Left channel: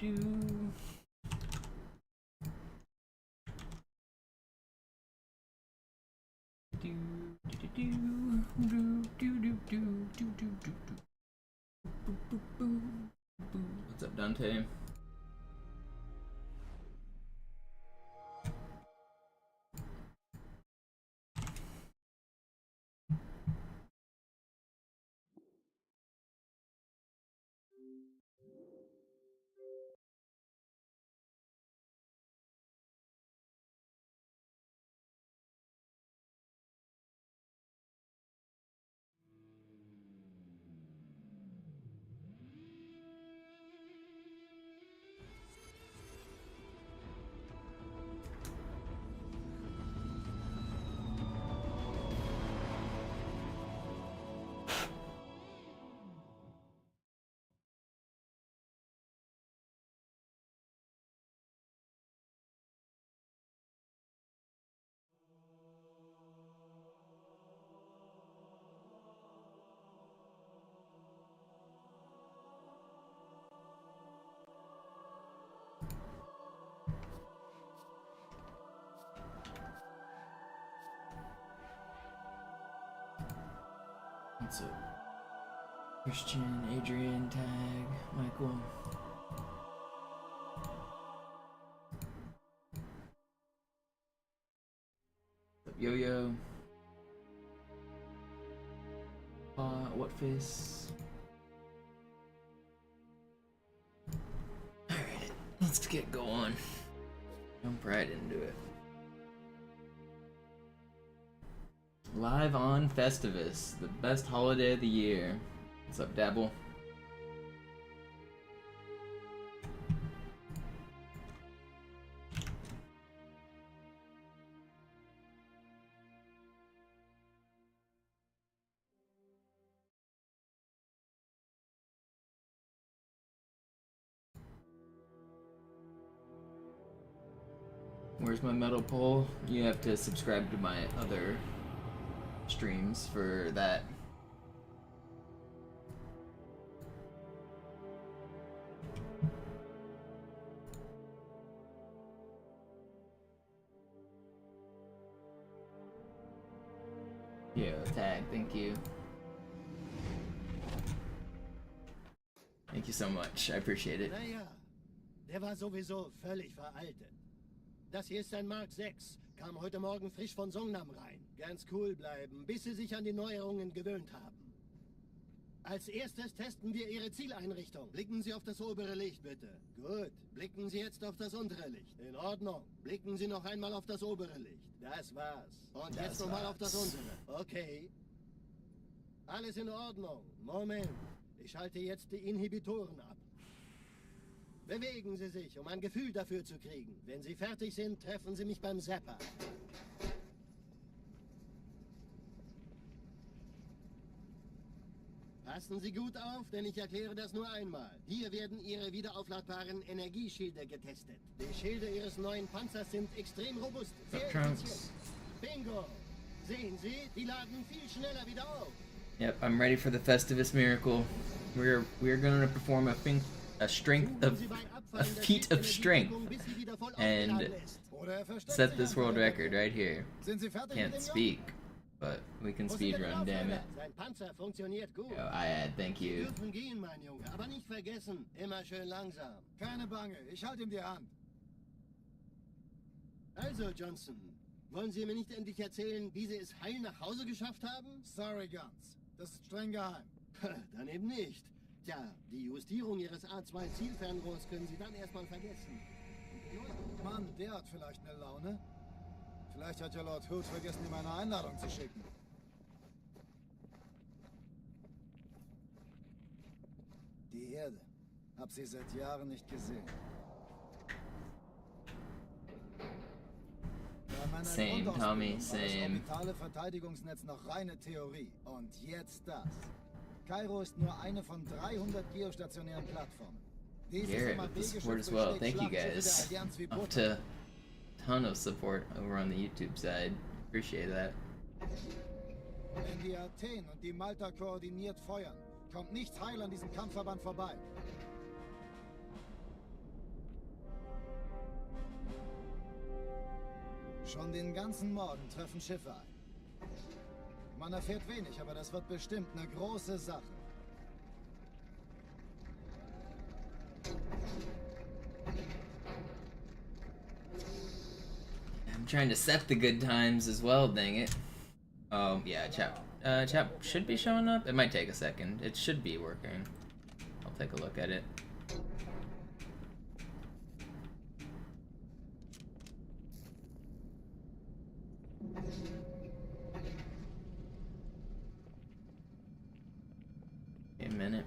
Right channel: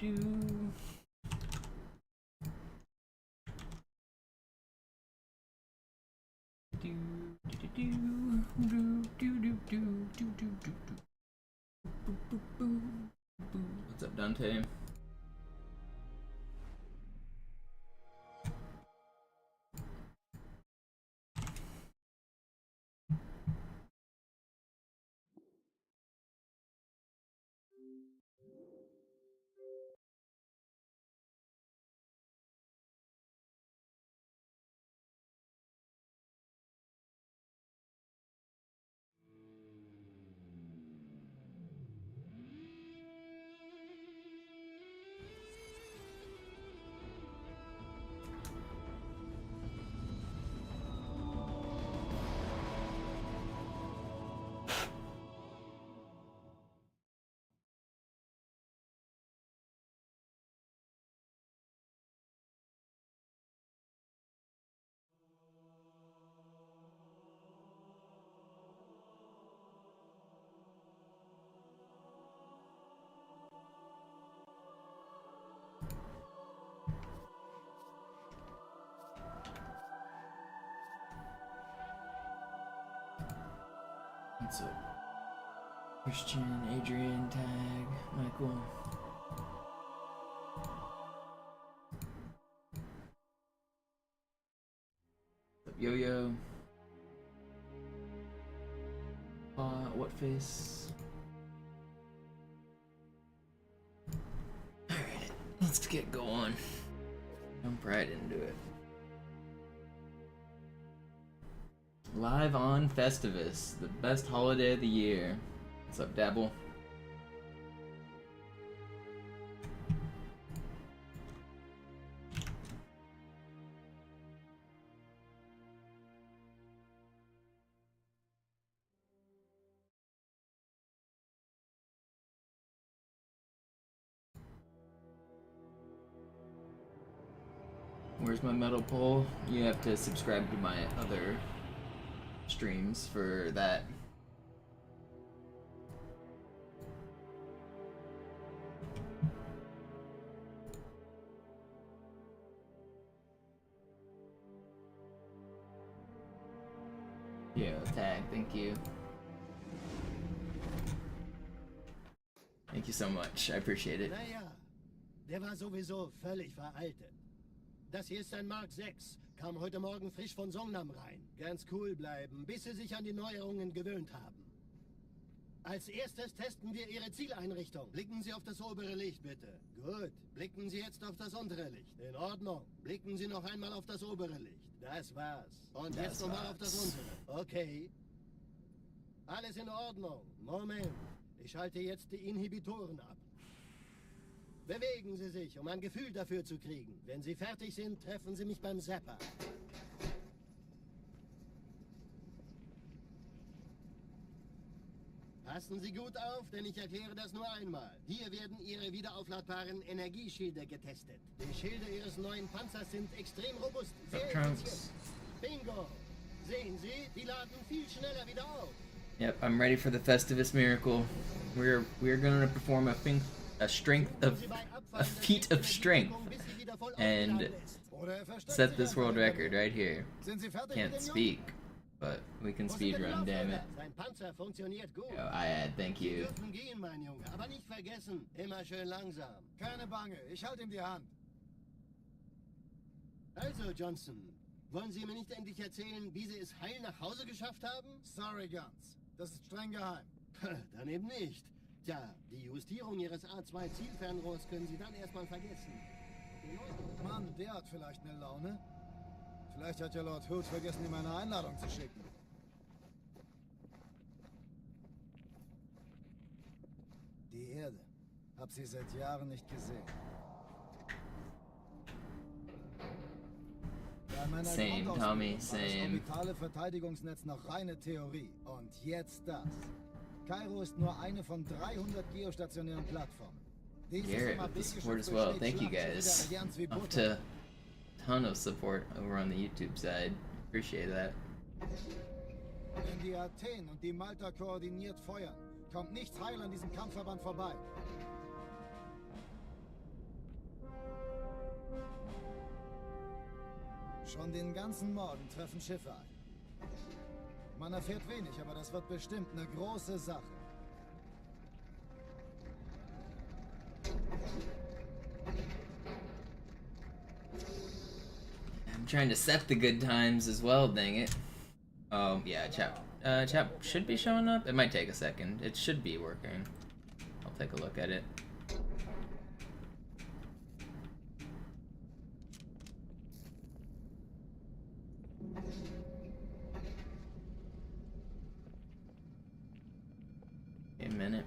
What's up, Dante? What's up? Christian, Adrian, Tag, Michael. What's up, Yo-Yo? What face? Alright, let's get going. Jump right into it. Live on Festivus, the best holiday of the year. What's up, Dabble? Where's my metal pole? You have to subscribe to my other streams for that. Yo, Tag, thank you. Thank you so much, I appreciate it. Naja, der war sowieso völlig veraltet. Das hier ist ein Mark 6. Kam heute Morgen frisch von Songnam rein. Ganz cool bleiben, bis Sie sich an die Neuerungen gewöhnt haben. Als erstes testen wir Ihre Zieleinrichtung. Blicken Sie auf das obere Licht, bitte. Gut. Blicken Sie jetzt auf das untere Licht. In Ordnung. Blicken Sie noch einmal auf das obere Licht. Das war's. Und jetzt nochmal auf das untere. Okay. Alles in Ordnung. Moment. Ich schalte jetzt die Inhibitoren ab. Bewegen Sie sich, um ein Gefühl dafür zu kriegen. Wenn Sie fertig sind, treffen Sie mich beim Zapper. Passen Sie gut auf, denn ich erkläre das nur einmal. Hier werden Ihre wiederaufladbaren Energieschilde getestet. Die Schilde Ihres neuen Panzers sind extrem robust. Sehr effizient. Bingo! Sehen Sie, die laden viel schneller wieder auf. Yep, I'm ready for the Festivus miracle. We're going to perform a feat of strength and set this world record right here. Can't speak, but we can speedrun, damn it. Yo, I thank you. Also, Johnson, wollen Sie mir nicht endlich erzählen, wie Sie es heil nach Hause geschafft haben? Sorry, Guns. Das ist streng geheim. Dann eben nicht. Tja, die Justierung Ihres A2-Zielfernrohrs können Sie dann erstmal vergessen. Mann, der hat vielleicht eine Laune. Vielleicht hat ja Lord Hood vergessen, ihm eine Einladung zu schicken. Die Erde. Hab sie seit Jahren nicht gesehen. Same, Tommy, same. Das Verteidigungsnetz noch reine Theorie. Und jetzt das. Cairo ist nur eine von 300 geostationären Plattformen. Garrett with the support as well. Thank you guys. Up to a ton of support over on the YouTube side. Appreciate that. Wenn die Athen und die Malta koordiniert feuern, kommt nichts heil an diesem Kampfverband vorbei. Schon den ganzen Morgen treffen Schiffe ein. Man erfährt wenig, aber das wird bestimmt eine große Sache. I'm trying to set the good times as well, dang it. Oh, yeah, chat should be showing up. It might take a second. It should be working. I'll take a look at it. A minute.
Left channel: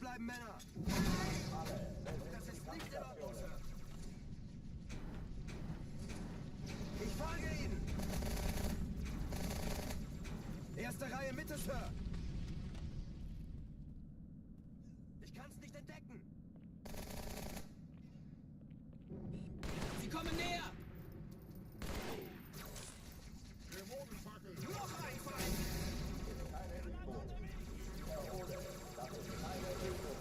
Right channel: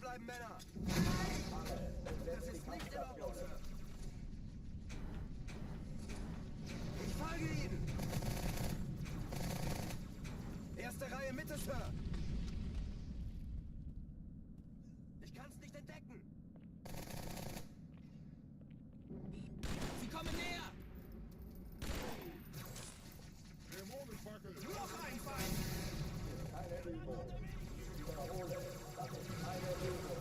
Bleiben, Männer! Alle, besetzt die Kampfstationen. Ich folge Ihnen! Erste Reihe Mitte, Sir! Ich kann's nicht entdecken! Sie kommen näher! Noch ein Fall! Ist keine Übung. Ich wiederhole, das ist keine Übung.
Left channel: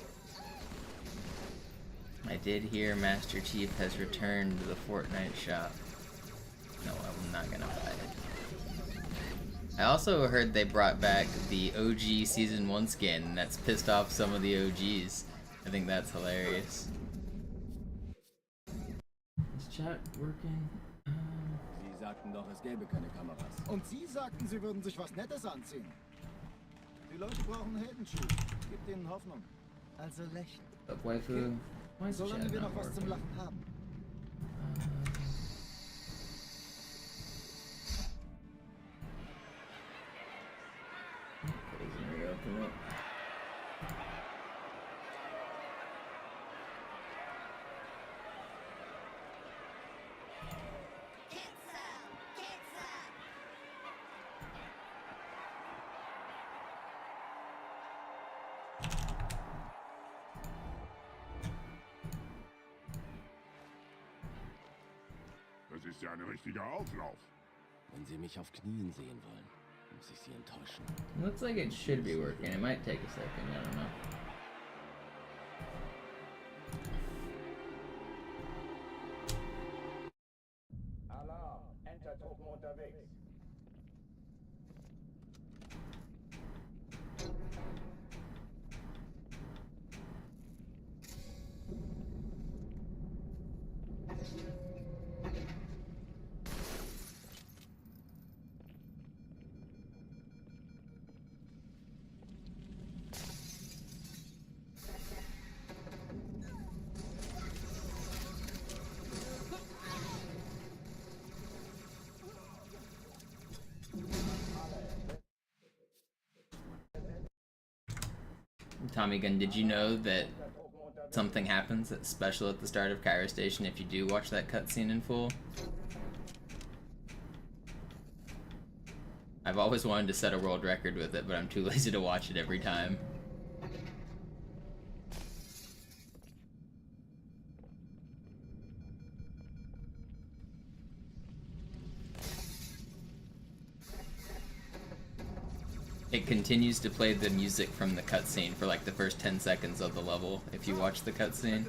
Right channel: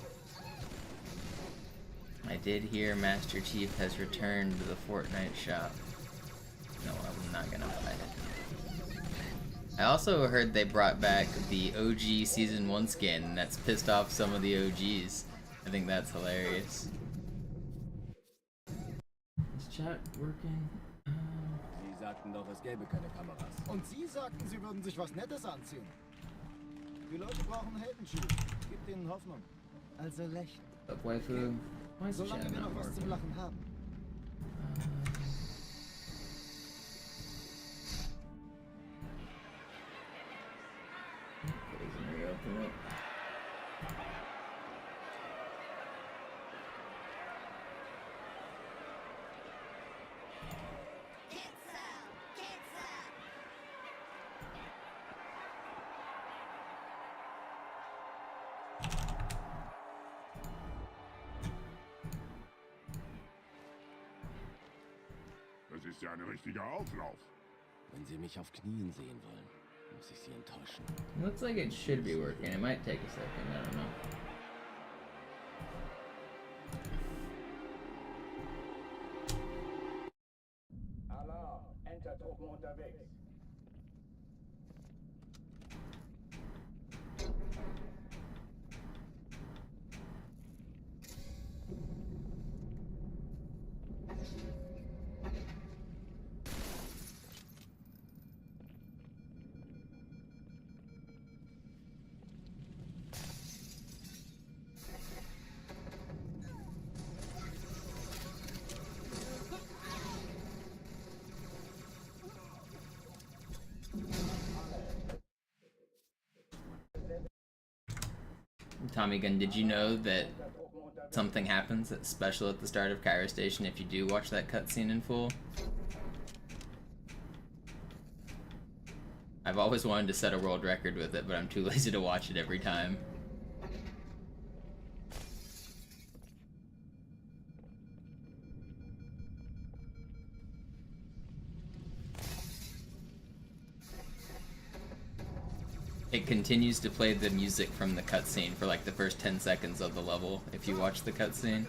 I did hear Master Chief has returned to the Fortnite shop. No, I'm not gonna buy it. I also heard they brought back the OG Season 1 skin, and that's pissed off some of the OGs. I think that's hilarious. Is chat working? Sie sagten doch, es gäbe keine Kameras. Und Sie sagten, Sie würden sich was Nettes anziehen. Die Leute brauchen Heldenschuh. Gibt ihnen Hoffnung. Also lächeln. Up, waifu? Why is the Solange chat wir not noch was zum working? Lachen haben. Doesn't reopen it. Das ist ja ein richtiger Auflauf. Wenn Sie mich auf Knien sehen wollen, muss ich Sie enttäuschen. Looks like it should be working. It might take a second. I don't know. Alarm, Entertruppen unterwegs. Tommy Gun, did you know that something happens that's special at the start of Cairo Station if you do watch that cutscene in full? I've always wanted to set a world record with it, but I'm too lazy to watch it every time. It continues to play the music from the cutscene for like the first 10 seconds of the level if you watch the cutscene.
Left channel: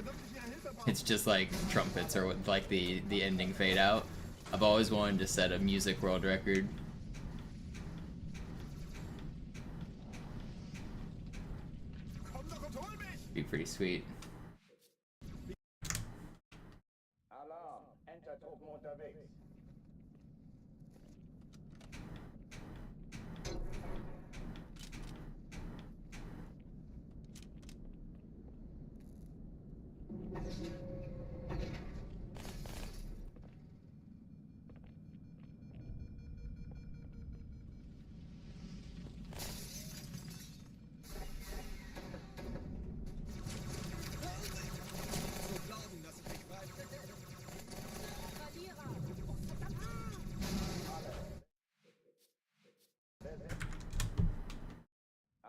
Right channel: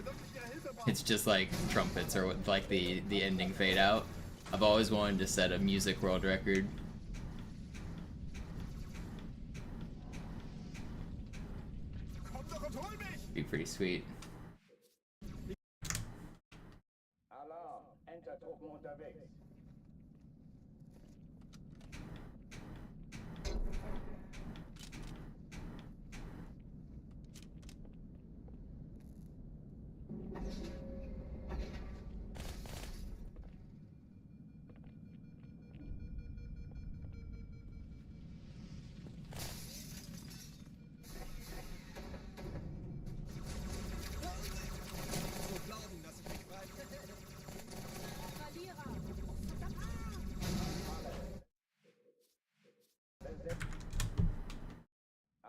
It's just like trumpets or like the ending fade out. I've always wanted to set a music world record. Be pretty sweet. Alarm, Entertruppen unterwegs.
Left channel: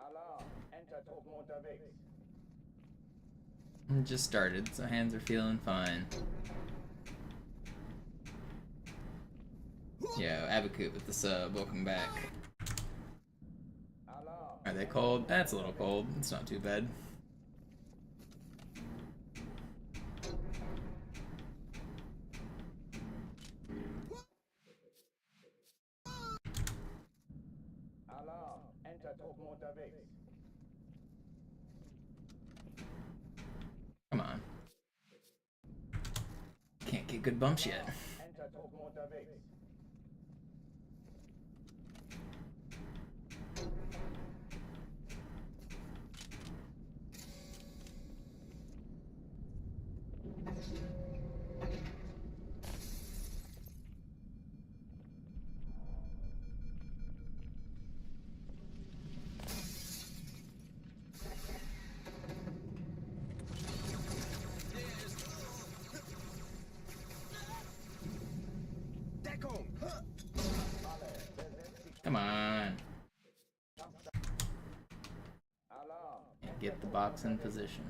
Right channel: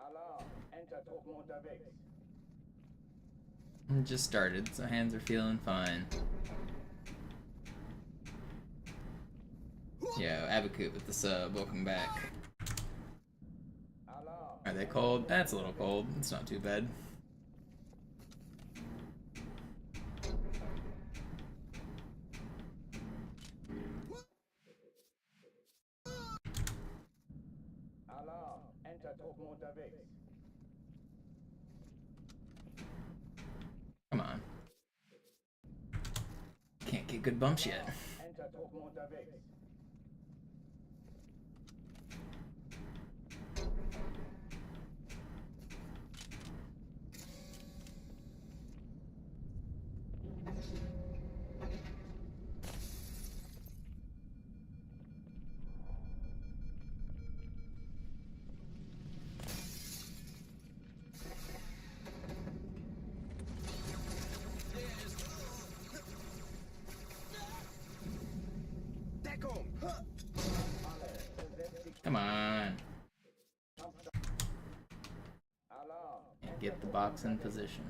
Alarm, Entertruppen unterwegs. It just started, so hands are feeling fine. Yo, Abakut with the sub, welcome back. Alarm. Are they cold? That's a little cold. It's not too bad. Alarm. Enter-Truppen unterwegs. Come on. Can't get good bumps yet. Enter-Truppen unterwegs. Deckung! Alle, besetzt die Come on. Alarm. Get the box in position.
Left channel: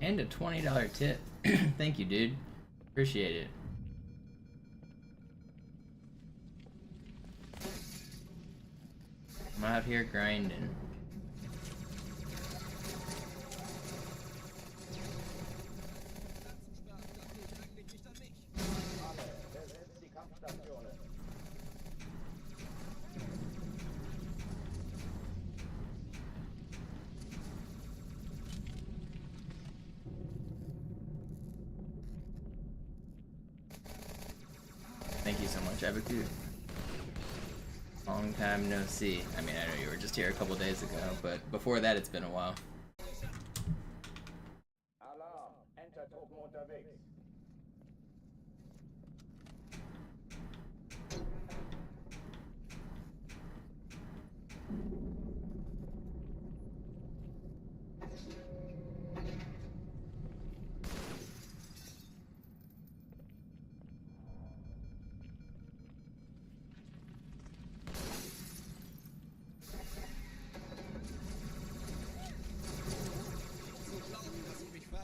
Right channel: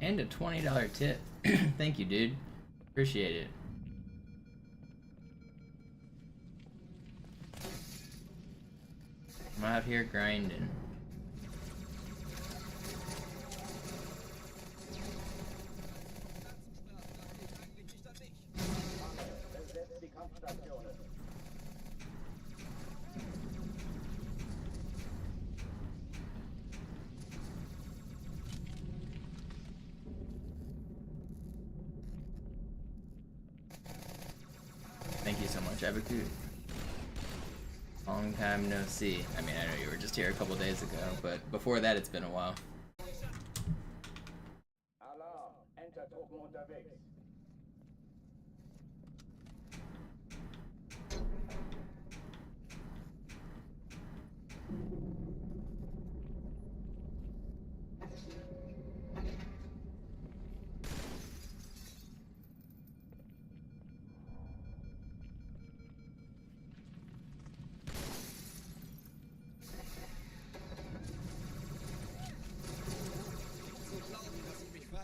And a $20 tip. Thank you, dude. Appreciate it. I'm out here grinding. Alle, besetzt die Kampfstationen. Thank you so much, Abakut. Long time no see. I mean, I know you were just here a couple days ago, but before that, it's been a while. Alarm. Enter-Truppen unterwegs.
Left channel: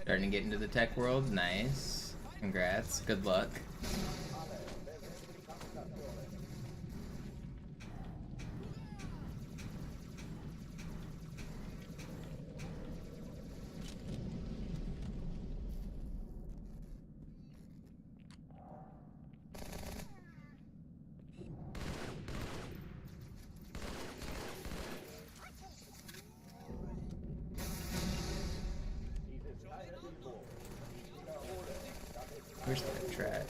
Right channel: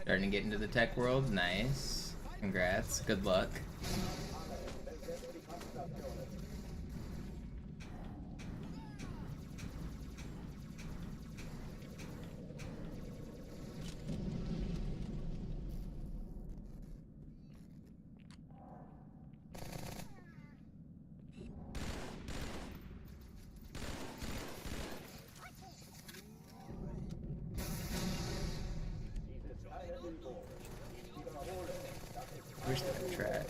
Starting to get into the tech world. Nice. Congrats. Good luck. Alle, besetzt die Kampfstationen. Dies ist keine Übung. Ich wiederhole, das ist Where's that track?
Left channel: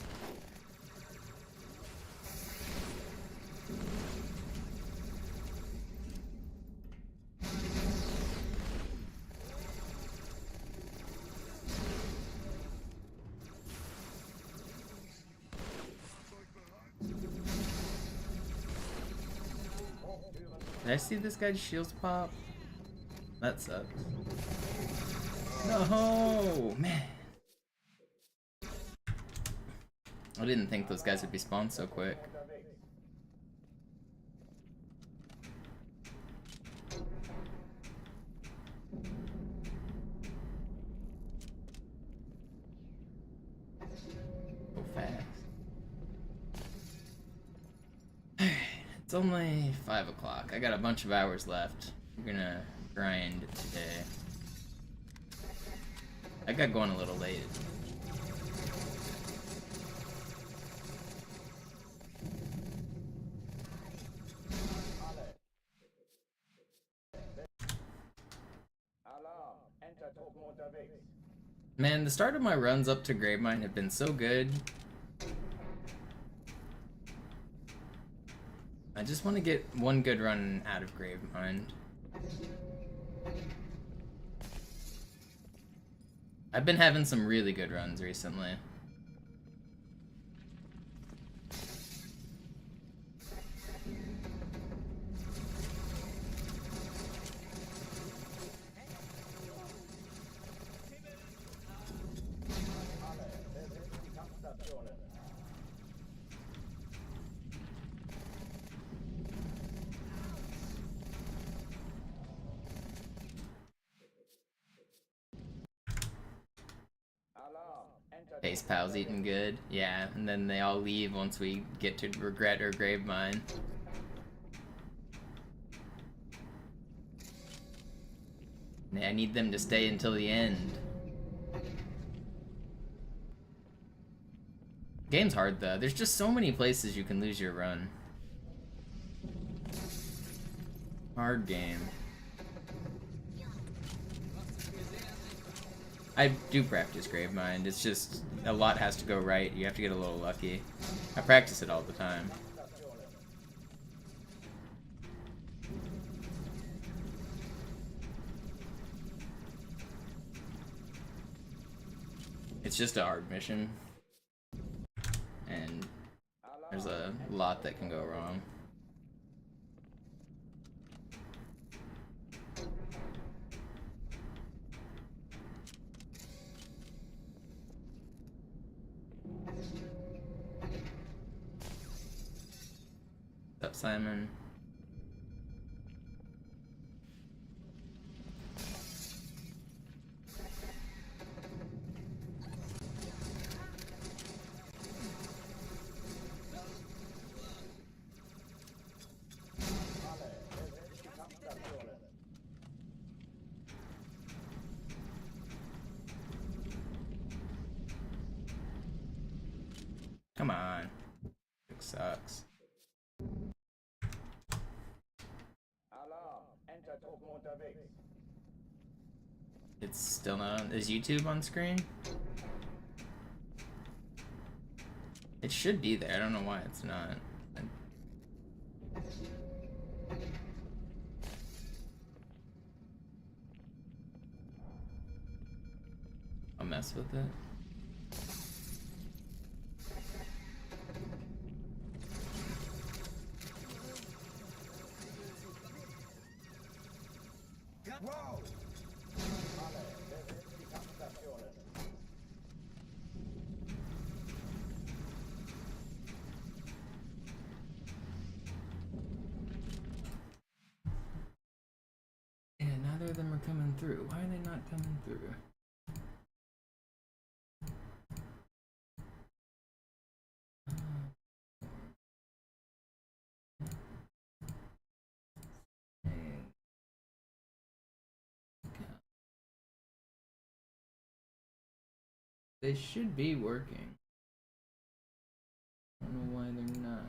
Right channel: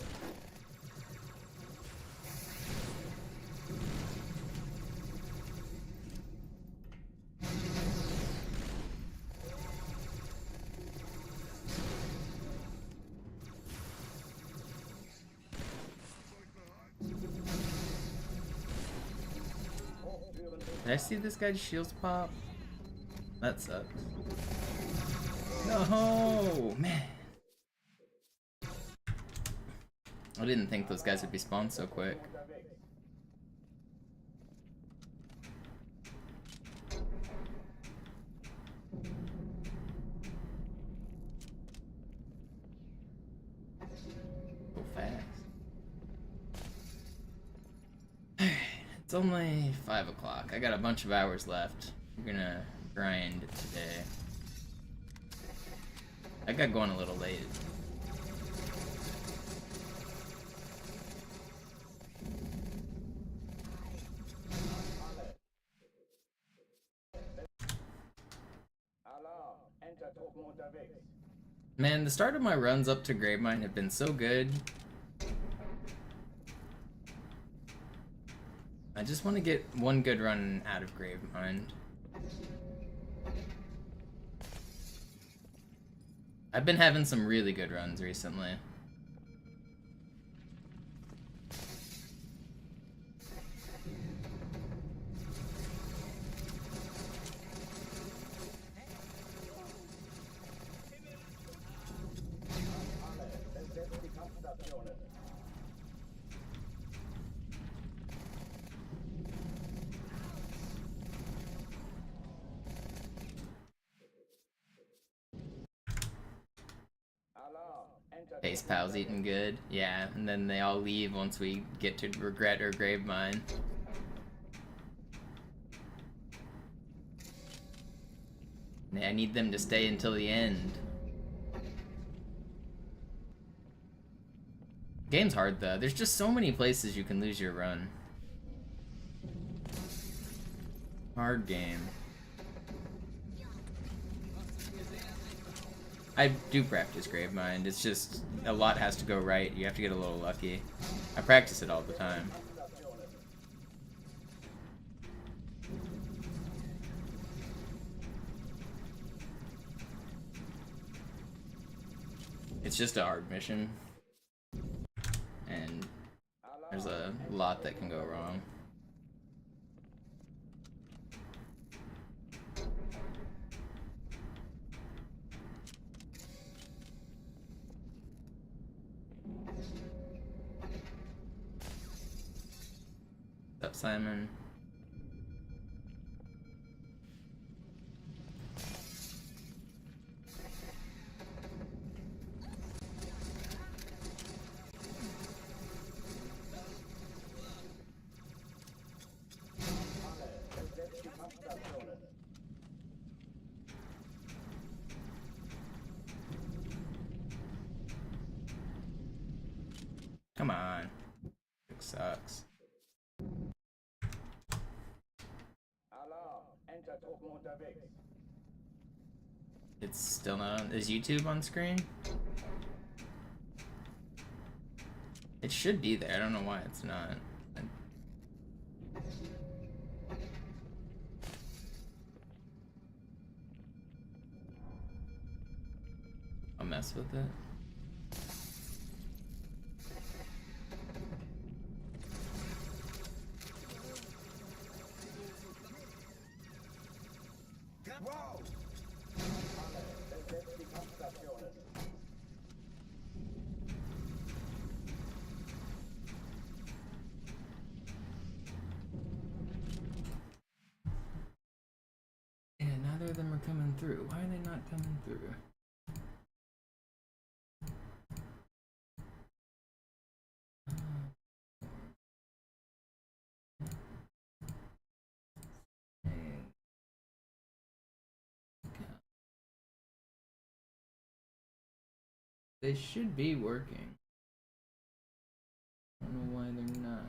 Did I see this guy's shields pop? That sucks. No, man. I didn't think those guys would be spawned so quick. unterwegs. So fast. It's only 5 o'clock. I got a bunch of hours left. We're gonna grind today. I got going a little late. Alle. Alarm. Enter-Truppen unterwegs. Man, the start of my runs up to Gravemind have been so good. I just want to get one good run out of Gravemind. I've been having some really good runs recently. Alle, besetzt die Kampfstationen. Face pal's eating good. Yeah, and then they all leave once we get to regret or grave mine. I need them to stay until the end. Game's hard though. There's just so many places you can lose your run. Hard game. I do practice Gravemind. It's just a lot has to go right. You have to get a little lucky. I practice it all the time. It's just a hard mission. And there's a lot that can go wrong. What's up, Simon? Come on. It sucks. It's still not. Is YouTube on screen? It should be there. I don't know why it's not. I'll mess with it. Yeah, neither of them are coming through. Why are they not coming through? They should be working. I don't know why they're not.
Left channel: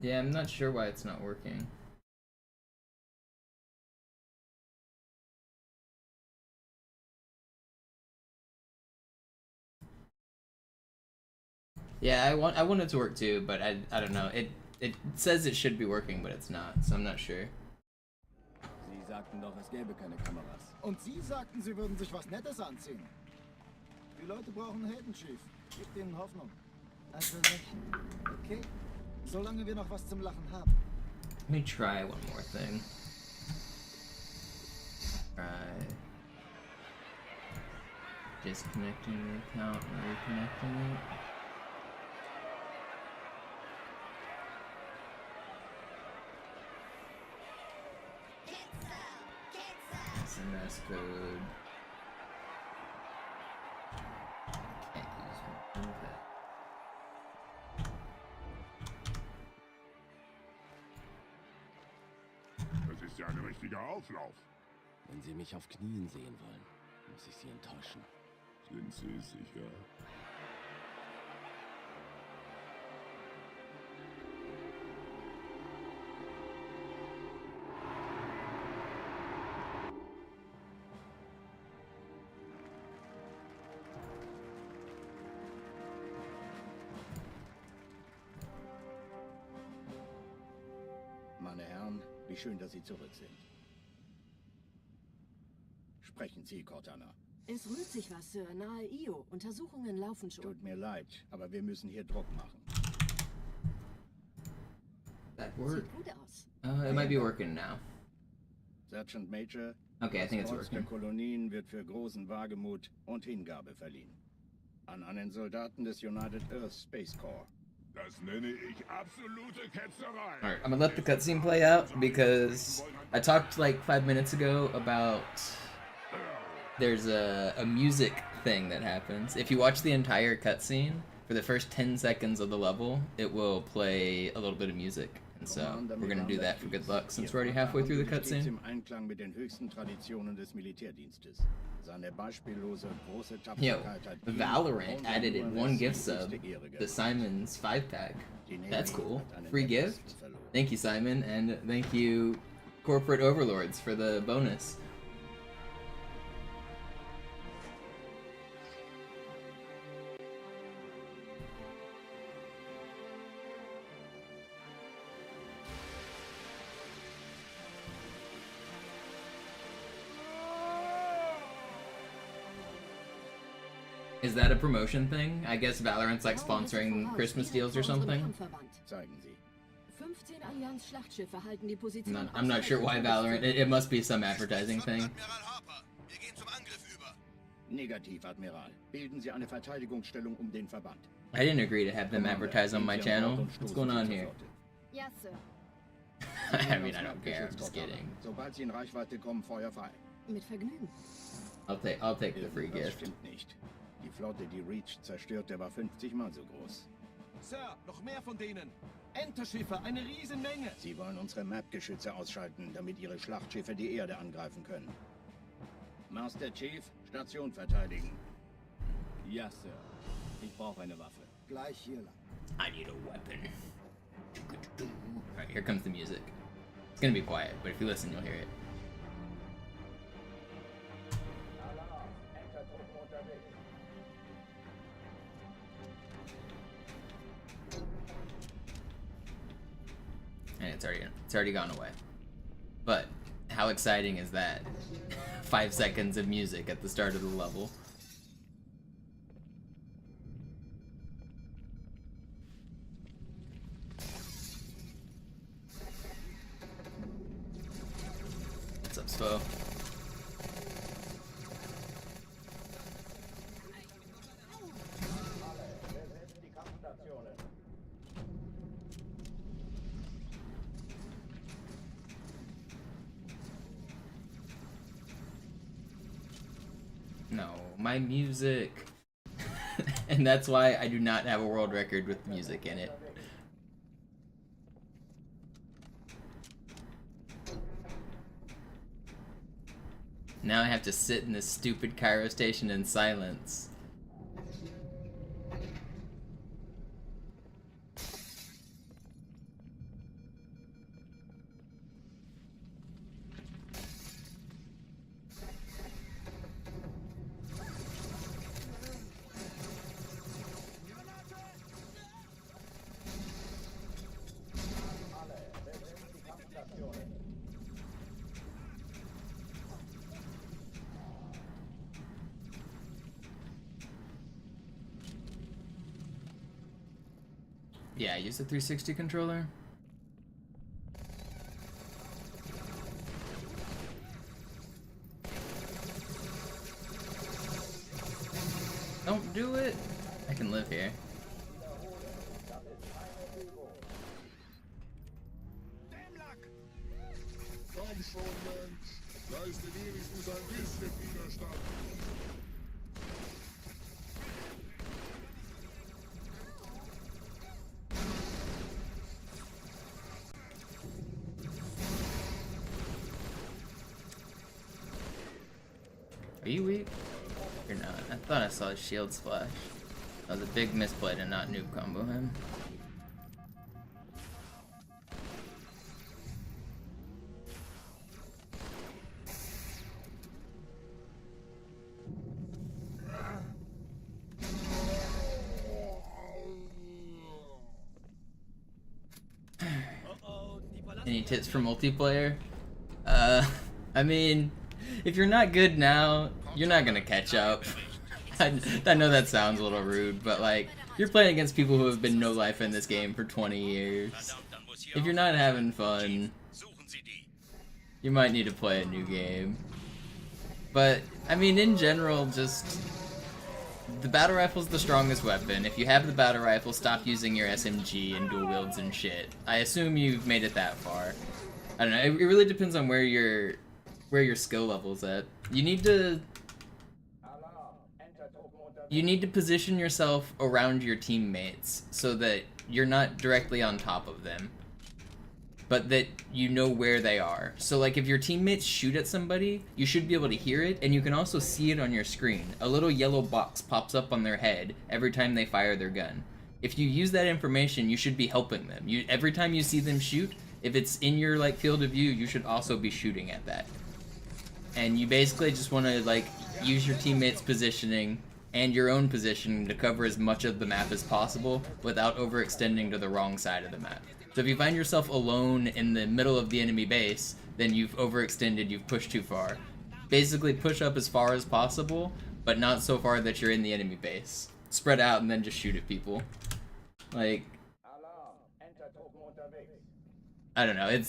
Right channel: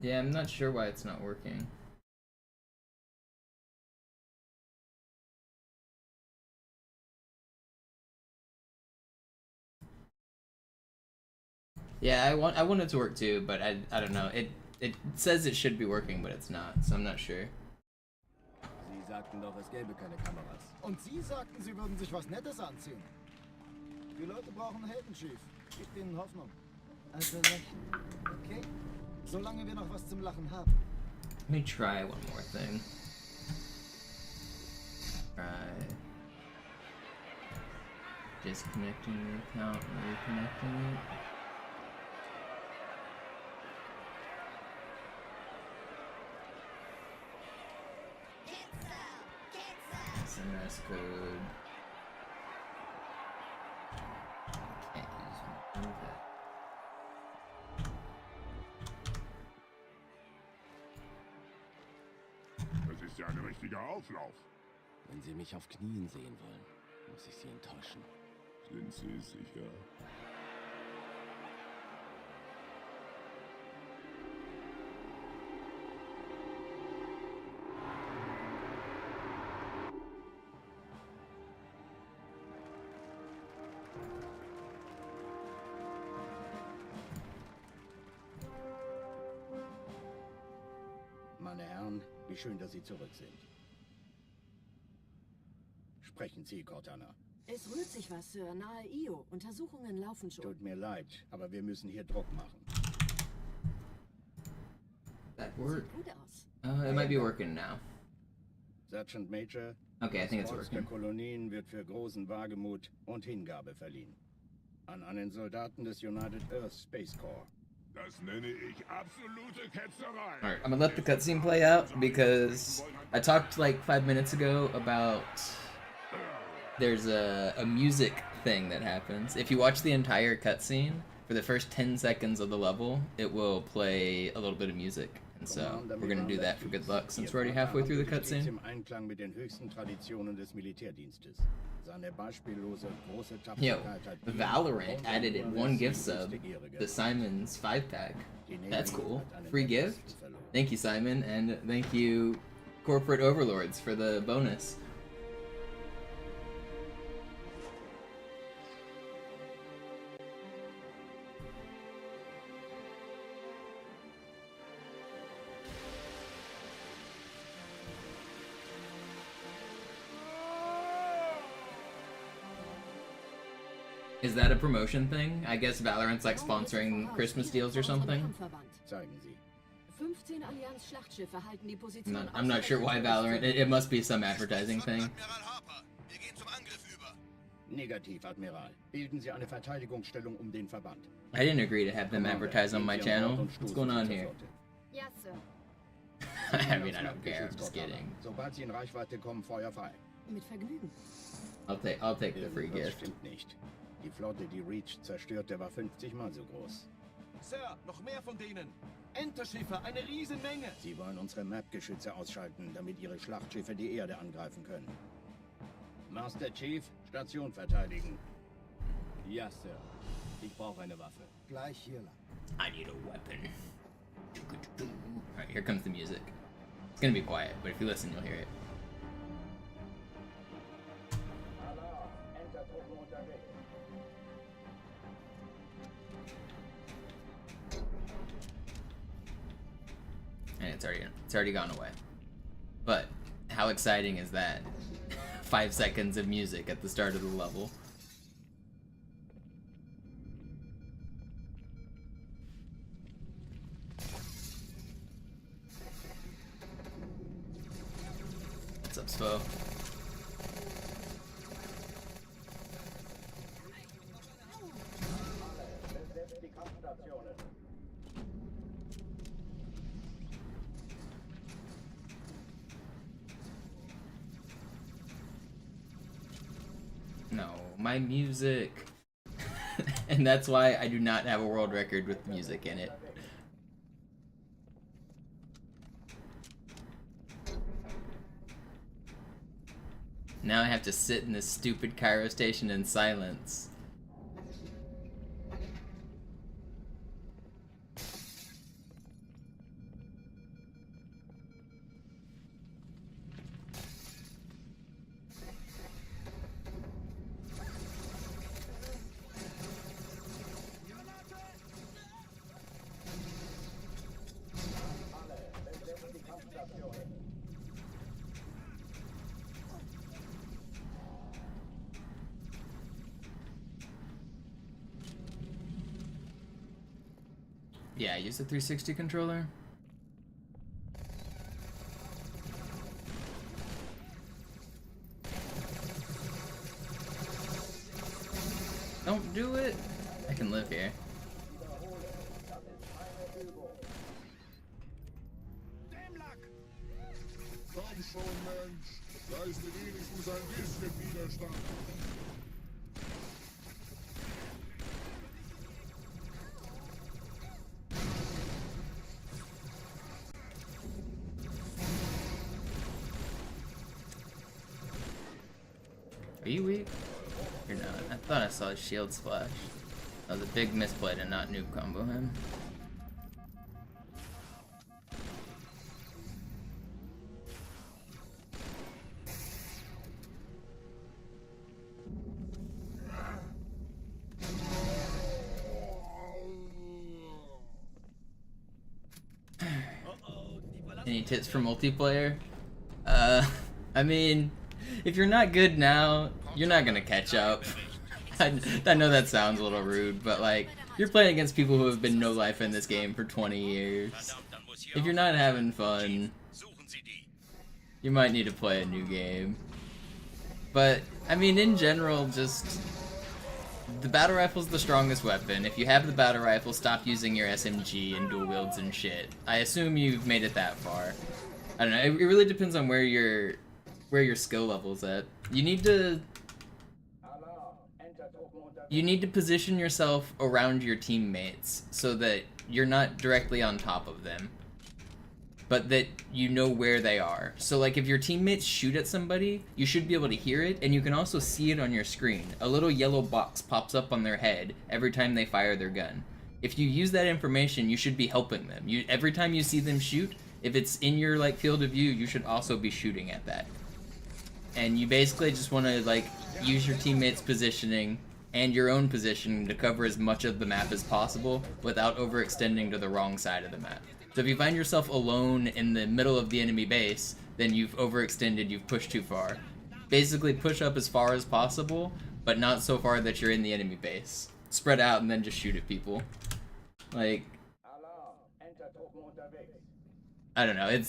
Yeah, I'm not sure why it's not working. Yeah, I want it to work too, but I don't know. It says it should be working, but it's not, so I'm not sure. Sie sagten doch, es gäbe keine Kameras. Und Sie sagten, Sie würden sich was Nettes anziehen. Die Leute brauchen Helden, Chief. Gebt ihnen Hoffnung. Also lächeln, okay? Solange wir noch was zum Lachen haben. Let me try one more thing. Try disconnecting the account and reconnecting it. SMS code. Can't use one of that. Das ist ja ein richtiger Auflauf. Wenn Sie mich auf Knien sehen wollen, muss ich Sie enttäuschen. Sind Sie sicher? Wie schön, dass Sie zurück sind. Sprechen Sie, Cortana. Es rührt sich was, Sir, nahe Io. Untersuchungen laufen schon. Tut mir leid, aber wir müssen hier Druck machen. That work? Sieht gut aus. It might be working now. Sergeant Major, Okay, I think it's das Kreuz der working. Kolonien wird für großen Wagemut und Hingabe verliehen. An einen Soldaten des United Earth Space Corps. Das nenne ich absolute Ketzerei. Alright, I'm gonna let the cutscene play out because I talked like 5 minutes ago about there's a music thing that happens. If you watch the entire cutscene, for the first 10 seconds of the level, it will play a little bit of music. And so we're gonna do that for good luck since we're already halfway through the cutscene. Im Einklang mit den höchsten Traditionen des Militärdienstes. Seine beispiellose große Yo, Tapferkeit hat Valorant added one gift sub, the Simon's 5-pack. That's cool. Free gift? Thank you, Simon, and thank you, Corporate Overlords, for the bonus. Is that a promotion thing? I guess Valorant's like sponsoring Christmas deals or something. Zeigen Sie. 15 Allianz-Schlachtschiffe halten die Position. I'm not sure why Valorant. It must be some advertising thing. Negativ, Admiral. Bilden Sie eine Verteidigungsstellung den Verband. I didn't agree to have them advertise on my channel. What's going on here? Ja, Sir. I mean, I don't care. I'm just kidding. Sobald Sie in Reichweite kommen, Feuer frei. Mit Vergnügen. I'll take the free Das gift. stimmt nicht. Die Flotte, die Reach zerstörte, war 50 Mal so groß. Sir, noch mehr von denen. Enterschiffe, eine Riesenmenge. Sie wollen unsere Map-Geschütze ausschalten, damit ihre Schlachtschiffe die Erde angreifen können. Master Chief, Station verteidigen. Ja, Sir. Ich brauche eine Waffe. Gleich hier lang. I need a weapon. Alright, here comes the music. It's gonna be quiet, but if you listen, you'll hear it. Alarm! Entertruppen unterwegs. And it's already gone away. But how exciting is that? 5 seconds of music at the start of the level. What's up, Spo? Alle, besetzt die Kampfstationen. No, my music. And that's why I do not have a world record with music in it. Now I have to sit in this stupid Cairo Station in silence. Alle, besetzt die Kampfstationen. Yeah, use the 360 controller. Don't do it. I can live here. Komm schon, Mensch. Leiste wenigstens ein bisschen Widerstand. Are you weak? You're not. I thought I saw a shield splash. That was a big misplay to not noob combo him. Oh, die verlassen Any tips for multiplayer? I mean, if you're not good now, you're not gonna catch up. I know that sounds a little rude, but like, you're playing against people who have been no life in this game for 20 years. If you're not having fun, you might need to play a new game. But, I mean, in general, just... the battle rifle's the strongest weapon. If you have the battle rifle, stop using your SMG and dual wields and shit. I assume you've made it that far. I don't know, it really depends on where your skill level's at. You need to position yourself around your teammates so that you're not directly on top of them, but that you know where they are. So like if your teammates shoot at somebody, you should be able to hear it, and you can also see it on your screen. A little yellow box pops up on their head every time they fire their gun. If you use that information, you should be helping them. Every time you see them shoot, if it's in your like field of view, you should also be shooting at that. And you basically just want to like use your teammates' positioning and your own position to cover as much of the map as possible without overextending to the wrong side of the map. So if you find yourself alone in the middle of the enemy base, then you've overextended, you've pushed too far. Basically push up as far as possible, but not so far that you're in the enemy base. Spread out and then just shoot at people. Like, I don't know,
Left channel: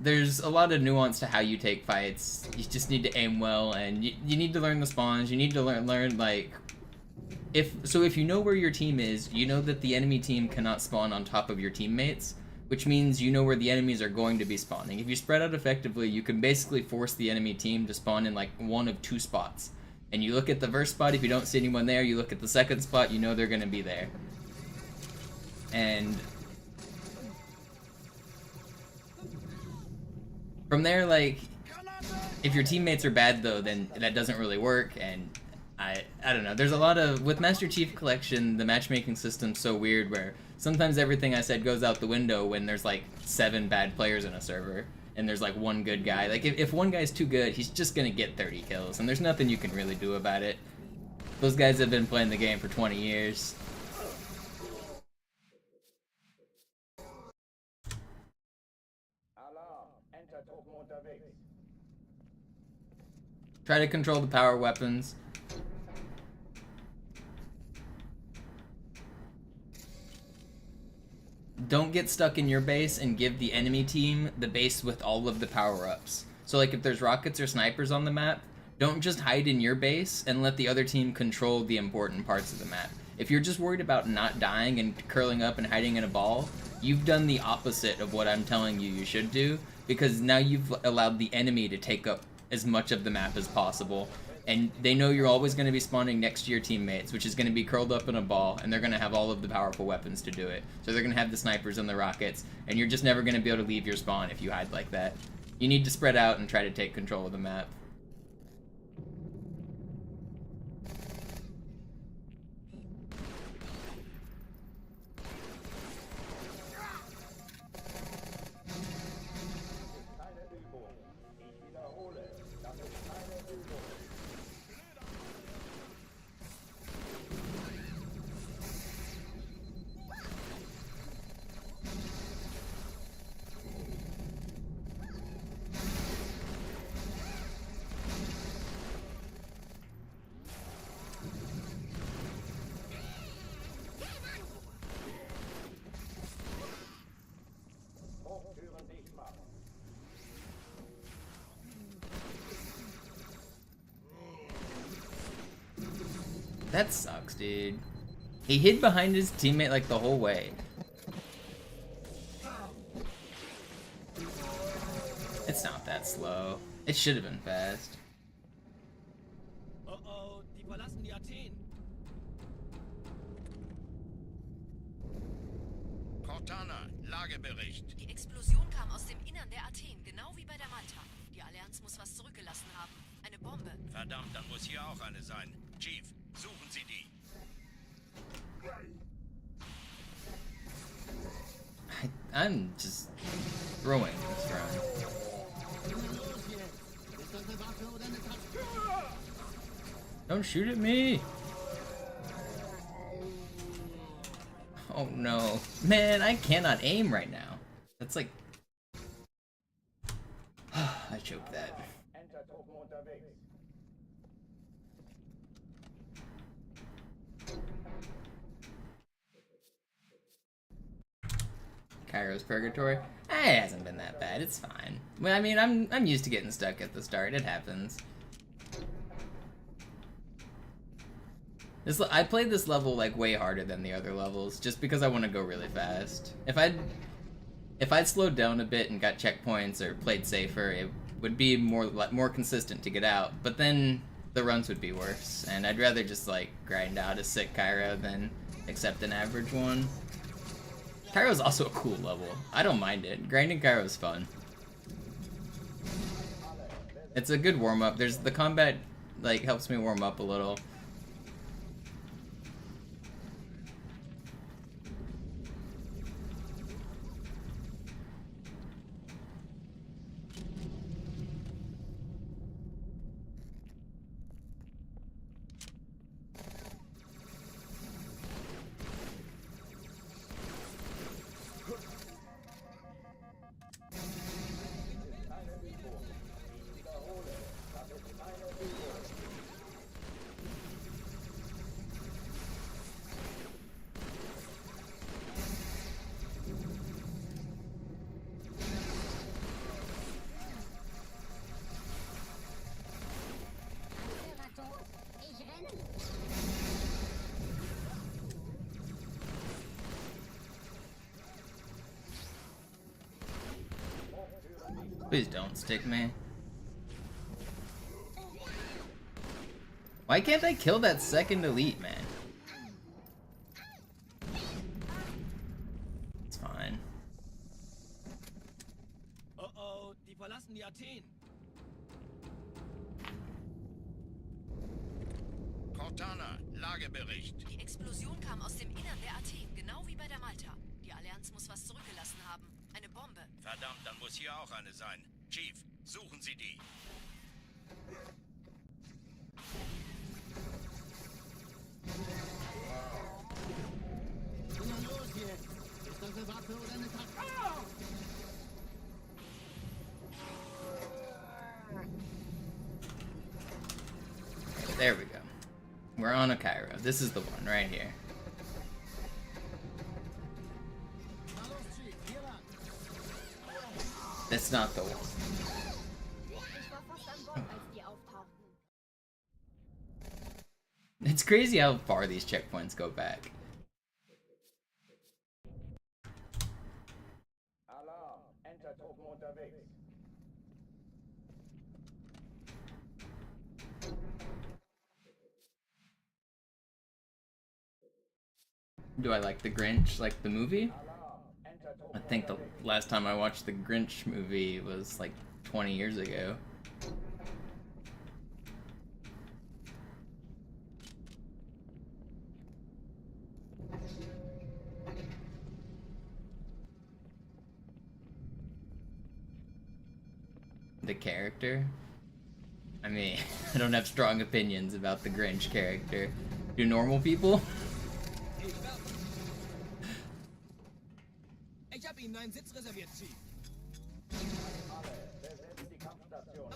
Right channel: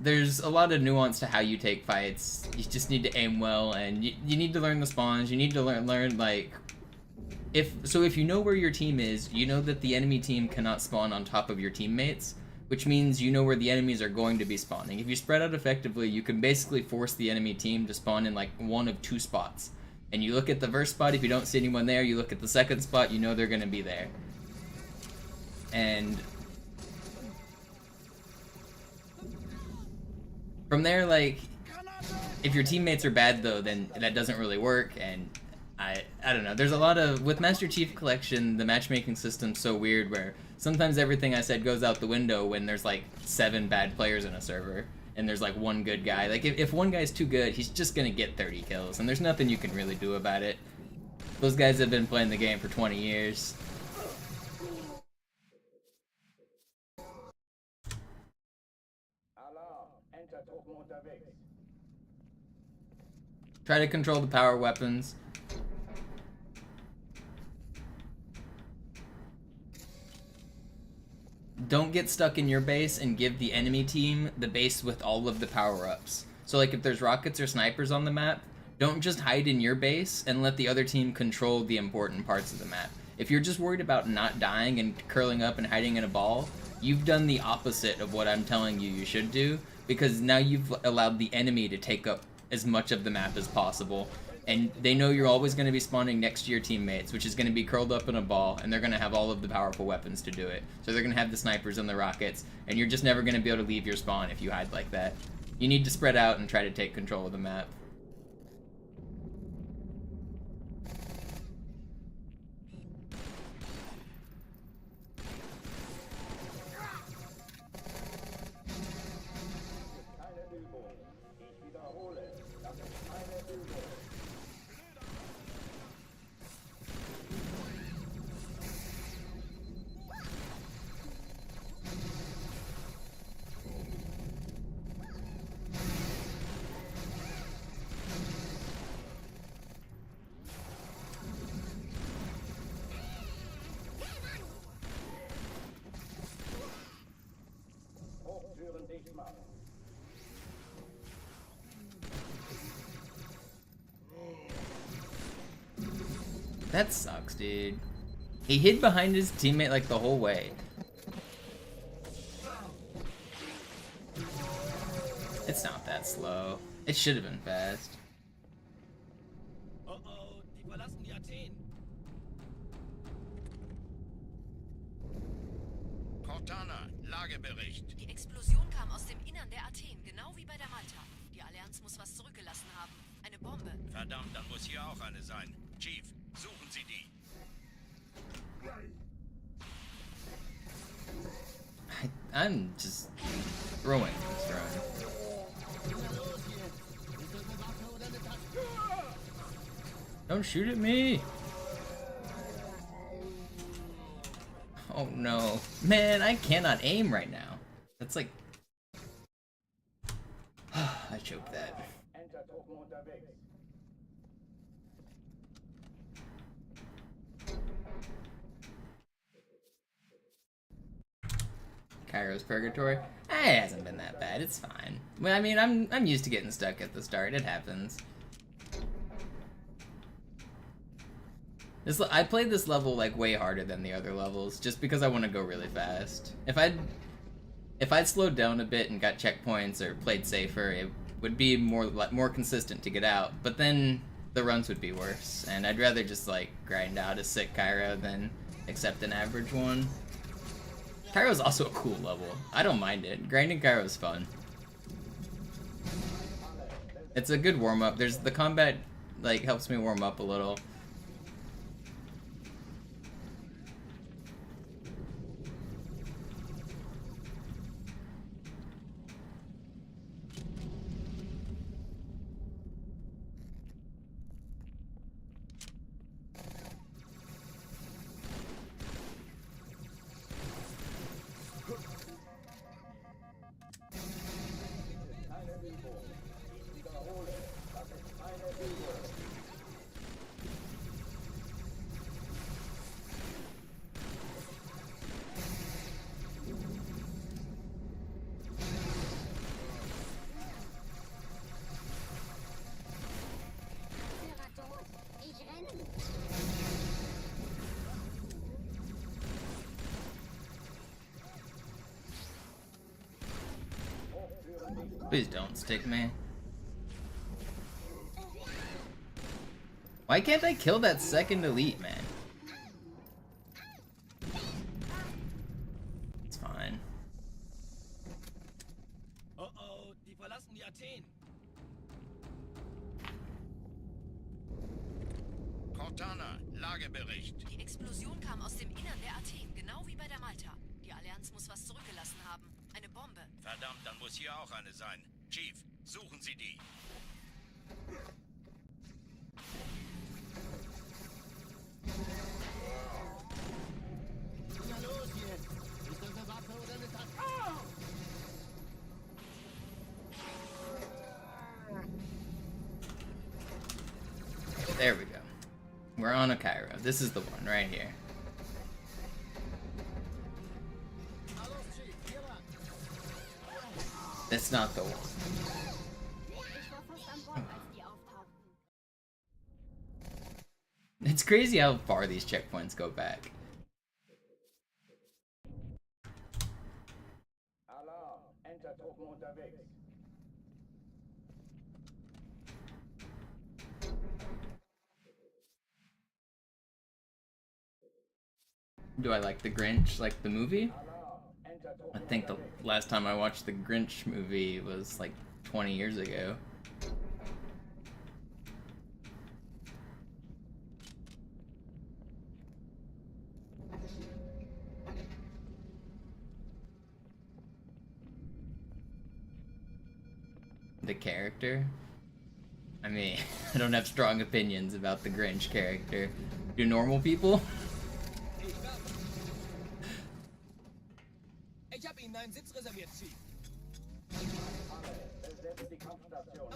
there's a lot of nuance to how you take fights. You just need to aim well, and you need to learn the spawns. You need to learn like, if you know where your team is, you know that the enemy team cannot spawn on top of your teammates, which means you know where the enemies are going to be spawning. If you spread out effectively, you can basically force the enemy team to spawn in like one of two spots. And you look at the first spot, if you don't see anyone there, you look at the second spot, you know they're going to be there. And from there, like, if your teammates are bad though, then that doesn't really work, and I don't know. There's a lot of, with Master Chief Collection, the matchmaking system's so weird where sometimes everything I said goes out the window when there's like 7 bad players in a server and there's like 1 good guy. Like if one guy's too good, he's just gonna get 30 kills, and there's nothing you can really do about it. Those guys have been playing the game for 20 years. Try to control the power weapons. Don't get stuck in your base and give the enemy team the base with all of the power-ups. So like if there's rockets or snipers on the map, don't just hide in your base and let the other team control the important parts of the map. If you're just worried about not dying and curling up and hiding in a ball, you've done the opposite of what I'm telling you should do, because now you've allowed the enemy to take up as much of the map as possible, and they know you're always going to be spawning next to your teammates, which is going to be curled up in a ball, and they're going to have all of the powerful weapons to do it. So they're going to have the snipers and the rockets, and you're just never going to be able to leave your spawn if you hide like that. You need to spread out and try to take control of the map. That sucks, dude. He hid behind his teammate like the whole way. It's not that slow. It should have been fast. Oh, die verlassen die Athen. Cortana, Lagebericht. Die Explosion kam aus dem Innern der Athen, genau wie bei der Malta. Die Allianz muss was zurückgelassen haben. Eine Bombe. Verdammt, dann muss hier auch eine sein. Chief, suchen Sie die. I'm just throwing this run. Don't shoot at me! Oh no. Man, I cannot aim right now. That's like choke that. Entertruppen unterwegs. Cairo's Purgatory. It hasn't been that bad. It's fine. Well, I mean, I'm used to getting stuck at the start. It happens. I played this level like way harder than the other levels, just because I want to go really fast. If I'd slowed down a bit and got checkpoints or played safer, it would be more consistent to get out. But then the runs would be worse, and I'd rather just like grind out a sick Cairo than accept an average one. Cairo's also a cool level. I don't mind it. Grinding Cairo's fun. It's a good warm up. The combat like helps me warm up a little. Please don't stick me. Why can't I kill that second elite, man? It's fine. Oh, die verlassen die Athen. Cortana, Lagebericht. Die Explosion kam aus dem Innern der Athen, genau wie bei der Malta. Die Allianz muss was zurückgelassen haben. Eine Bombe. Verdammt, dann muss hier auch eine sein. Chief, suchen Sie die. Na los jetzt! Ist das eine Waffe oder eine Taktik? Ah! There we go. We're on a Cairo. This is the one right here. That's not the one. It's crazy how far these checkpoints go back. Alarm, Entertruppen unterwegs. Do I like The Grinch, like the movie? I think the last time I watched the Grinch movie was like 20 years ago. The character? I mean, I don't have strong opinions about the Grinch character. Do normal people? Ich habe Ihnen einen Sitz reserviert, Chief. Alle, besetzt die Kampfstation.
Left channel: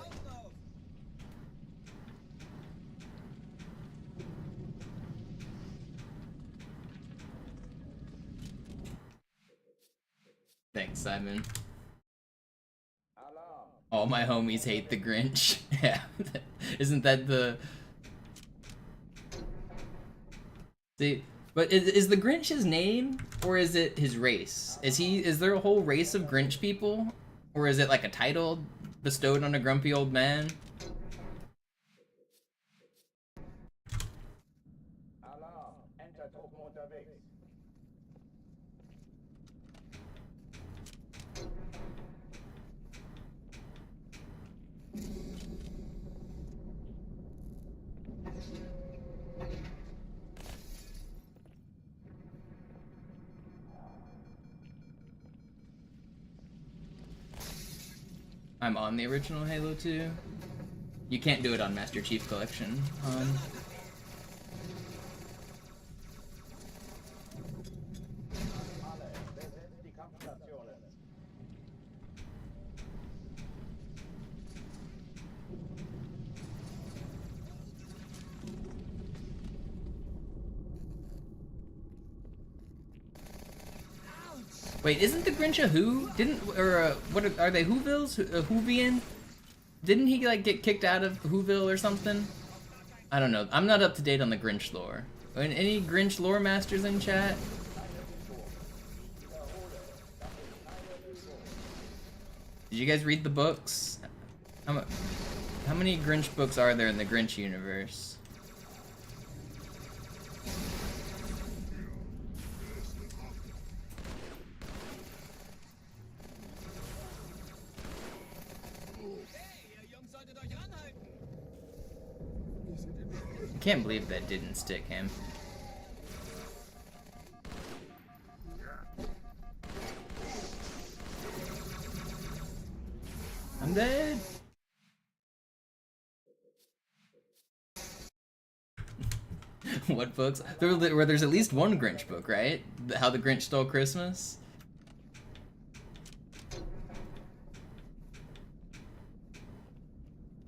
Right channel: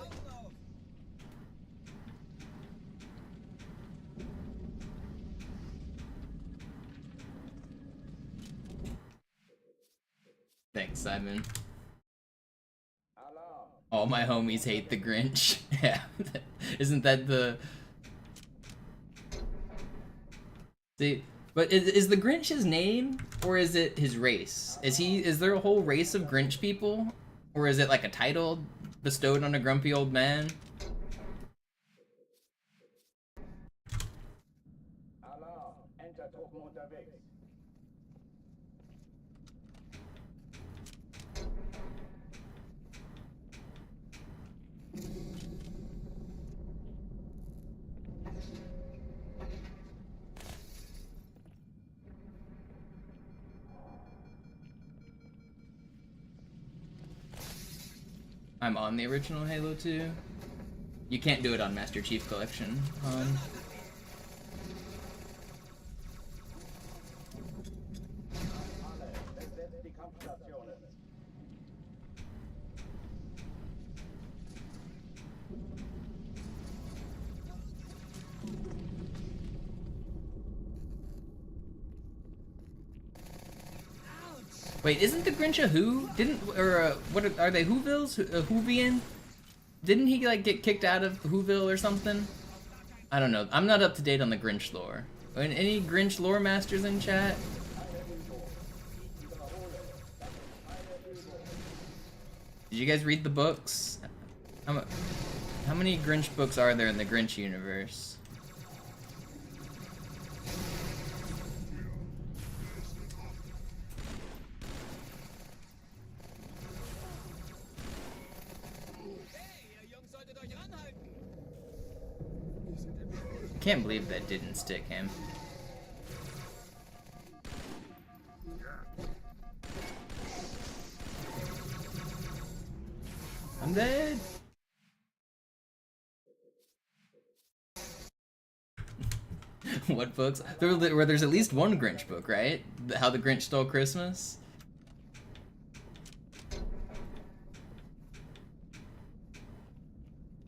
Thanks, Simon. Alarm. All my homies hate the Grinch. Yeah. Isn't that the... See, but is the Grinch his name, or is it his race? Is there a whole race of Grinch people? Or is it like a title bestowed on a grumpy old man? Alarm, Entertruppen unterwegs. I'm on the original Halo 2. You can't do it on Master Chief Collection, Han. Alle, besetzt die Kampfstationen. Wait, isn't the Grinch a Who? What are they? Whovilles? Whovian? Didn't he like get kicked out of Whoville or something? I don't know. I'm not up to date on the Grinch lore. Any Grinch lore masters in chat? Did you guys read the books? How many Grinch books are there in the Grinch universe? I can't believe that didn't stick him. I'm dead. What books? There's at least one Grinch book, right? How the Grinch Stole Christmas?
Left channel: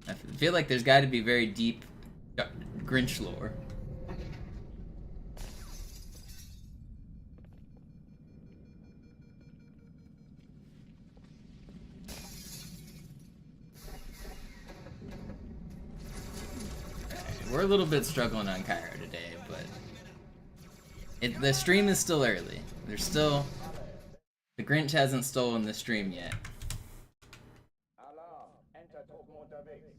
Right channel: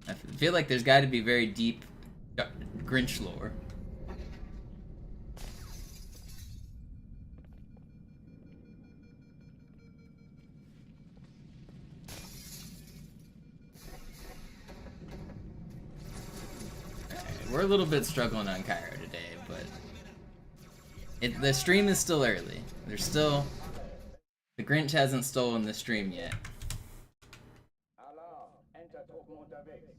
I feel like there's got to be very deep Grinch lore. We're a little bit struggling on Cairo today, but the stream is still early. The Grinch hasn't stolen the stream yet. Alarm! Enter Truppen unterwegs.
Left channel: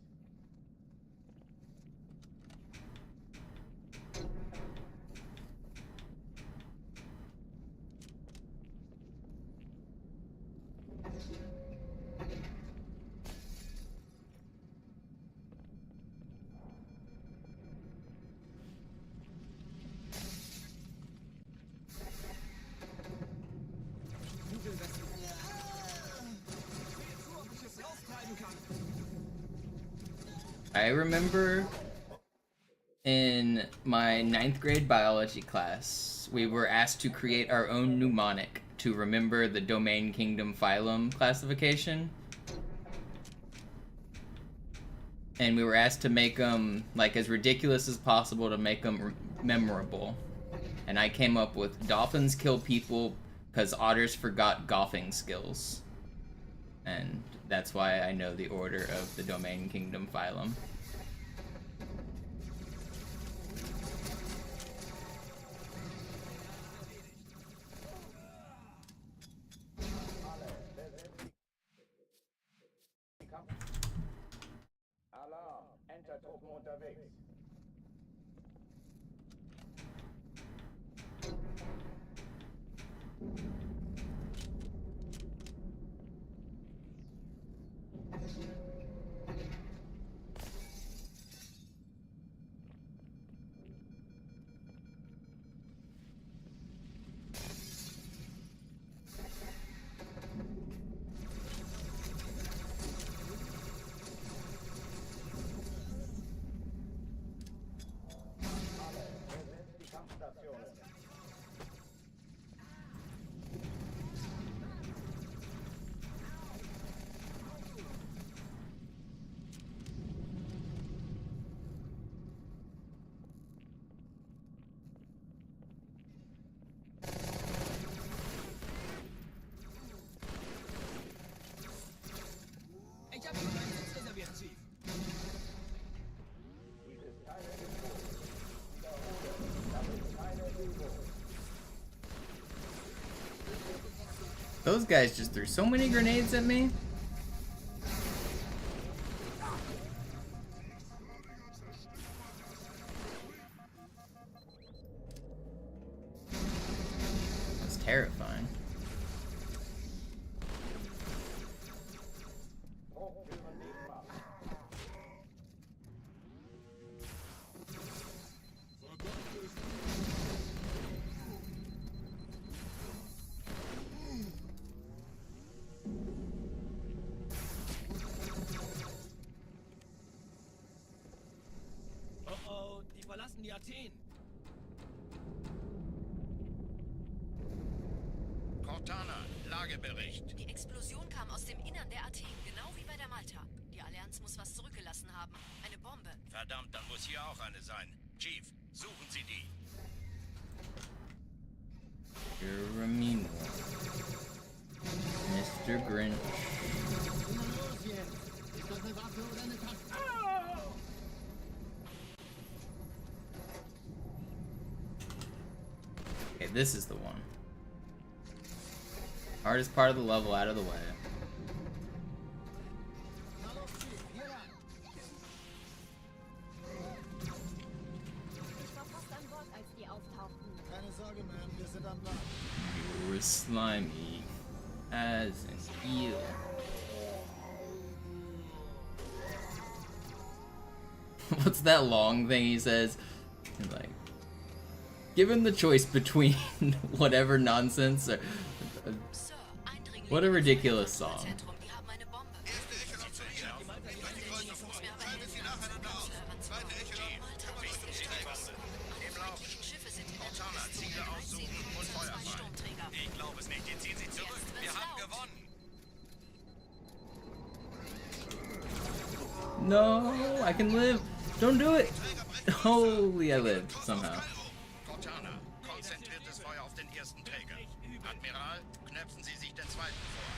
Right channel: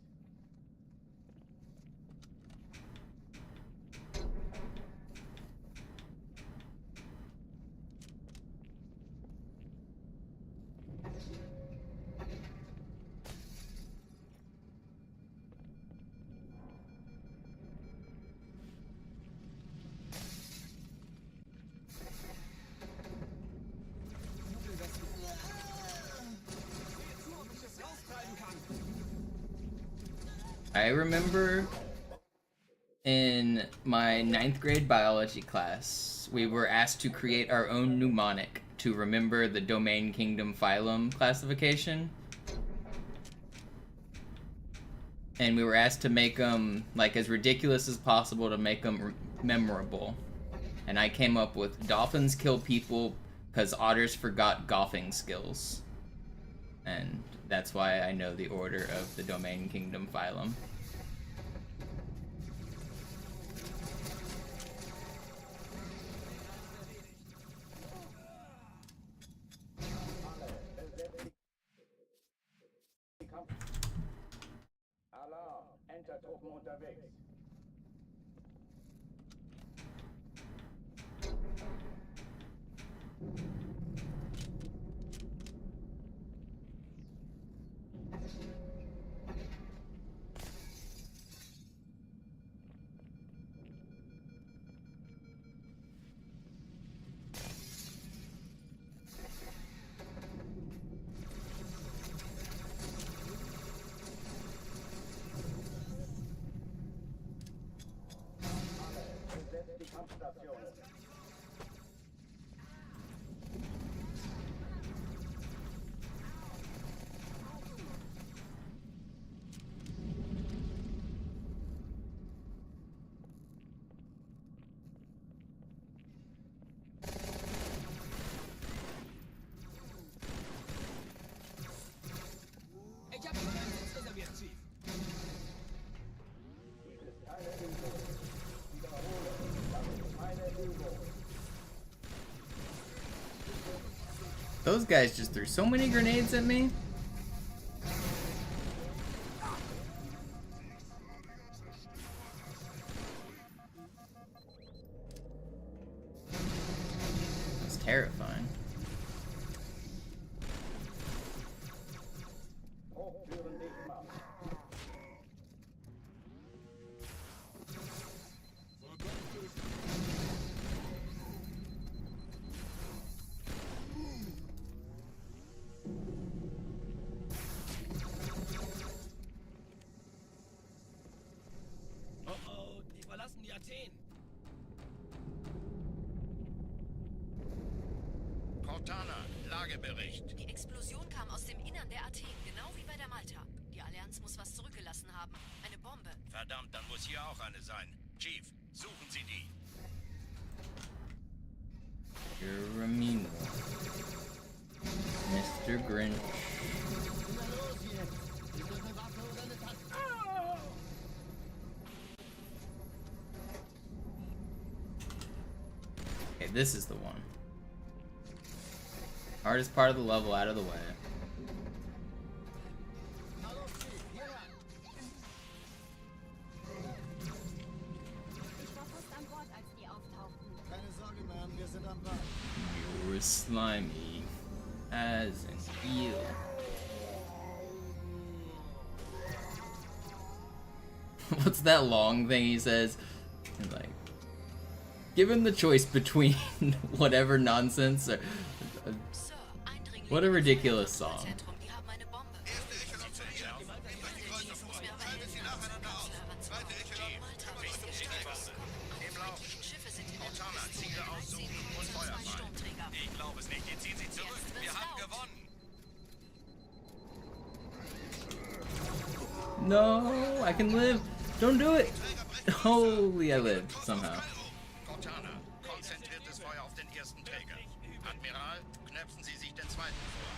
I remember in my 9th grade biology class, we were asked to create our own mnemonic to remember the domain, kingdom, phylum classification. And we were asked to make them like as ridiculous as possible to make them memorable. And I came up with dolphins kill people because otters forgot golfing skills. And that's why I know the order of the domain, kingdom, phylum. Alarm! Enter Truppen unterwegs. Kampfstationen. Ich habe Ihnen einen Sitz reserviert, Chief. Dies ist keine Übung. Wiederhole, das ist keine Übung. Those guys just threw so many grenades at me. That's terrifying. Hochtüren dicht machen. Oh oh, die verlassen die Athen. Cortana, Lagebericht. Die Explosion kam aus dem Innern der Athen, genau wie bei der Malta. Die Allianz muss was zurückgelassen haben. Eine Bombe. Verdammt, dann muss hier auch eine sein. Chief, suchen Sie die. You're a mean one. Mr. Grinch. Na los jetzt! Ist das eine Waffe oder eine Taste? Okay, this is the one. Hardest part of the level out of the way. Na los, Chief, hier ran. Ich war fast an Bord, als die auftauchten. Keine Sorge, Ma'am, wir sind am Bad. You're slimy as an eel. What's that long thing he says? He's like, given the choice between whatever nonsense or what a ridiculous song. Die haben eine Bombe. Schiffe sind in der Ziele aussuchen und Feuer fallen. Ich glaube es nicht. Jetzt ziehen sie zurück. Wir haben gewonnen. No, I can live. Don't do it. Holy, I lived somehow. Cortana, konzentriertes Feuer auf den ersten Träger. Admiral, knöpfen Sie sich den zweiten vor.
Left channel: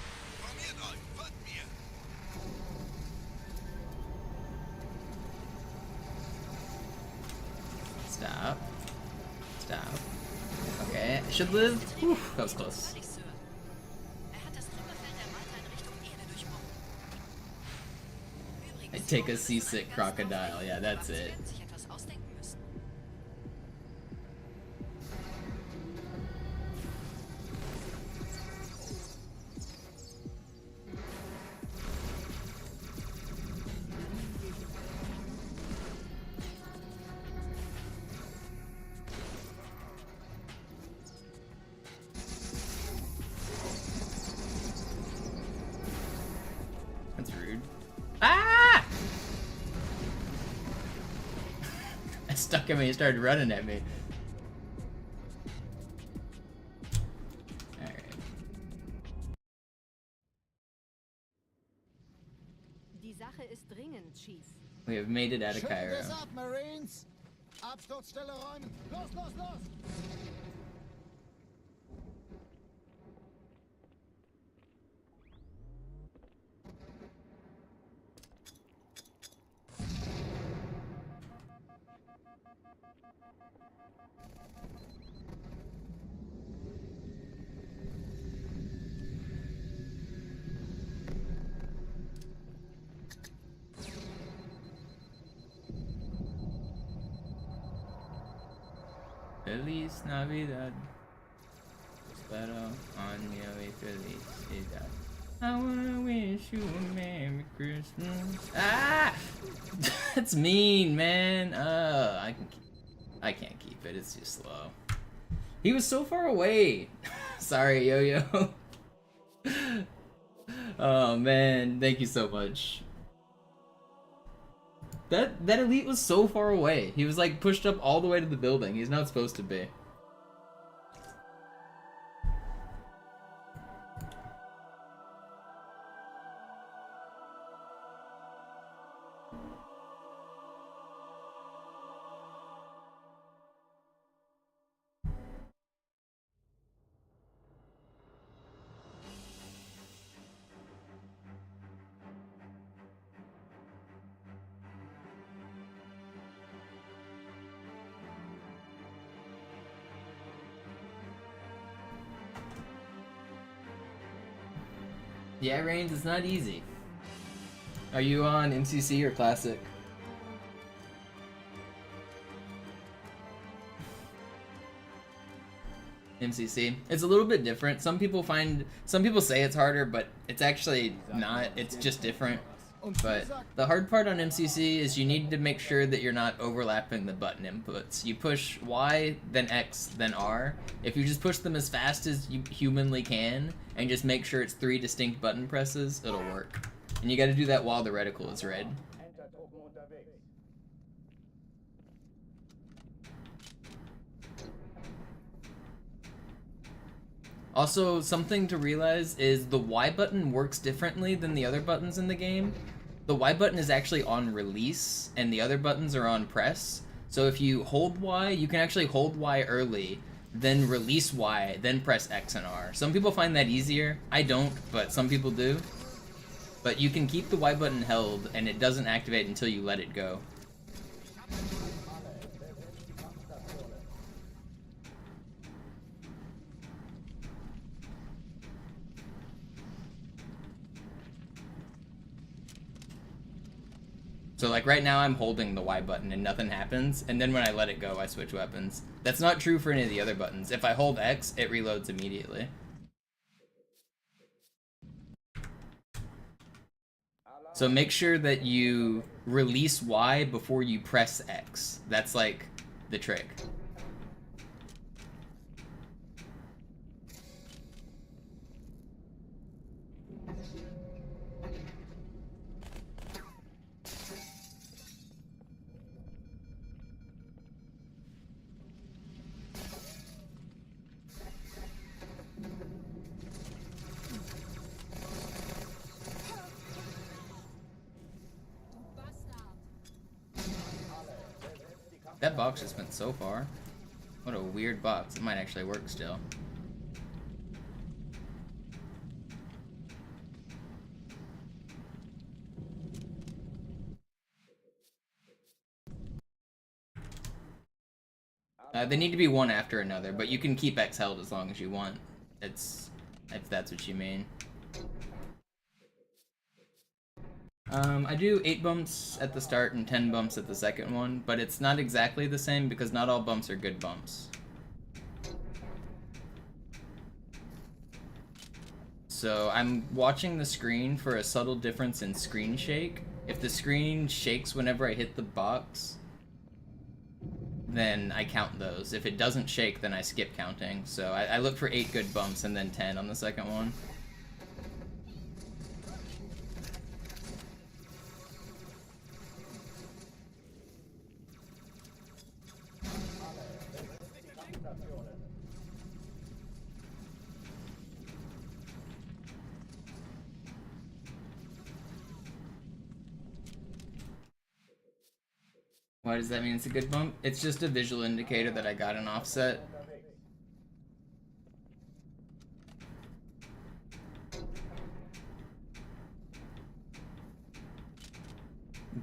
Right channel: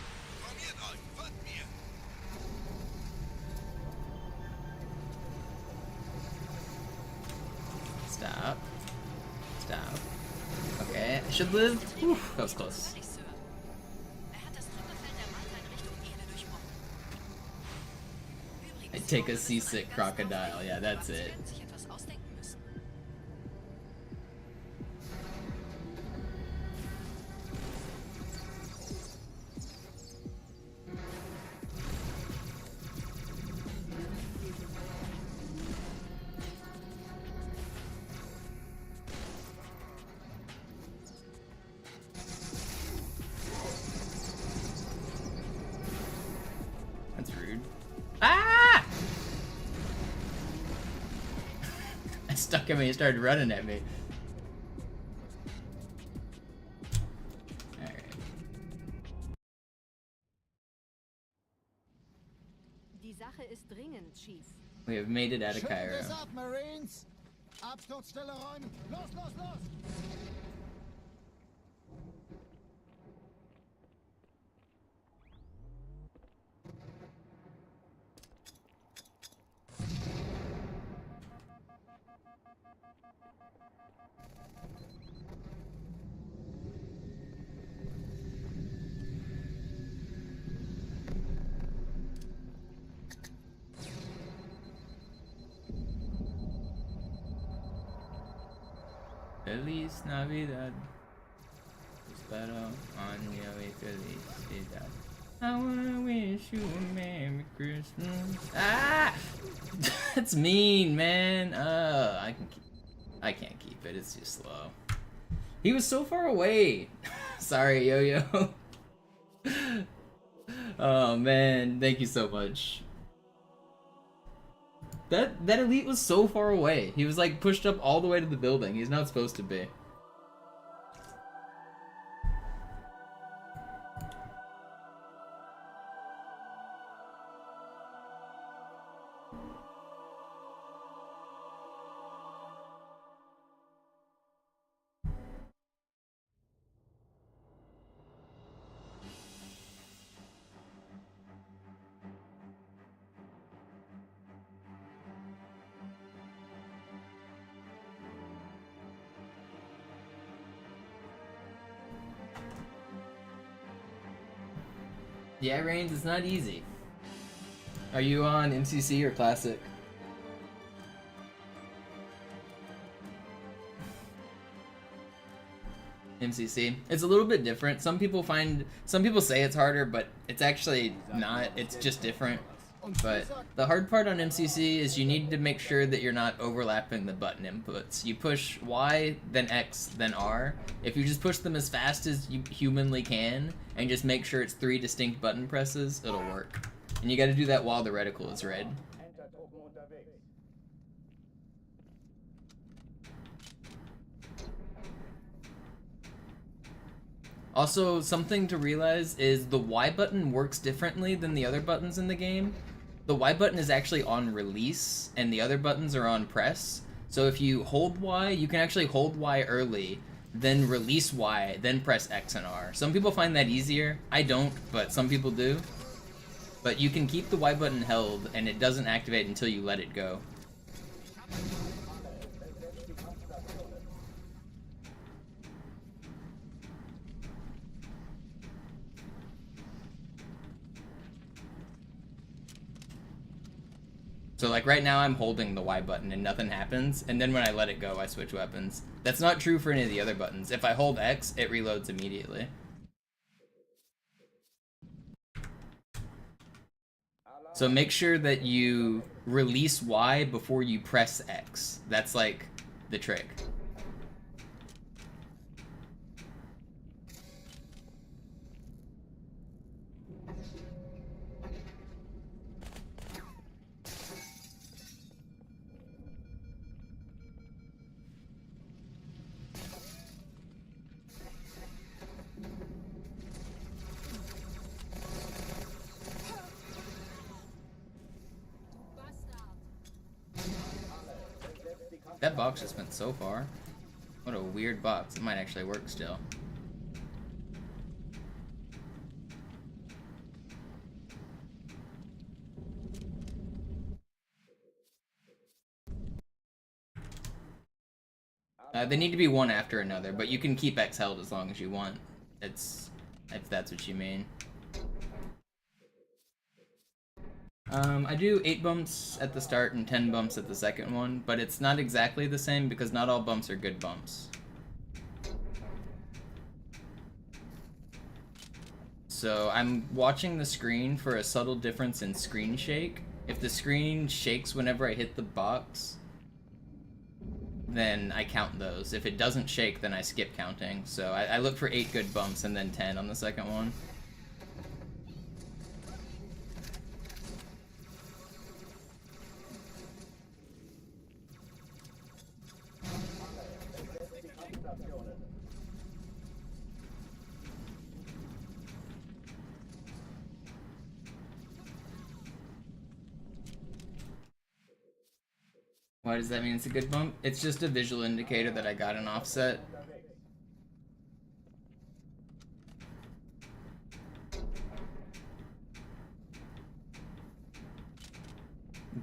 Formiert euch, folgt mir. Stop. Stop. Okay, I should live. Whew, that was close. Völlig, Sir. Er hat das Trümmerfeld der Malta in Richtung Erde durchbrochen. I take a seasick crocodile. Yeah, that's it. Sie werden sich etwas ausdenken müssen. That's rude. Ah! I stuck at me and started running at me. Alright. Die Sache ist dringend, Chief. We have made it out of Schüttet Cairo. es ab, Marines! Absturzstelle räumen! Los, los, los! Feliz Navidad. Espero año y felicidad. I wanna wish you a Merry Christmas. Ah! That's mean, man. I can't keep it. It's too slow. He was so far away. Sorry, Yo-Yo. Oh man, thank you so much. That elite was so far away. He was like pushed up all the way to the building. He's not supposed to be. Yeah, Reigns, it's not easy. Are you on MCC or Classic? MCC. It's a little bit different. Some people say it's harder, but it's actually not. It's just different. But the hard part on MCC is you need to make sure that you're not overlapping the button inputs. You push Y, then X, then R. If you just push them as fast as you humanly can, and just make sure it's 3 distinct button presses, it'll work. And you gotta do that while the reticle is red. Entertruppen unterwegs. Also, something to realize is the Y button works differently than the other buttons in the game. The Y button is actually on release, and the other buttons are on press. So if you hold Y, you can actually hold Y early, then release Y, then press X and R. Some people find that easier. I don't, but some people do. But you can keep the Y button held, and it doesn't activate until you let it go. So like right now I'm holding the Y button and nothing happens, and then when I let it go I switch weapons. That's not true for any of the other buttons. If I hold X, it reloads immediately. So make sure that you release Y before you press X. That's like the trick. That box just went so far. What a weird box. It might actually work still. They need to be one after another, but you can keep X held as long as you want. It's if that's what you mean. I do 8 bumps at the start and 10 bumps at the second one, but it's not exactly the same because not all bumps are good bumps. So I'm watching the screen for a subtle difference in screen shake. If the screen shakes whenever I hit the box, then I count those. If it doesn't shake, then I skip counting. So I look for 8 good bumps and then 10 on the second one. Why does that mean it's a good bump? It's just a visual indicator that I got an offset.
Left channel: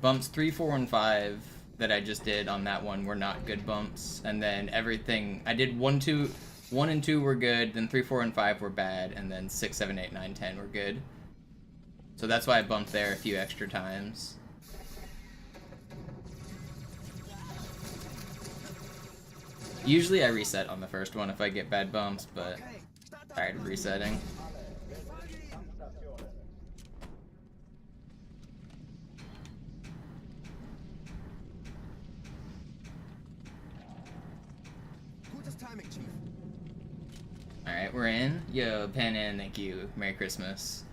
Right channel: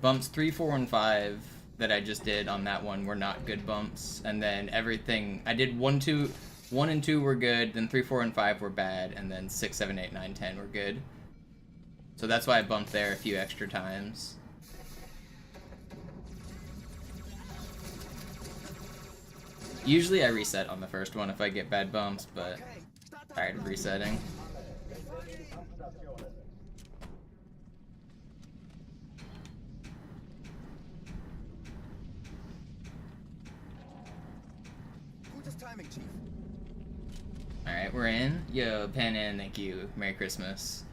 Bumps 3, 4, and 5 that I just did on that one were not good bumps, and then everything I did 1 and 2 were good, then 3, 4, and 5 were bad, and then 6, 7, 8, 9, 10 were good. So that's why I bumped there a few extra times. Usually I reset on the first one if I get bad bumps, but tired of resetting. Alright, we're in. Yo, Pan in, thank you. Merry Christmas.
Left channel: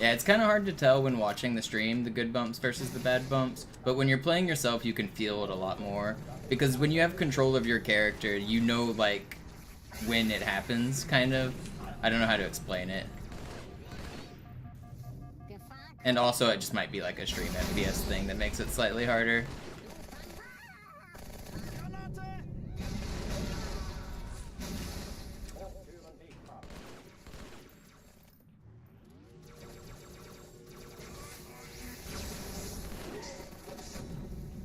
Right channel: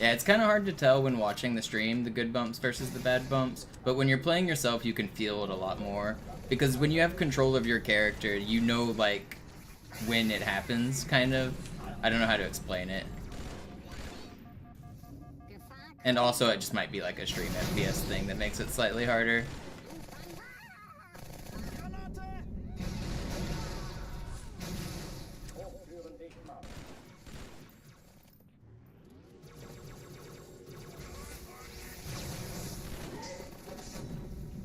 Yeah, it's kind of hard to tell when watching the stream, the good bumps versus the bad bumps, but when you're playing yourself, you can feel it a lot more. Because when you have control of your character, you know, like, when it happens, kind of. I don't know how to explain it. And also, it just might be like a stream FPS thing that makes it slightly harder.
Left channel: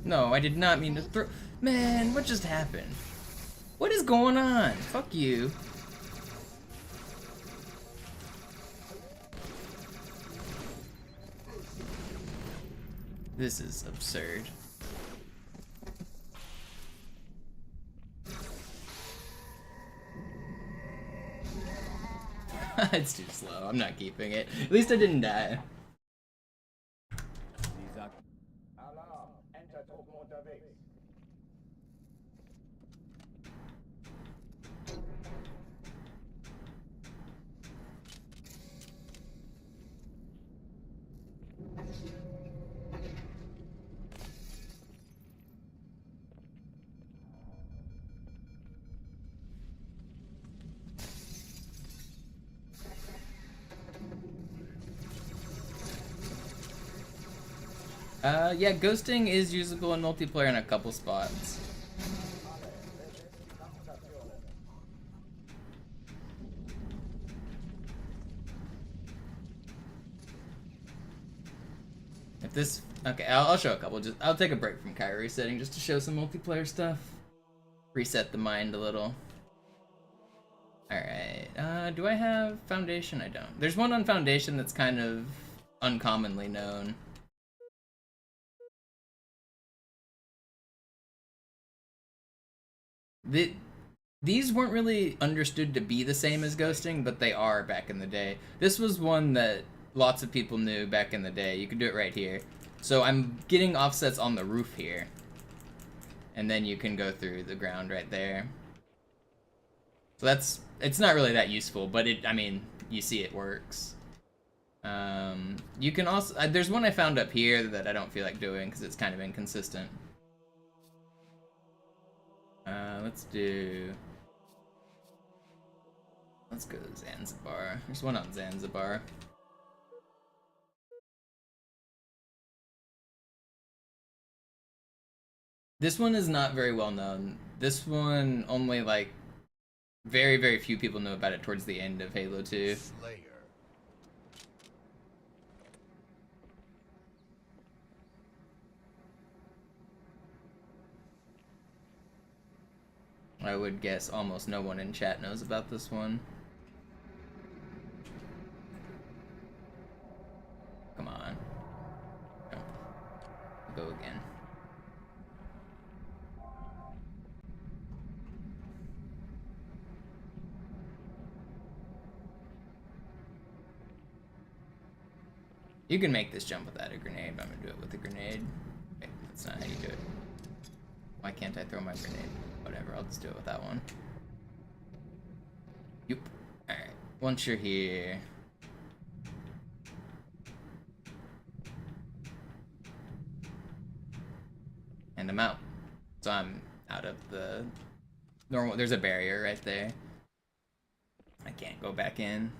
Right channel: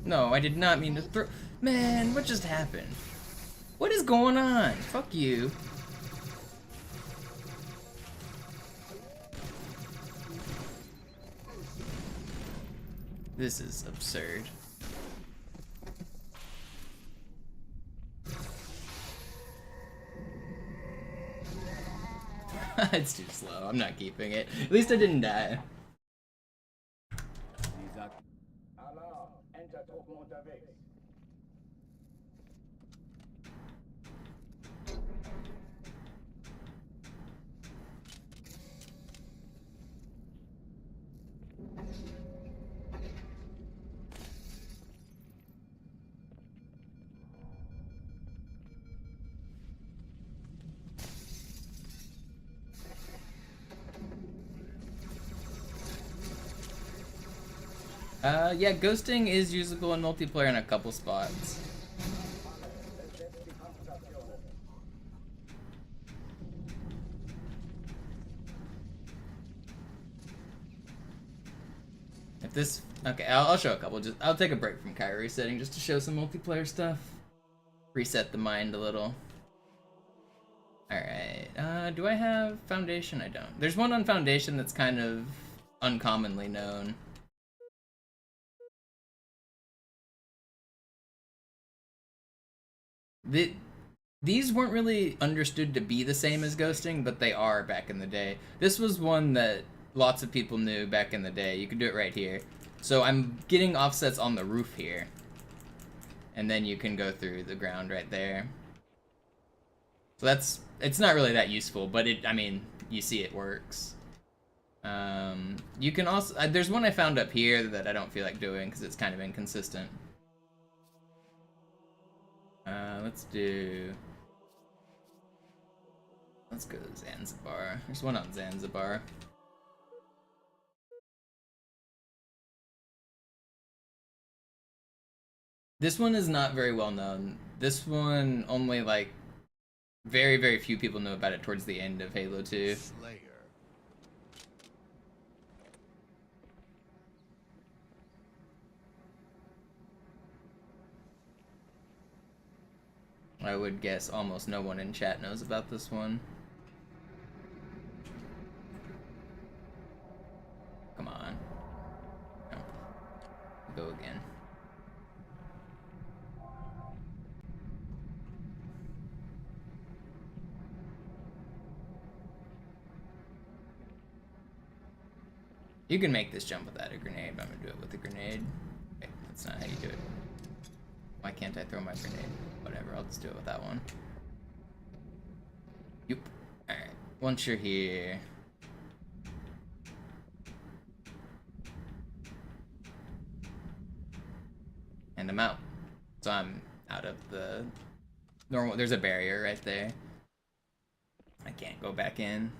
No, I did not mean to throw. Man, what just happened? What is going on? Fuck you. This is absurd. It's too slow. I'm not keeping it. At least I didn't die. Alarm, Entertruppen unterwegs. Yeah, ghosting is usable in multiplayer in a couple spots. If this... Okay, I'll show a couple. I'll take a break from Cairo resetting just to show some multiplayer stuff. Reset the mind a little. Alright, do I have Foundation? I don't. There's one on Foundation that's kind of uncommonly known. These weren't really understood to be the same as ghosting, but they are back in the day. This was one that lots of people knew back in the day. You can do it right here. So I'm getting offsets on the roof here. And then you can go through the ground right there. So it's not really that useful, but I mean, you see it works. You can also, there's one I found up here that I don't feel like doing because it's kind of inconsistent. Let's go to Zanzibar. There's one on Zanzibar. This one is not very well known. This one only like very, very few people know about it towards the end of Halo 2. Slayer. I would guess almost no one in chat knows about this one. Come on. No. Go again. You can make this jump without a grenade, but I'm gonna do it with a grenade. Okay, that's not how you do it. Why can't I throw my grenade? Whatever, I'll just do it with that one. Yep. Alright, once you're here... And I'm out. So I'm out of the... normal. There's a barrier right there. I can't go back in.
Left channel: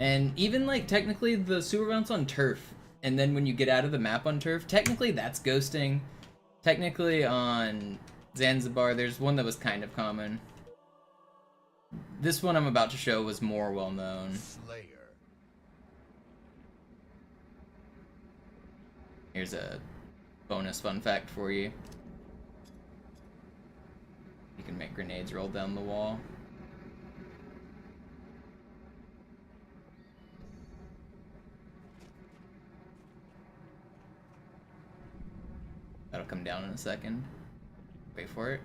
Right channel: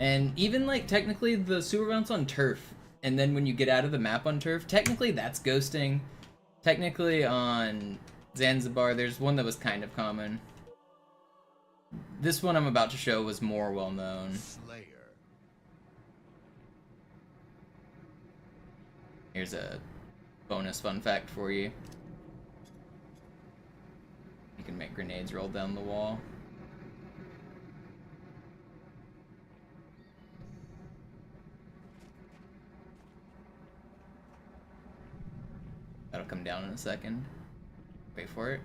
And even, like, technically the sewer bounce on turf, and then when you get out of the map on turf, technically that's ghosting. Technically on Zanzibar, there's one that was kind of common. This one I'm about to show was more well known. Slayer. Here's a bonus fun fact for you. You can make grenades roll down the wall. That'll come down in a second. Wait for it.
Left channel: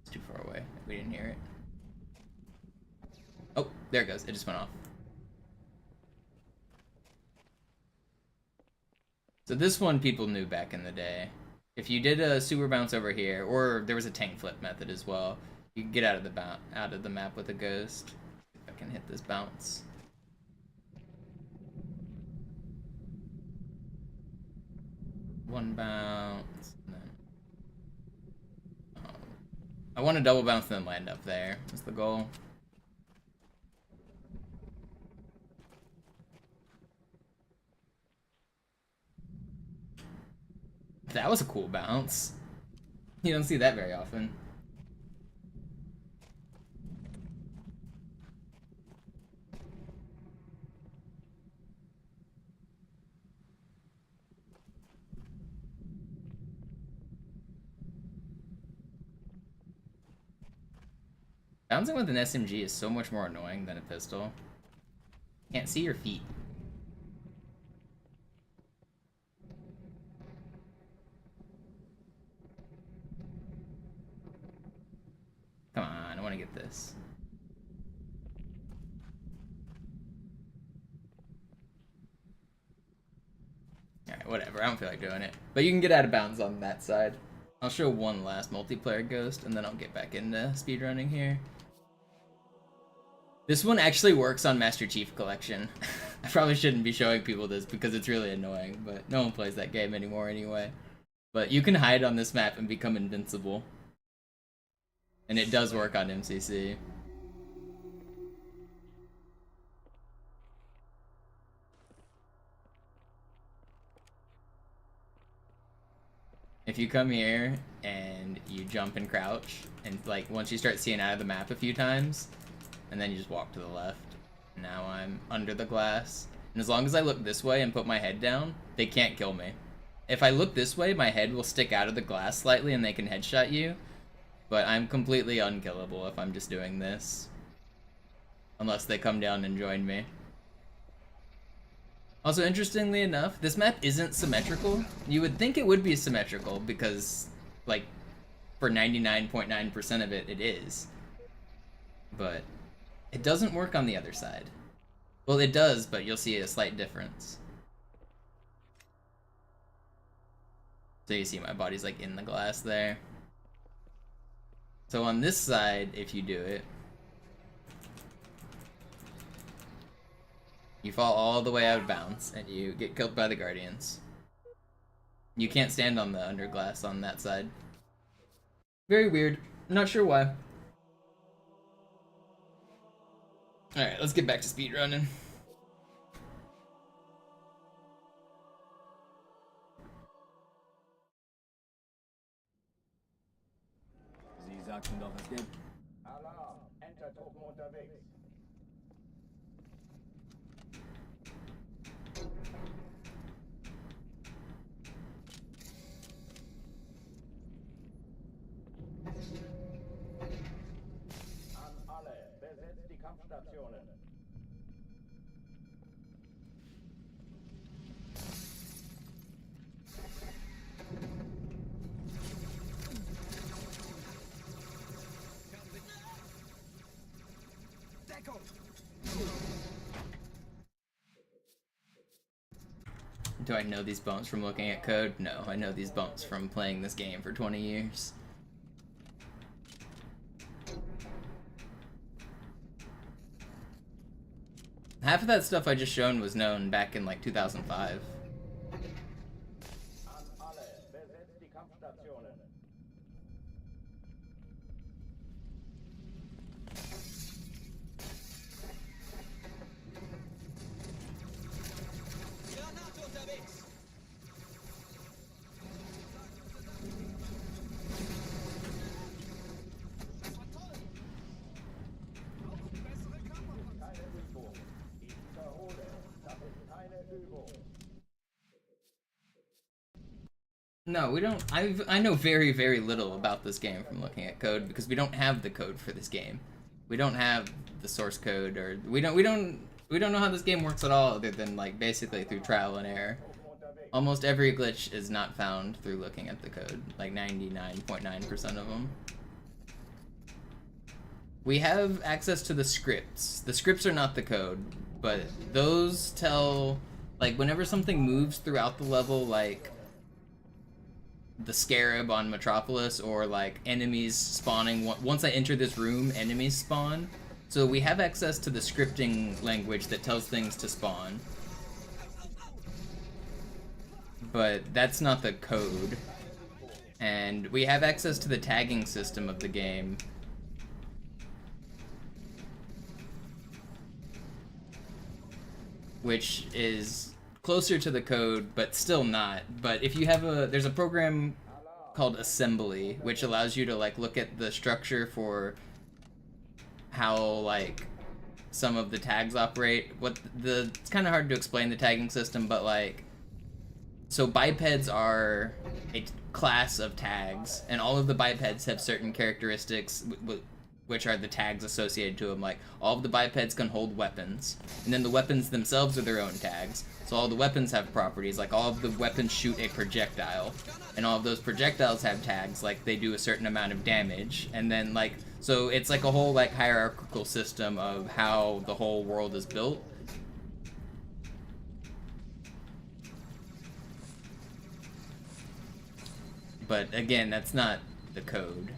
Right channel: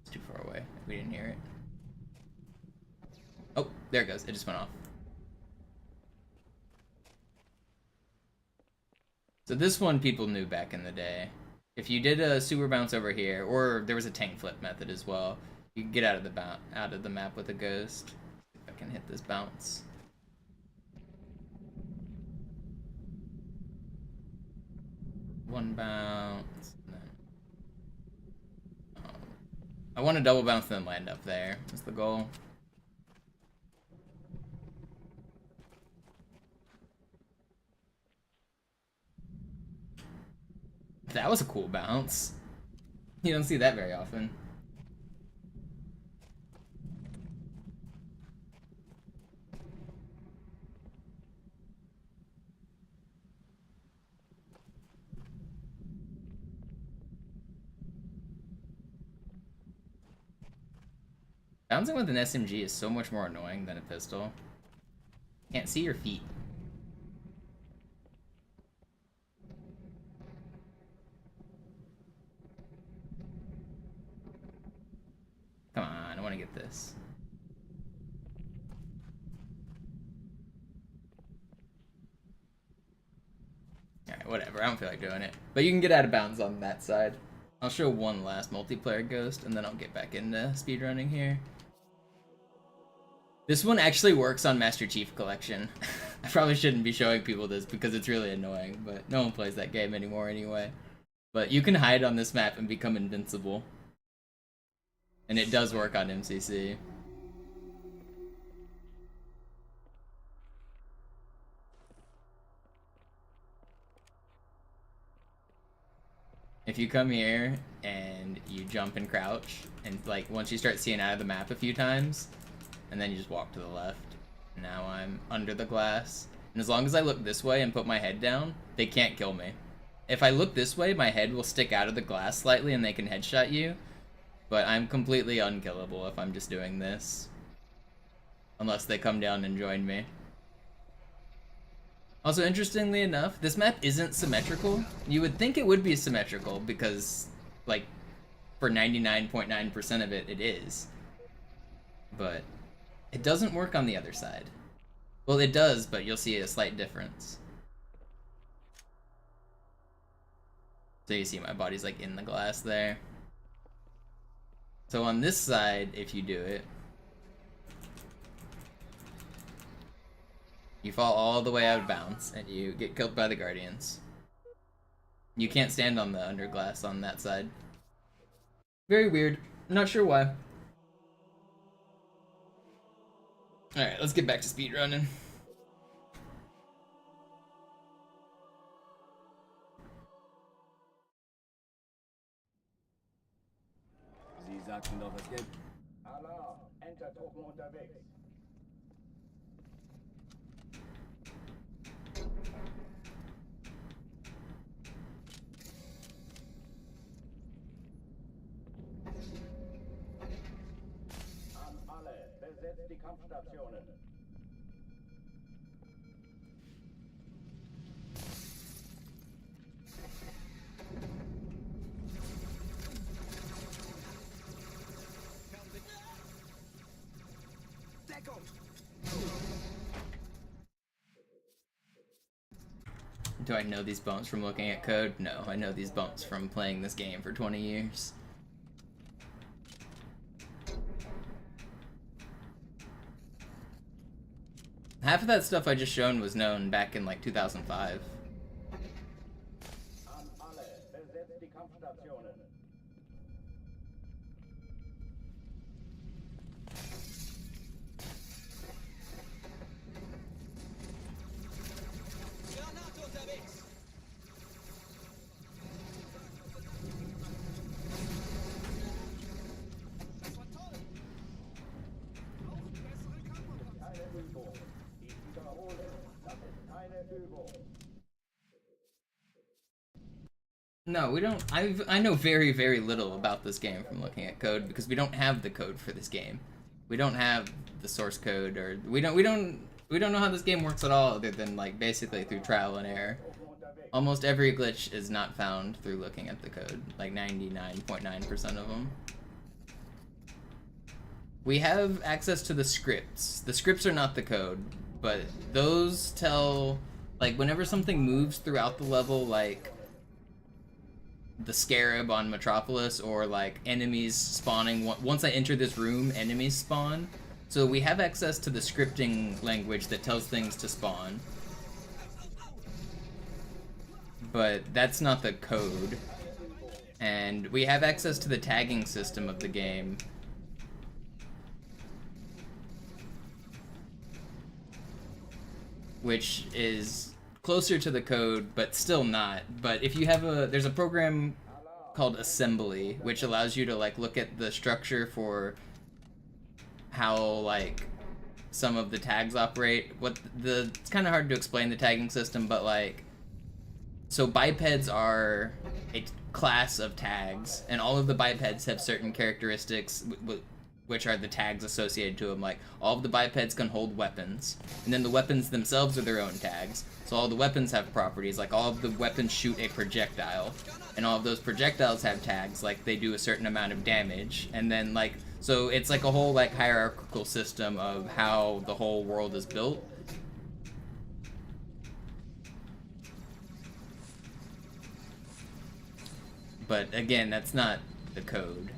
It's too far away. We didn't hear it. Oh, there it goes. It just went off. So this one people knew back in the day. If you did a sewer bounce over here, or there was a tank flip method as well, you could get out of the map with a ghost. I can hit this bounce. One bounce, and then... Oh. I want to double bounce and then land up there. That's the goal. That was a cool bounce. You don't see that very often. Bouncing with an SMG is so much more annoying than a pistol. Can't see your feet. Come on, I want to get this. Alright, whatever. I don't feel like doing it. But you can get out of bounds on that side. I'll show one last multiplayer ghost, and then I'll get back into speedrunning here. This one actually works on Master Chief Collection. I probably shouldn't be showing people this because it's really annoying, but no one plays that game anymore anyway. But you can hide on this map and become invincible. And it does work on MCC. If you come here and you jump and crouch, and like once you start seeing out of the map a few times, and then you just walk to the left. Now I'm under the glass. And as long as I look this way and put my head down, they can't kill me. If I look this way, my head will stick out of the glass slightly and they can headshot you. But I'm completely unkillable if I'm just doing this. Unless they come down and join me. Also, interestingly enough, this map isn't symmetrical. You would think it would be symmetrical because, like, for 99.9% of it, it is. But it doesn't work on the other side. Well, it does, but you'll see a slight difference. So you see my body's like in the glass there. So on this side, if you do it, you fall all the way out of bounds and you get killed by the Guardians. You can't stand on the underglass on that side. Very weird. Not sure why. Alright, let's get back to speedrunning. Sie sagten doch, es gäbe... Alarm! Entertruppen unterwegs. An alle, besetzt die Kampfstationen. Do I know these bumps from looking at code? No, I know these bumps from playing this game for 20 years. Half of that stuff I just shown was known back in like 2005. An alle, besetzt die Kampfstationen. Keine Übung. Ich wiederhole, das ist keine Übung. No, we don't. I know very, very little about this game from looking at code because we don't have the code for this game. We don't have the source code, or we don't know how this game works at all, other than like basically through trial and error. Almost every glitch is not found through looking at the code, like 99.9% of them. We have access to the scripts. The scripts are not the code, but those tell, like, whenever something moves throughout the level, like the scarab on Metropolis, or like enemies spawning. Once I enter this room, enemies spawn. So we have access to the scripting language that tells things to spawn. But that's not the code. And we have access to the tagging system of the game. Which is closer to the code, but still not. But if you have there's a program called Assembly, which allows you to like look at the structure for how like some of the tags operate. It's kind of hard to explain the tagging system, but like, so bipeds are a class of tags, and all of the bipeds have certain characteristics which are the tags associated to them. Like, all of the bipeds can hold weapons, and then the weapons themselves are their own tags. So all the weapons have properties, like all of the weapons shoot a projectile, and all of those projectiles have tags, like they do a certain amount of damage, and then like, so it's like a whole like hierarchical system of how the whole world is built. But again, that's not the code.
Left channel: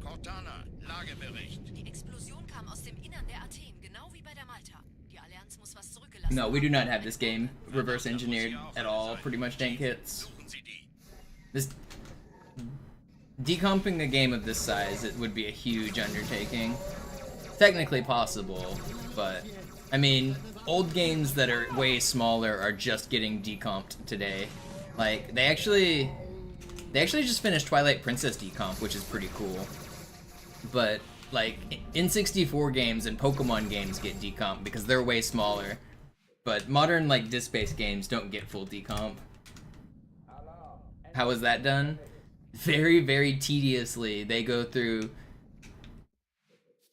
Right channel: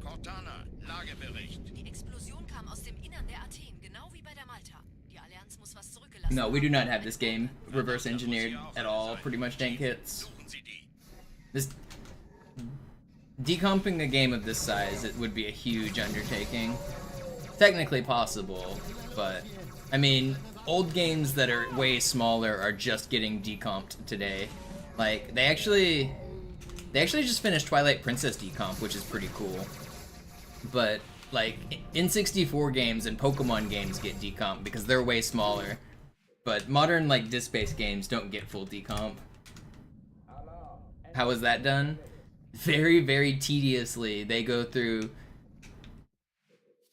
Cortana, Lagebericht. Die Explosion kam aus dem Innern der Athen, genau wie bei der Malta. Die Allianz muss was zurückgelassen No, we do not have this game reverse engineered at all. Pretty much tank hits. This decomping a game of this size, it would be a huge undertaking. Technically possible, but I mean, old games that are way smaller are just getting decomped today. Like they actually just finished Twilight Princess decomp, which is pretty cool. But like N64 games and Pokemon games get decomped because they're way smaller. But modern like disc-based games don't get full decomp. How is that done? Very, very tediously. They go through.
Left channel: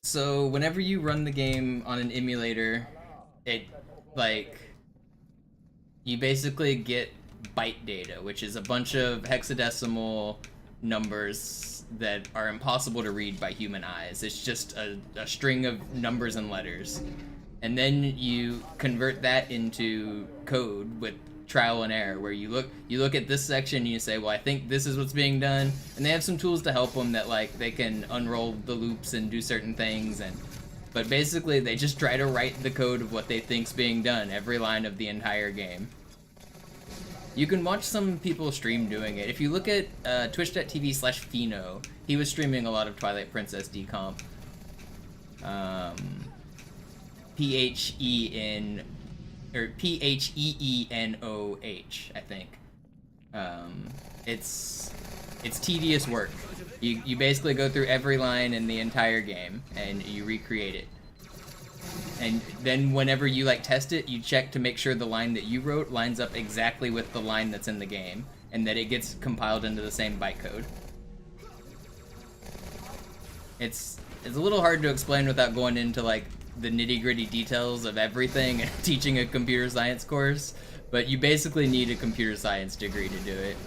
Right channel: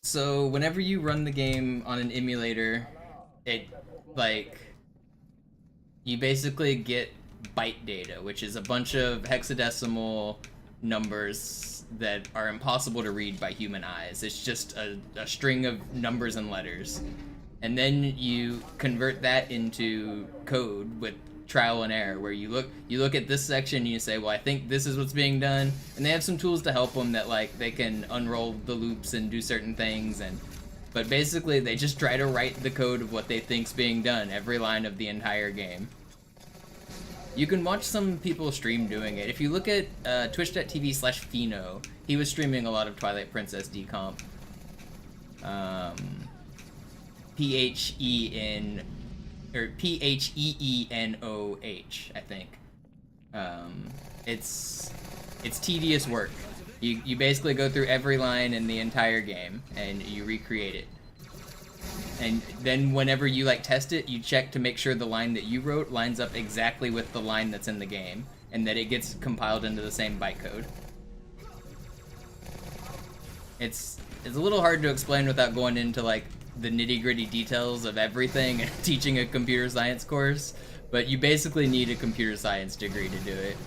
So whenever you run the game on an emulator, it like you basically get byte data, which is a bunch of hexadecimal numbers that are impossible to read by human eyes. It's just a string of numbers and letters. And then you convert that into code with trial and error, where you look at this section and you say, well, I think this is what's being done, and they have some tools to help them that like they can unroll the loops and do certain things, but basically they just try to write the code of what they think's being done every line of the entire game. You can watch some people stream doing it. If you look at twitch.tv/Pheno, he was streaming a lot of Twilight Princess decomp. P-H-E-N or P-H-E-E-N-O-H, I think. It's tedious work. You basically go through every line in the entire game and you recreate it. And then whenever you like test it, you check to make sure the line that you wrote lines up exactly with the line that's in the game, and that it gets compiled into the same bytecode. It's a little hard to explain without going into like the nitty-gritty details of everything and teaching a computer science course, but you basically need a computer science degree to do it.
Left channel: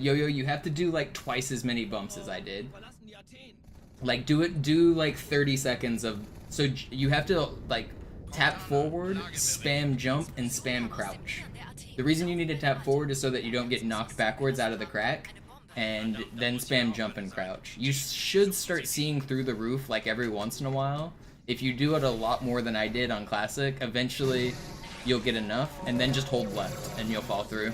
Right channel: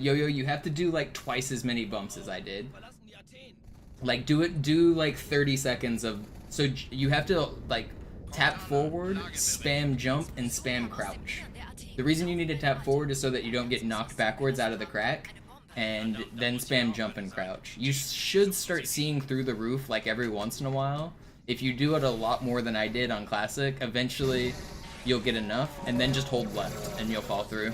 Yo-Yo, you have to do like twice as many bumps as I did. Like do like 30 seconds of, so you have to like tap forward, spam jump, and spam crouch. The reason you need to tap forward is so that you don't get knocked backwards out of the crack, and then spam jump and crouch. You should start seeing through the roof like every once in a while. If you do it a lot more than I did on Classic, eventually you'll get enough, and then just hold left and you'll fall through.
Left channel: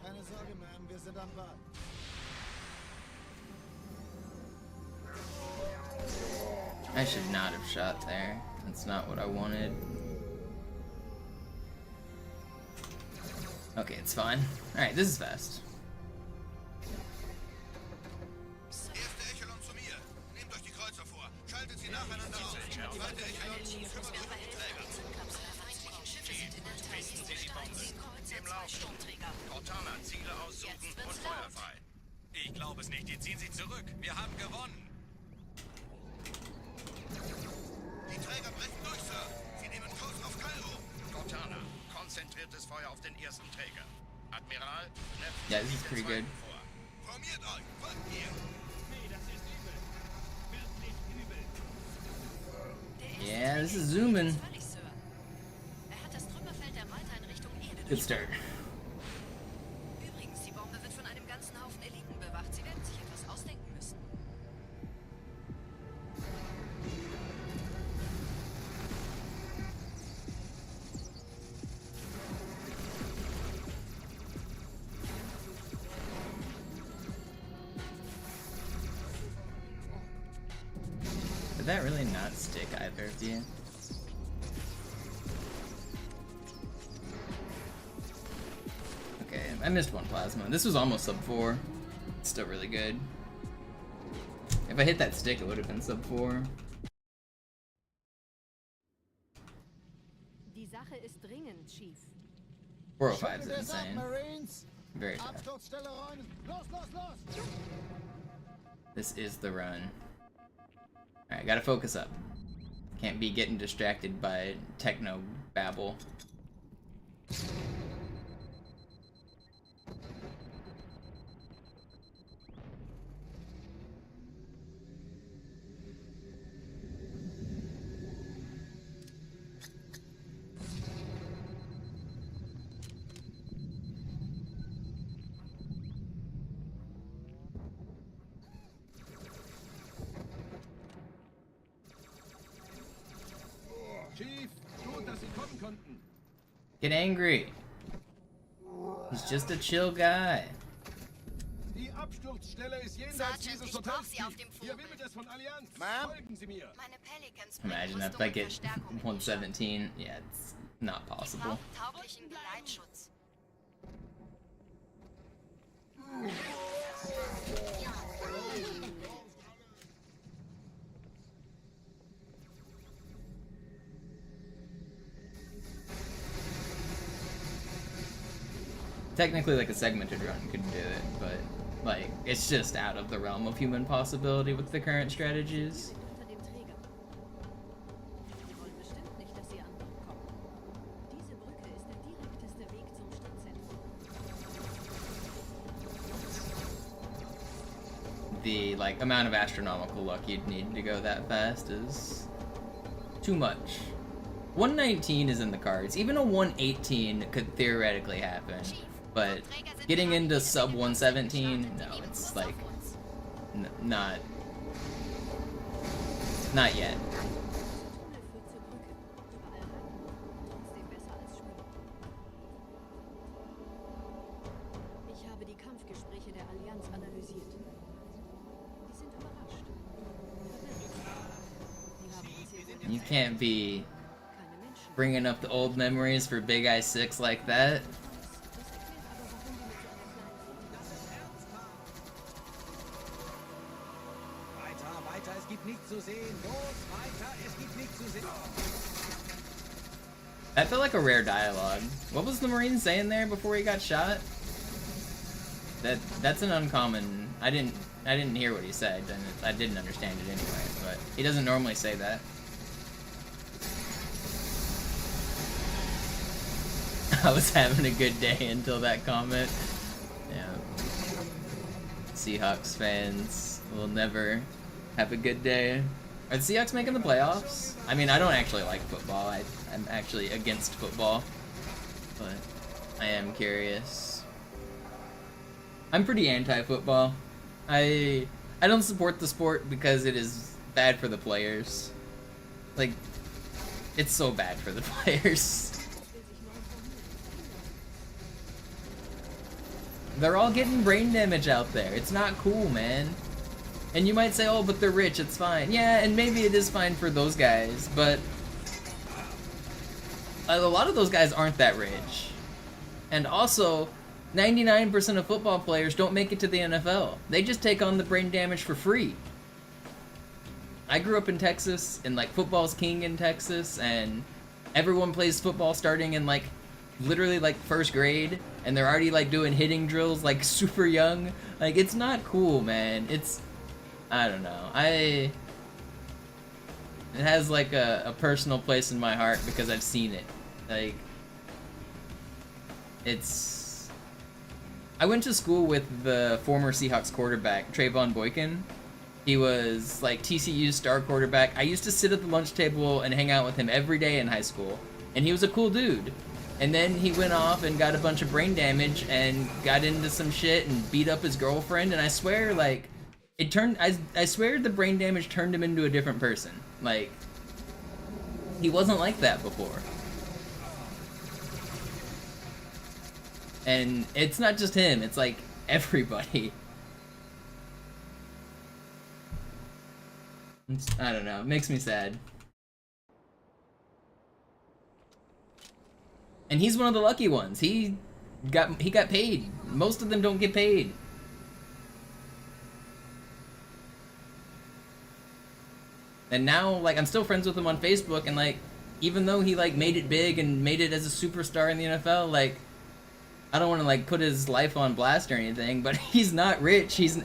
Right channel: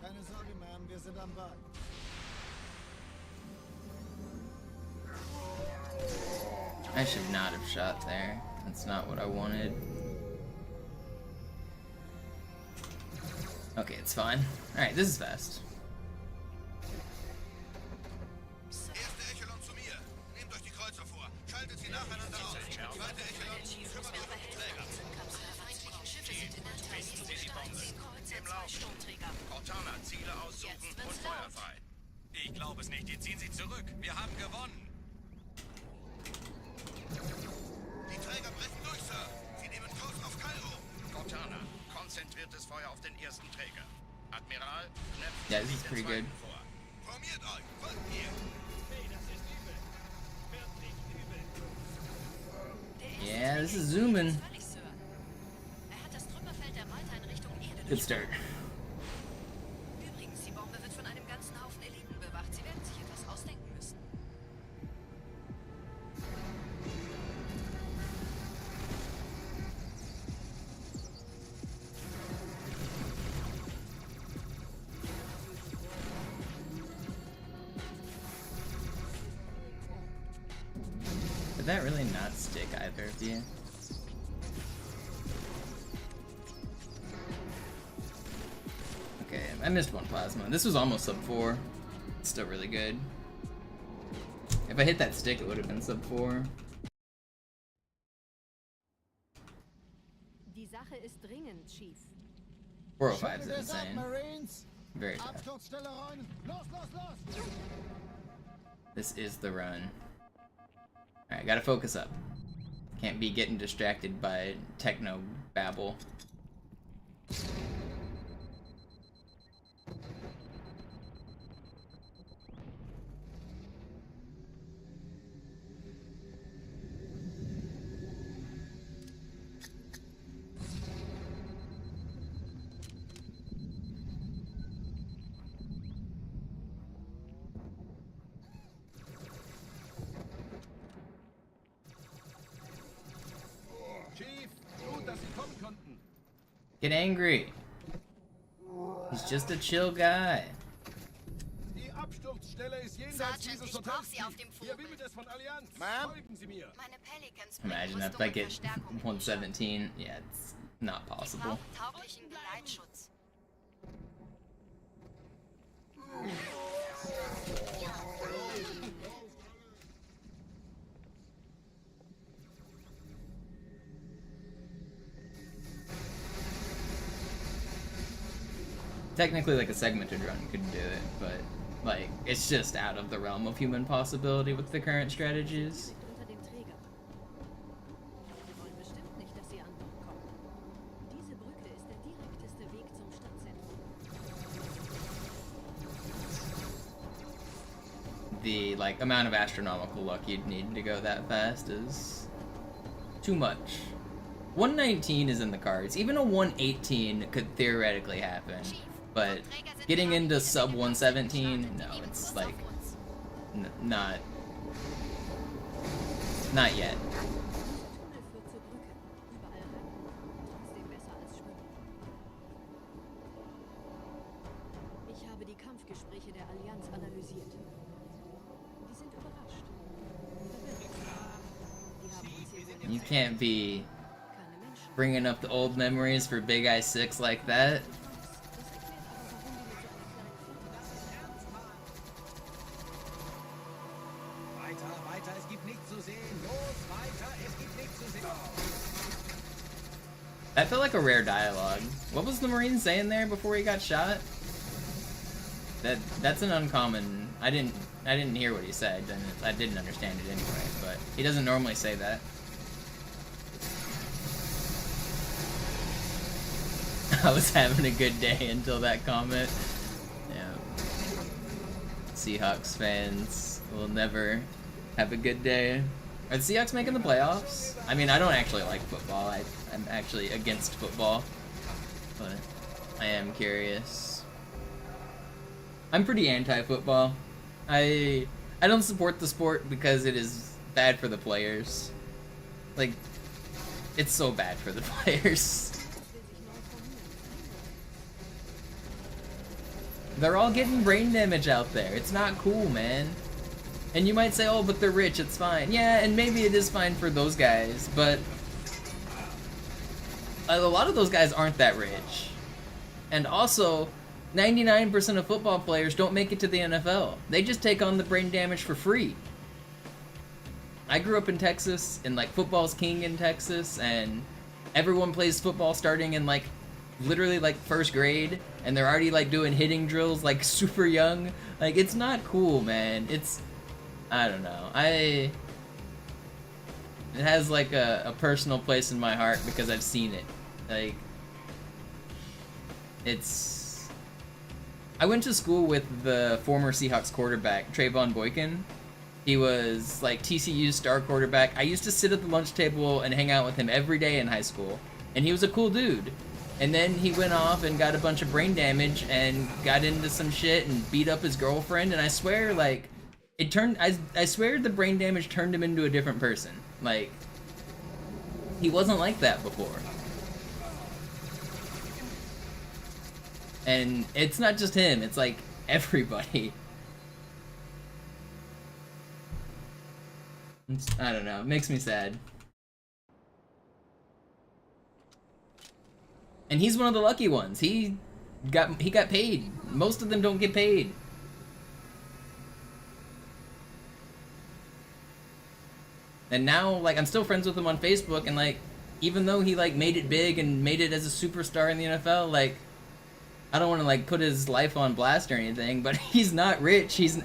Keine Sorge, Ma'am, wir sind am Ball. I should not have shot there. That's not what I wanted. Okay, it's fine. Alright, this is fast. Ich glaube es nicht, die ziehen sich zurück. Wir haben gewonnen. Die Träger brechen durch, Sir. Sie nehmen Kurs auf Kairo. Cortana, konzentriertes Feuer auf den ersten Träger. Admiral, Yeah, this is pretty good. formiert euch, folgt mir. Yeah, this is zooming. Good start. Übrigens, die Bombe wird von einem ganzen Haufen Eliten bewacht. Sie werden sich etwas ausdenken müssen. Did that really not stick either of you? Okay, I missed one plasma. This was almost sub 4. It's still really good. If I hit that stick, it would have been sub 4. Die Sache ist dringend, Chief. 405 is insane. Very fast. This is the run. Alright, gotta focus up. Can't be getting distracted by techno babble. Chief, gut, dass Sie kommen konnten. Get angry. He's just a chill guy. Die Absturzstelle ist jenseits Sergeant, dieses ich Hotels. brauch Sie auf dem Hier Vogel. wimmelt es von Allianz. Ma'am? Folgen Sie mir. Meine Pelicans Imagine if I get 117. Yeah, it's not possible. tauglichen Geleitschutz. Technically, like a segmented run could do it, but like it's just out of the realm of human possibility with the current strategies. Direkt unter dem Träger. Wir wollen bestimmt nicht, dass Sie an Bord kommen. Diese Brücke ist der direkteste Weg zum Stadtzentrum. The like amount of astronomical luck you'd need to go that fast is too much. 119 is in the cards. Even a 118 could theoretically happen, but getting into sub 117, no, it's like not yet. Dieser Tunnel führt zur Brücke. Überall Ratten. Trotzdem besser als Schwimmen. Ich habe die Kampfgespräche der Allianz analysiert. Die sind überrascht. Verwirrt. Die haben uns hier wohl You can't be keine Menschen. bringing up the old memories for Big Eye 6 like that. Das erklärt aber, warum die mit so einer kleinen Flotte Weiter, weiter, es gibt nichts zu sehen. Los, weiter, es gibt nichts zu sehen. That felt like a rare dialogue. What was the Marine saying there before he got shot? That's an uncommon. I didn't hear what he said, and I didn't understand it anyway. But he doesn't normally say that. I was having a good day until that comment. Yeah. Seahawks fans will never have a good day. Are the Seahawks making the playoffs? I mean, I don't actually like football. I'm actually against football. But I am curious. I'm pretty anti-football. I don't support the sport because it is bad for the players. Like, it's so bad for the players. They're all getting brain damage out there. It's not cool, man. And you might say, oh, but they're rich, it's fine. Yeah, and maybe it is fine for those guys, but a lot of those guys aren't that rich. And also, 99% of football players don't make it to the NFL. They just take on the brain damage for free. I grew up in Texas, and like football's king in Texas, and everyone plays football starting in like literally like first grade, and they're already like doing hitting drills like super young. Like, it's not cool, man. It's, I don't know. It has like a personal place in my heart because I've seen it. Like, it's, I went to school with the former Seahawks quarterback, Trayvon Boykin. He was like TCU's star quarterback. I used to sit at the lunch table and hang out with him every day in high school, and he was a cool dude. And then he went off and got a bunch of brain damage and got into some shit and beat up his girlfriend, and I swear, like, it turned, I swear the brain damage turned him into a different person. Like, he wasn't like that before. And it's not just him, it's like everybody. I don't know, it makes me sad. And he's one of the lucky ones. He got paid. Most of them don't get paid. And now, like, I'm still friends with him on Facebook, and like, even though he like made it big and made it as a superstar in the NFL, like, I don't want to like put his life on blast or anything, but he's not rich. He's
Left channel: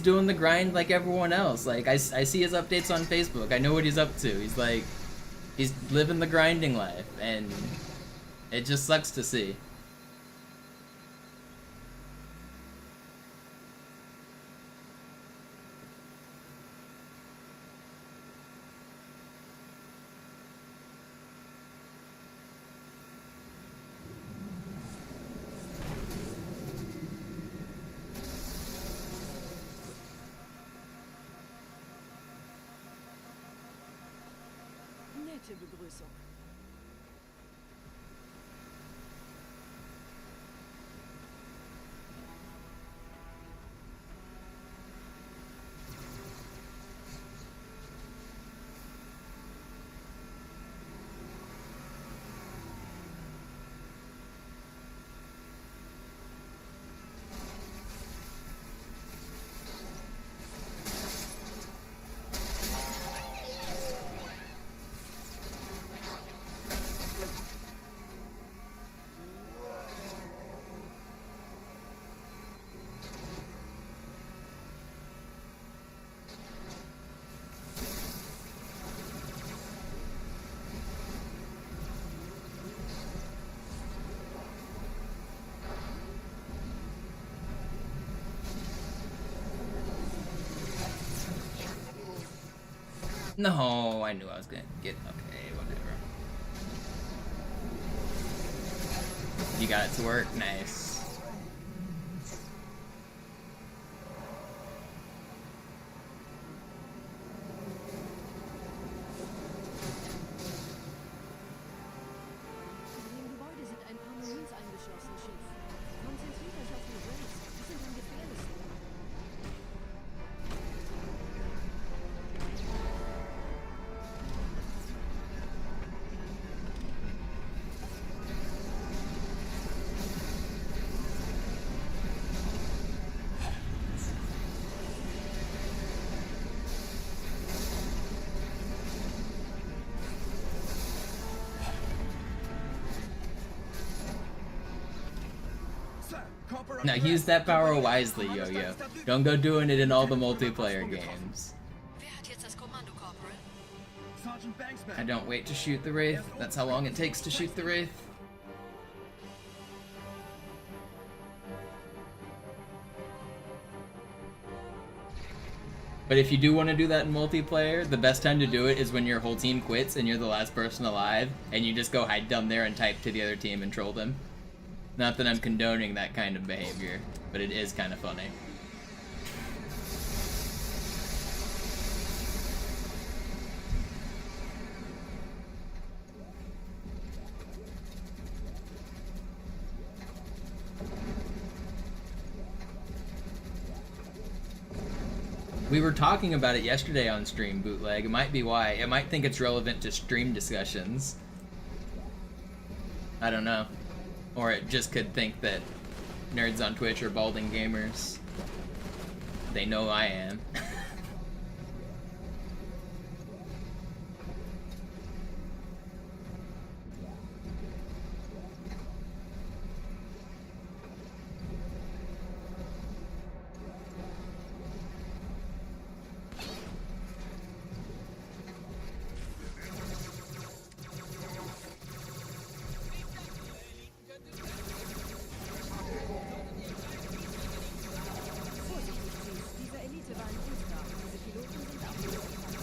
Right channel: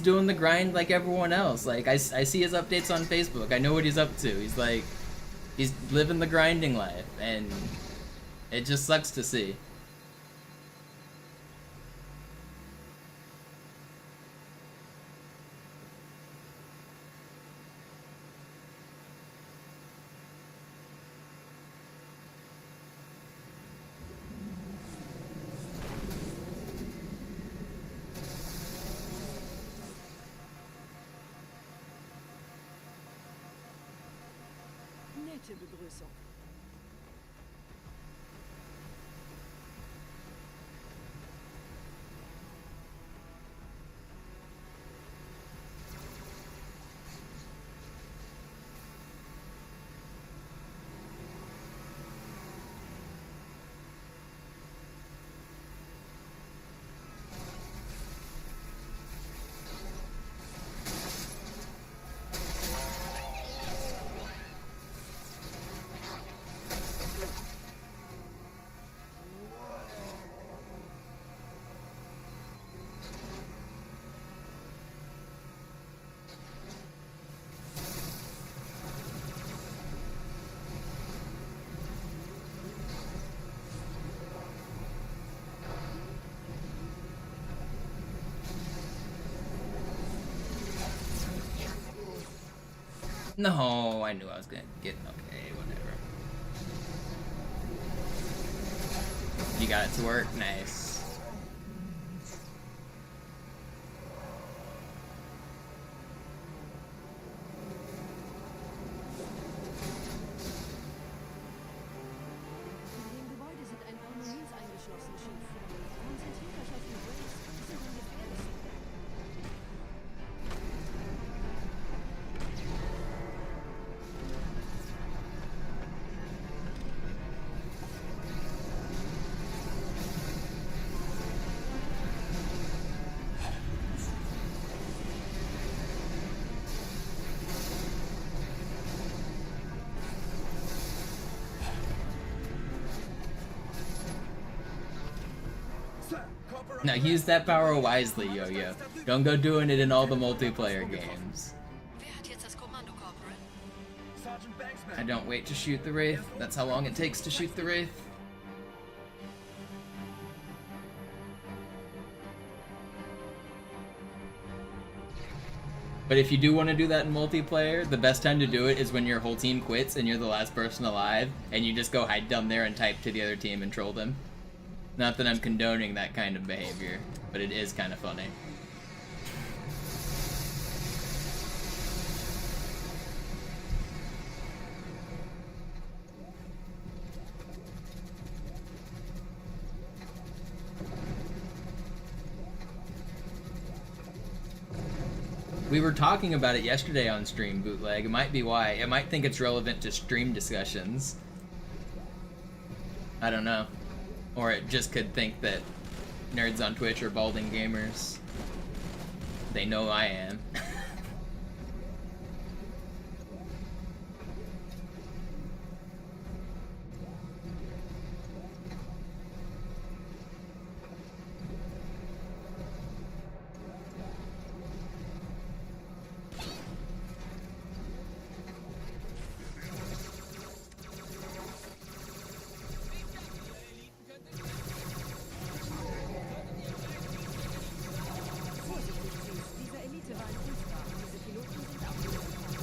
doing the grind like everyone else. Like, I see his updates on Facebook. I know what he's up to. He's living the grinding life, and it just sucks to see. Nette Begrüßung. No, I knew I was gonna get... Okay, whatever. You got it to work? Nice. In dem Gebäude sind ein paar Marines eingeschlossen, Chief. Konzentriert euch auf die Rays. Die sind am gefährlichsten. Now use that power wisely, Yo-Yo. Don't go doing it in all the multiplayer games. Wer hat jetzt das Kommando, Corporal? Sergeant Banksman. I don't wait to shoot the Wraith. That's how long it takes to shoot the Wraith. But if you do want to do that in multiplayer, the best time to do it is when your whole team quits and you're the last person alive, and you just go hide down there and type to the other team and troll them. Not that I'm condoning that kind of behavior, but it is kind of funny. We were talking about it yesterday on stream, Bootleg. It might be why. It might think it's relevant to stream discussions. I don't know. Or it just could think that nerds on Twitch are balding gamers. They know I am. Vorsichtig, Chief. Dieser Elite war ein Ultra und diese Piloten sind auch nicht verfangen.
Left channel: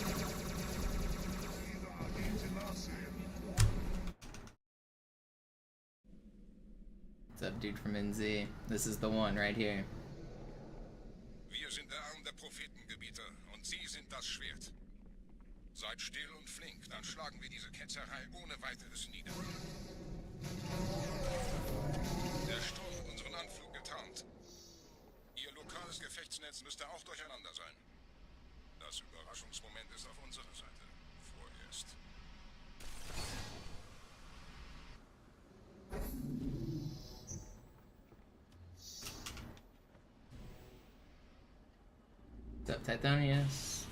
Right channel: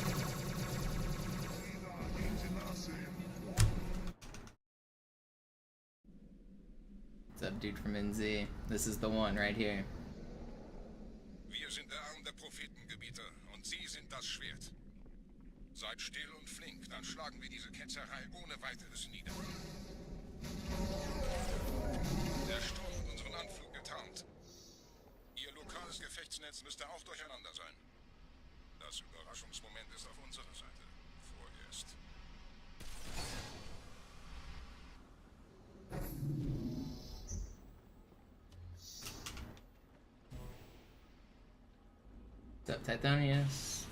What's up, dude from NZ? This is the one right here. Wir sind der Arm der Prophetengebieter und Sie sind das Schwert. Seid still und flink, dann schlagen wir diese Ketzerei ohne weiteres nieder. Der Sturm hat unseren Anflug getarnt. Ihr lokales Gefechtsnetz müsste auch durcheinander sein. Das Überraschungsmoment ist auf unserer Seite. Vorerst. What's up, Titanius?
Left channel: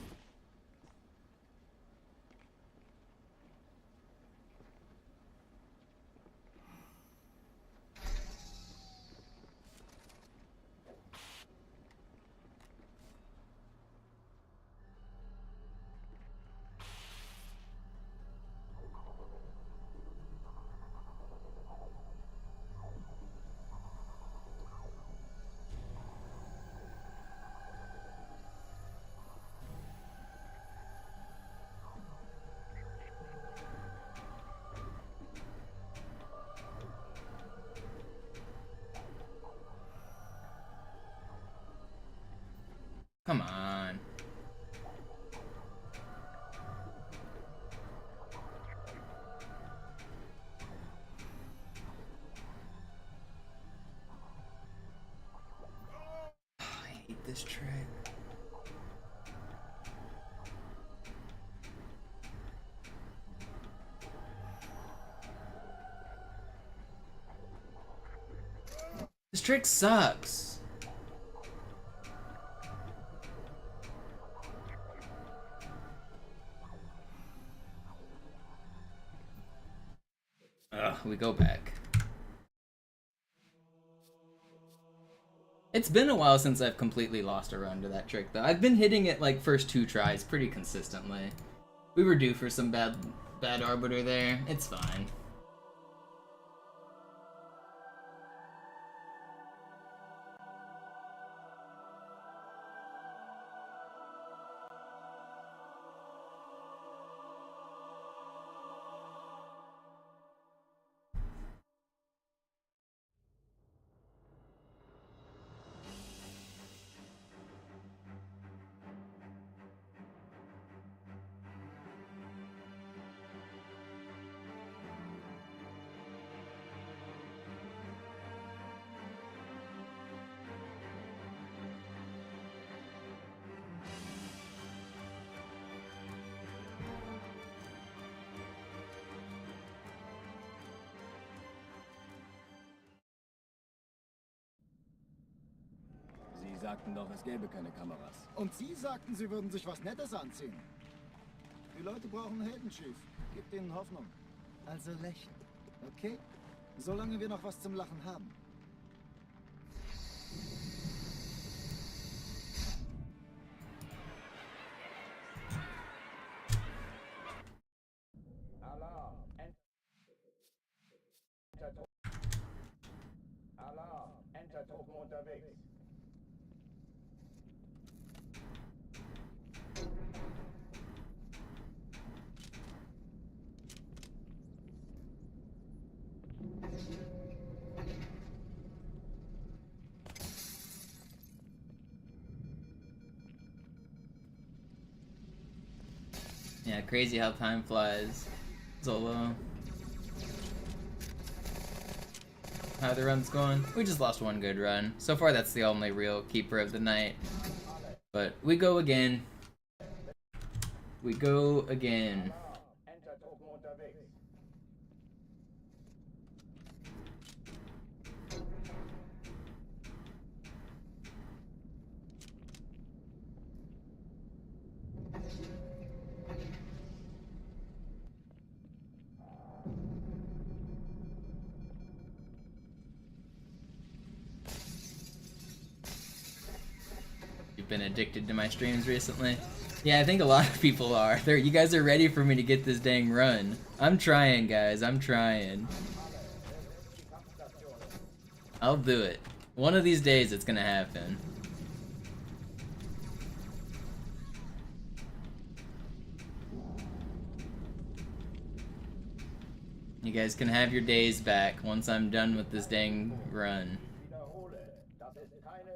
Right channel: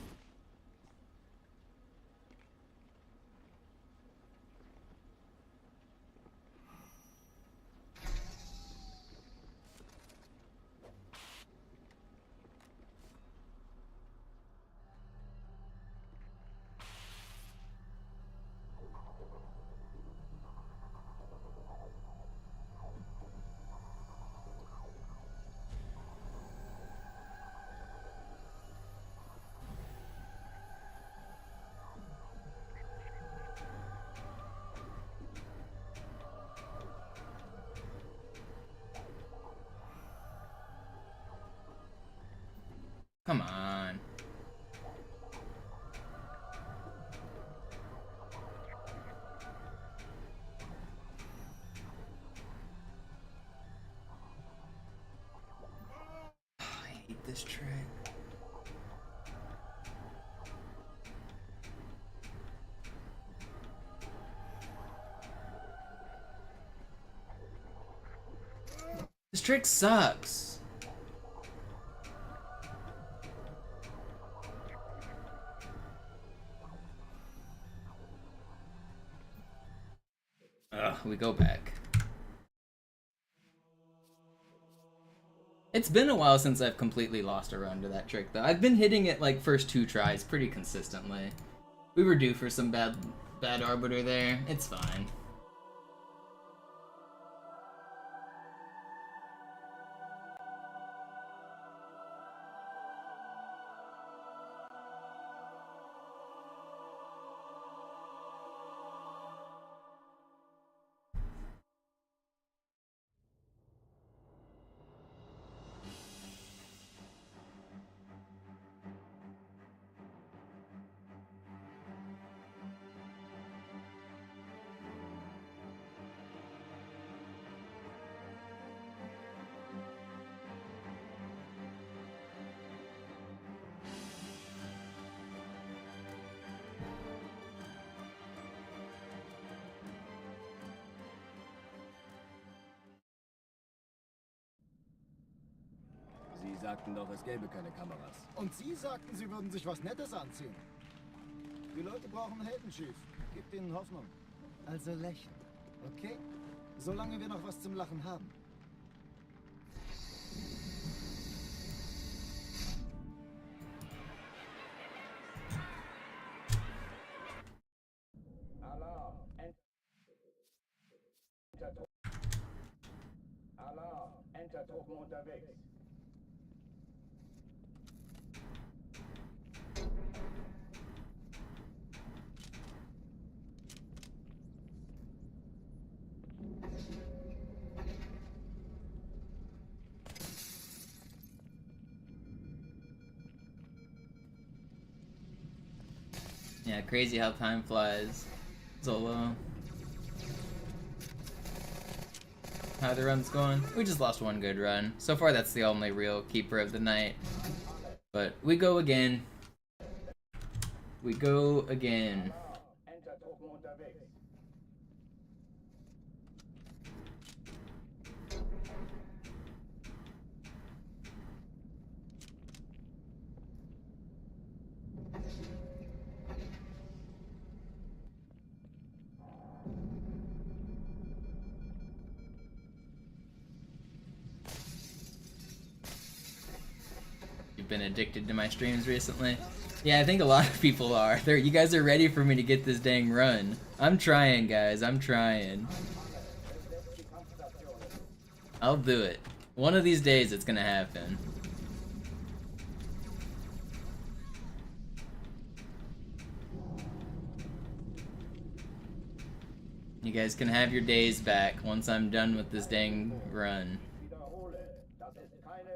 this trick. This trick sucks. Ugh, we go back. It's been a while since I've completely lost a run to that trick, though. I've been hitting it like first 2 tries pretty consistently. We were due for some bad Arbiter there. It's fine. Sie sagten doch, es gäbe keine Kameras. Und Sie sagten, Sie würden sich was Nettes anziehen. Die Leute brauchen Helden, Chief. Gebt ihnen Hoffnung. Also lächeln, okay? Solange wir noch was zum Lachen haben. Alarm! Alarm! Entertruppen unterwegs. Yeah, crazy how time flies. Zolo. How the run's going? We just lost one good run. So far that's the only real keeper of the night. But we go again. We go again. Entertruppen unterwegs. You've been addicted to my streams recently? Yeah, I think a lot of people are. You guys are ready for me to get this dang run. I'm trying, guys. I'm trying. I'll do it. One of these days it's gonna happen. You guys can have your days back once I'm done with this dang run.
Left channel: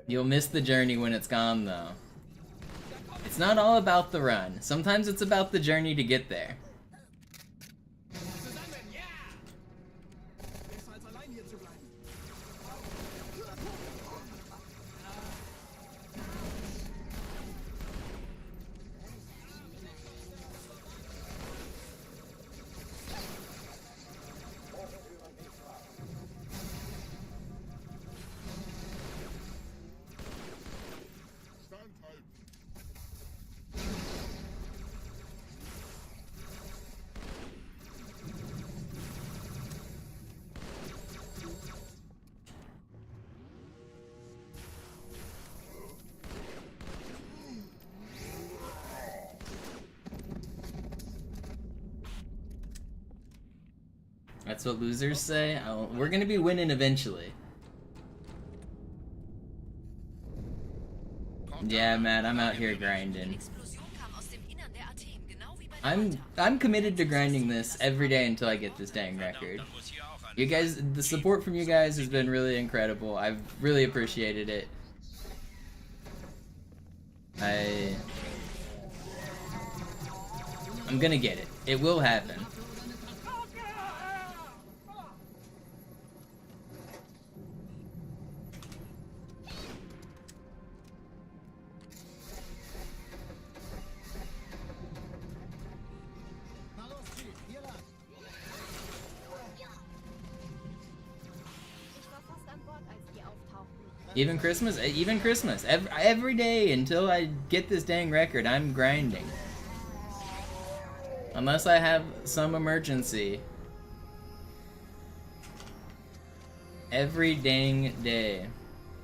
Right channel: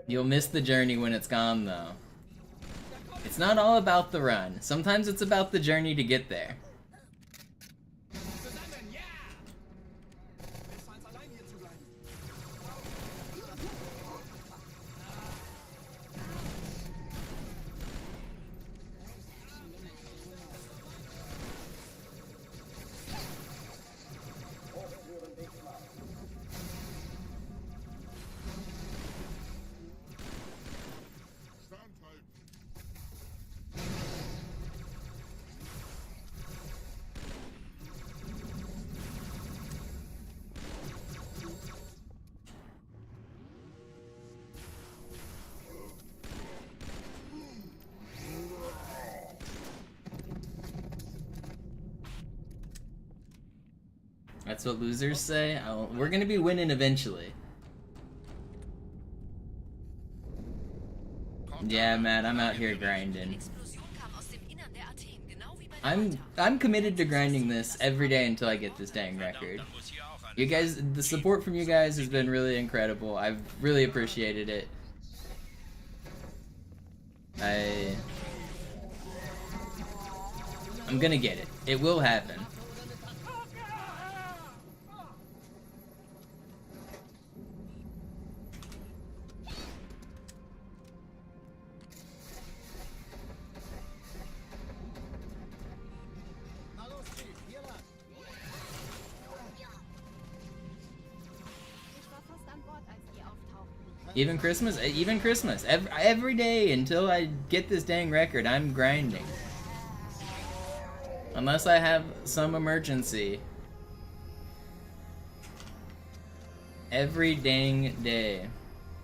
You'll miss the journey when it's gone, though. It's not all about the run. Sometimes it's about the journey to get there. That's what losers say? We're gonna be winning eventually. Yeah, Matt, I'm out here grinding. I'm committed to grinding this every day until I get this dang record. You guys, the support from you guys has been really incredible. I've really appreciated it. I'm gonna get it. It will happen. Even Christmas, every day until I get this dang record, I'm grinding. Unless I have some emergency. Every dang day.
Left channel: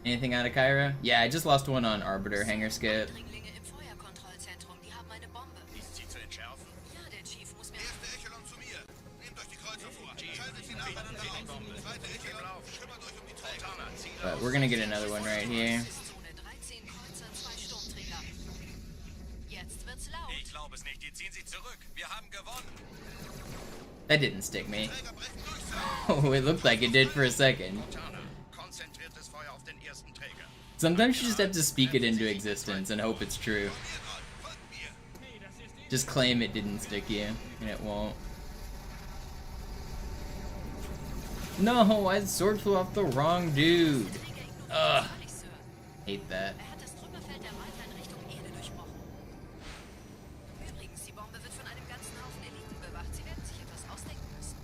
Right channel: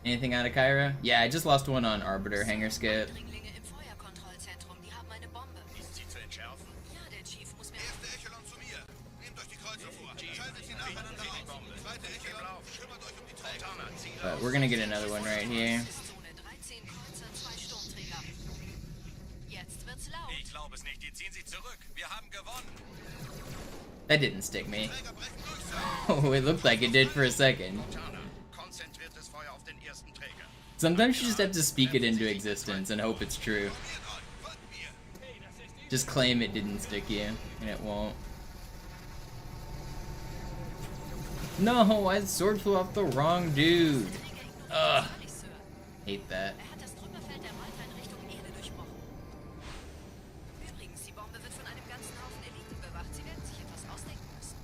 Anything out of Cairo? Yeah, I just lost one on Arbiter, Hangar Skip. Dringlinge im Feuerkontrollzentrum, die haben eine Bombe. Ist sie zu entschärfen? Ja, der Chief muss mir... Erste Echelon zu mir. Nehmt euch die Kreuzer vor. Schaltet sie nacheinander auf. Zweite Echelon, kümmert euch um die Träger. But we're gonna get another one right here. Zone 13 Kreuzer, 2 Sturmträger. Jetzt wird's laut. Ich glaube es nicht. Die ziehen sich zurück. Wir haben gewonnen. That didn't stick me. Oh, it looked like it did for a second. Konzentriertes Feuer auf den ersten Träger. Sometimes you just have to speak it into existence and hope it's true. Just claim it didn't stick you, and it won't. No, I sword flew off the wrong dude. Ugh. Hate that. Er hat das Trümmerfeld der Malta in Richtung Erde durchbrochen. Übrigens, die Bombe wird von einem ganzen Haufen Eliten bewacht. Sie werden sich etwas ausdenken müssen.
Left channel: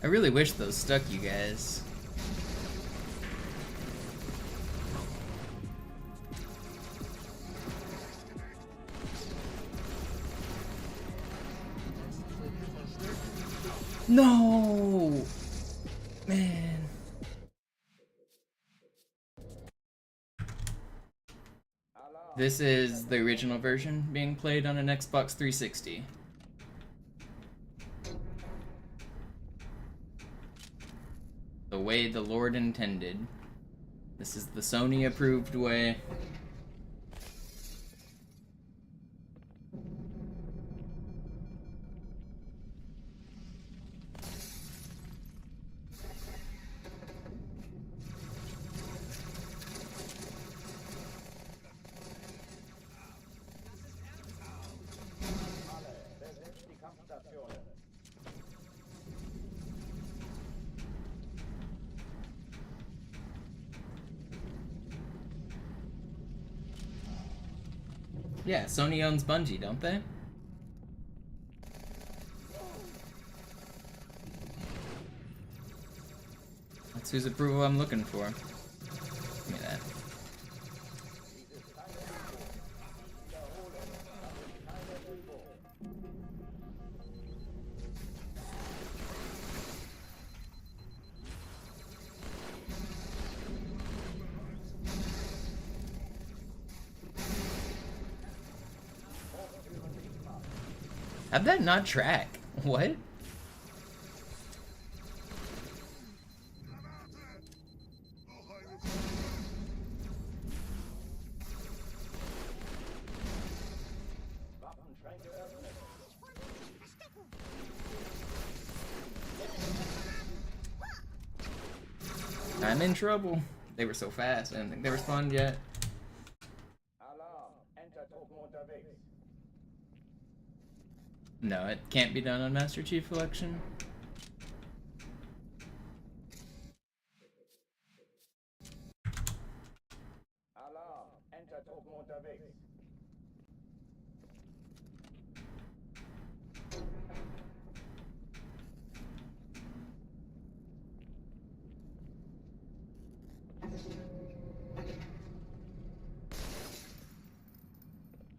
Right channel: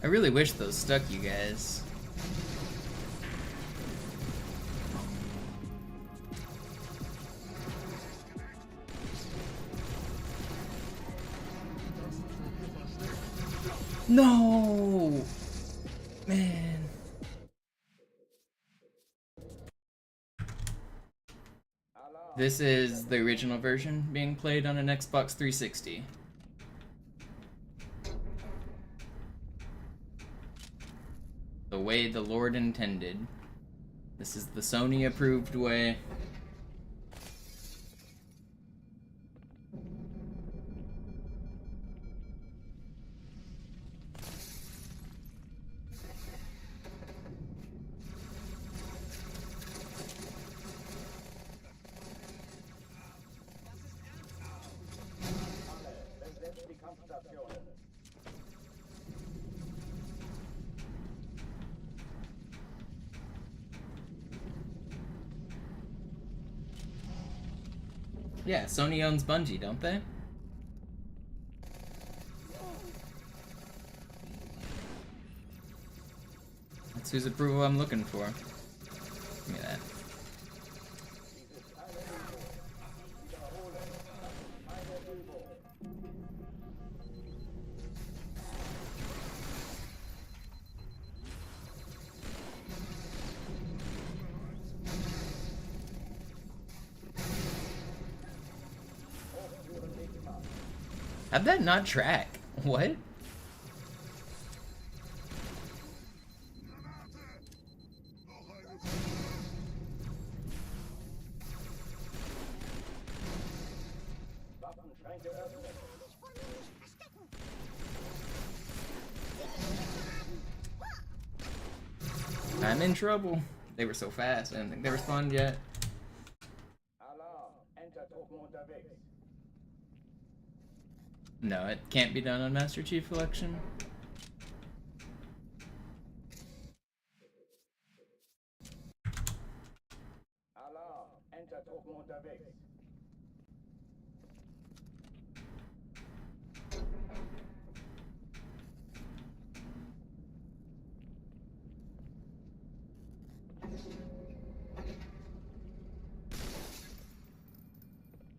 I really wish those stuck, you guys. No! Man. This is the original version being played on an Xbox 360. The way the Lord intended. This is the Sony approved way. Alle, besetzt die Kampfstationen. Yeah, Sony owns Bungie, don't they? That's whose approval I'm looking for. Give me that. Dies ist keine Übung. Ich wiederhole, das ist keine Übung. Hochtüren dicht machen. How'd that not track? What? Waffenschränke öffnen. I'm in trouble. They were so fast. I didn't think they responded yet. Alarm. Entertruppen unterwegs. No, it can't be done on Master Chief Collection. Alarm. Entertruppen unterwegs.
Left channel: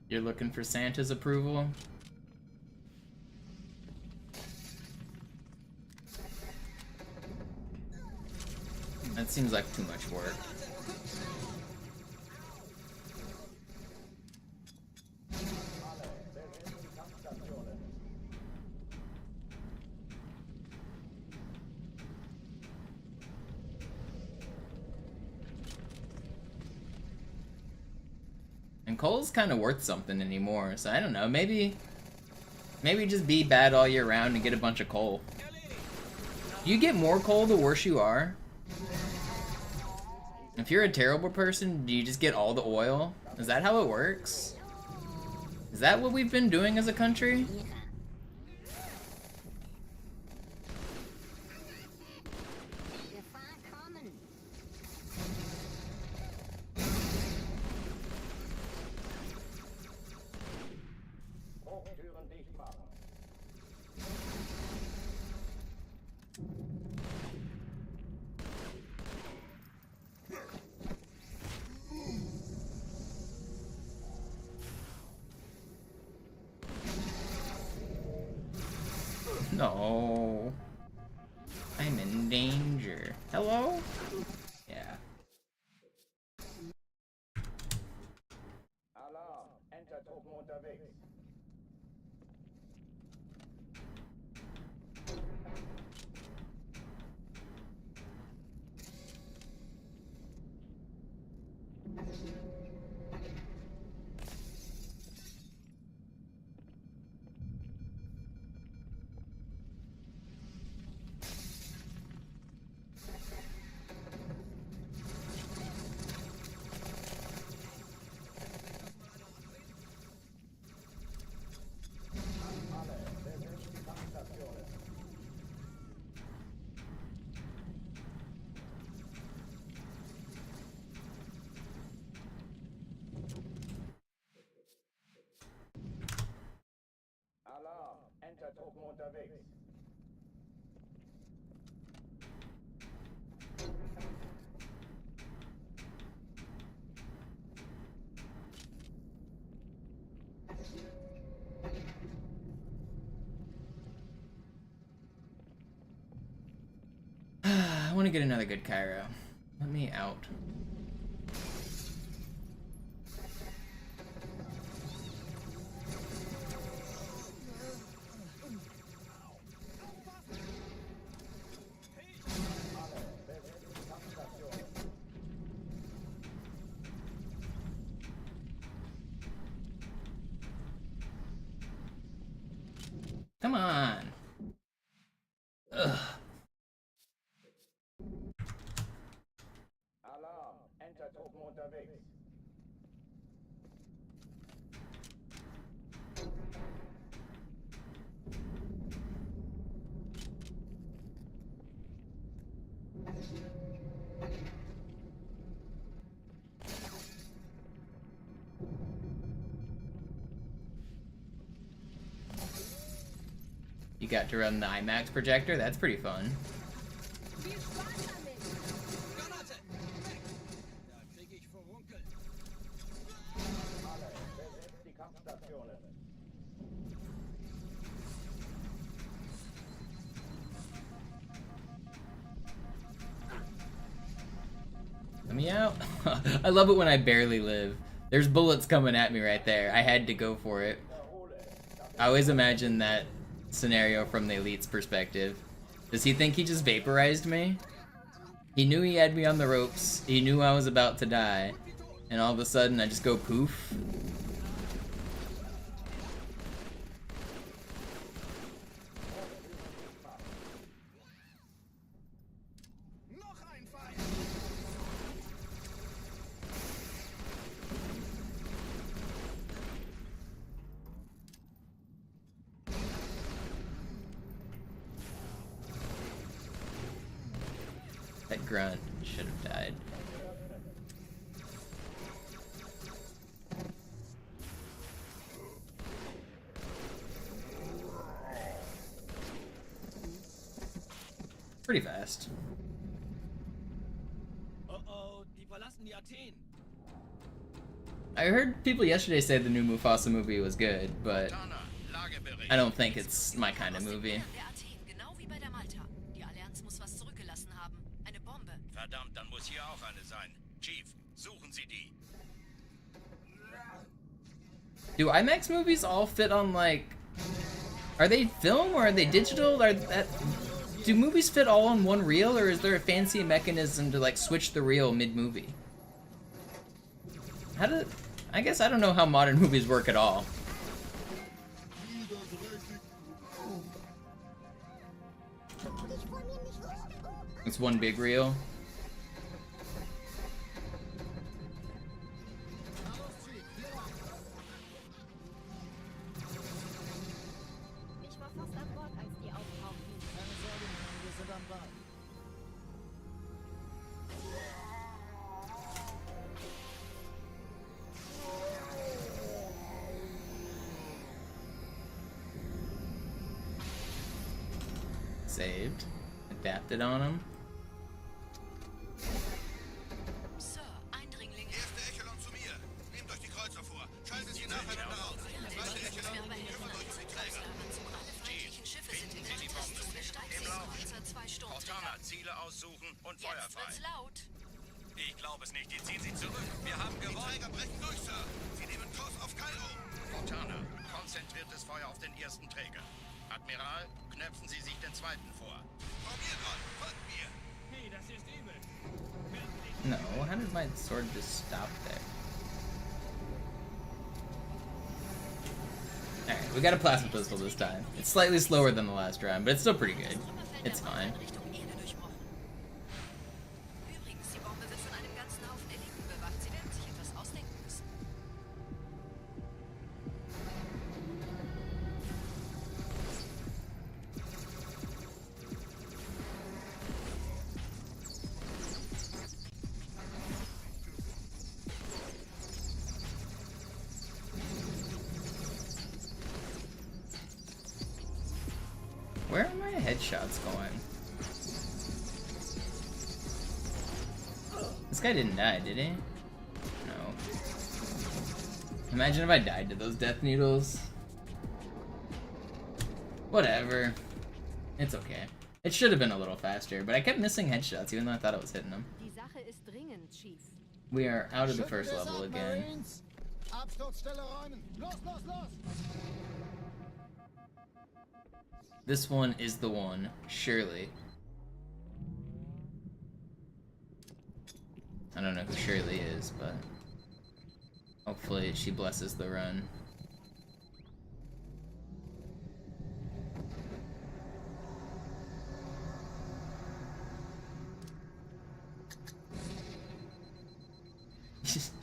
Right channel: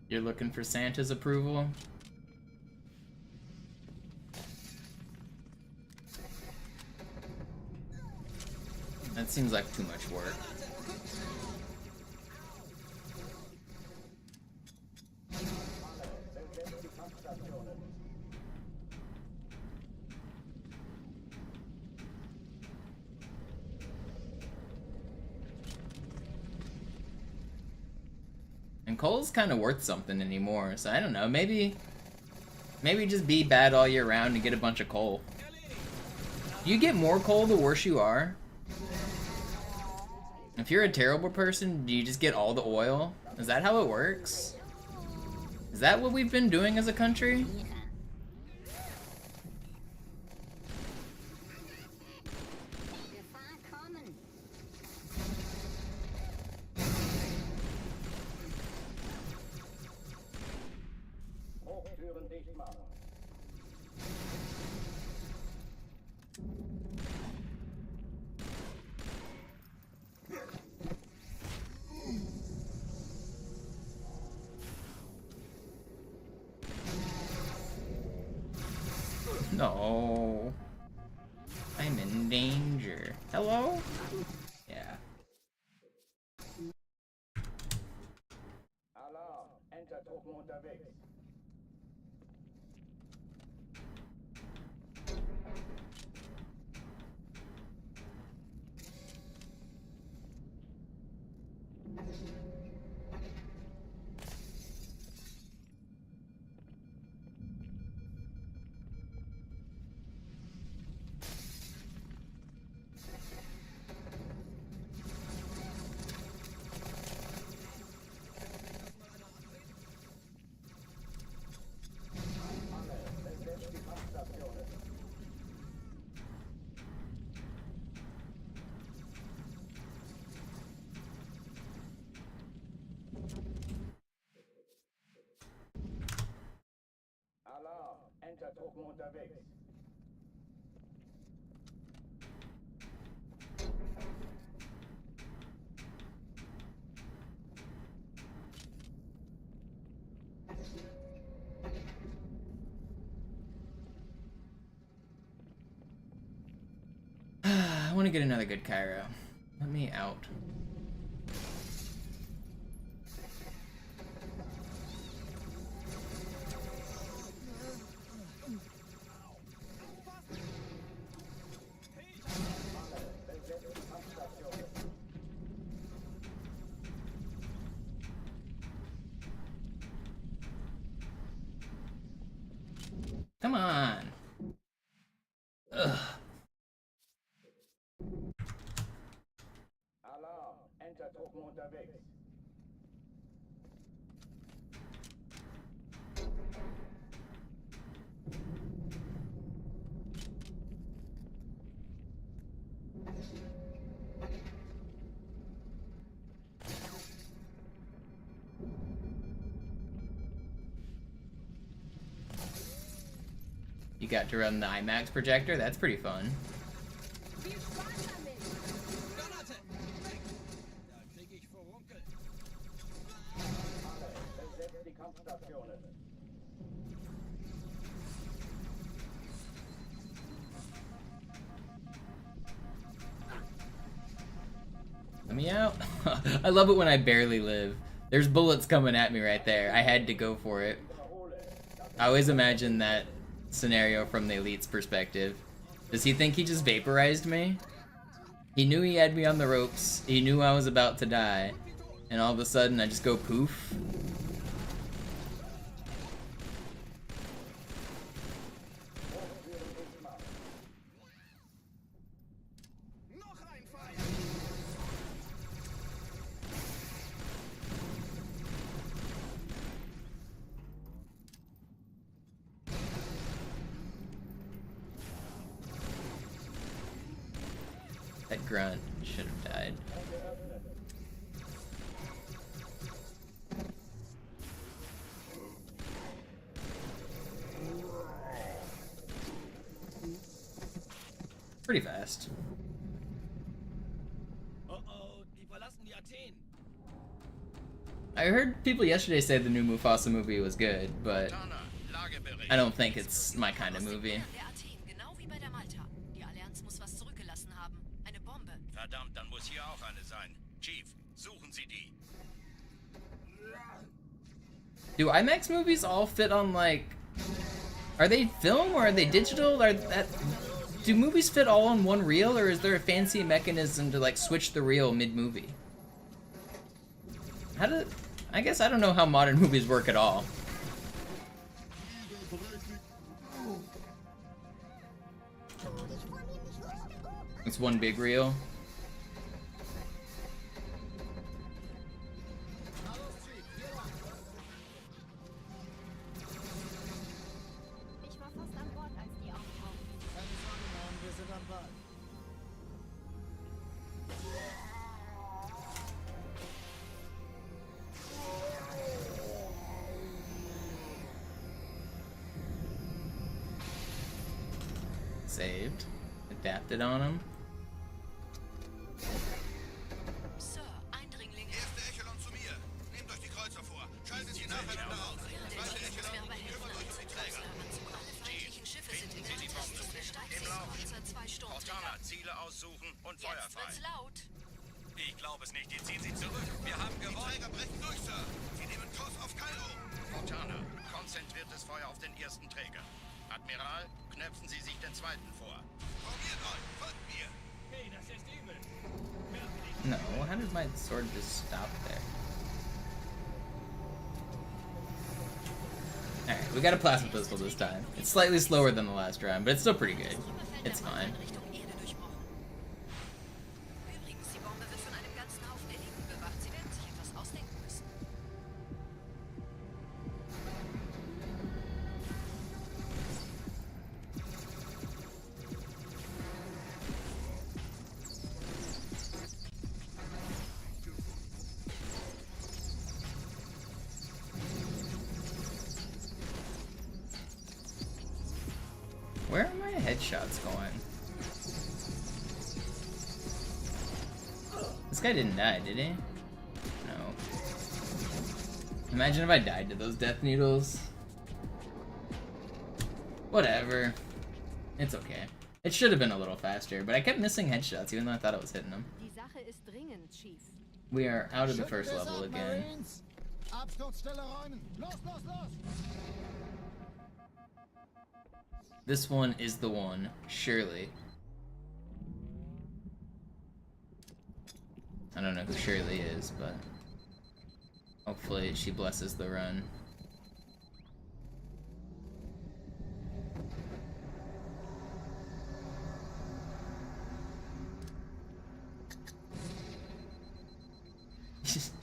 You're looking for Santa's approval? That seems like too much work. Alle, besetzt die Kampfstationen. And coal's kind of worth something anymore, so I don't know, maybe just be bad all year round and get a bunch of coal. You get more coal the worse you are. If you're a terrible person, do you just get all the oil? Is that how it works? Is that what we've been doing as a country? No. I'm in danger. Hello? Yeah. Alarm! Enter-Truppen unterwegs. Alle, besetzt die Kampfstationen. Alarm! Enter-Truppen unterwegs. I want to get another good Cairo. Let me out. Alle, besetzt die Kampfstationen. Come on. Ugh. Alarm! Enter-Truppen unterwegs. You got to run the IMAX projector? That's pretty fun. Alle, besetzt die Kampfstationen. Let me out. I love it when I barely live. There's bullets coming at me right there. I had to go for it. I always imagine that scenario from the Elite's perspective. Does he think he just vaporized me? He knew he had me on the ropes. He knew I was about to die. And all of a sudden I just go poof. That grunt should have died. Pretty fast. Oh, die verlassen die Athen. I heard people yesterday say the new Mufasa movie was good, but I don't think it's my kind of movie. Der Athen, genau wie bei der Malta. Die Allianz muss was zurückgelassen haben. Eine Bombe. Verdammt, dann muss hier auch eine sein. Chief, suchen Sie die. Do IMAX movies all fit on, like... Are they film or are they digital? Do movies fit all on one reel, or is there a fancy mechanism to, like, switch the reel mid-movie? I guess I don't know how modern movies work at all. It's one big reel. Ich war fast an Bord, als die auftauchten. Keine Sorge, Mann, wir sind am Ball. Saved. Adapted on him. Sir, Eindringlinge. Erste Echelon zu mir. Nehmt euch die Kreuzer vor. Schaltet sie nacheinander aus. Zweite Echelon, kümmert euch um die Träger. Alle feindlichen Schiffe sind in Kontakt. und Jetzt wird's laut. Ich glaube es nicht. Die ziehen sich zurück. Wir haben gewonnen. Die Träger brechen durch, Sir. Sie nehmen Kurs auf Kairo. Cortana, konzentriertes Feuer auf den ersten Träger. Admiral, knöpfen Sie sich den zweiten vor. Probiert mal. Folgt mir. Hey, das ist übel. No, how did my sword just stop there? Alright, we got a plasma pistol this time. It's slightly slower than the last round, but it's still pretty good. It's fine. Richtung Erde durchbrochen. Übrigens, die Bombe wird von einem ganzen Haufen Eliten bewacht. Sie werden sich etwas ausdenken müssen. Where are my headshots going? This guy didn't die, did he? No. Imagine if I died to those death needles. Whatever. It's okay. It should have been a little faster, but I kept missing headshots even though I thought I was hitting them. Die Sache ist dringend, Chief. We are out of the first level again. Absturzstelle räumen. Los, los, los! This one is the one, surely. I don't know who Shirley is, but hopefully she blesses the run.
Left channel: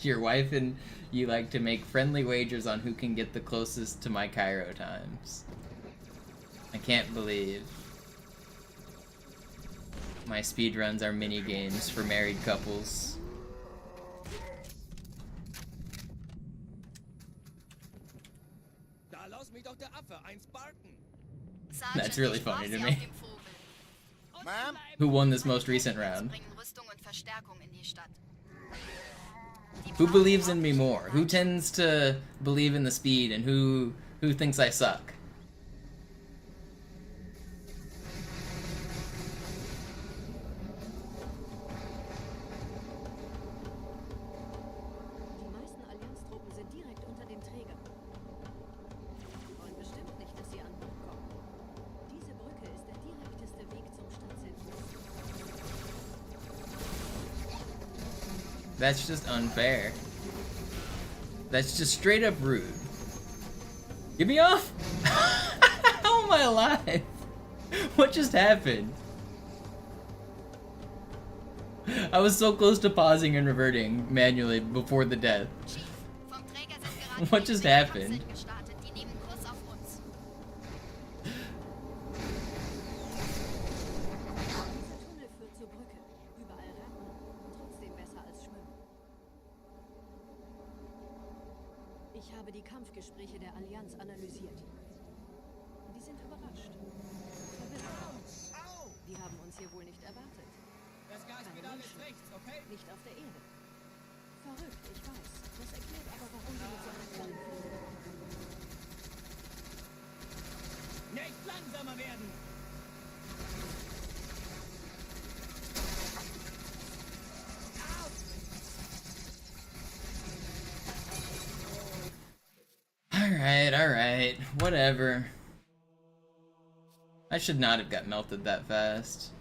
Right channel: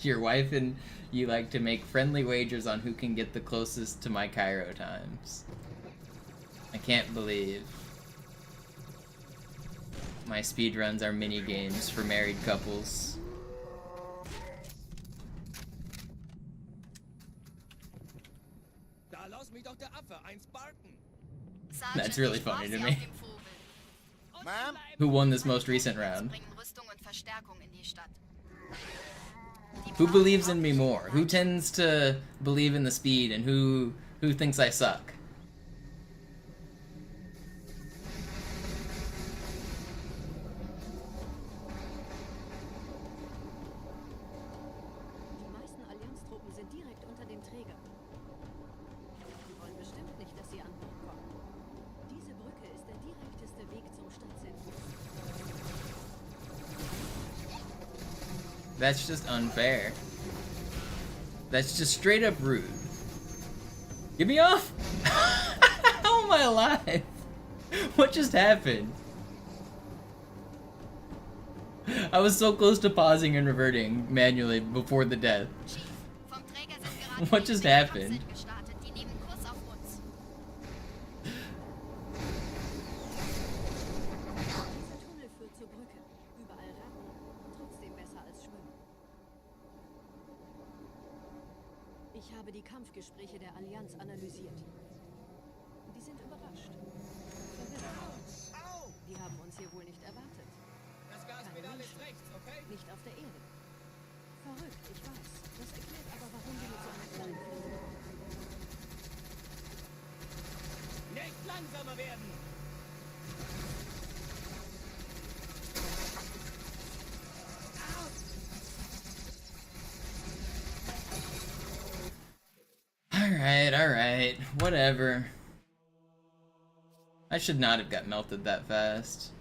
Your wife and you like to make friendly wagers on who can get the closest to my Cairo times. I can't believe my speedruns are mini games for married couples. That's really funny to me. Ma'am? Who won this most recent round? Who believes in me more? Who tends to believe in the speed and who thinks I suck? Die meisten Allianztruppen sind direkt unter dem Träger. Die wollen bestimmt nicht, dass sie an Bord kommen. Diese Brücke ist der direkteste Weg zum Stadtzentrum. That's just unfair. That's just straight up rude. Get me off! How am I alive? What just happened? I was so close to pausing and reverting manually before the death. What just happened? Dieser Tunnel führt zur Brücke. Überall Ratten. Trotzdem besser als Schwimmen. Ich habe die Kampfgespräche der Allianz analysiert. Die sind überrascht. Verwirrt. Die haben uns hier wohl nicht erwartet. Keine Menschen. Nicht auf der Erde. Verrückt, ich weiß. Das erklärt aber, warum die mit so einer kleinen Flotte kommen. Nicht langsamer werden! Alright, whatever. I should not have got melted that fast.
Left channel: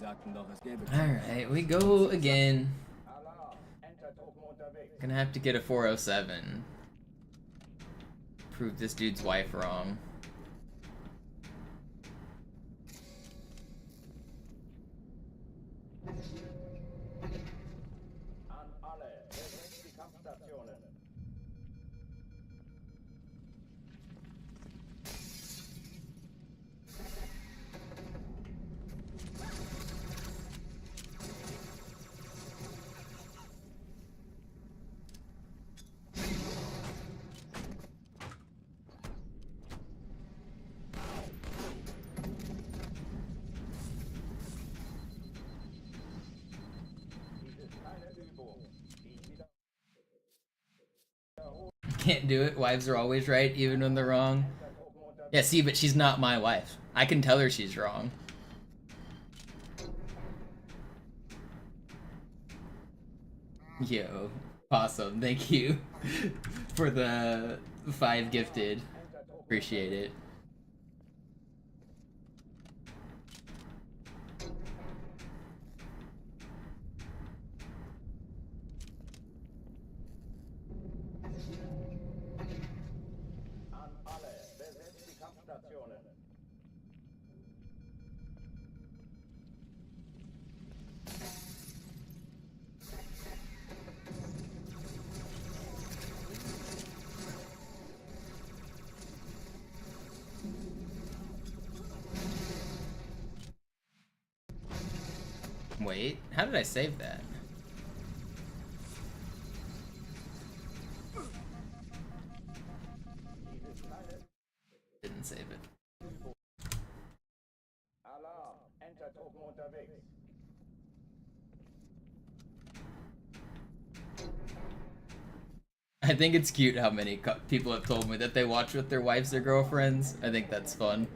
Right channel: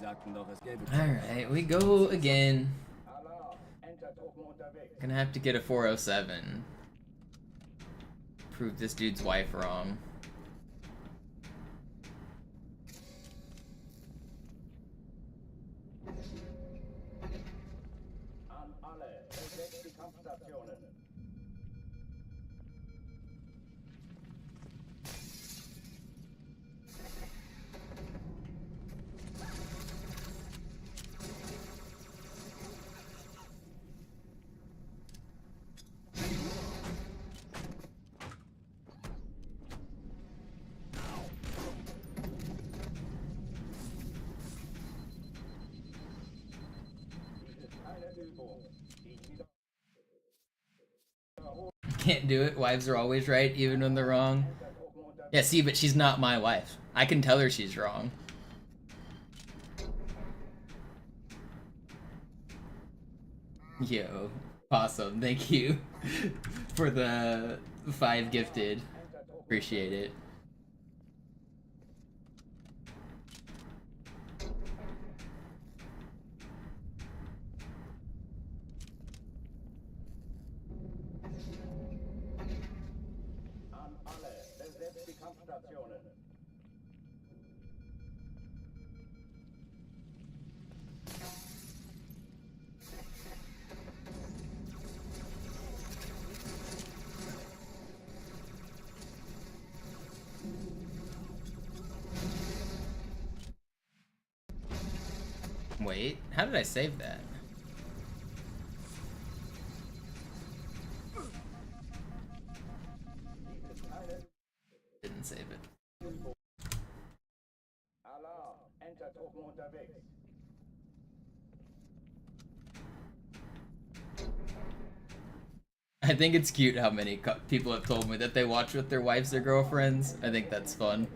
Sie sagten doch, es gäbe Alright, we go again. Alarm. Entertruppen unterwegs. Gonna have to get a 407. Prove this dude's wife wrong. An alle. Besetzt die Kampfstationen. Dies ist keine Übung. Dies wieder. Can't do it. Wives are always right, even when they're wrong. Yeah, see, but she's not my wife. I can tell her she's wrong. Yo, awesome. Thank you for the 5 gifted. Appreciate it. An alle. Besetzt die Kampfstationen. Wait, how did I save that? Didn't save it. Alarm. Entertruppen unterwegs. I think it's cute how many people have told me that they watch with their wives or girlfriends. I think that's fun.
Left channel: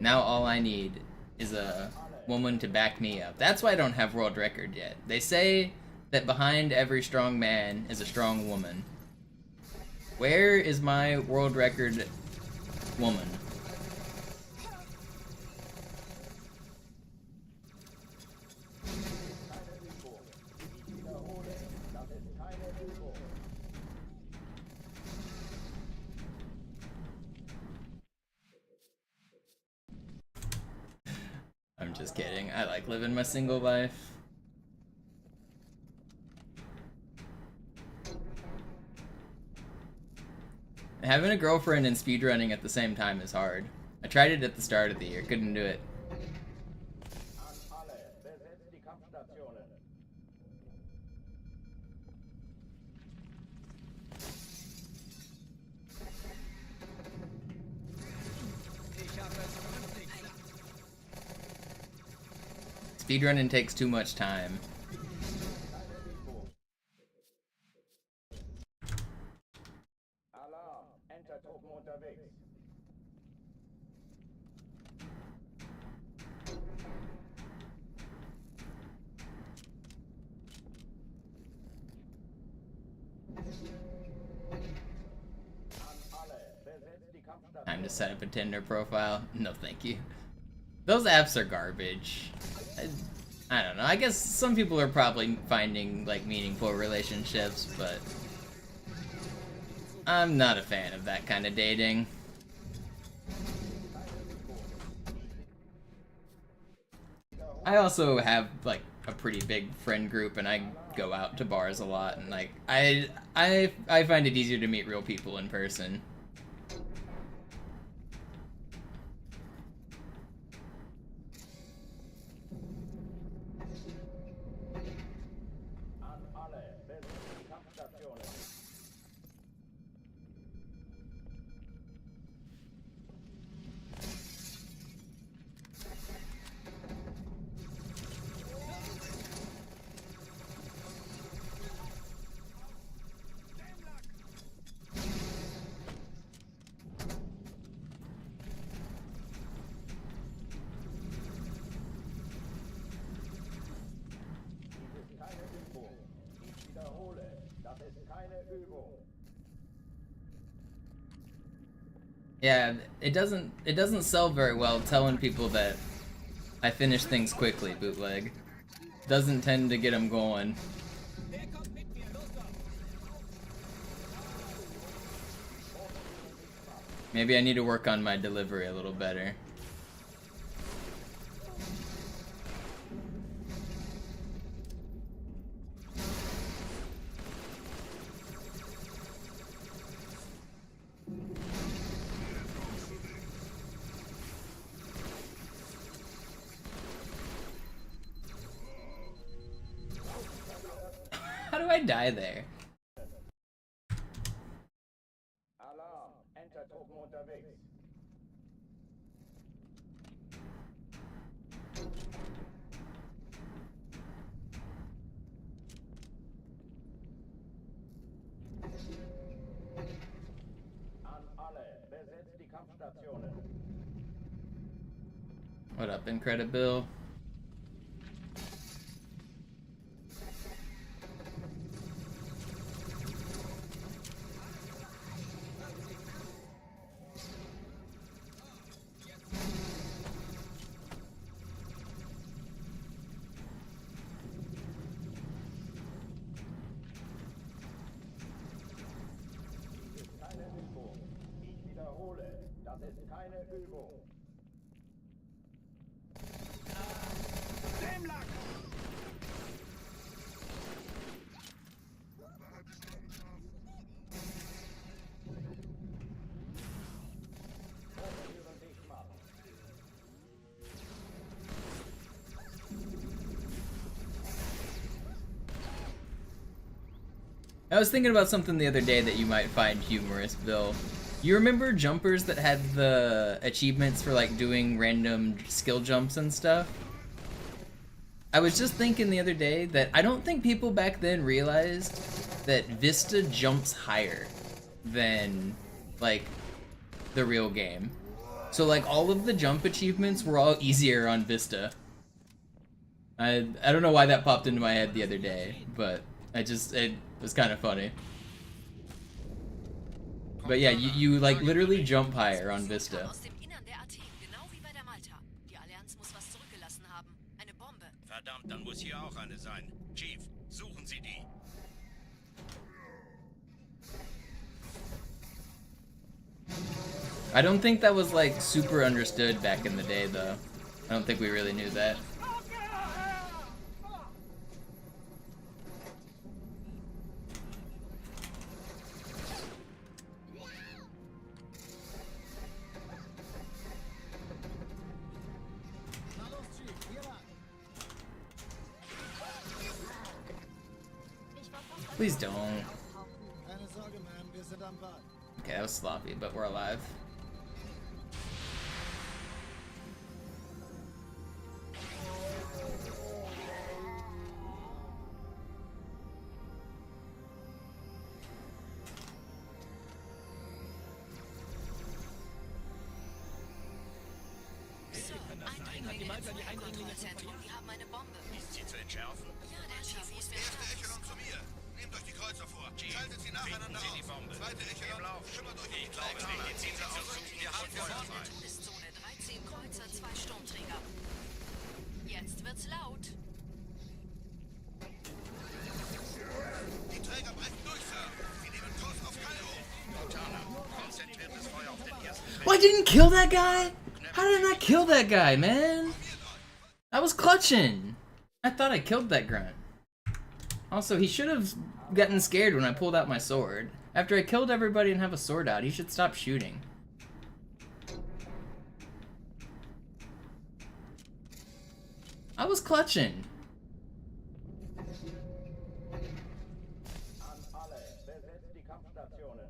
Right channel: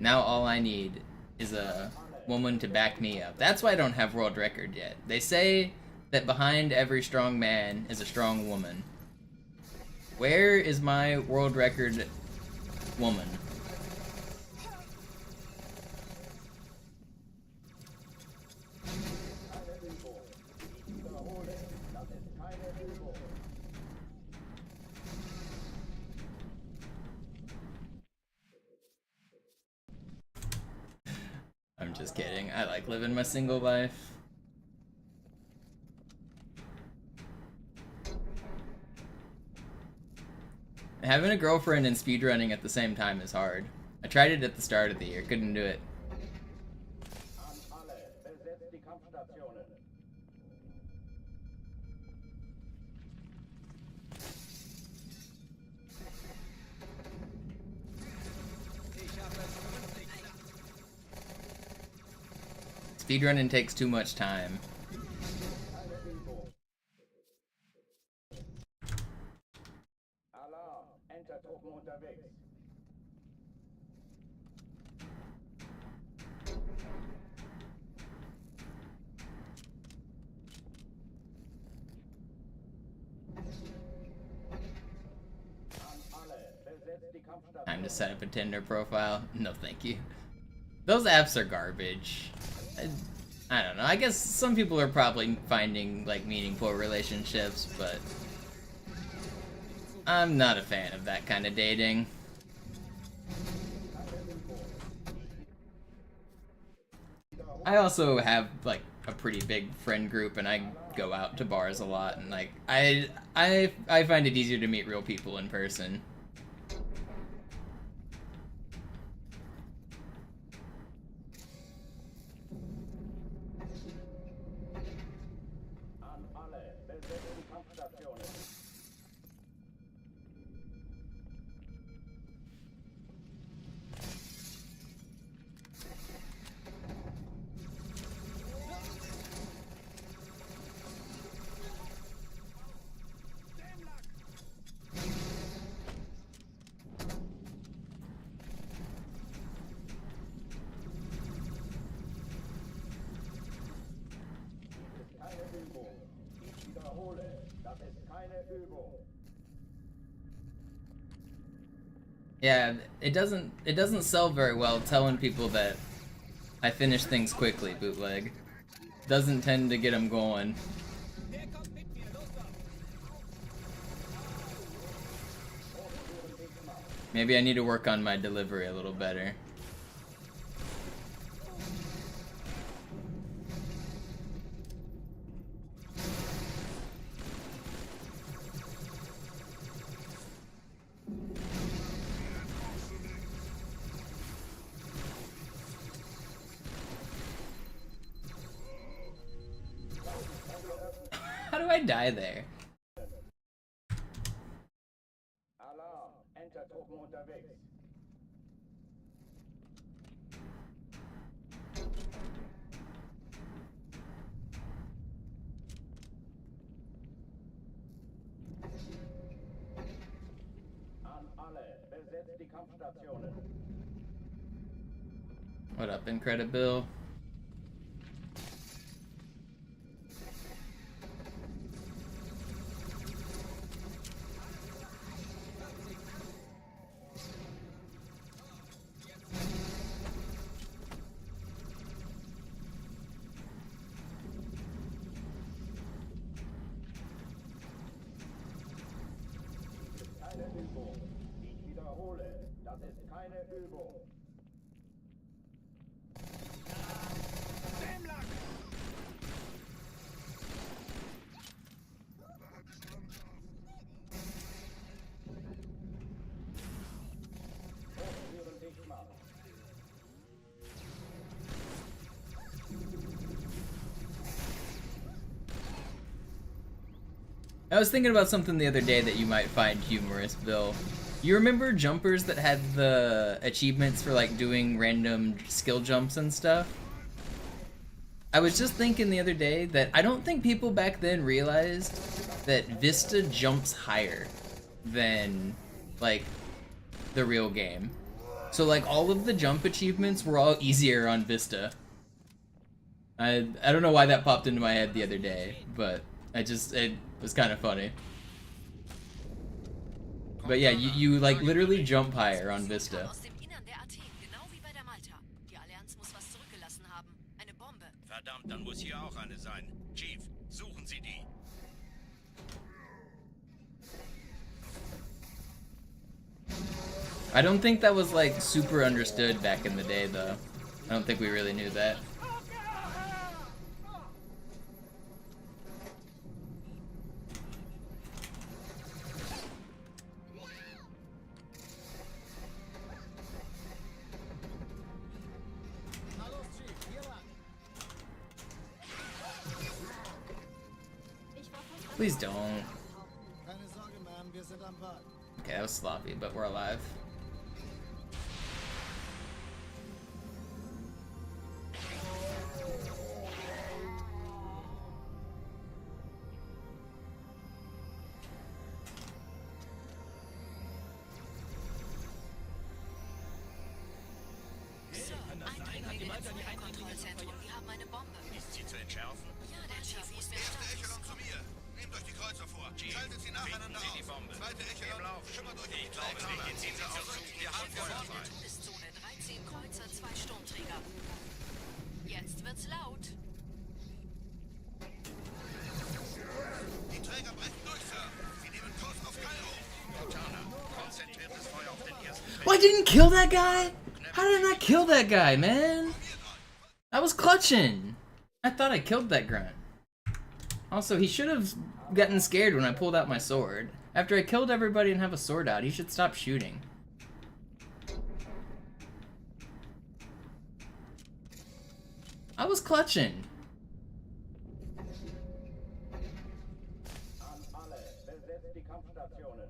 Now all I need is a woman to back me up. That's why I don't have world record yet. They say that behind every strong man is a strong woman. Where is my world record woman? Keine Übung. Ich wiederhole. Das ist keine Übung. I'm just kidding. I like living my single life. Having a girlfriend and speedrunning at the same time is hard. I tried it at the start of the year, couldn't do it. An alle. Besetzt die Kampfstationen. Speedrunning takes too much time. Keine Übung. Alarm. Entertruppen unterwegs. An alle. Besetzt die Kampfstationen. Time to set up a Tinder profile. No, thank you. Those apps are garbage. I don't know. I guess some people are probably finding like meaningful relationships, but I'm not a fan of that kind of dating. I also have like a pretty big friend group, and I go out to bars a lot, and like I find it easier to meet real people in person. An alle. Besetzt die Kampfstationen. Yeah, it doesn't sell very well telling people that I finish things quickly, bootleg. Doesn't tend to get them going. Maybe I need to work on my delivery a little better. How do I die there? Alarm, Entertruppen unterwegs. An alle, besetzt die Kampfstationen. What up, Incredibill? Übung. Ich wiederhole, das ist keine Übung. Hochtüren dicht machen. I was thinking about something the other day that you might find humorous, Bill. You remember jumpers that had the achievements for like doing random skill jumps and stuff? I was just thinking the other day that I don't think people back then realized that Vista jumps higher than like the real game. So like all of the jump achievements were all easier on Vista. I don't know why that popped into my head the other day, but it was kind of funny. But yeah, you like literally jump higher on Vista. Verdammt, dann muss hier auch eine sein. Chief, suchen Sie die. I don't think that was like super understood back in the day though. I don't think we really knew that. Please don't. Okay, that was sloppy, but we're alive. So, Eindringlinge im Feuerkontrollzentrum. Die haben eine Bombe. Ist sie zu entschärfen? Ja, der Chief muss mir starten. Zu mir. Nehmt euch die Kreuzer vor. Schaltet sie nacheinander auf. Die Bombe. Zweite Echelon. Schimmert euch die Glaube nicht. Ziehen Sie zurück. Wir haben Feuer frei. Todeszone. 13 Kreuzer, 2 Sturmträger. Jetzt wird's laut. Die Träger brechen durch, Sir. Sie nehmen Kurs auf Cairo. Montana, konzentriertes Feuer auf den ersten Träger. Well, I didn't kill that guy? How did I not kill that guy, man? I was clutching. I thought I killed that grunt. Also, he should have gotten scared when I pulled out my sword. After I killed everybody and have a sword out, he should stop shooting. I was clutching. An alle, besetzt die Kampfstationen.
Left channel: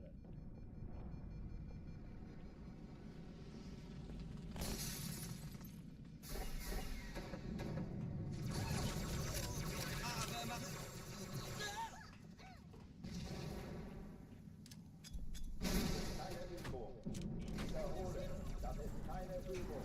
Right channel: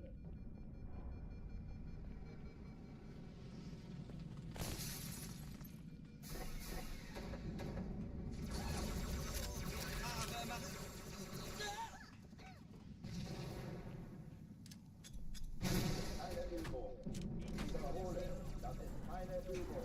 Keine Übung. Ich wiederhole, das ist keine Übung.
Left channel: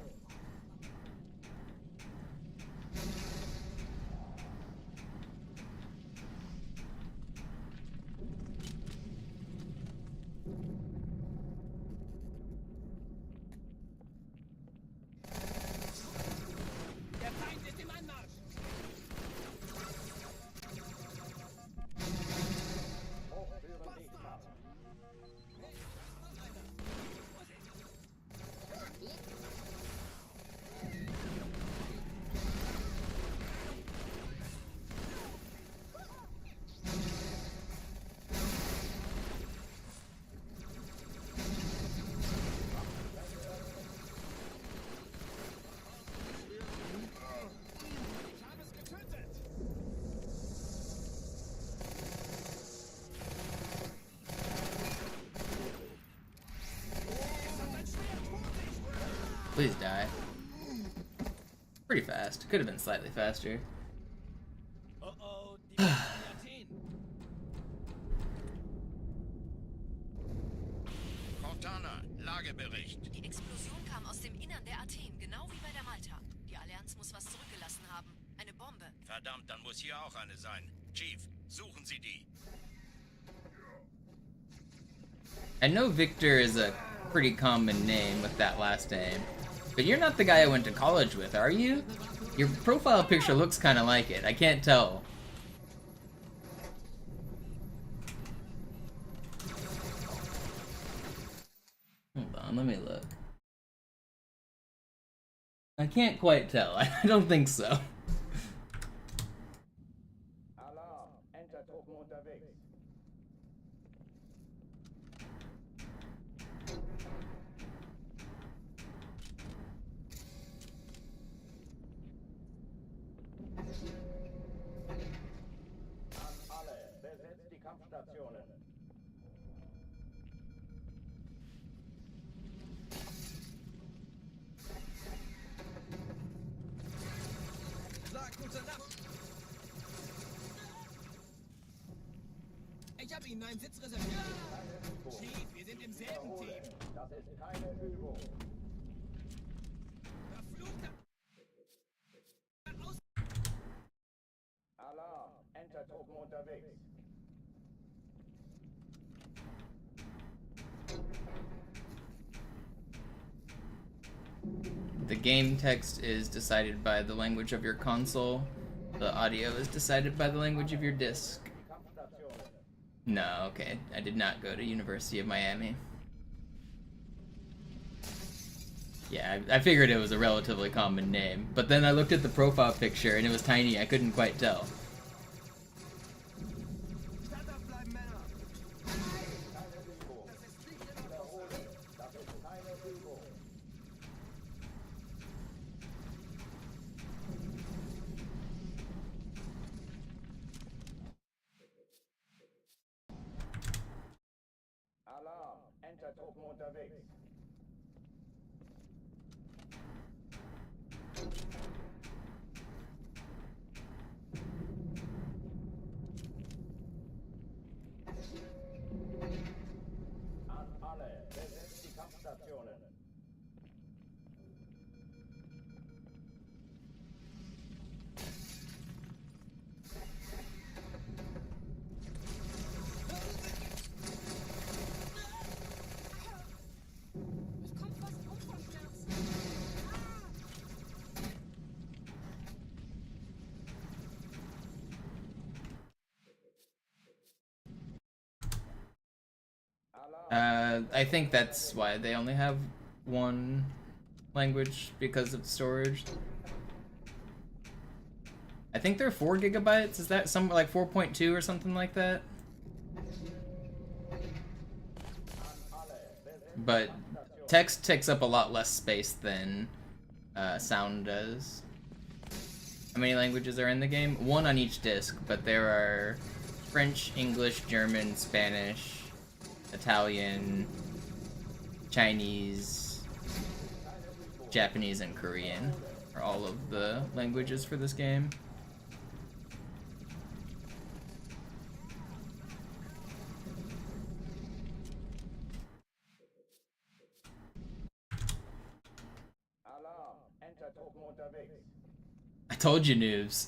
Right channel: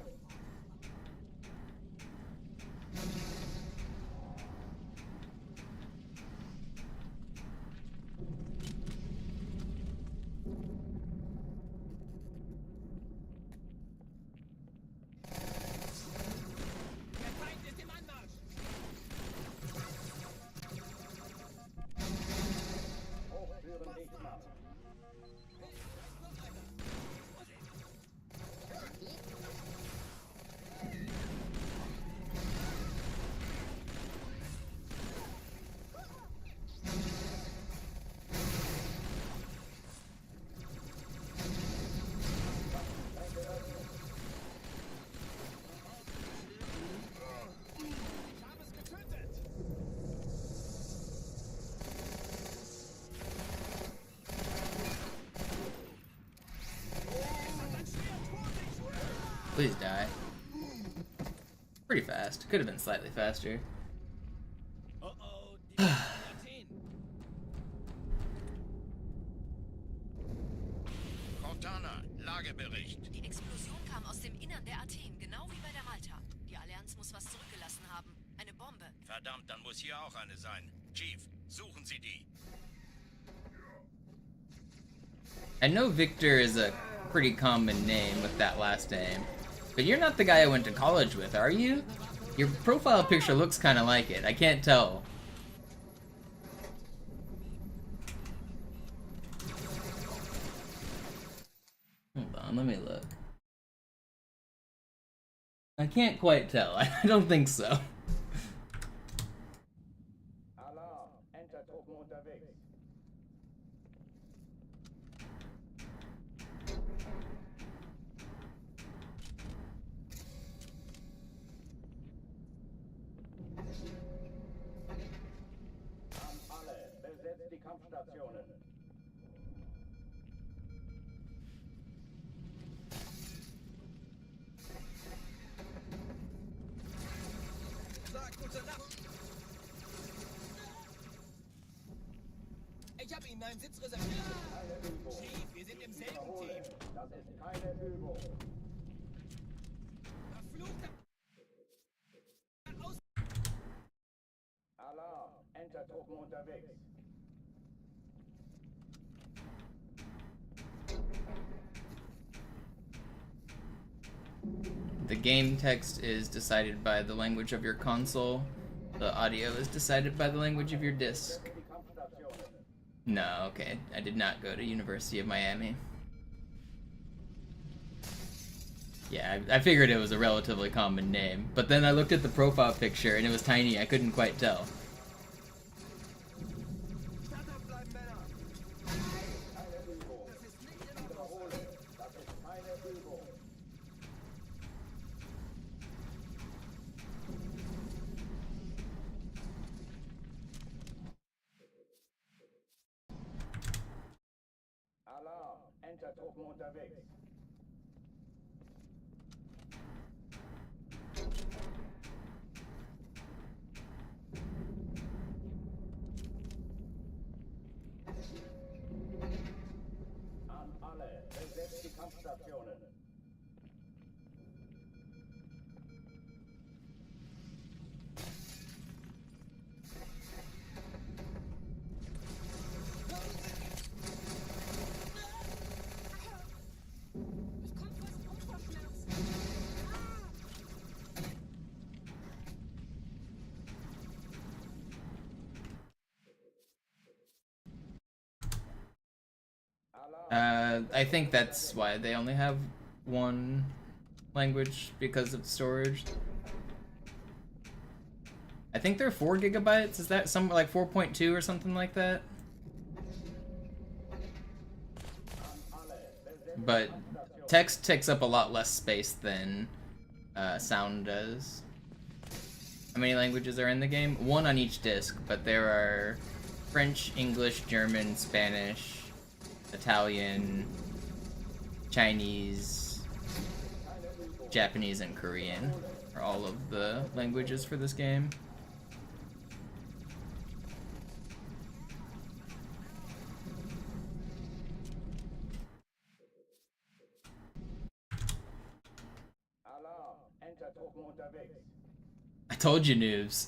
Please die. Pretty fast. Could have been slightly faster. Oh, die Athen. Cortana, Lagebericht. Die Explosion kam aus dem Innern der Athen, genau wie bei der Malta. Die Allianz muss was zurückgelassen haben. Eine Bombe. Verdammt, dann muss hier auch eine sein. Chief, suchen Sie die. I know Victor is a pretty common name with that last name, but you're not the guy I went to college with, are you? Your profile picture looks kind of like it. I can't tell. Hold on, let me look. I can't quite tell. I don't think so. Alarm, Entertruppen unterwegs. An alle, besetzt die Kampfstationen. Sag gute Nacht. Ich habe Ihnen einen Sitz reserviert. Keine Übung. Chief, wir sind im selben Wiederhole, Team. das ist keine Übung. Verfluchter Aus. Alarm, Entertruppen unterwegs. The game text is decided by the language of your console. The audio is decided by the language of your disc. Die Kampfstationen. No, okay. I did not go to University of Miami. Yeah, I figured it was a relatively common name, but then I looked at the profile picture and it was tiny. I couldn't quite tell. Standhaft bleiben, Männer. Keine Übung. Wiederhole, das ist keine Übung. Alarm, Entertruppen unterwegs. An alle, besetzt die Kampfstationen. Ich komme fast um vor Schmerzen. I think that's why they only have one language, because of storage. I think they're 4 gigabytes. Is that somewhere like 4.2 or something like that? But text takes up a lot less space than sound does. How many languages are in the game? 1 on each disc, but there are French, English, German, Spanish, Italian, Chinese, Japanese, and Korean are all of the languages for this game. Alarm, Entertruppen unterwegs. I told you, noobs.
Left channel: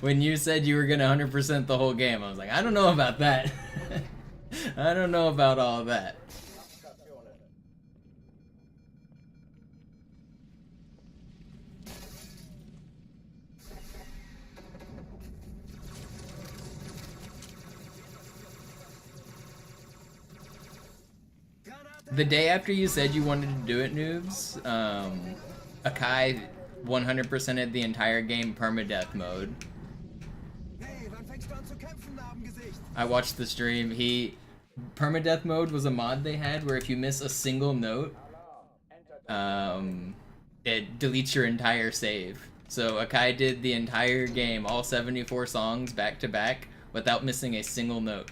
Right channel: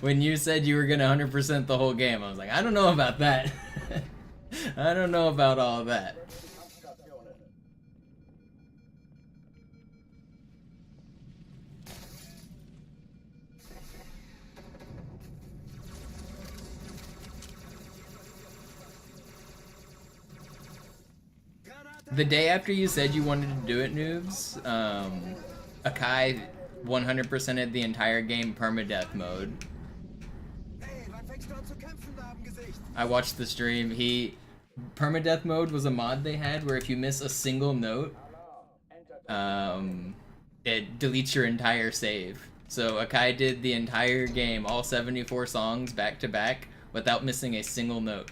When you said you were gonna 100% the whole game, I was like, I don't know about that. I don't know about all that. Kampfstationen. The day after you said you wanted to do it, noobs, Akai 100%ed the entire game permadeath mode. Hey, wann fängst du an zu kämpfen, Narbengesicht? I watched the stream. Permadeath mode was a mod they had where if you miss a single note, it deletes your entire save. So Akai did the entire game, all 74 songs back to back, without missing a single note.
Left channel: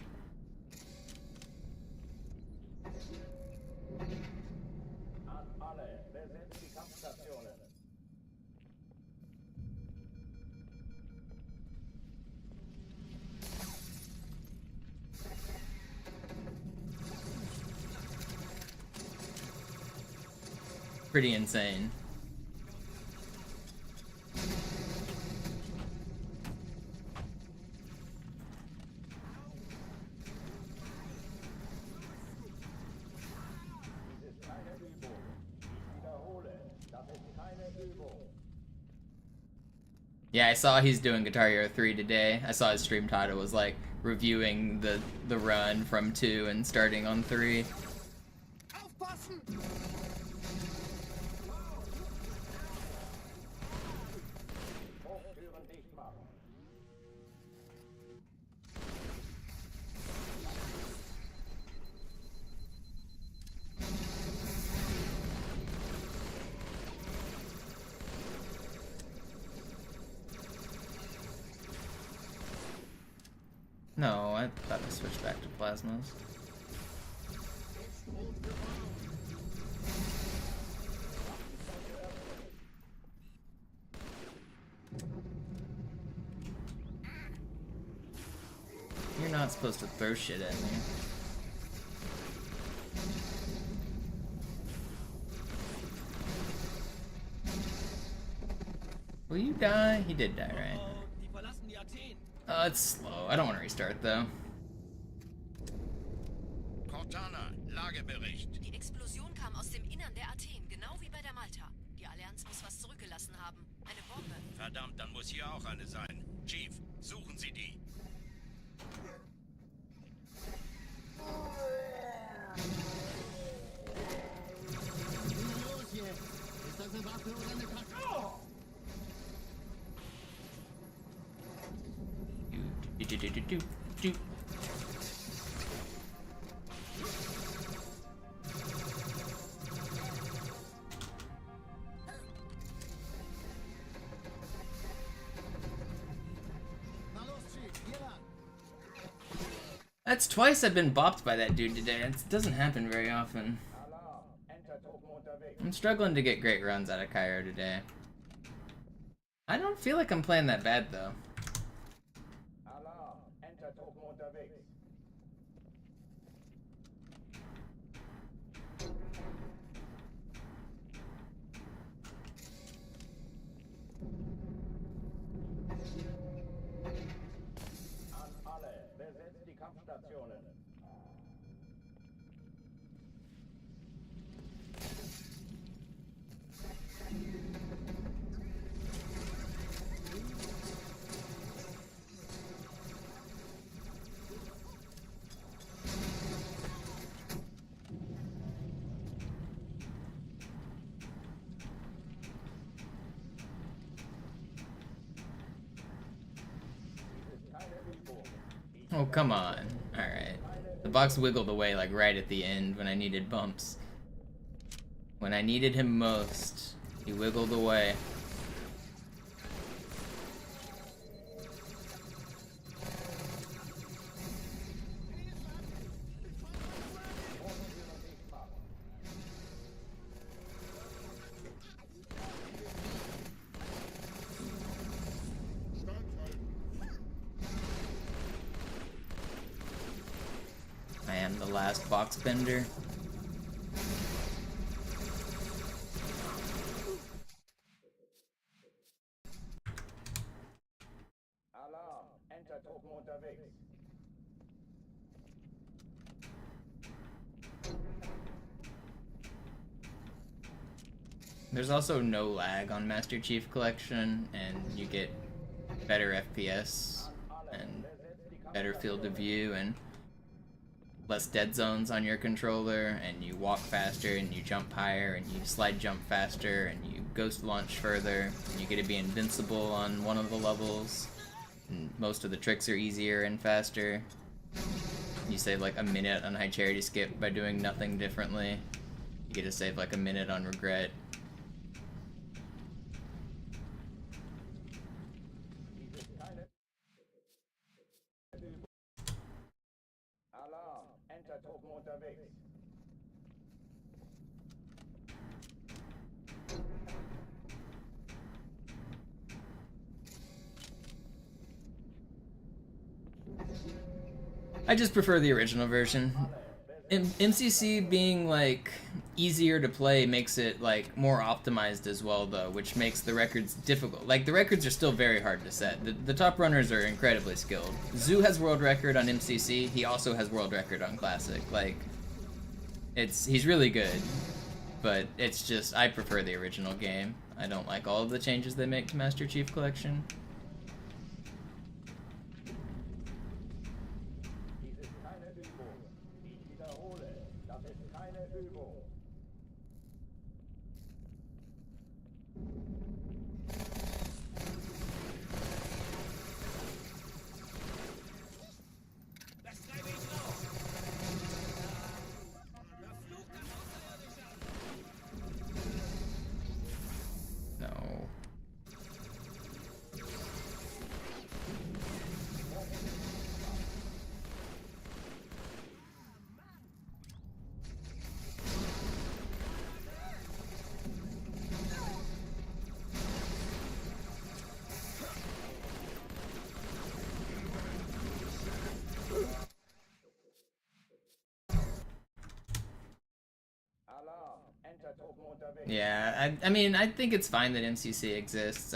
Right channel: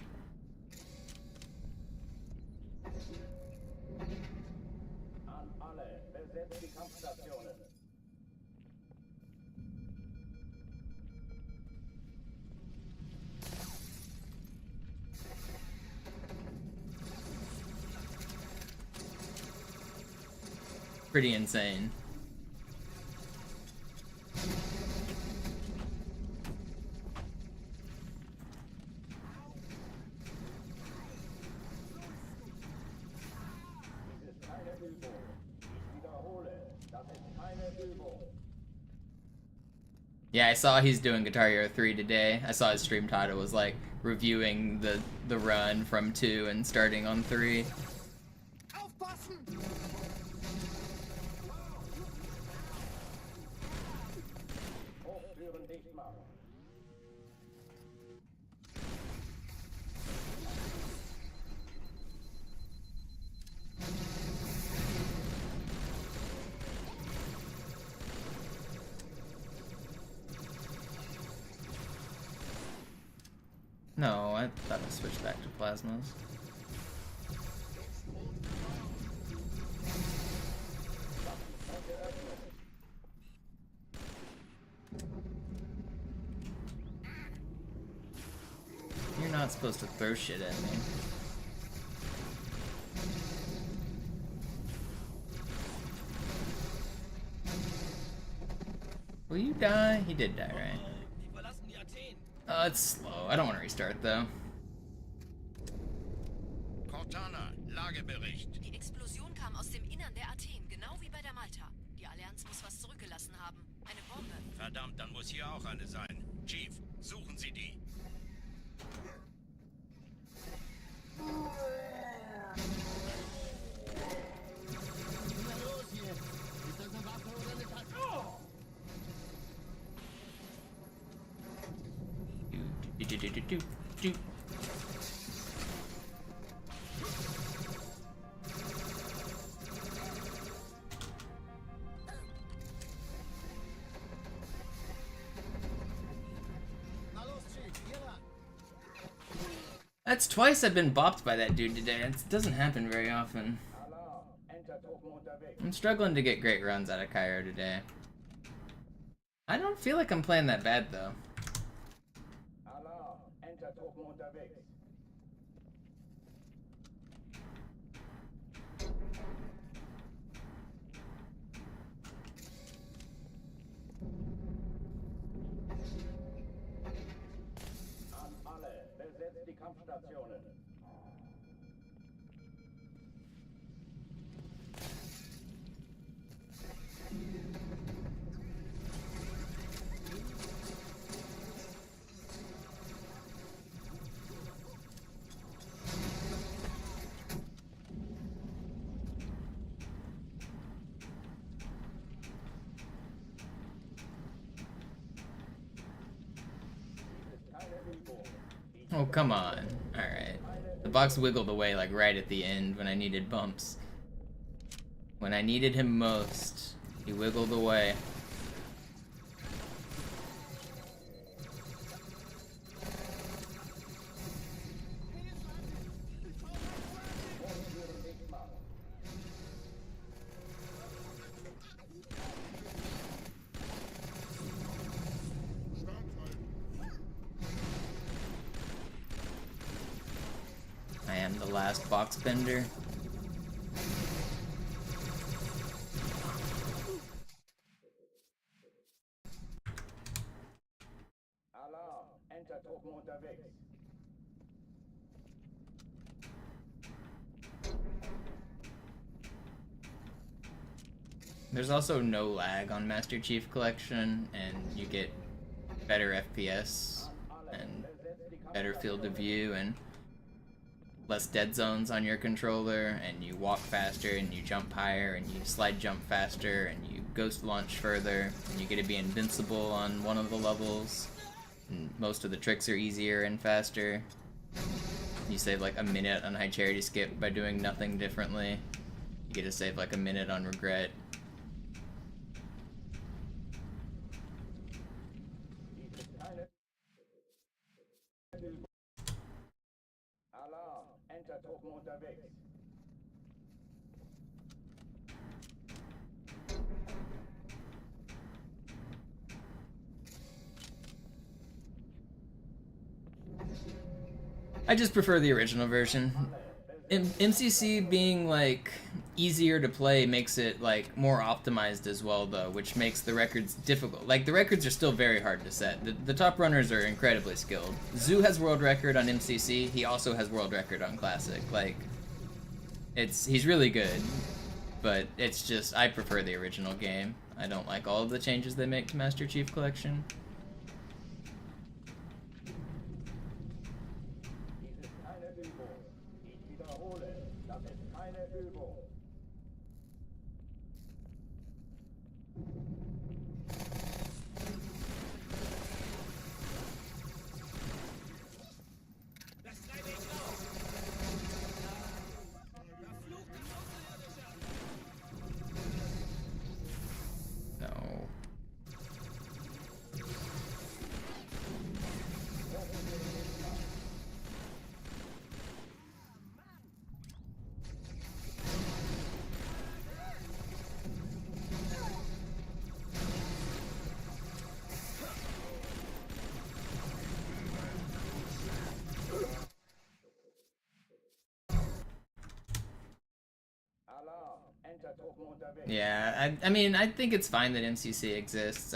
pretty insane. Dies ist keine Übung. Ich wiederhole, das ist keine Übung. Yeah, I saw he's doing Guitar Hero 3 today. I saw his stream title was like reviewing the run from 2 and starting on 3. Hochtüren dicht machen. No, I thought I switched back to plasmas. You're not supposed to throw shit at me. Will you die? He did die, right? Oh, it's slow. I don't want to restart, though. Cortana, Lagebericht. Die Explosion kam aus dem Innern der Athen, genau wie bei der Malta. Die Allianz muss was zurückgelassen haben. Eine Bombe. Verdammt, dann muss hier auch eine sein. Chief, suchen Sie die. Na los jetzt! Ist das eine Waffe oder eine Karte? Oh! Do. Na los, Chief, hier lang. That's twice I've been bopped by that dude today. It doesn't happen very often. Alarm. Entertruppen unterwegs. I'm struggling to get great runs out of Cairo today. I don't feel like I'm playing that bad, though. Alarm. Entertruppen unterwegs. An alle, besetzt die Kampfstationen. Oh, come on. Alright. The box wiggled away, like, right at the end when I needed bumps. When I needed him most, he wiggled away. I am the last box bender. Alarm. Entertruppen unterwegs. There's also no lag on Master Chief Collection, and you get better FPS and better field of view and less dead zones on your controller, and you walk faster and you jump higher and you slide jump faster and you ghost launch further, and you get to be invincible on one of the levels, and most of the tricks are easier and faster. You save like a minute on high charity skip by doing nothing differently. You get to save like a minute on regret. Alarm. Entertruppen unterwegs. I just prefer the original version. MCC being like easier to play makes it like more optimized as well, though, which makes the records difficult. Like, the records are still very hard to set. The top runners are incredibly skilled. Zoo has world record on MCC. He also has world record on Classic. Like, he's really good, but it's just, I prefer the original game. I don't like all of the changes they make to Master Chief Collection. Dies ist keine Übung. Ich wiederhole, das ist keine Übung. No. Alarm. Entertruppen unterwegs. Yeah, I mean, I think it's fine that MCC exists.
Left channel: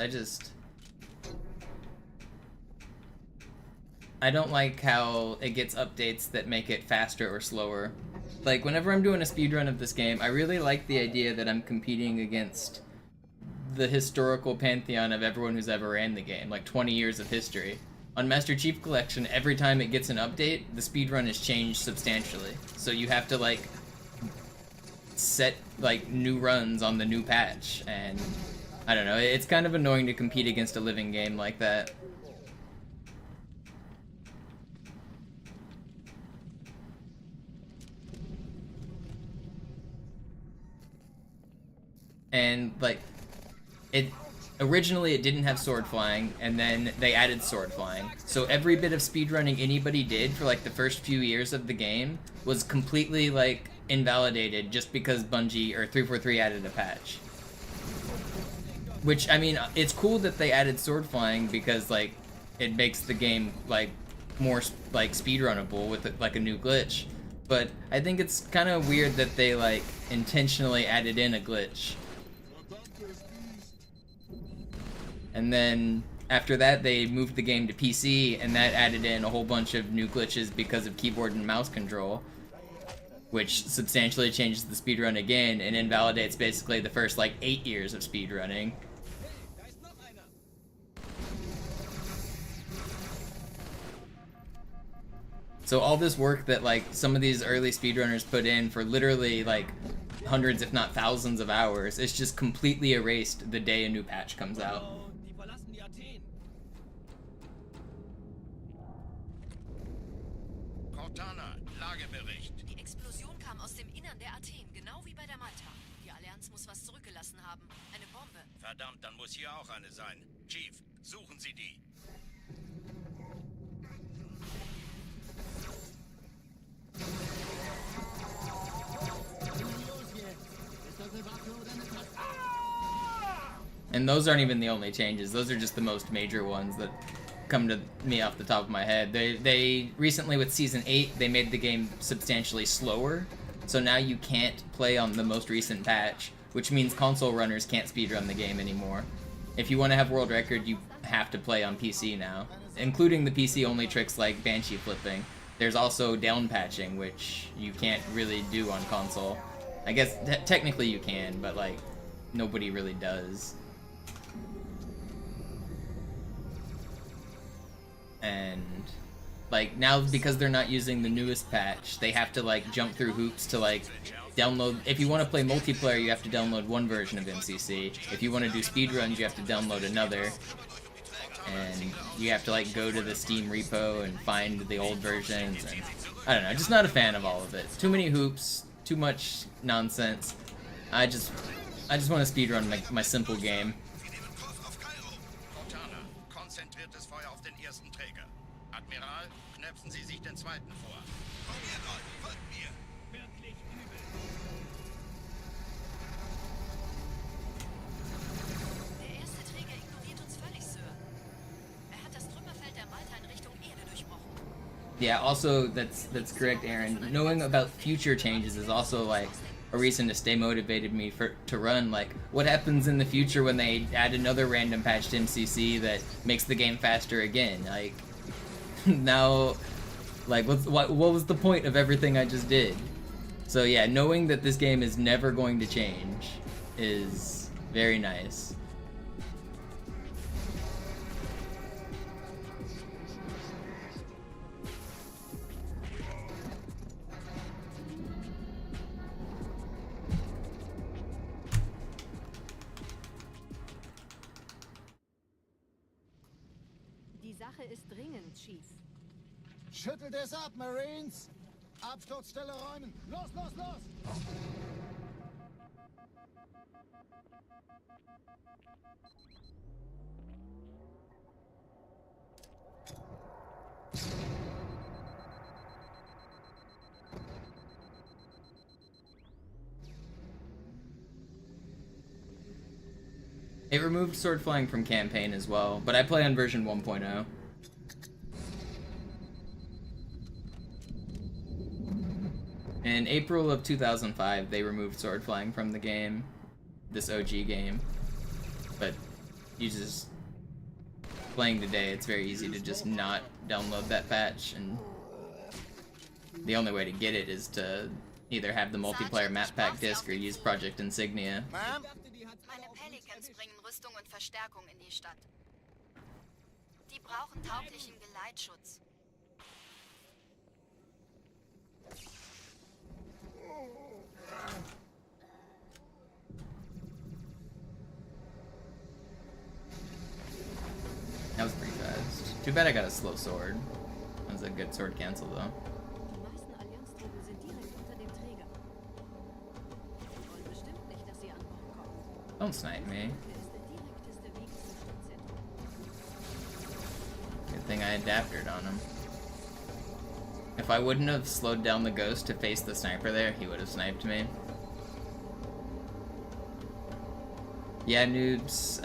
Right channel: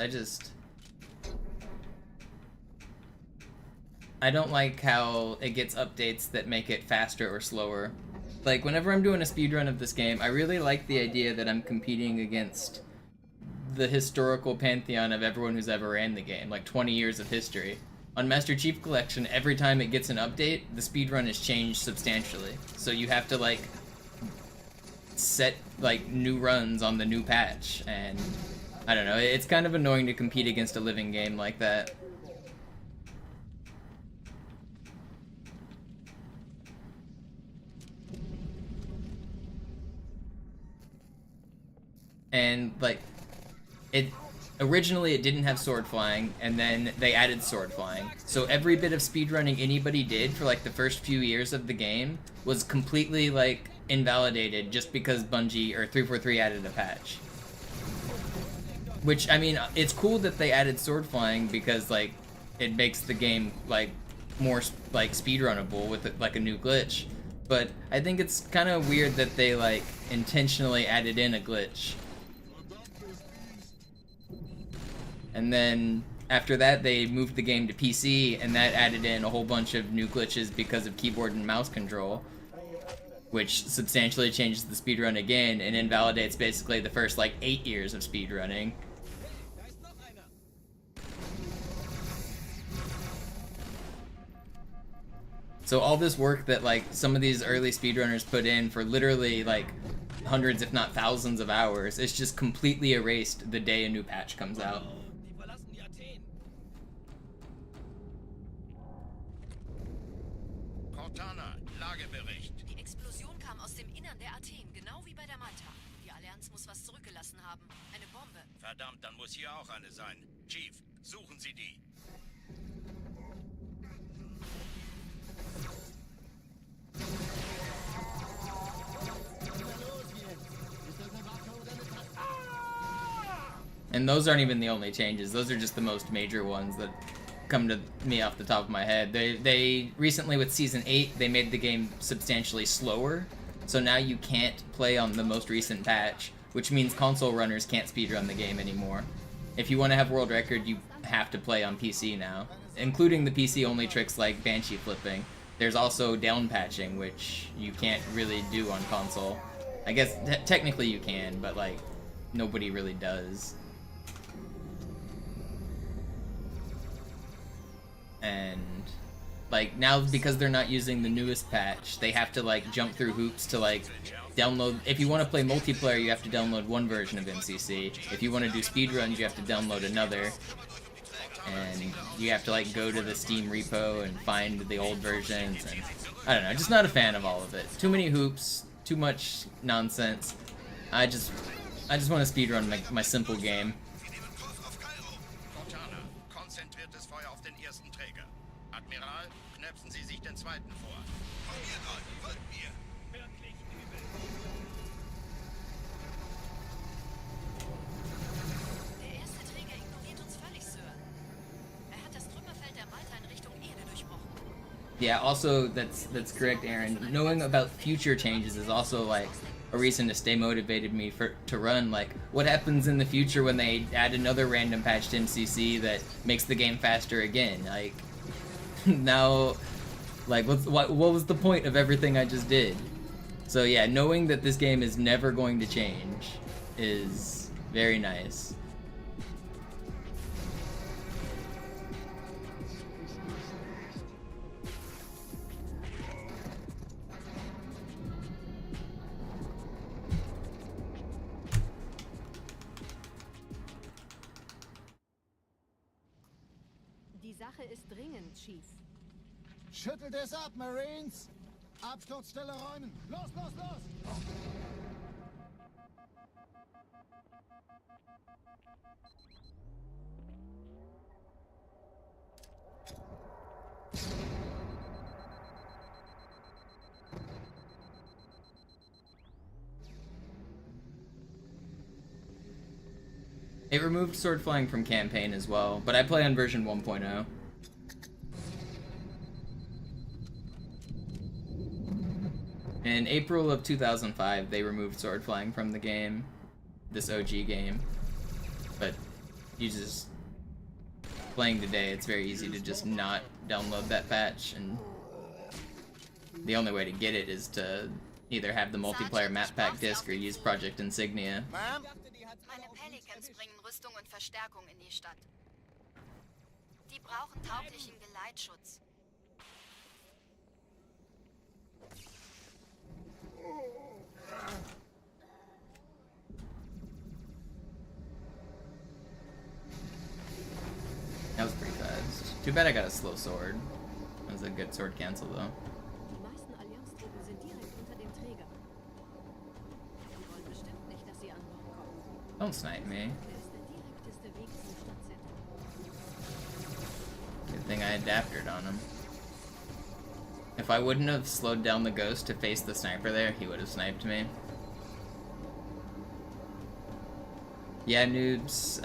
I don't like how it gets updates that make it faster or slower. Like, whenever I'm doing a speedrun of this game, I really like the idea that I'm competing against the historical pantheon of everyone who's ever ran the game, like 20 years of history. On Master Chief Collection, every time it gets an update, the speedrun is changed substantially. So you have to, like, set, like, new runs on the new patch, and I don't know, it's kind of annoying to compete against a living game like that. And, like, originally it didn't have sword flying, and then they added sword flying. So every bit of speedrunning anybody did for, like, the first few years of the game was completely, like, invalidated just because Bungie, or 343, added a patch. Which, I mean, it's cool that they added sword flying because, like, it makes the game, like, more, like, speedrunnable with, like, a new glitch. But I think it's kind of weird that they, like, intentionally added in a glitch. And then after that, they moved the game to PC, and that added in a whole bunch of new glitches because of keyboard and mouse control, which substantially changes the speedrun again and invalidates basically the first, like, 8 years of speedrunning. So all this work that, like, some of these early speedrunners put in for literally, like, hundreds if not thousands of hours, it's just completely erased the day a new patch comes out. Cortana, Lagebericht. Die Explosion kam aus dem Innern der Athen, genau wie bei der Malta. Die Allianz muss was zurückgelassen haben. Eine Bombe. Verdammt, dann muss hier auch eine sein. Chief, suchen Sie die. And those aren't even the only changes. Those are just the most major ones that come to me off the top of my head. They recently, with Season 8, they made the game substantially slower. So now you can't play on the most recent patch, which means console runners can't speedrun the game anymore. If you want to have world record, you have to play on PC now, including the PC-only tricks like Banshee flipping. There's also down patching, which you can't really do on console. I guess technically you can, but, like, nobody really does. And, like, now because they're not using the newest patch, they have to, like, jump through hoops to, like, download. If you want to play multiplayer, you have to download one version of MCC. If you want to do speedruns, you have to download another. And you have to, like, go to the Steam repo and find the old versions, and I don't know, just not a fan of all of it. Too many hoops, too much nonsense. I just want to speedrun my simple game. Cortana, konzentriertes Feuer auf den ersten Träger. Admiral, knöpfen Sie sich den zweiten vor. Folgt mir! Wirklich übel. Der erste Träger ignoriert uns völlig, Sir. Er hat das Trümmerfeld der Malta in Richtung Erde durchbrochen. Yeah, also, that's correct, Aaron. Knowing about future changes is also, like, a reason to stay motivated me to run. Like, what happens in the future when they add another random patch to MCC that makes the game faster again? Like, now, like, what was the point of everything I just did? So yeah, knowing that this game is never going to change is very nice. Die Sache ist dringend, Chief. Schüttelt es ab, Marines! Absturzstelle räumen! Los, los, los! It removed sword flying from campaign as well, but I play on version 1.0. In April of 2005, they removed sword flying from the game, this OG game. But you just playing today, it's very easy to just not download that patch, and the only way to get it is to either have the multiplayer map pack disc or use Project Insignia. Ma'am? Meine Pelicans bringen Rüstung und Verstärkung in die Stadt. Die brauchen tauglichen Geleitschutz. That was pretty fast. Too bad I got a slow sword. That was a good sword cancel though. Die meisten Allianztruppen sind direkt unter dem Träger. Sie wollen bestimmt nicht, dass sie an Bord kommen. Don't snipe me. Hier ist der direkteste Weg zum Stadtzentrum. Good thing I adapted on him. If I wouldn't have slowed down the ghost to face the sniper there, he would have sniped me. Yeah, noobs.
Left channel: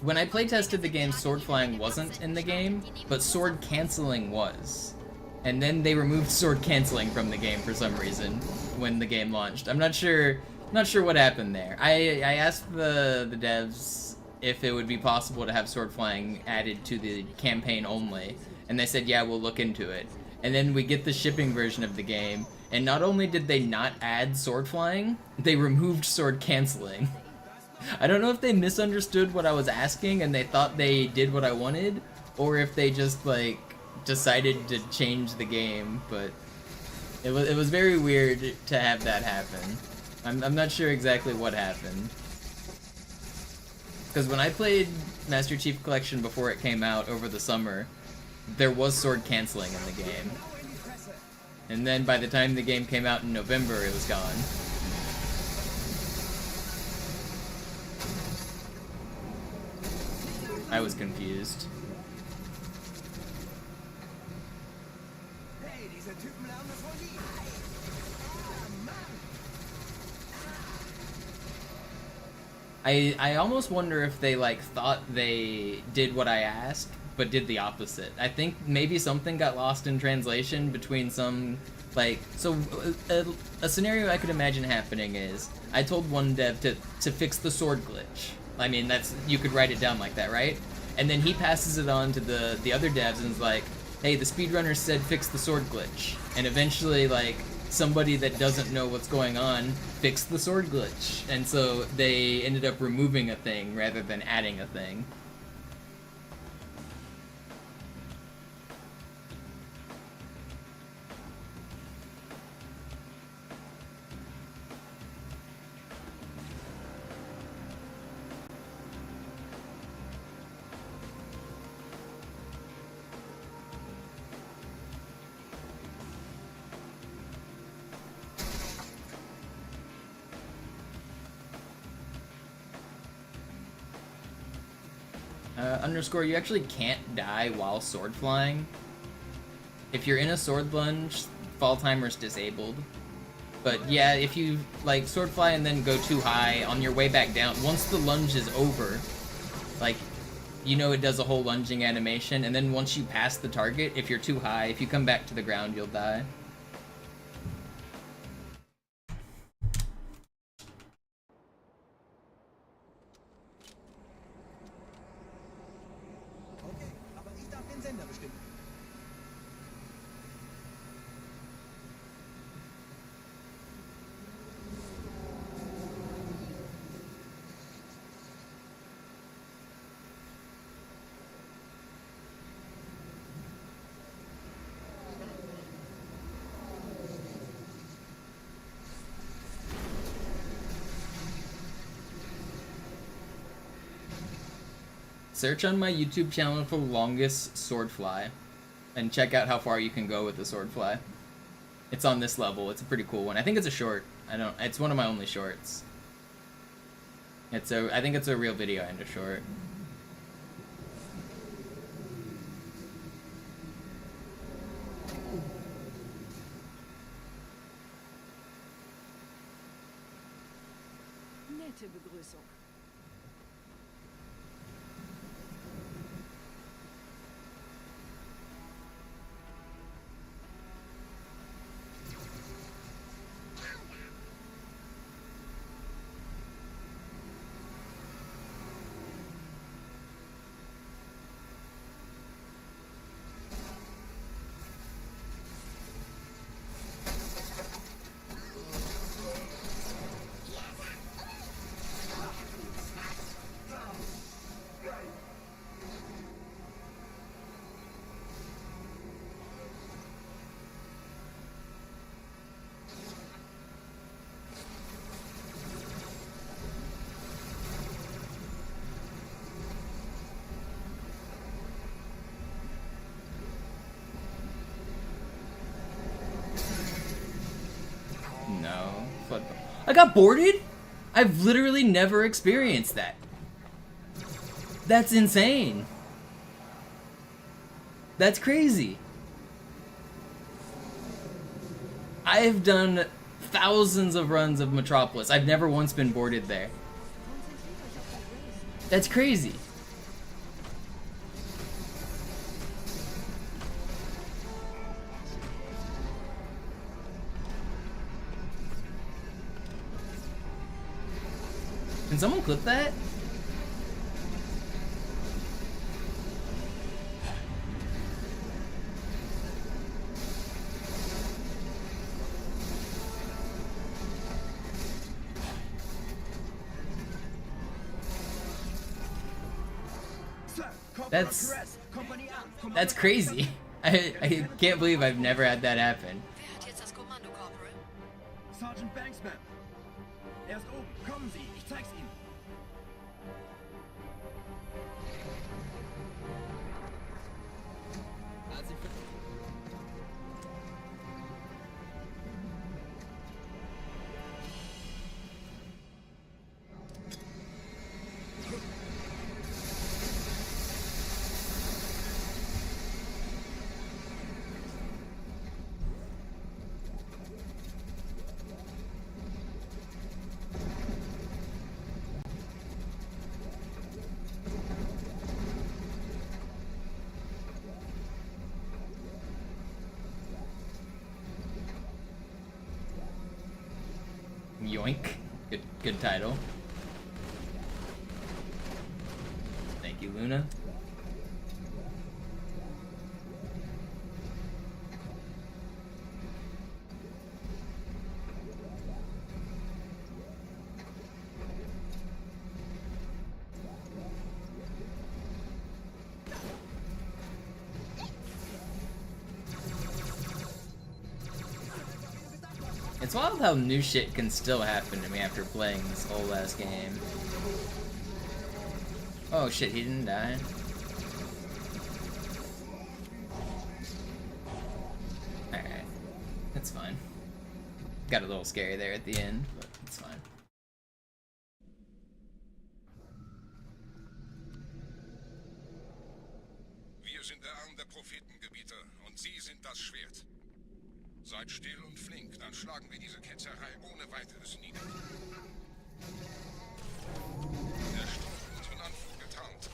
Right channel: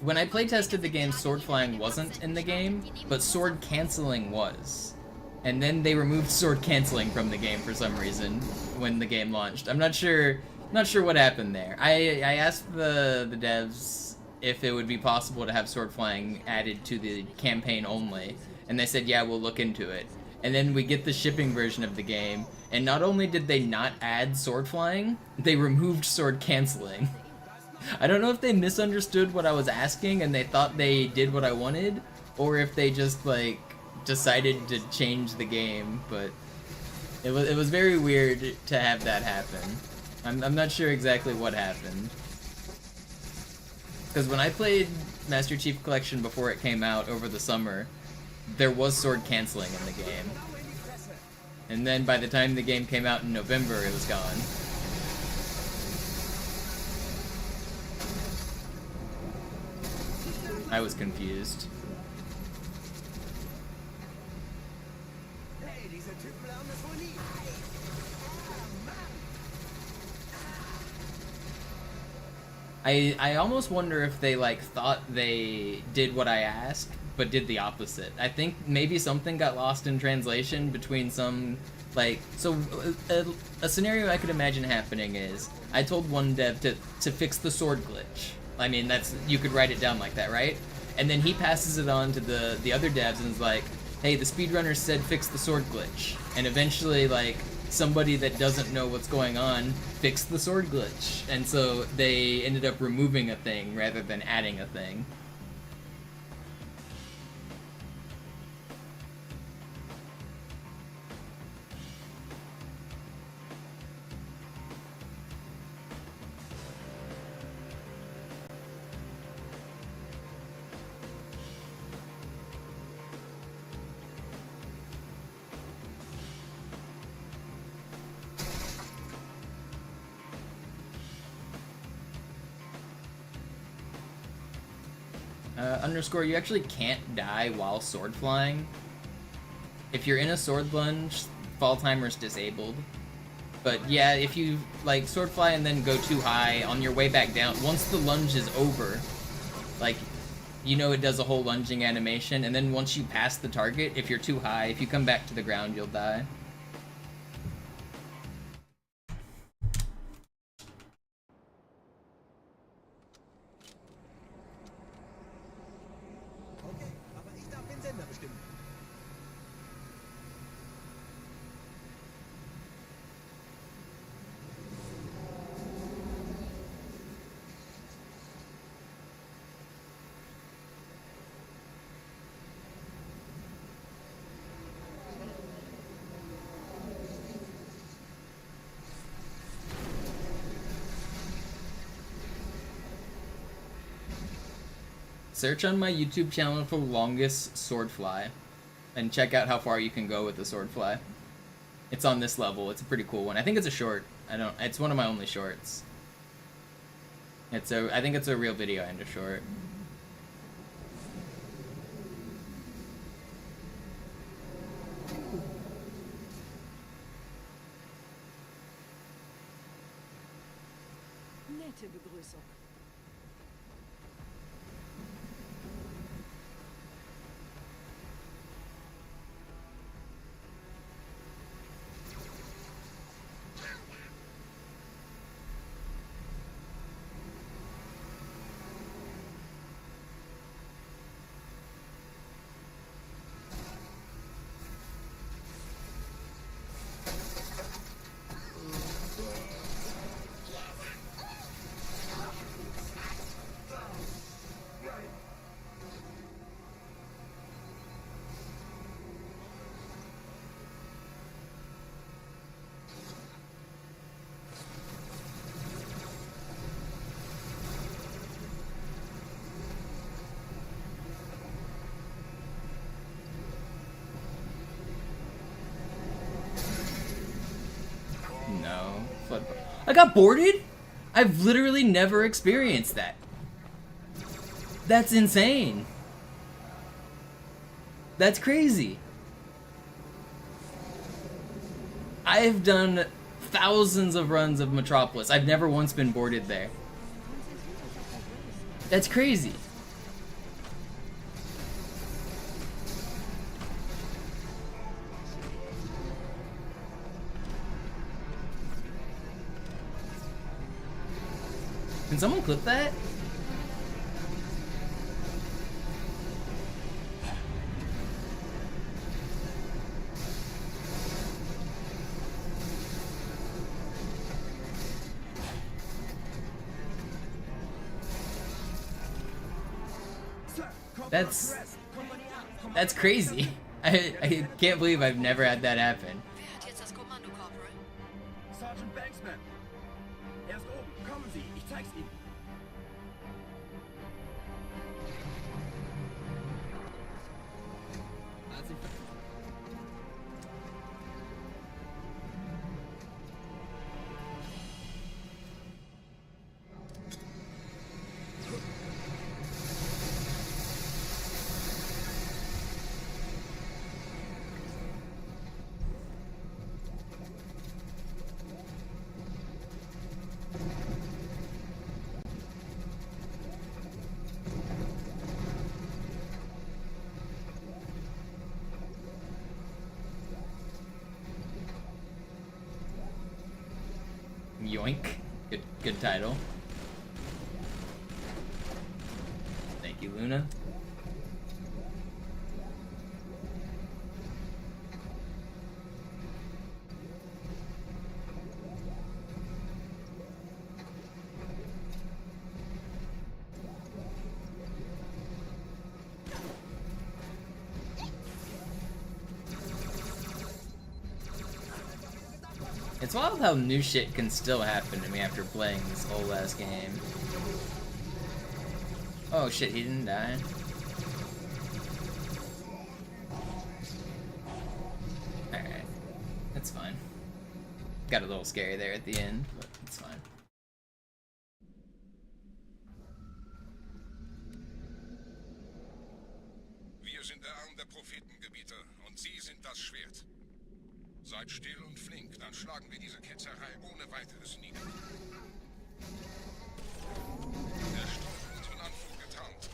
When I playtested the game, sword flying wasn't in the game, but sword canceling was. And then they removed sword canceling from the game for some reason when the game launched. I'm not sure what happened there. I asked the devs if it would be possible to have sword flying added to the campaign only, and they said, yeah, we'll look into it. And then we get the shipping version of the game, and not only did they not add sword flying, they removed sword canceling. I don't know if they misunderstood what I was asking and they thought they did what I wanted, or if they just, like, decided to change the game, but it was very weird to have that happen. I'm not sure exactly what happened. Because when I played Master Chief Collection before it came out over the summer, there was sword canceling in the game. And then by the time the game came out in November, it was gone. I was confused. I almost wonder if they, like, thought they did what I asked, but did the opposite. I think maybe something got lost in translation between some, like, so a scenario I could imagine happening is, I told one dev to fix the sword glitch. I mean, that's, you could write it down like that, right? And then he passes it on to the other devs and is like, hey, the speedrunner said fix the sword glitch. And eventually, like, somebody that doesn't know what's going on fixed the sword glitch. And so they ended up removing a thing rather than adding a thing. Underscore, you actually can't die while sword flying. If you're in a sword lunge, fall timer's disabled. But yeah, if you, like, sword fly and then go too high, on your way back down, once the lunge is over, like, you know it does a whole lunging animation, and then once you pass the target, if you're too high, if you come back to the ground, you'll die. Search on my YouTube channel for longest swordfly, and check out how far you can go with the swordfly. It's on this level. It's a pretty cool one. I think it's a short. It's one of my only shorts. I think it's a real video and a short. Nette Begrüßung. No. Flood. I got boarded? I've literally never experienced that. That's insane. That's crazy. I've done thousands of runs of Metropolis. I've never once been boarded there. That's crazy. Can someone clip that? That's crazy. I can't believe I've never had that happen. Wer hat jetzt das Kommando, Corporal? Sergeant Banksman. Er ist oben. Kommen Sie, ich zeig's Ihnen. Yoink. Good title. Thank you, Luna. It's wild how new shit can still happen to me after playing this whole ass game. Oh shit, he didn't die. Alright. It's fine. Got a little scary there at the end, but it's fine. Wir sind der Arm der Prophetengebieter und Sie sind das Schwert. Seid still und flink, dann schlagen wir diese Ketzerei ohne weiteres nieder. Der Sturm wird von Anflug getarnt.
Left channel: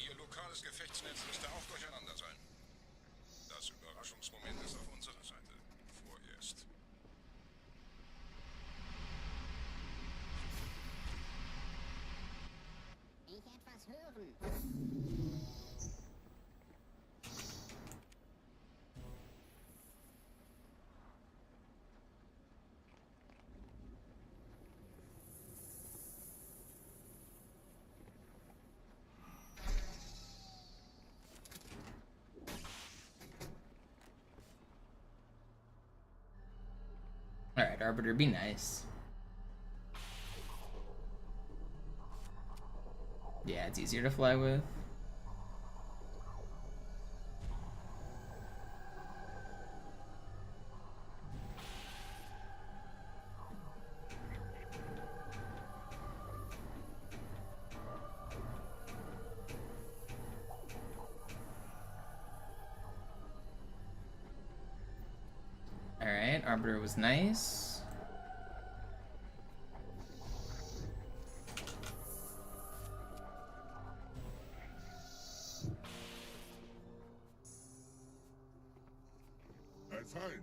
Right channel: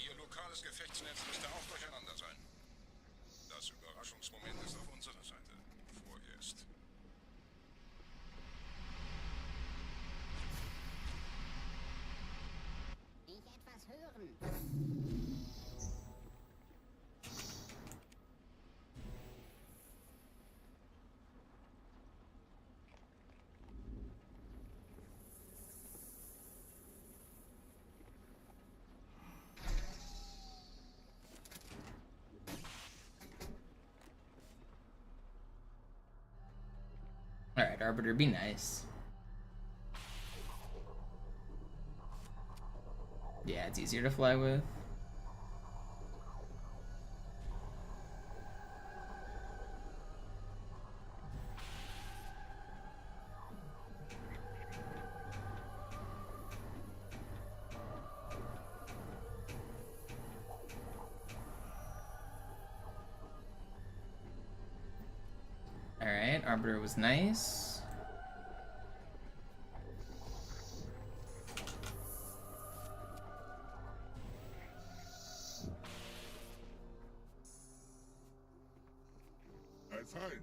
Ihr lokales Gefechtsnetz müsste auch durcheinander sein. Das Überraschungsmoment ist auf unserer Seite. Vorerst. Ich etwas hören. Alright, Arbiter, be nice. Yeah, it's easier to fly with. Alright, Arbiter was nice. Ein Feind.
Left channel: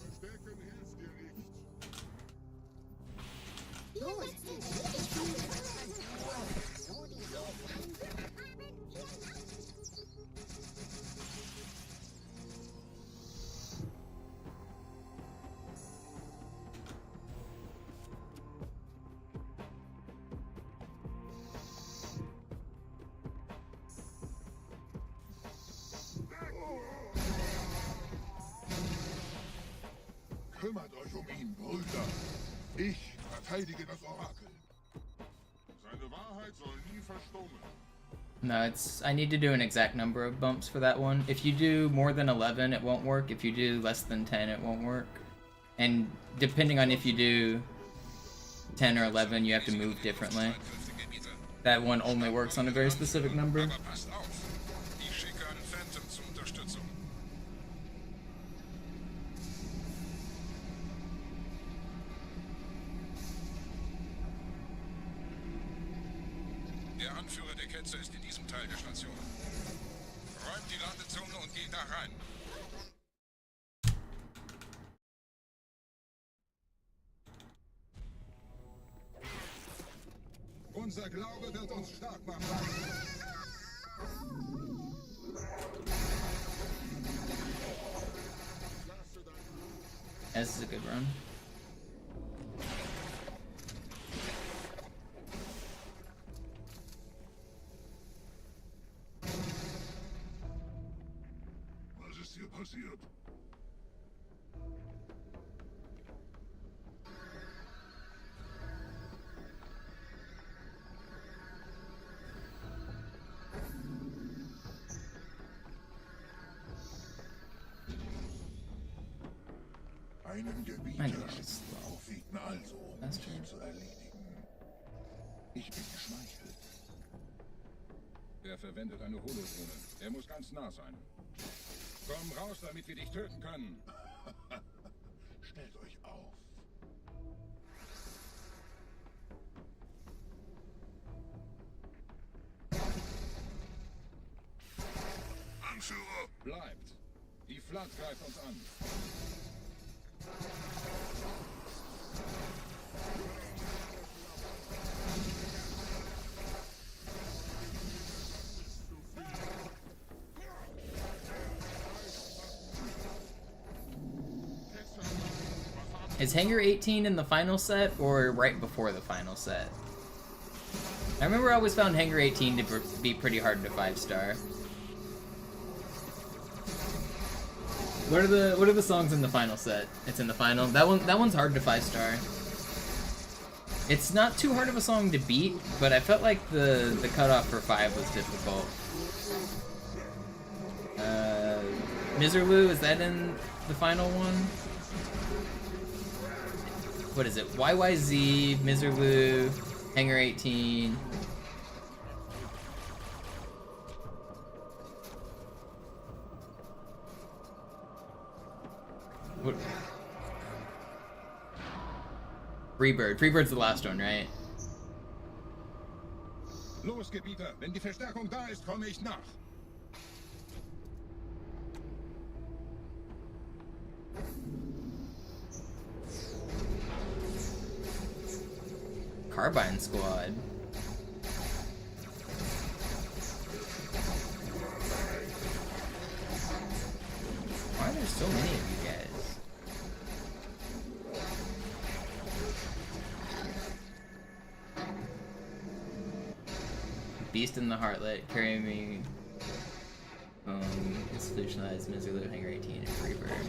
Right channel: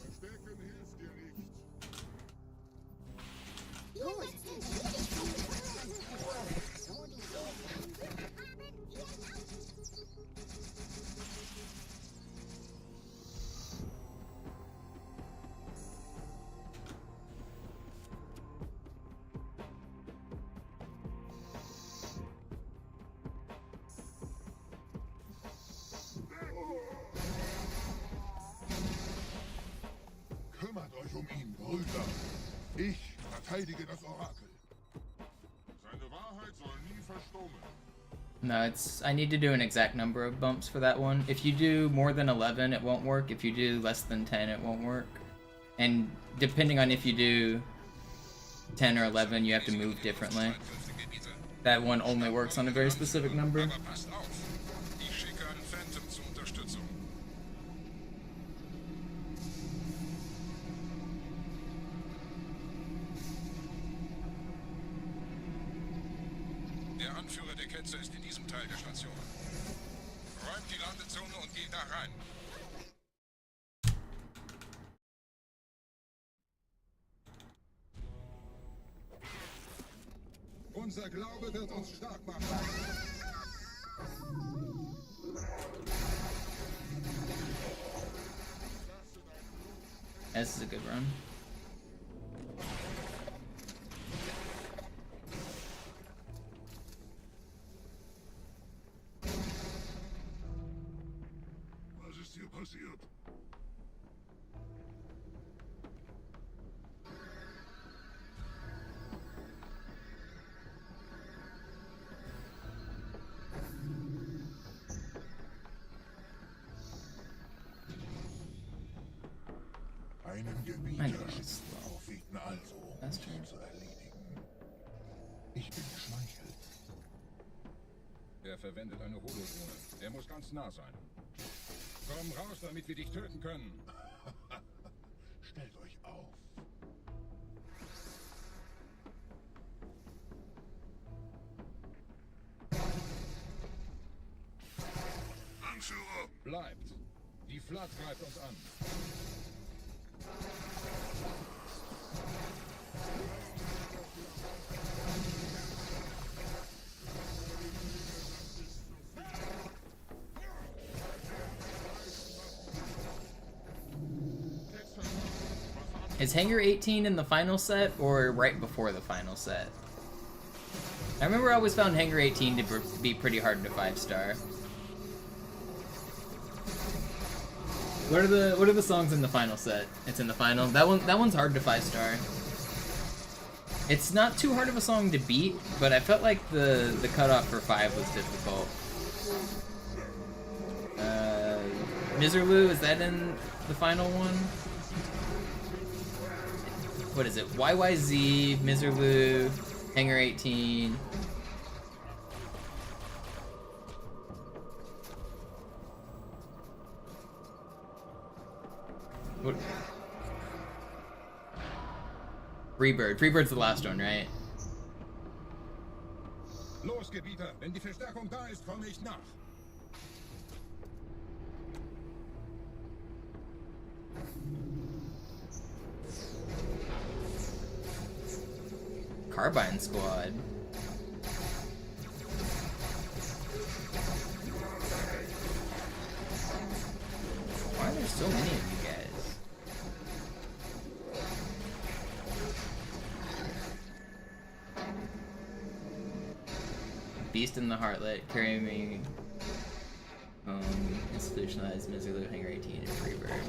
Verstecken hilft dir nicht. Kümmert euch ihn, Brüder. Ich verteidige das Orakel. Seine Wahrheit soll nie verstummen. No, I need to do an exact number of bumps for that one. If you do more than 11, it won't work. If you do less than 10, it won't work. And depending on if you do 10 or 11, you have to move differently. That one only works on a very specific number. Der Anführer der Ketzer ist in diesem Teil der Station. Räumt die Landezone und geht da rein. Unser Glaube wird uns stark machen. This is a good run. Was ist hier passiert? Einen Gebieter aufwiegen also, um ihn zu erledigen. Ich bin geschmeichelt. Er verwendet eine Holodrohne. Er muss ganz nah sein. Komm raus, damit wir dich töten können. Stellt euch auf. Anführer! Bleibt. Die Flat greift uns an. Is Hangar 18 in the final set or right before the final set? I remember I always found Hangar 18 to be pretty hard to 5-star. What are the songs in the final set? It's in the final. That one's hard to 5-star. It's not too hard of a song to beat, but I felt like the cutoff for 5 was difficult. Miserloo, is that in the final one? What is it? YYZ, Miserloo, Hangar 18. What? Freebird. Freebird's the last one, right? Los, Gebieter, wenn die Verstärkung da ist, komme ich nach. Carbine Squad. Why are there so many of you guys? Beast in the Heartlet, carry me institutionalized Miserloo, Hangar 18, and Freebird.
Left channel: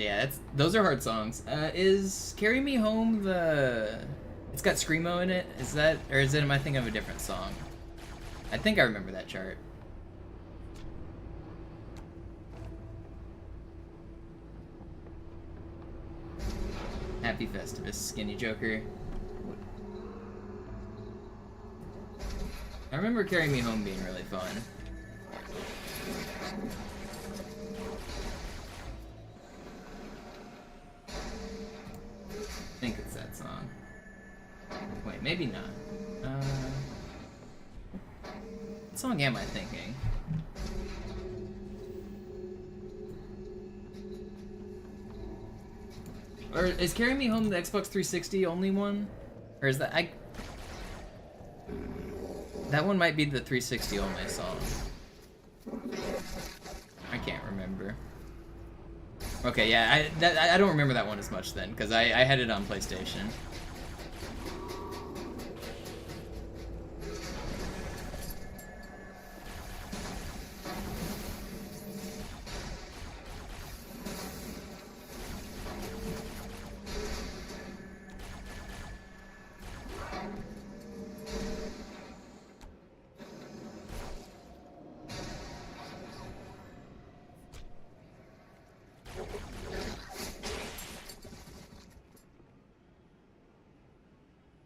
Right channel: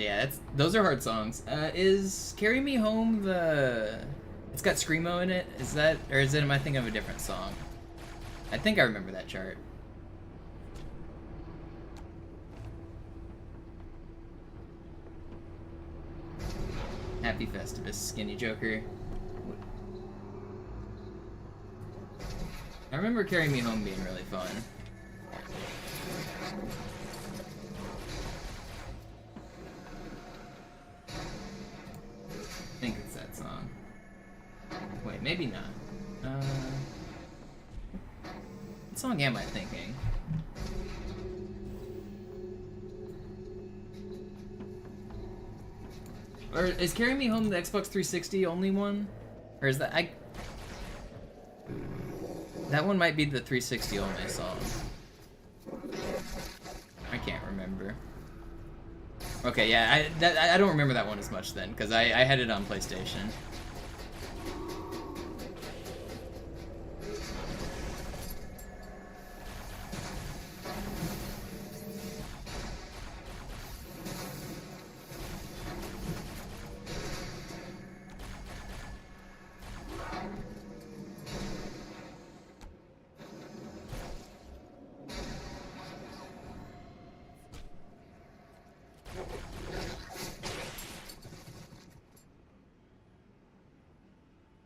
Yeah, those are hard songs. Is Carry Me Home the... It's got Screamo in it? Is that... Or is it... Am I thinking of a different song? I think I remember that chart. Happy Festivus, Skinny Joker. I remember Carry Me Home being really fun. I think it's that song. Wait, maybe not. What song am I thinking? Or is Carry Me Home the Xbox 360 only one? Or is that... That one might be the 360 only song. I can't remember. Okay, yeah, I don't remember that one as much then, because I had it on PlayStation.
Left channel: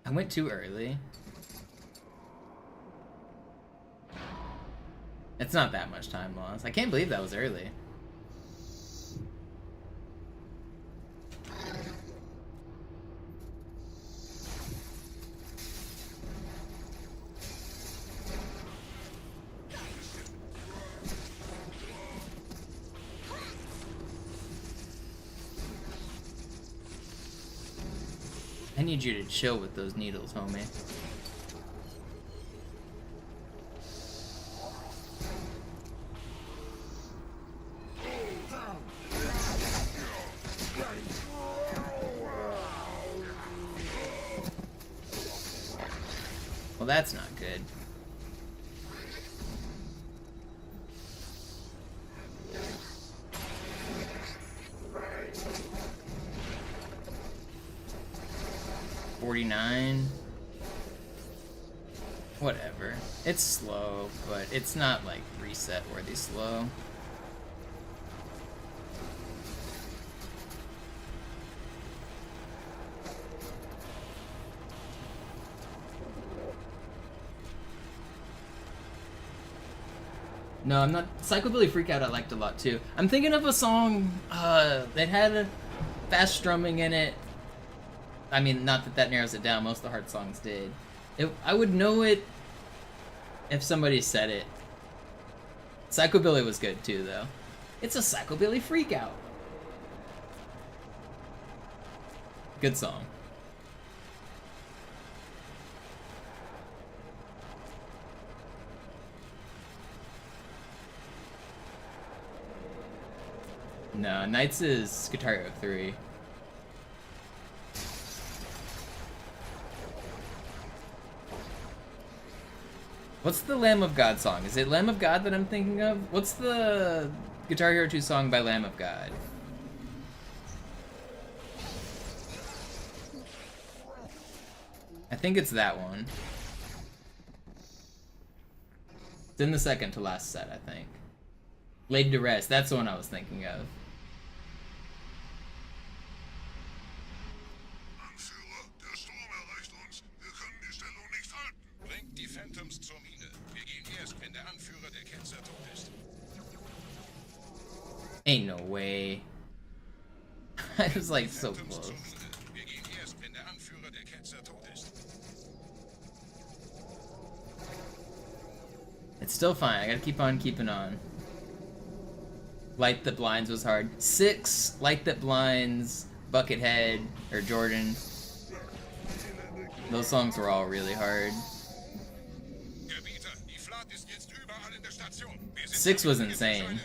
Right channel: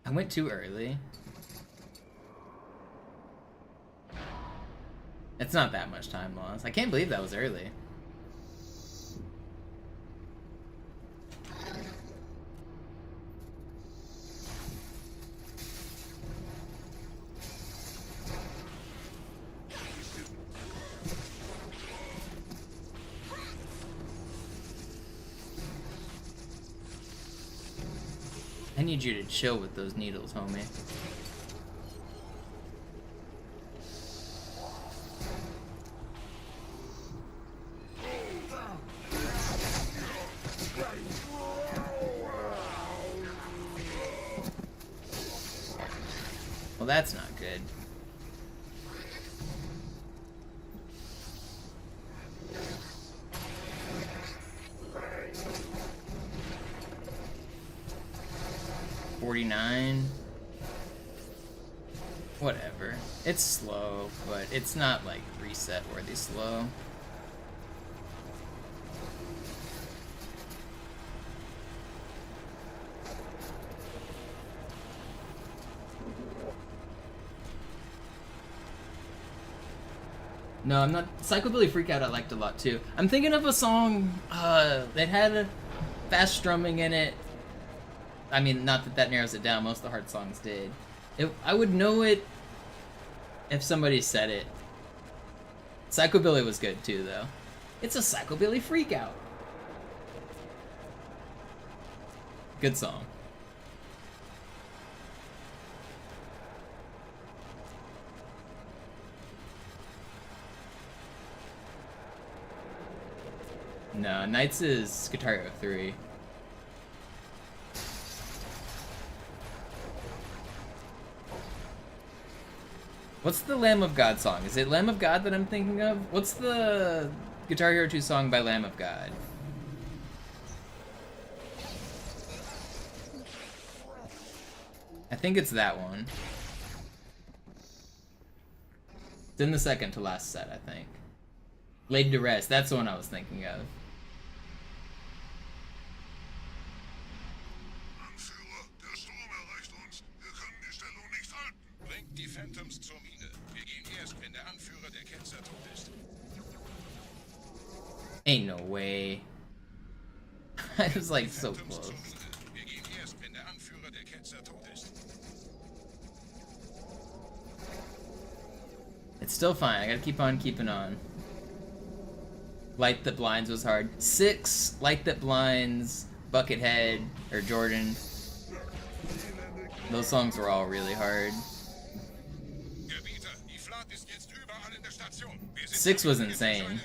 I went too early. It's not that much time lost. I can't believe that was early. I need you to chill with those needles, homie. Well, that's not good. Whatever. It's slow, but it's not like reset worthy slow. No, I'm not. Psychobilly Freakout I liked a lot too. I'm thinking of a song that had a fast strumming in it. I mean, not that that narrows it down. Most of the hard songs did. I would know it if somebody said it. Psychobilly was good too, though. It's a Psychobilly Freakout. Good song. No, Knights is Guitar Hero 3. What's the Lamb of God song? Is it Lamb of God that I'm thinking of? What's the Guitar Hero 2 song by Lamb of God? I think it's that one. It's in the second to last set, I think. Laid to Rest, that's the one I was thinking of. Ain't no way. I was like so close. It's still fine. I gotta keep on keeping on. Light That Blinds was hard. 6, Light That Blinds, Buckethead, or Jordan. Those songs were all really hard. 6 was insane.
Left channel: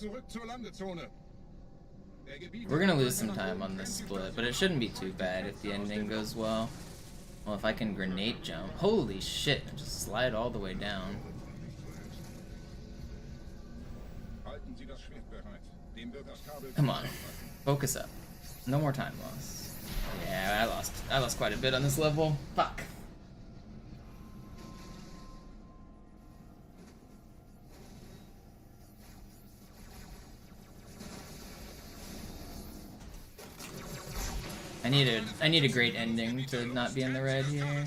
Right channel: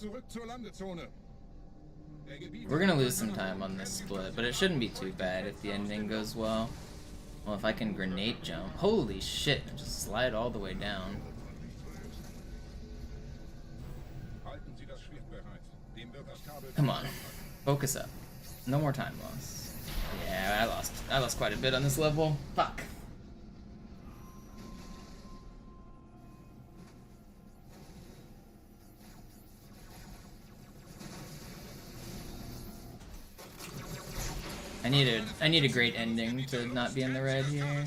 zurück zur Landezone. We're gonna lose some time on this split, but it shouldn't be too bad if the ending goes well. Well, if I can grenade jump. Holy shit, and just slide all the way down. Come on, focus up. No more time loss. Yeah, I lost quite a bit on this level. Fuck. I need a great ending to not be in the red here.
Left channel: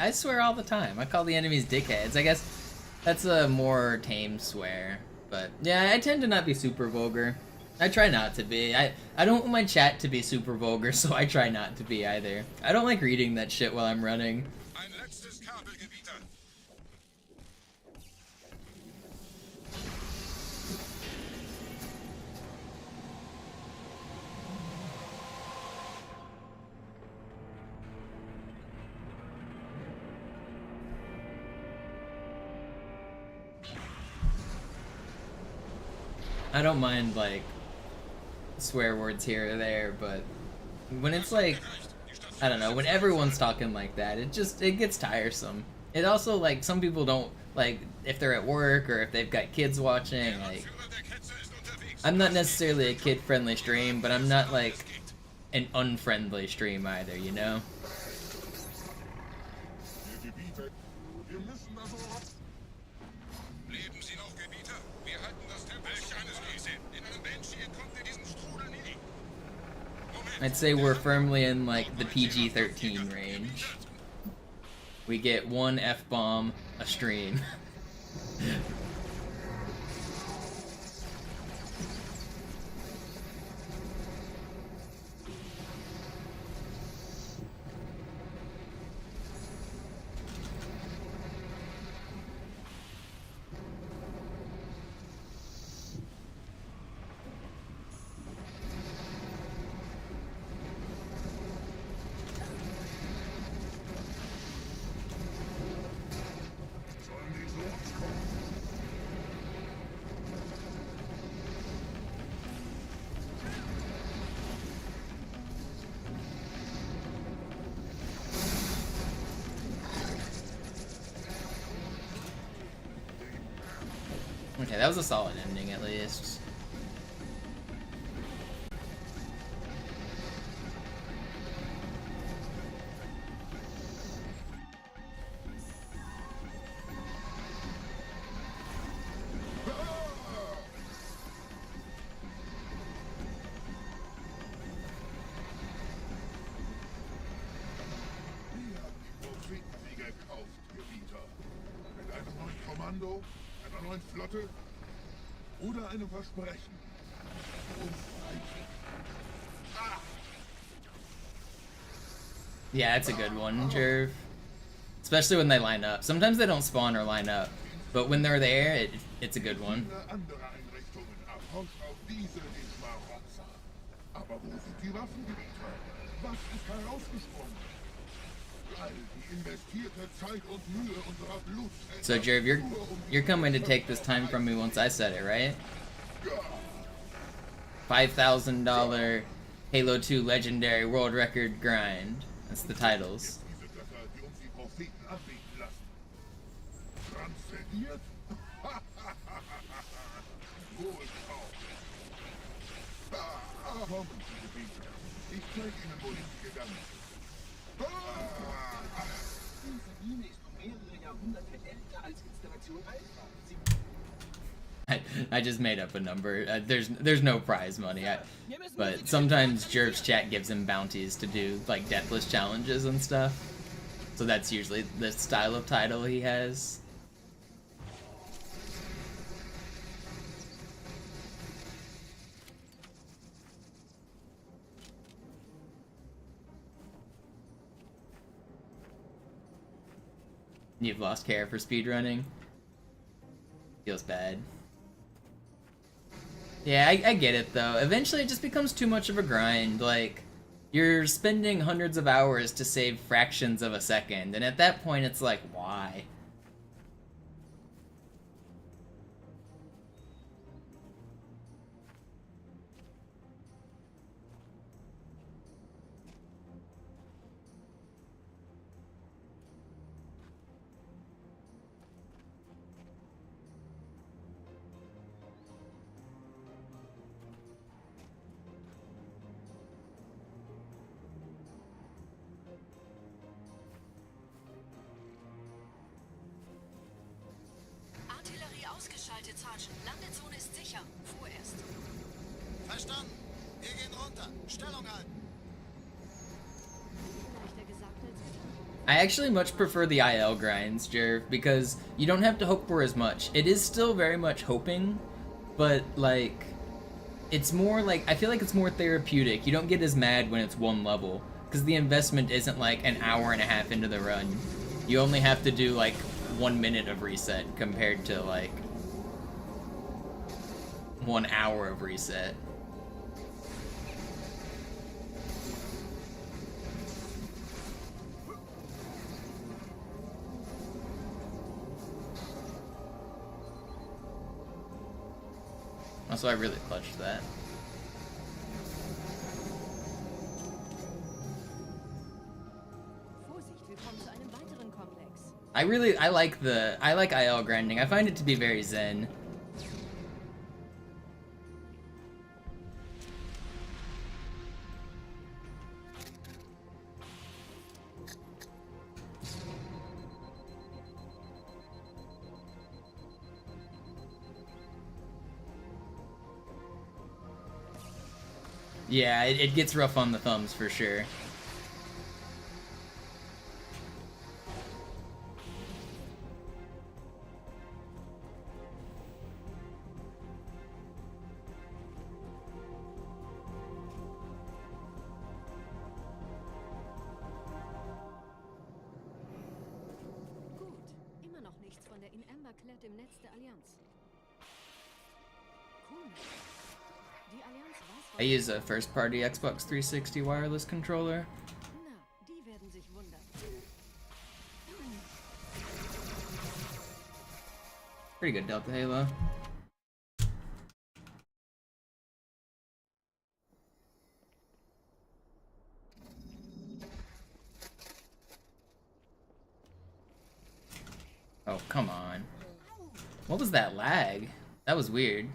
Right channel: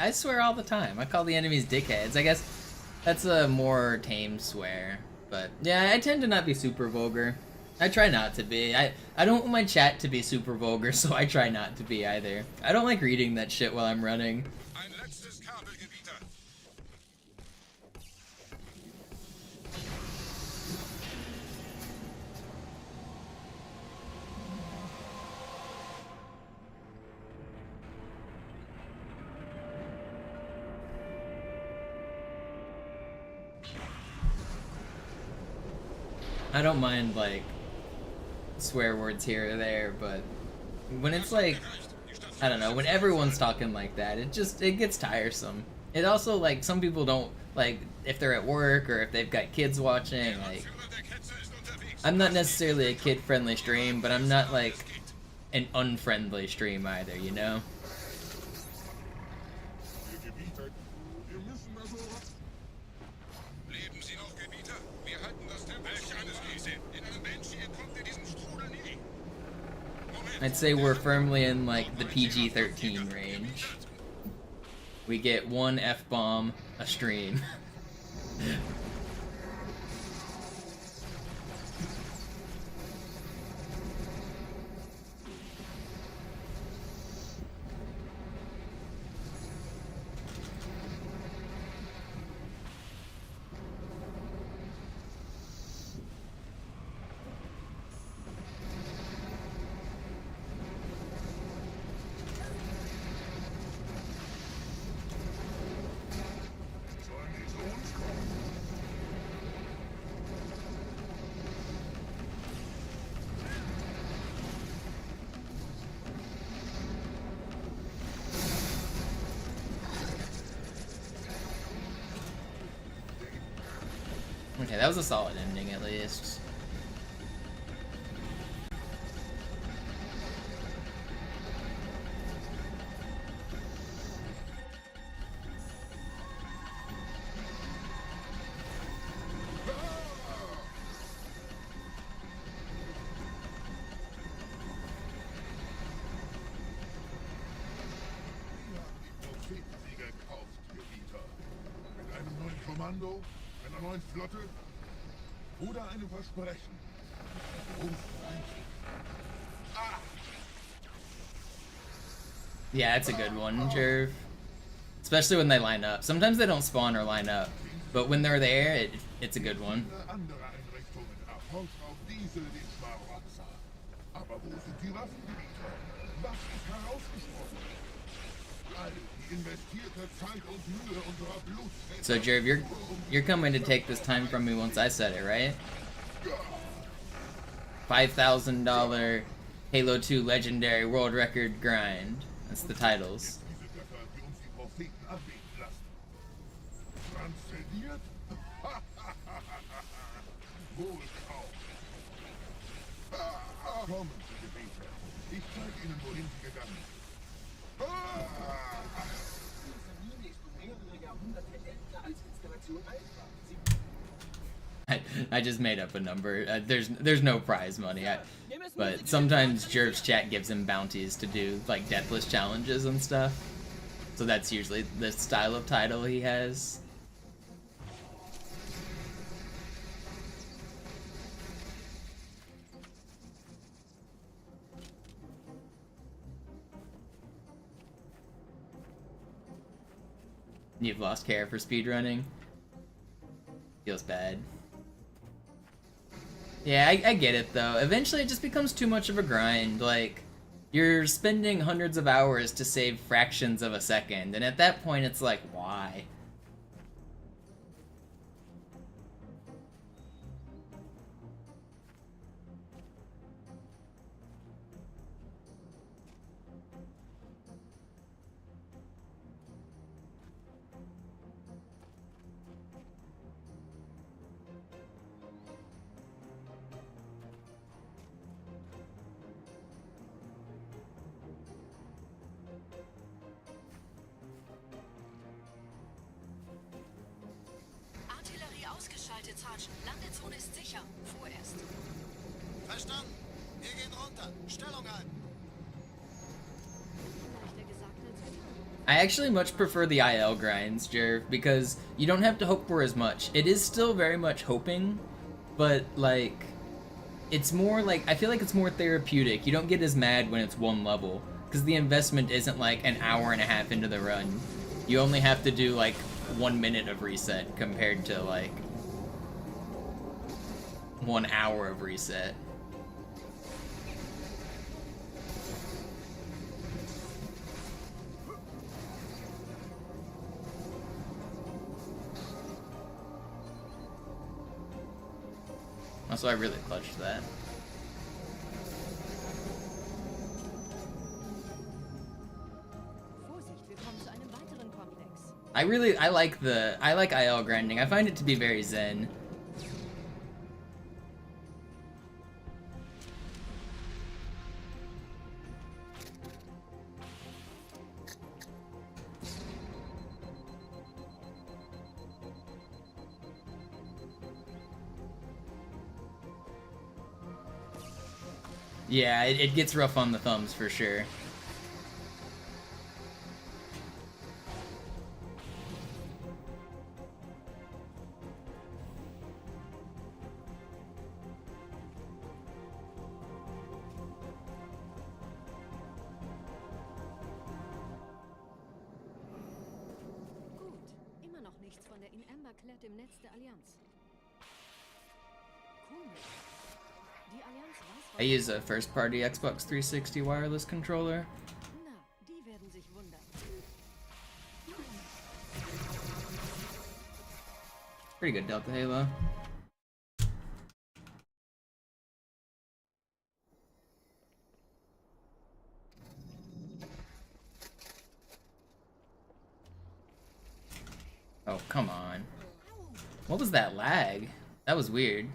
I swear all the time. I call the enemies dickheads. I guess that's a more tame swear. But yeah, I tend to not be super vulgar. I try not to be. I don't want my chat to be super vulgar, so I try not to be either. I don't like reading that shit while I'm running. I don't mind, like, swear words here or there, but when it's like, I don't know, when everyone's talking like that, it gets tiresome. It also, like, some people don't, like, if they're at work or if they've got kids watching, like, I'm not necessarily a kid-friendly stream, but I'm not, like, an unfriendly stream either, you know? I'd say we're firmly in, like, the PG-13 range. We get one F-bomb a stream. Okay, that was a solid ending at least. Flotte oder einem Versprechen. Yeah, that's a good one, Jerv. Especially when they line up. Sometimes they don't spawn or line up, but when they're there, it's a good one. So Jerv, you're coming to take this time from me once I said it, right? $5,000 Halo 2 Legendary World Record Grind. That's the titles. I just made up a number. There's no prize money. But sometimes Jerv's chat gives him bounties to do like deathless challenges and stuff. So that's usually the style of title he has. You've lost care for speedrunning. feels bad. Yeah, I get it though. Eventually it just becomes too much of a grind. Like, you're spending hundreds of hours to save fractions of a second, and at that point it's like, why? Artillerie ausgeschaltet, Sergeant. Landezone ist sicher. Vorerst. Verstanden. Wir gehen runter. Stellung halten. Leichter gesagt als getan. I actually much prefer the IL grinds, Jerv, because you don't have to hope for as much. It is still very much hoping, but like, it's more like, I feel like it's more therapeutic. You don't get as mad when it's one level, because the investment isn't like an hour and a half into the run. You only have to do like 1 minute of reset compared to like 1 hour of reset. Also, I really clutched that. Vorsicht, wir kommen zu einem weiteren Komplex. I like IL grinding. I find it to be very zen. Yeah, it gets rough on the thumbs for sure. Gut, immer noch nichts von der in Amber klärt im Netz der Allianz. Komisch. Die Allianz weiß, I use a first-party Xbox 360 wireless controller. Na, die werden sich wundern. Pretty good Delta Halo. Oh, come on. What was that lag? That was weird.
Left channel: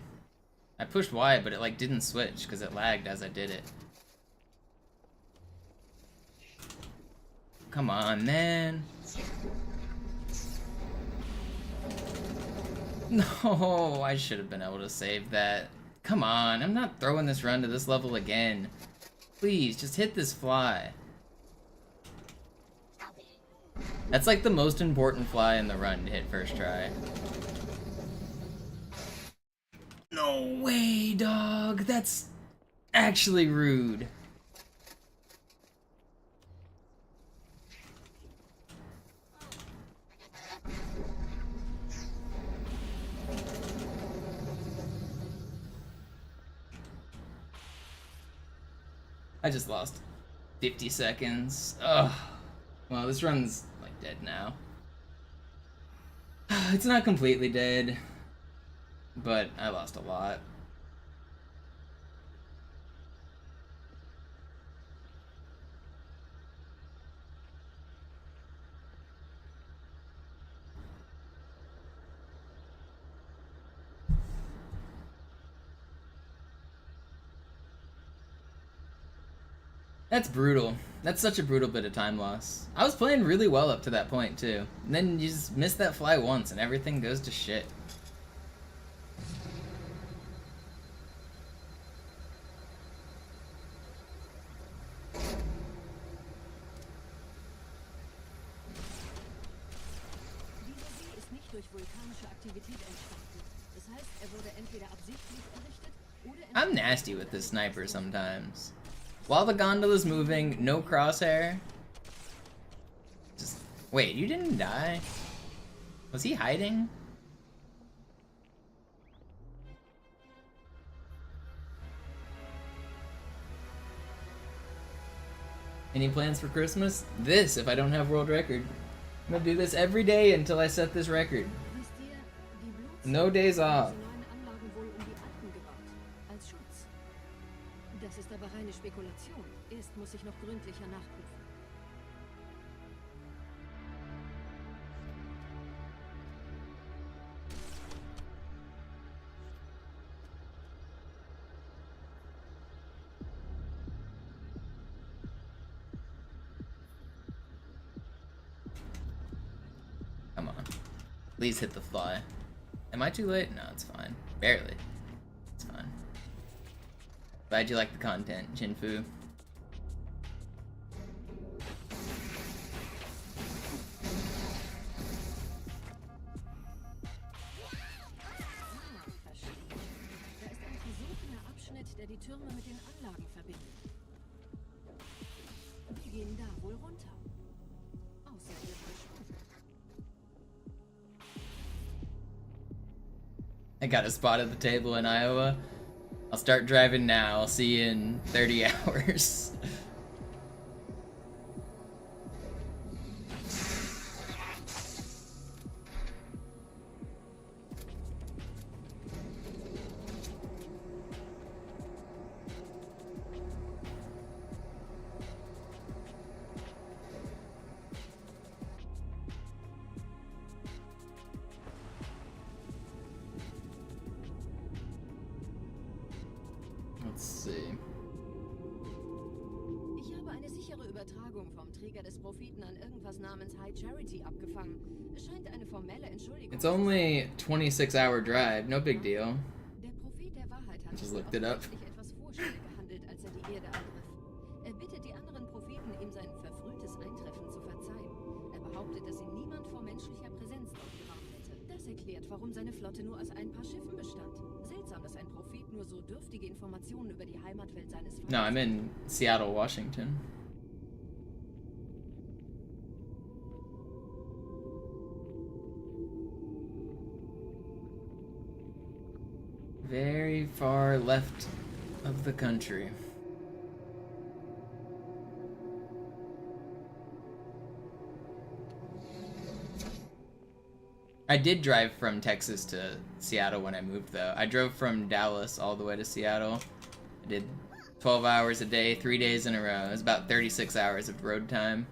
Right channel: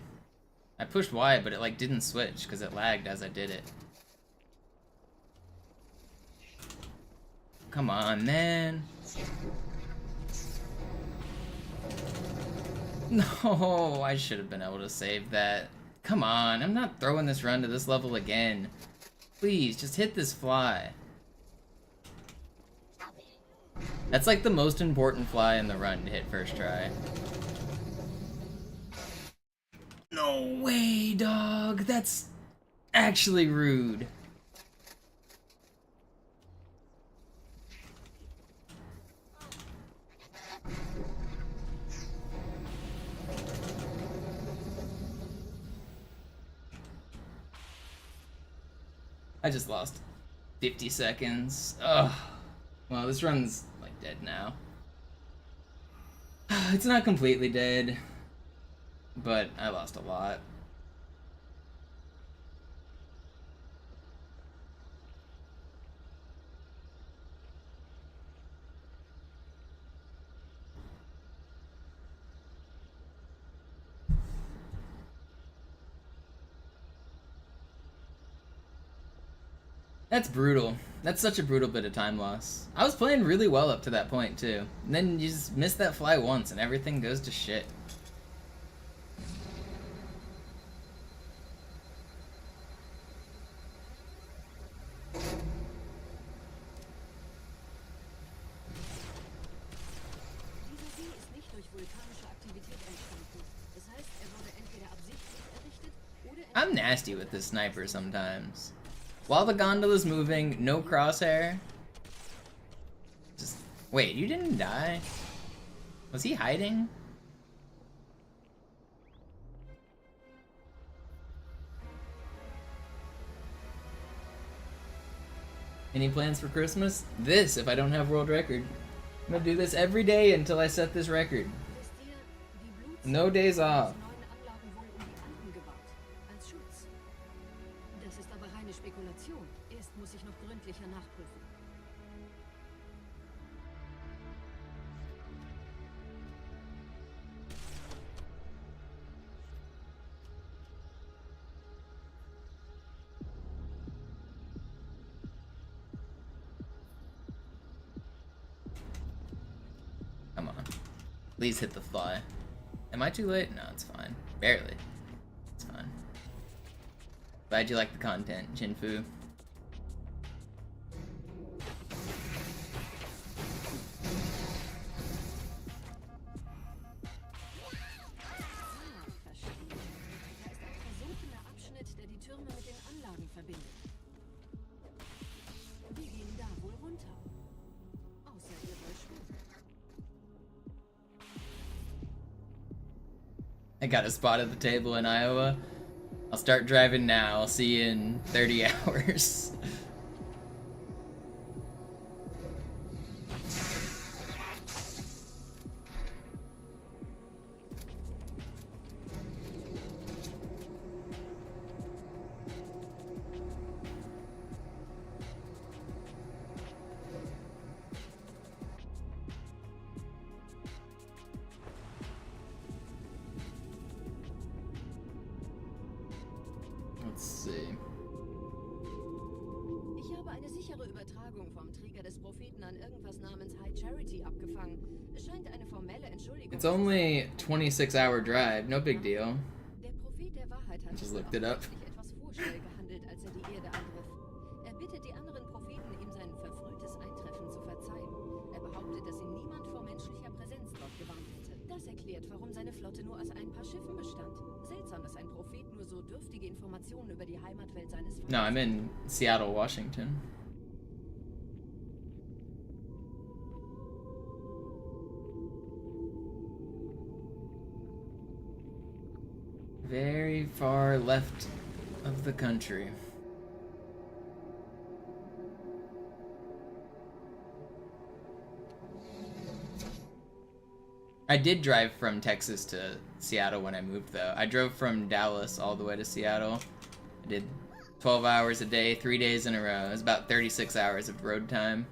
I pushed Y, but it like didn't switch because it lagged as I did it. Come on, man. No, I should have been able to save that. Come on, I'm not throwing this run to this level again. Please, just hit this fly. That's like the most important fly in the run to hit first try. No way, dog. That's actually rude. I just lost 50 seconds. Ugh. Well, this run's like dead now. It's not completely dead, but I lost a lot. That's brutal. That's such a brutal bit of time loss. I was playing really well up to that point, too. And then you just miss that fly once and everything goes to shit. Dieser See ist nicht durch vulkanische Aktivität entstanden. Das heißt, er wurde entweder absichtlich errichtet oder... I'm nasty with this sniper sometimes. While the gondola's moving, no crosshair. Just wait, you didn't die? Was he hiding? Any plans for Christmas? This, if I don't have world record. I'm gonna do this every day until I set this record. No days off. Das ist aber reine Spekulation. Erst muss ich noch gründlicher nachprüfen. Come on. Please hit the fly. Am I too late? No, it's fine. Barely. It's fine. Glad you like the content, Jinfu. I got a spot at the table in Iowa. I'll start driving now. I'll see you in 30 hours. Let's see. Ich habe eine sichere Übertragung vom Träger des Propheten an irgendwas namens High Charity abgefangen. Es scheint eine formelle Entschuldigung. It's only 26-hour drive, no big deal. Der Prophet der Wahrheit hat Just looked it up. etwas vorschnell gehandelt, als er die Erde angriff. Er bittet die anderen Propheten, ihm sein verfrühtes Eintreffen zu verzeihen. Er behauptet, dass ihn niemand vor menschlicher Präsenz dort gewarnt hätte. Das erklärt, warum seine Flotte nur aus ein paar Schiffen bestand. Seltsam, dass ein Prophet nur so dürftige Informationen über die Heimatwelt seines Vaters. No, I'm in Seattle, Washington. Very far left of the country. I did drive from Texas to Seattle when I moved, though. I drove from Dallas all the way to Seattle. I did 12 hours a day, 3 days in a row. It was about 36 hours of road time.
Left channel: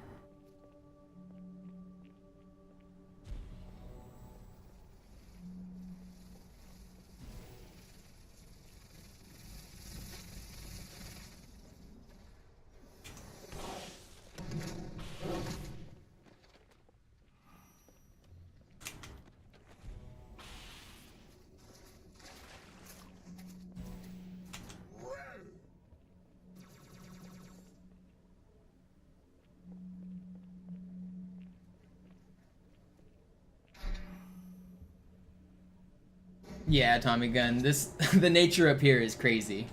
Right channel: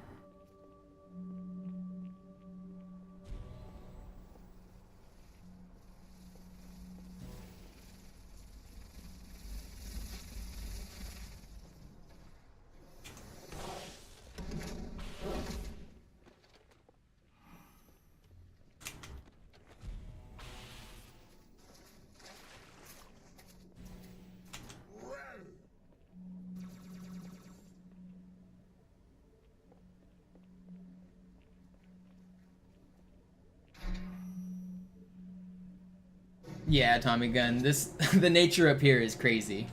Yeah, Tommy Gun. The nature up here is crazy.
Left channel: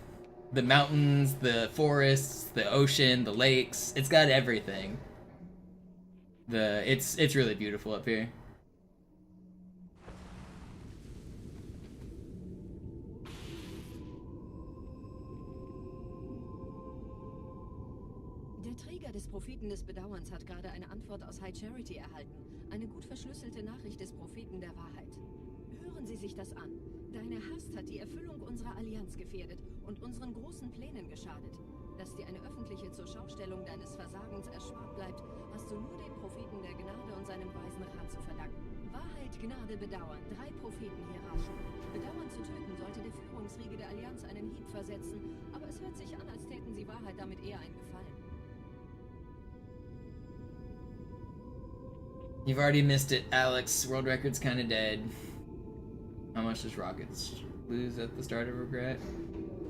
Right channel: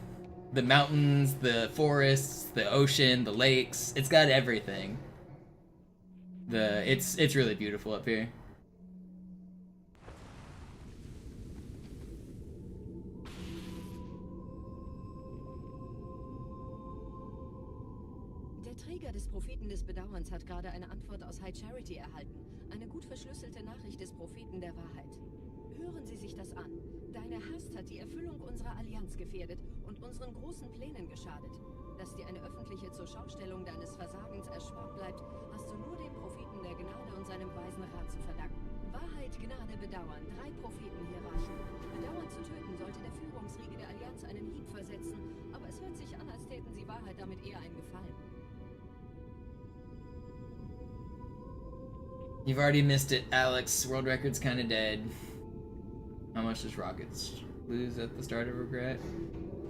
The mountains, the forests, the ocean, the lakes. It's got everything. It's really beautiful up here. Der Träger des Propheten des Bedauerns hat gerade eine Antwort aus High Charity erhalten. Eine gut verschlüsselte Nachricht des Propheten der Wahrheit. Hören Sie sich das an. Deine Hast hat die Erfüllung unserer Allianz gefährdet und unseren großen Plänen geschadet. Dass dir eine öffentliche Zurschaustellung deines Versagens erspart bleibt, hast du nur dem Propheten der Gnade und seinem weisen Rat zu verdanken. Wahrheit, Gnade, Bedauern. 3 Prophetenhierarchen. Bedauern zu töten sollte der Führungsriege der Allianz einen Hieb versetzen, aber es hört sich an, als täten sie Wahrheit damit eher einen Gefallen. You've already missed it, Alex. World record's kinda dead. How much does Rockets lose at the start of Regret?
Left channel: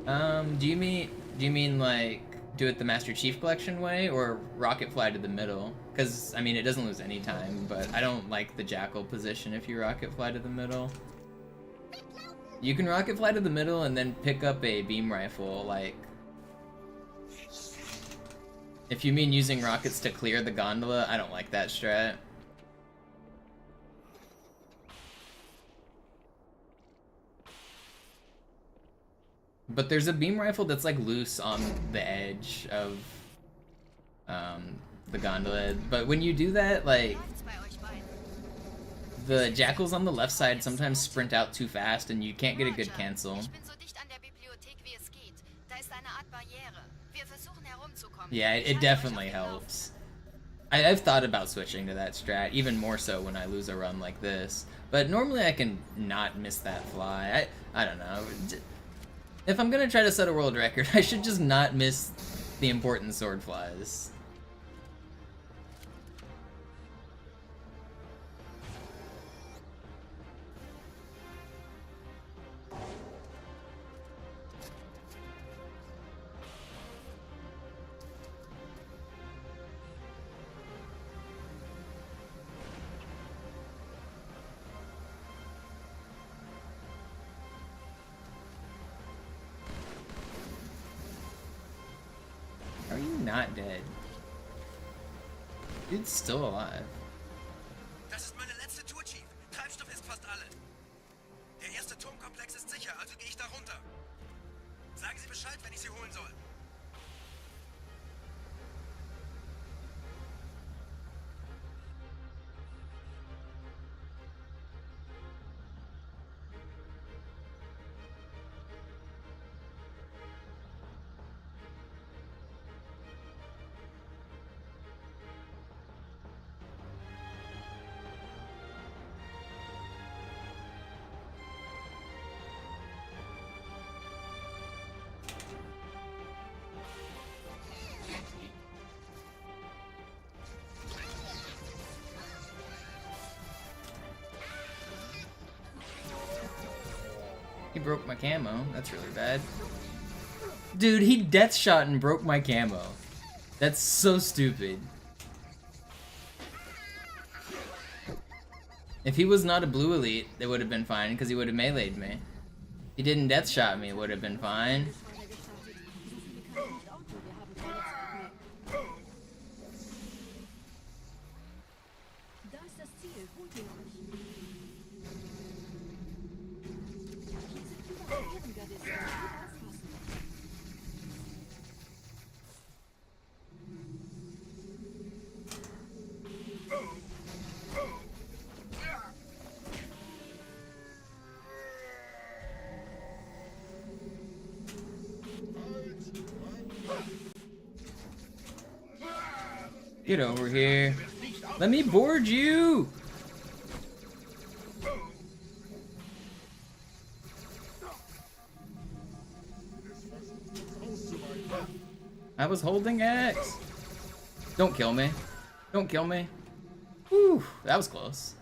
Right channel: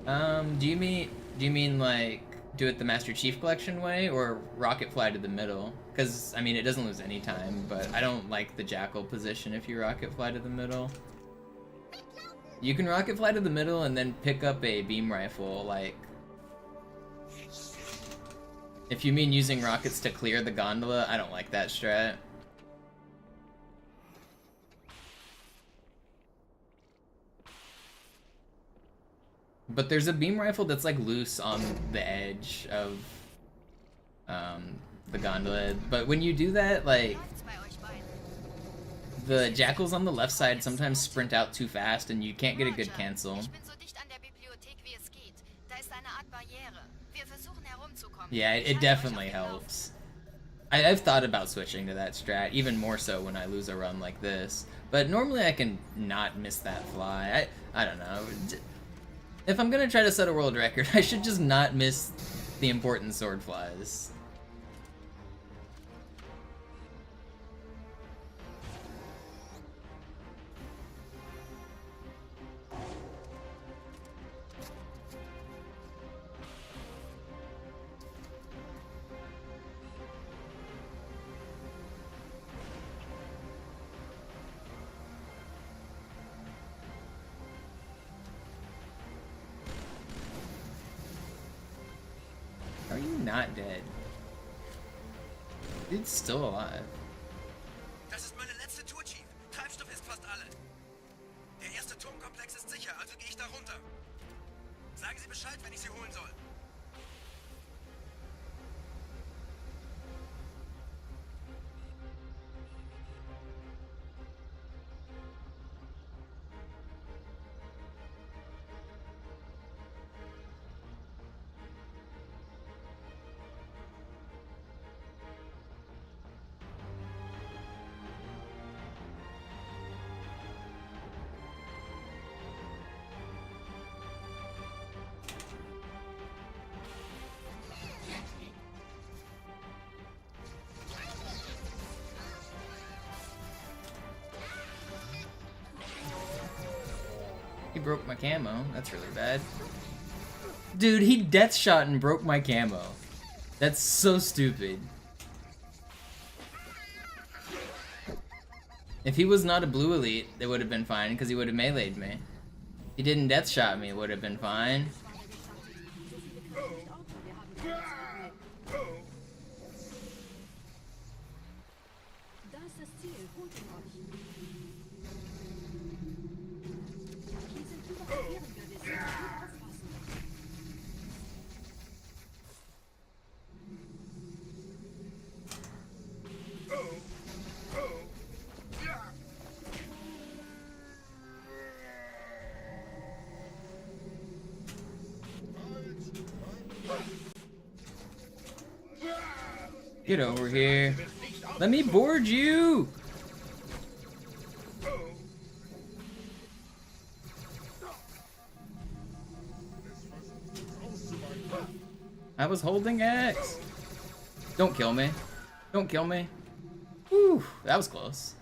Do you mean like do it the Master Chief Collection way or rocket fly to the middle? Because I mean it doesn't lose any time, but I don't like the Jackal position if you rocket fly to the middle. You can rocket fly to the middle and then pick up a beam rifle, like if you mean using rockets to clear the gondola, I don't like that strat. But there's a beam rifle that's like loose on the edge of the gondola. But when you do that, like, the jackals on the left side sometimes sprint out too fast and you can't get a good cancel. Yeah, it definitely helps. I've thought about switching to that strat, even more so when I lose a run like this. But normally I can not miss that fly. I don't know. If I'm gonna try to set a world record, I should just not miss the important sword flies. Are you not dead? Dude's still alive. Das ist meine letzte Tour, Chief. Treibstoff ist fast alle. Der erste Turmkomplex ist sicher, also gehe ich da runter. Sagen Sie Bescheid, wenn ich Sie holen soll. He broke my camo. That's really bad. Dude, he death shot and broke my camo. That's so stupid. If he was not a blue elite, it would have been fine because he would have meleeed me. If he didn't death shot me, it would have been fine. Get over here. Let me board you! I was holding X. Don't kill me. Don't kill me. Whew, that was close.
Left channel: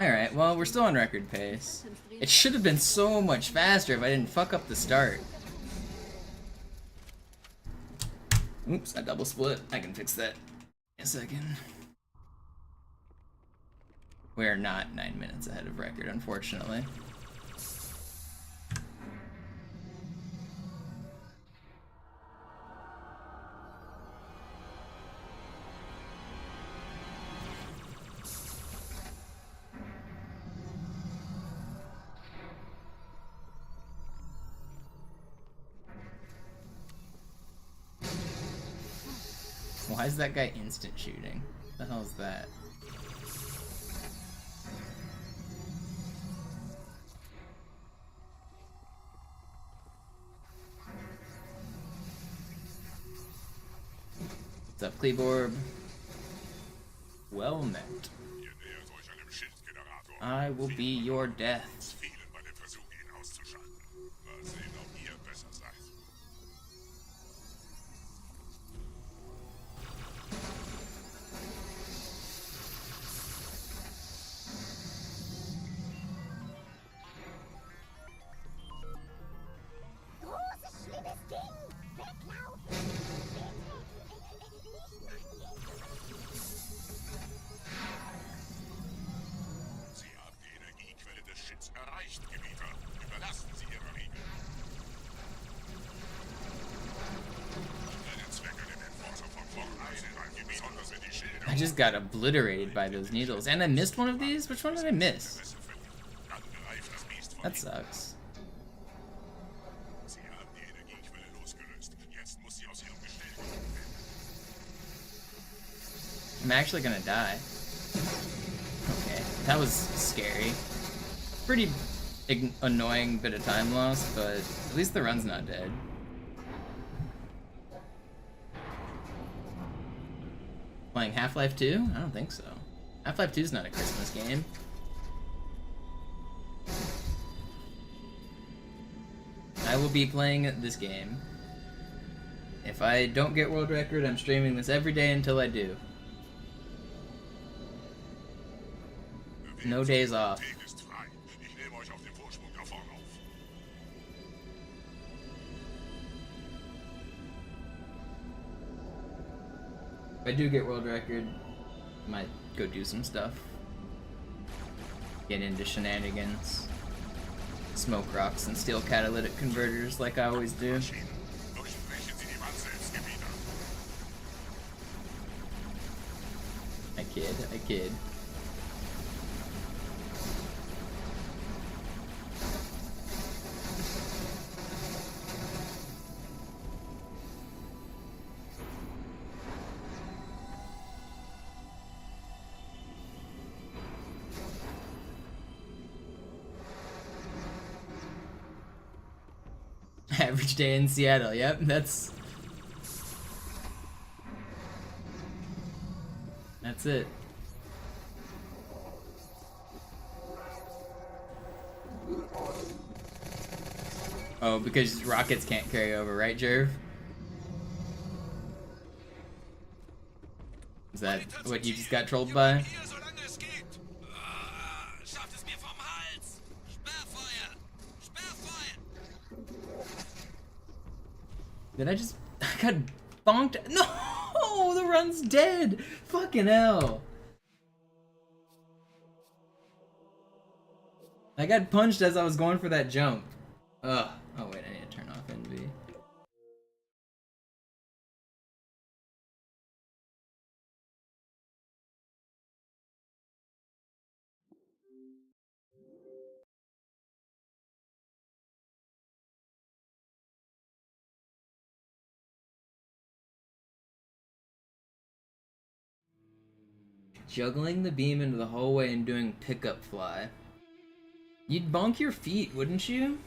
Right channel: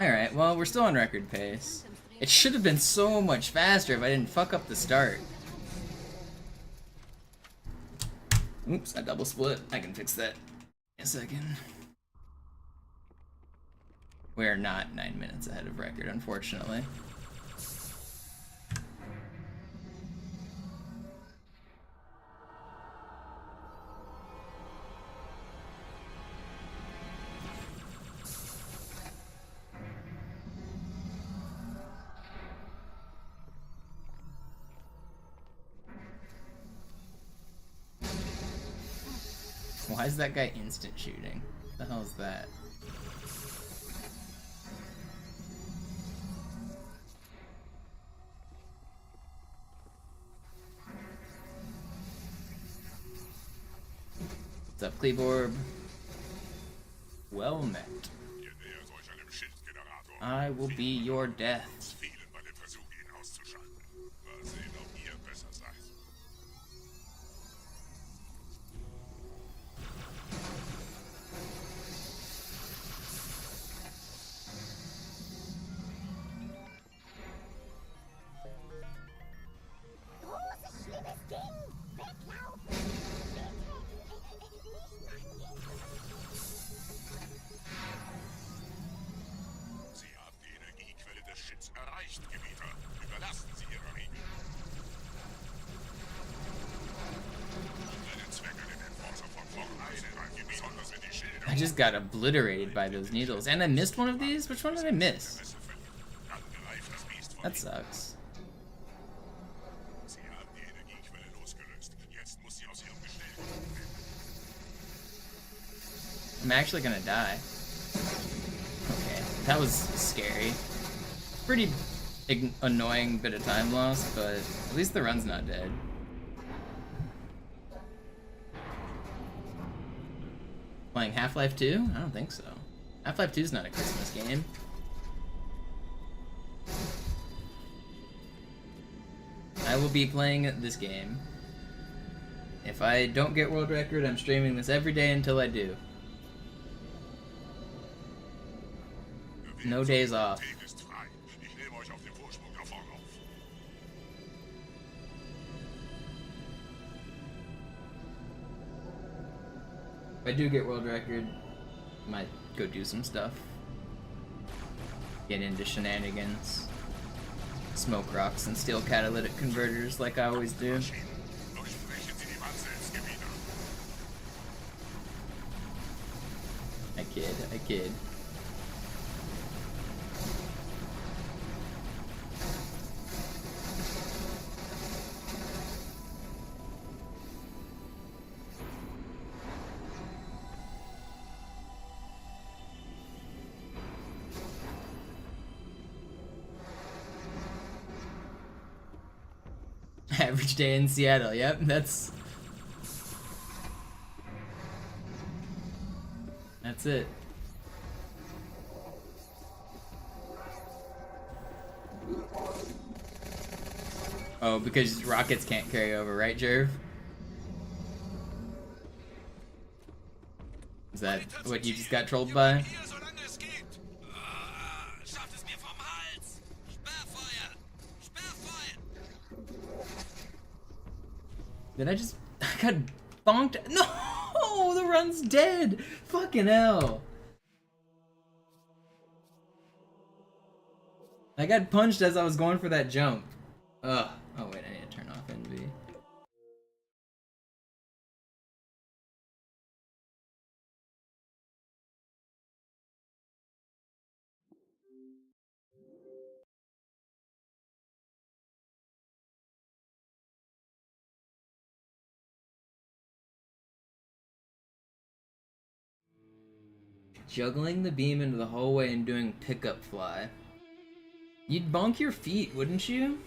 Alright, well, we're still on record pace. It should have been so much faster if I didn't fuck up the start. Oops, I double split. I can fix that in a second. We're not 9 minutes ahead of record, unfortunately. Why is that guy instant shooting? What the hell is that? What's up, Kleborb? Well met. I will be your death. I just got obliterated by those needles. And I missed one of these? Which one did I miss? That sucks. I'm actually gonna die. Okay, that was scary. Pretty annoying bit of time loss, but at least the run's not dead. Playing Half-Life 2? I don't think so. Half-Life 2 is not a Christmas game. I will be playing this game. If I don't get world record, I'm streaming this every day until I do. No days off. If I do get world record, I might go do some stuff. Get into shenanigans. Smoke rocks and steal catalytic converters like I always do. I kid. Average day in Seattle, yep, that's it. Oh, because rockets can't carry over, right, Jerv? Is that what you just got trolled by? Did I just... I got bonked? No! The run's dead! Fucking hell. I got punched as I was going for that jump. Ugh. Oh wait, I need to turn off NV. Juggling the beam into the hallway and doing pickup fly. You'd bonk your feet, wouldn't you?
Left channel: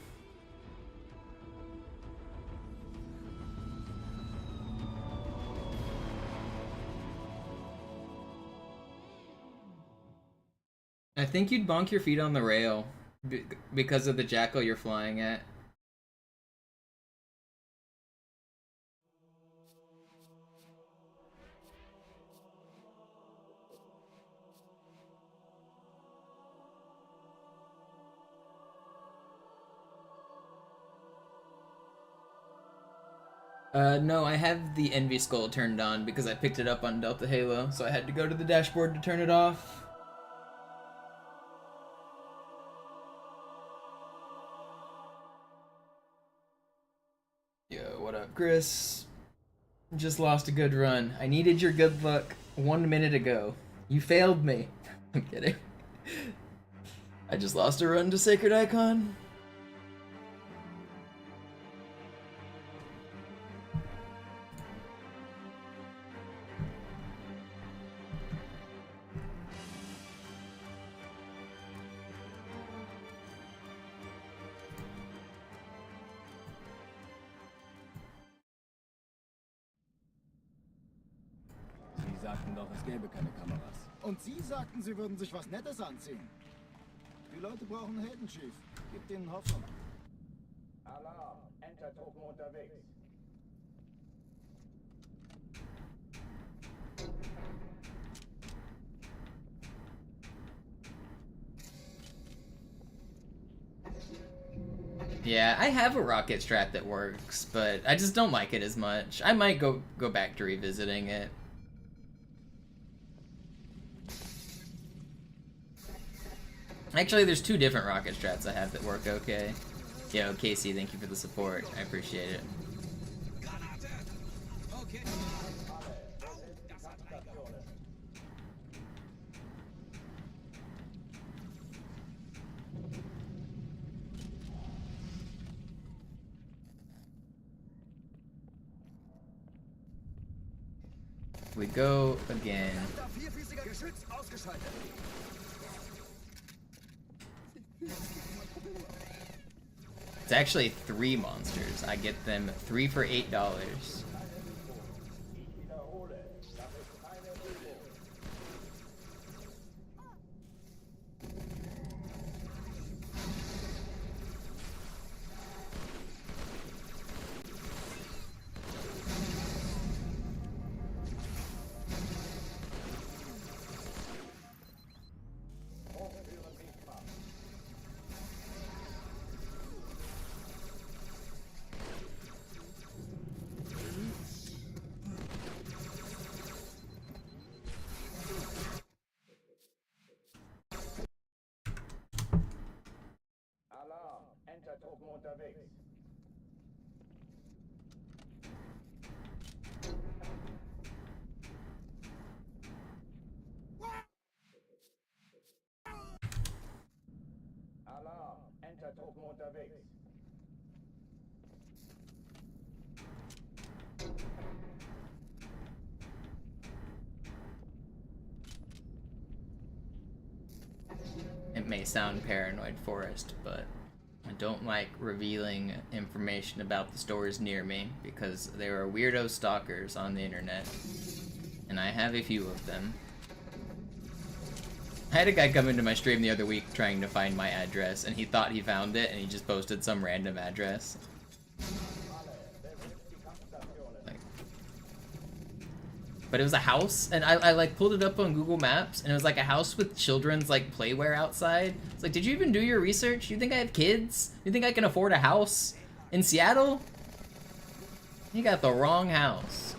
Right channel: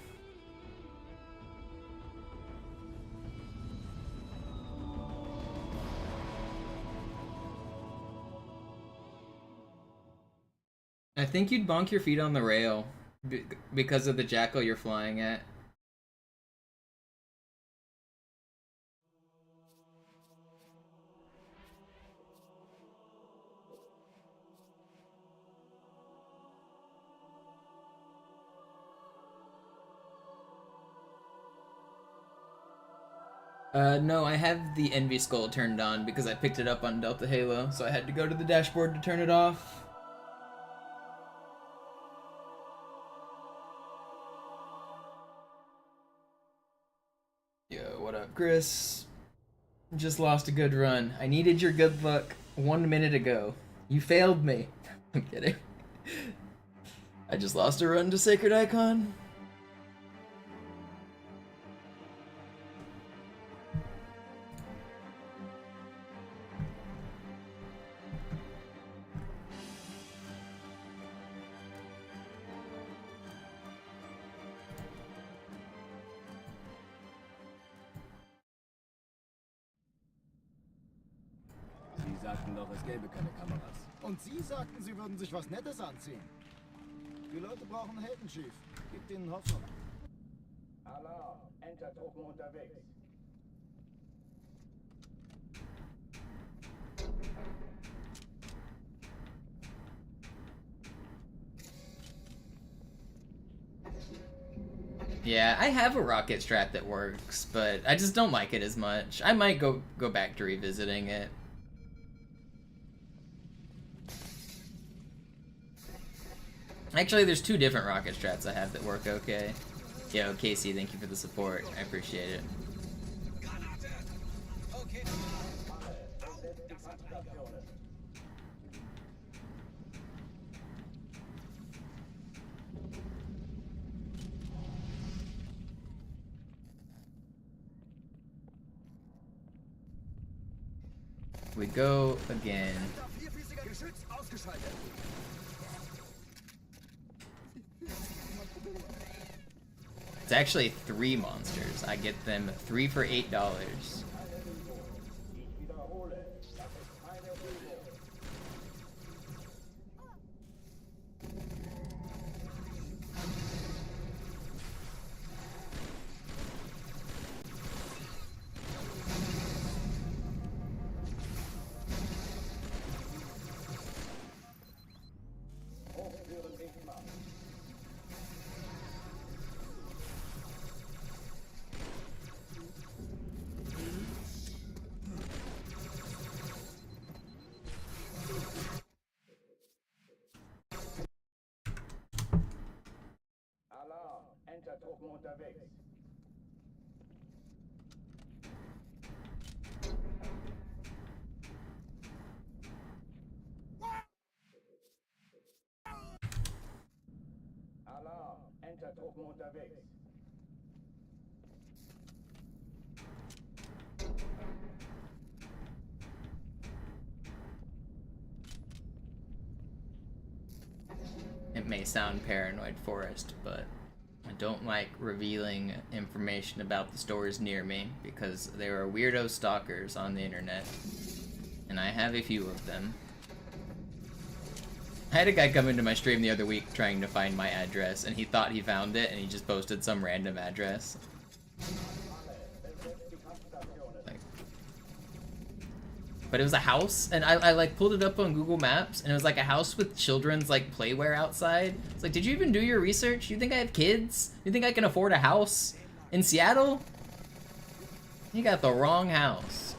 I think you'd bonk your feet on the rail because of the jackal you're flying at. No, I have the Envy Skull turned on because I picked it up on Delta Halo, so I had to go to the dashboard to turn it off. Yo, what up, Chris? Just lost a good run. I needed your good luck 1 minute ago. You failed me. I'm kidding. I just lost a run to Sacred Icon. Sie sagten doch, es gäbe keine Kameras. Und Sie sagten, Sie würden sich was Nettes anziehen. Die Leute brauchen Helden, Chief. Gebt ihnen Hoffnung. Alarm! Entertruppen unterwegs. Yeah, I have a rocket strat that works, but I just don't like it as much. I might go back to revisiting it. Actually, there's 2 different rocket strats I have that work okay. Yo, Casey, thank you for the support. I appreciate it. We go again. It's actually 3 monsters. I get them 3 for $8. Alarm! Enter-Truppen unterwegs. Alarm! Enter-Truppen unterwegs. It may sound paranoid, Forrest, but I don't like revealing information about the stores near me because there are weirdo stalkers on the internet, and I have a few of them. I had a guy come into my stream the other week trying to find my address, and he thought he found it, and he just posted some random address. But it was a house, and I like pulled it up on Google Maps, and it was like a house with children's like playware outside. It's like, did you even do your research? You think I have kids? You think I can afford a house in Seattle? You got the wrong house.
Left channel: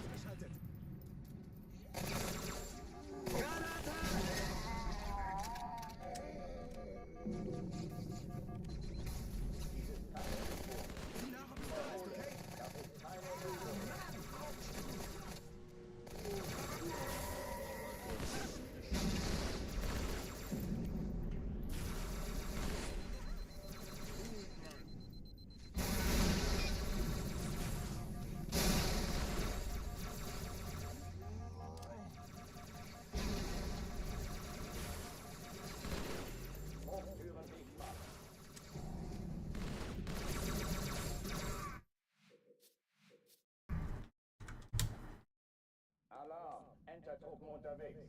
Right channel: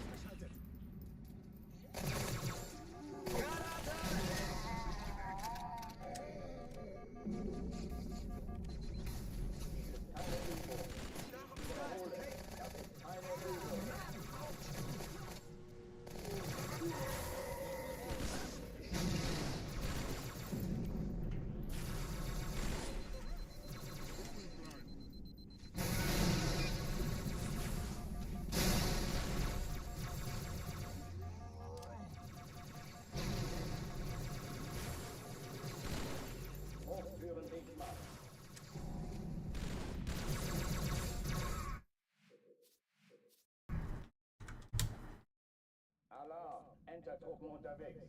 Alarm! Enter-Truppen unterwegs.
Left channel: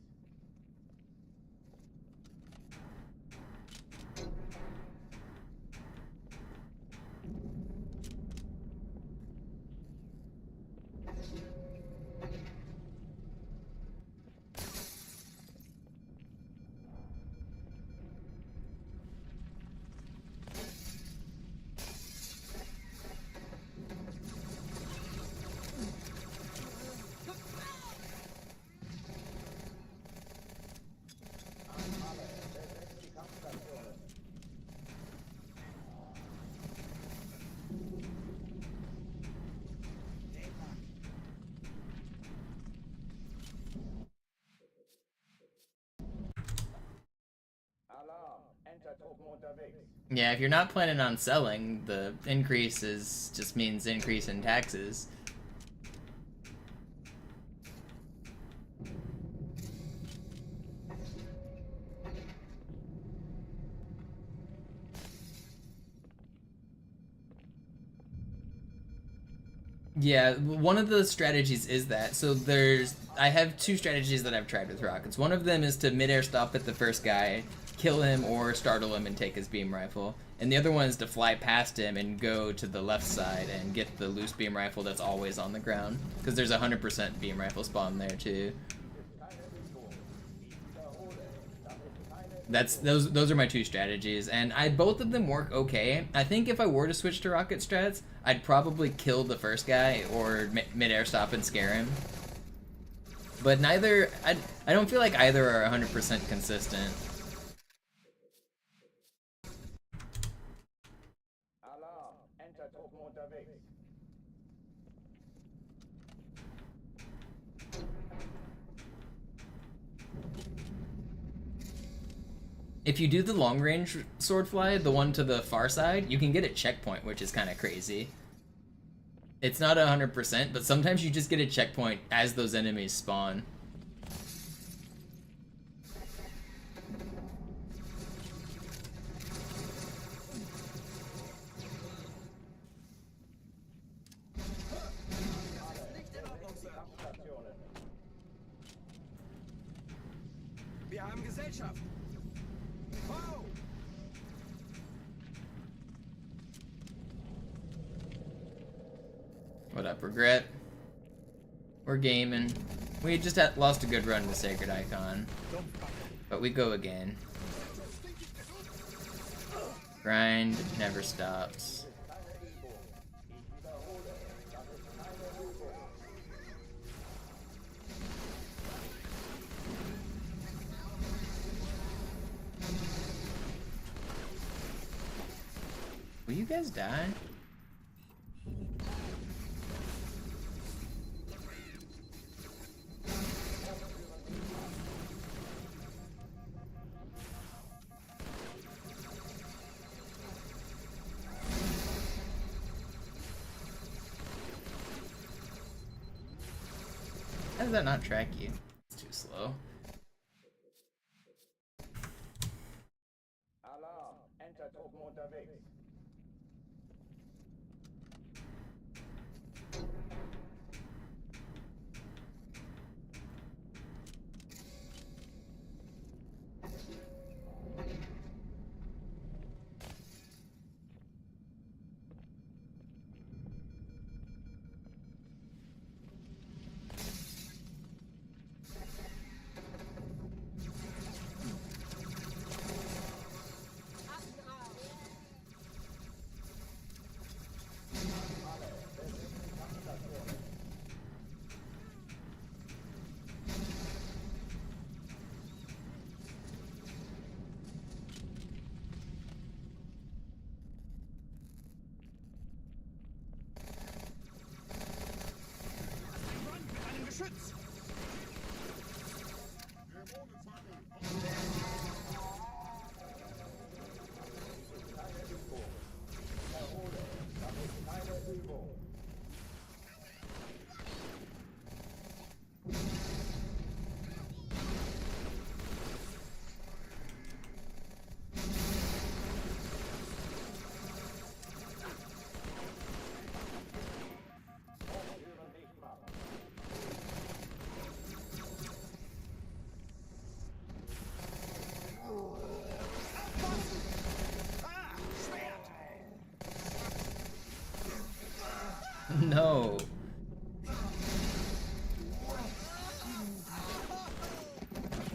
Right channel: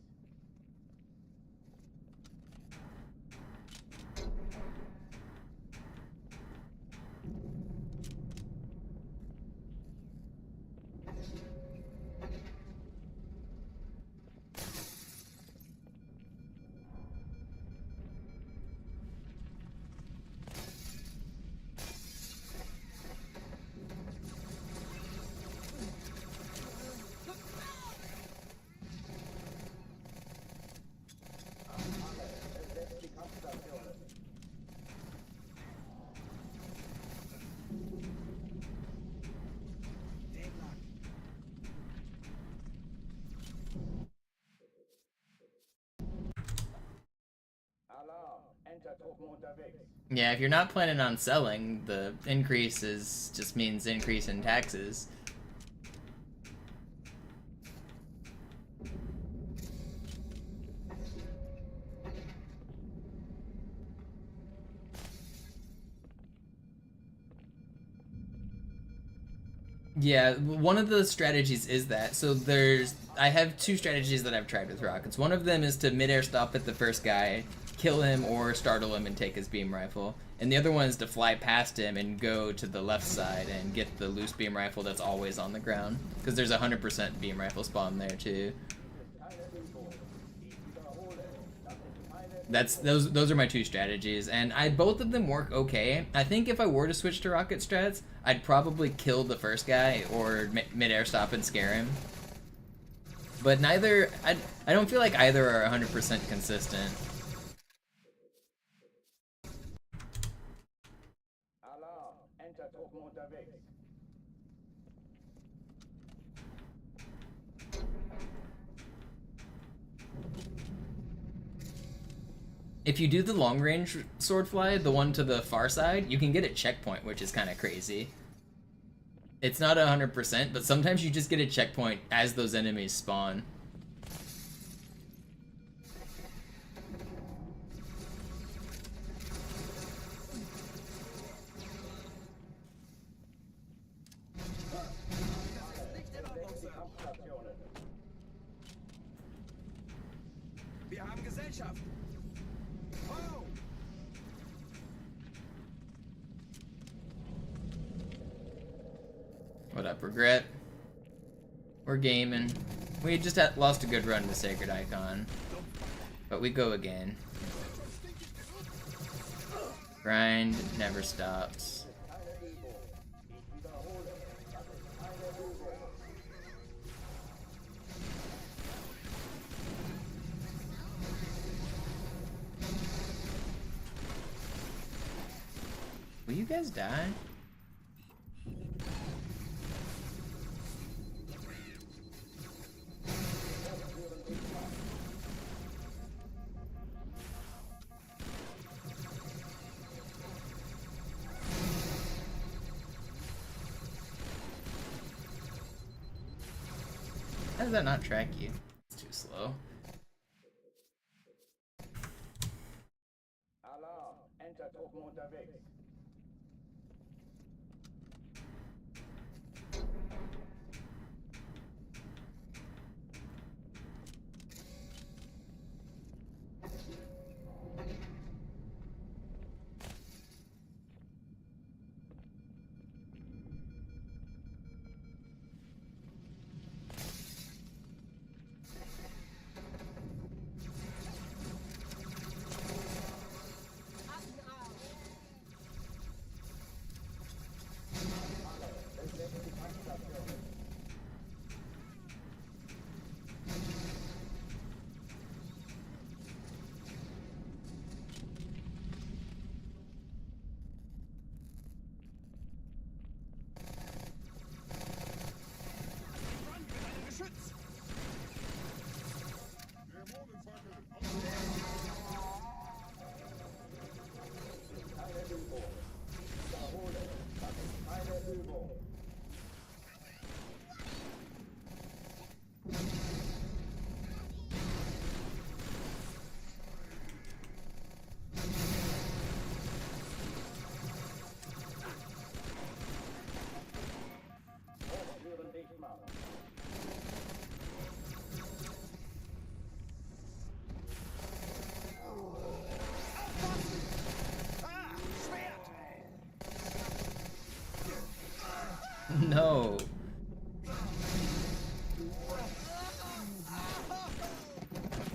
Yeah, if you're not planning on selling, the increase just means increase in taxes. Yeah, one of the strategies is that. So I have 2 strategies that I've tried with rockets. One of them is to mid-air stop at the first guy, kill him or startle him and take his beam rifle. And the other one is to fly past him and go to the left side and get the loose beam rifle that's always on the ground. Because there's a 100% beam rifle spawn there too. Those are my 2 strategies, and both of them work okay. I think if I were to switch to rocket strats, I'd probably kill the first guy or mid-air stop and scare him. But neither, I don't feel like either are 100% consistent. Alarm! Enter-Truppen unterwegs. If you do the long-range sword fly, the one to the far side, you can get a checkpoint, which is kind of crazy. It's not 100%, but sometimes you just get a checkpoint as those enemies spawn. Bereitschaft! What up, Regret? We're gaming. We just lost a good run to Sacred Icon. But we go again. Grind never stops. Will you guys die? How does that not track you? It's too slow. Alarm! Entertruppen unterwegs. No.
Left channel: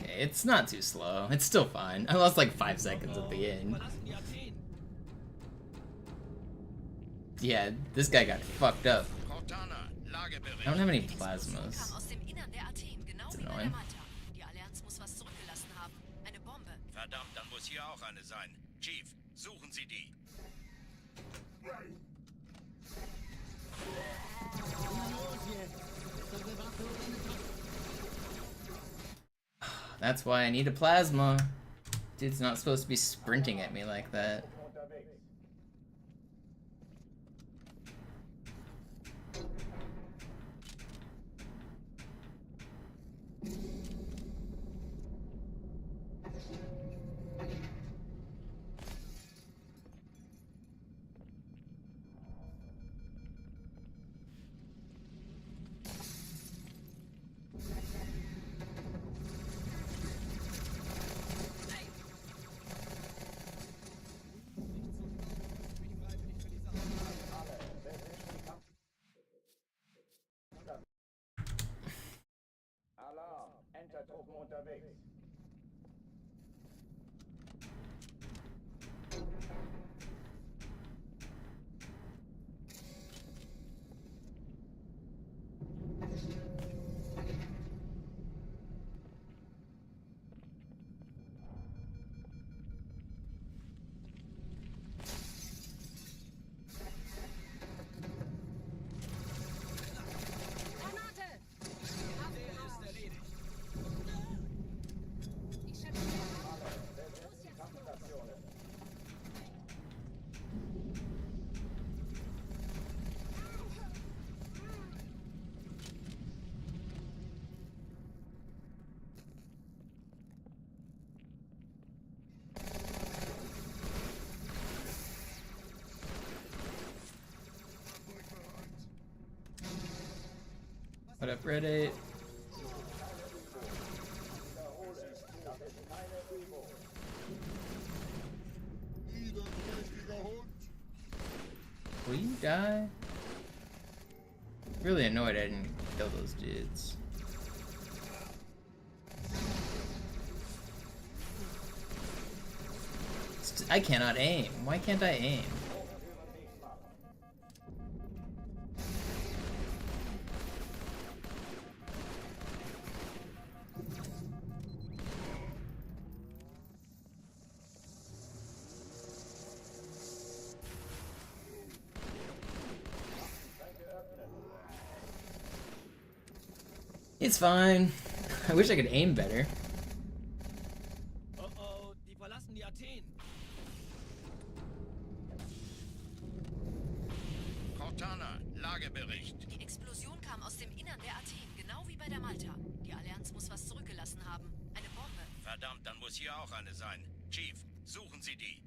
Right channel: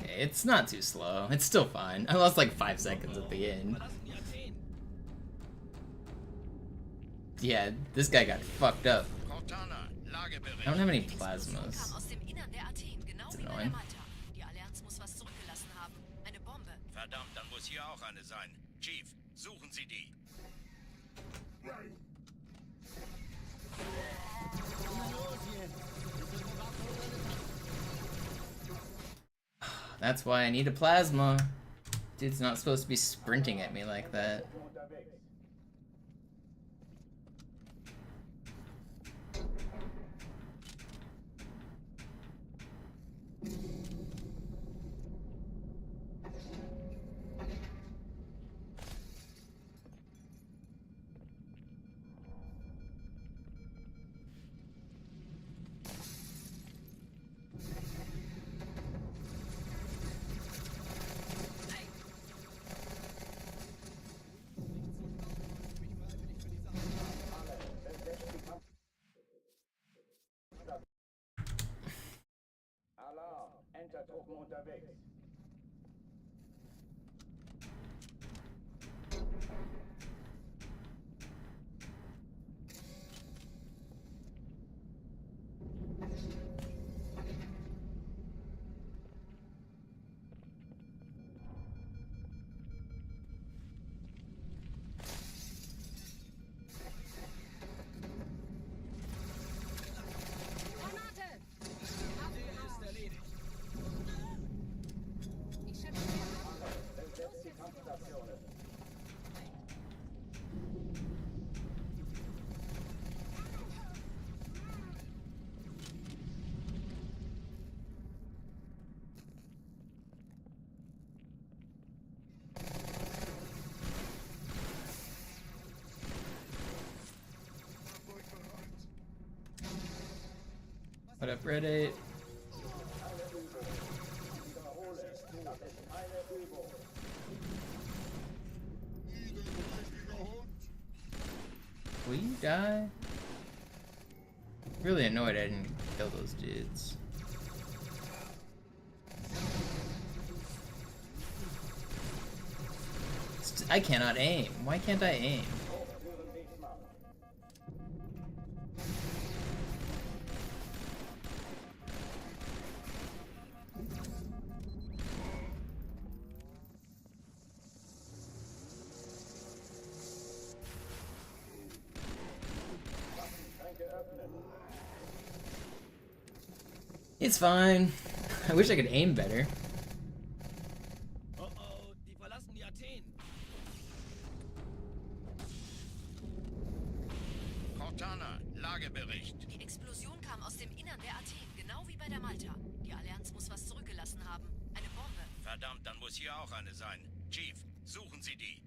Okay, it's not too slow. It's still fine. I lost like 5 seconds at the end. Yeah, this guy got fucked up. I don't have any plasmas. It's annoying. Verdammt, dann muss hier auch eine sein. Chief, suchen Sie die. That's why I need a plasma. Dude's not supposed to be sprinting at me like that. Alarm! Entertruppen unterwegs. What up, Reddit? Will you die? Really annoyed I didn't kill those dudes. I cannot aim. Why can't I aim? It's fine. I wish I could aim better. Oh, die verlassen die Athen. Cortana, Lagebericht. Die Explosion kam aus dem Innern der Athen, genau wie bei der Malta. Die Allianz muss was zurückgelassen haben. Eine Bombe. Verdammt, dann muss hier auch eine sein. Chief, suchen Sie die.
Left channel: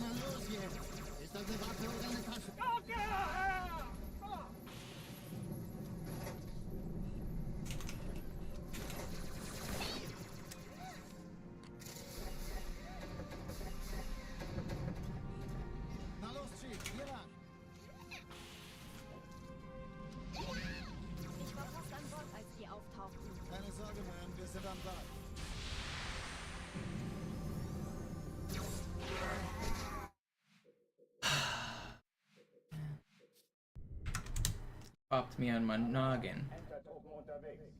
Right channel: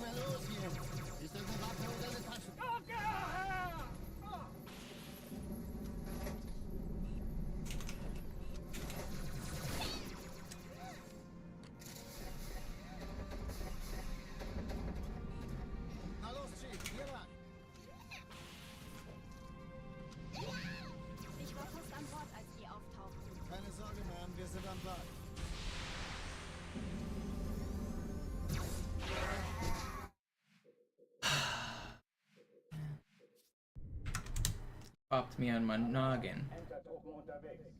Na los jetzt! Ist das eine Waffe oder eine Tasche? Na los, Chief, hier lang. Ich war fast an Bord, als die auftauchten. Keine Sorge, Ma'am, wir sind am Ball. Popped me on my noggin. Entertruppen unterwegs.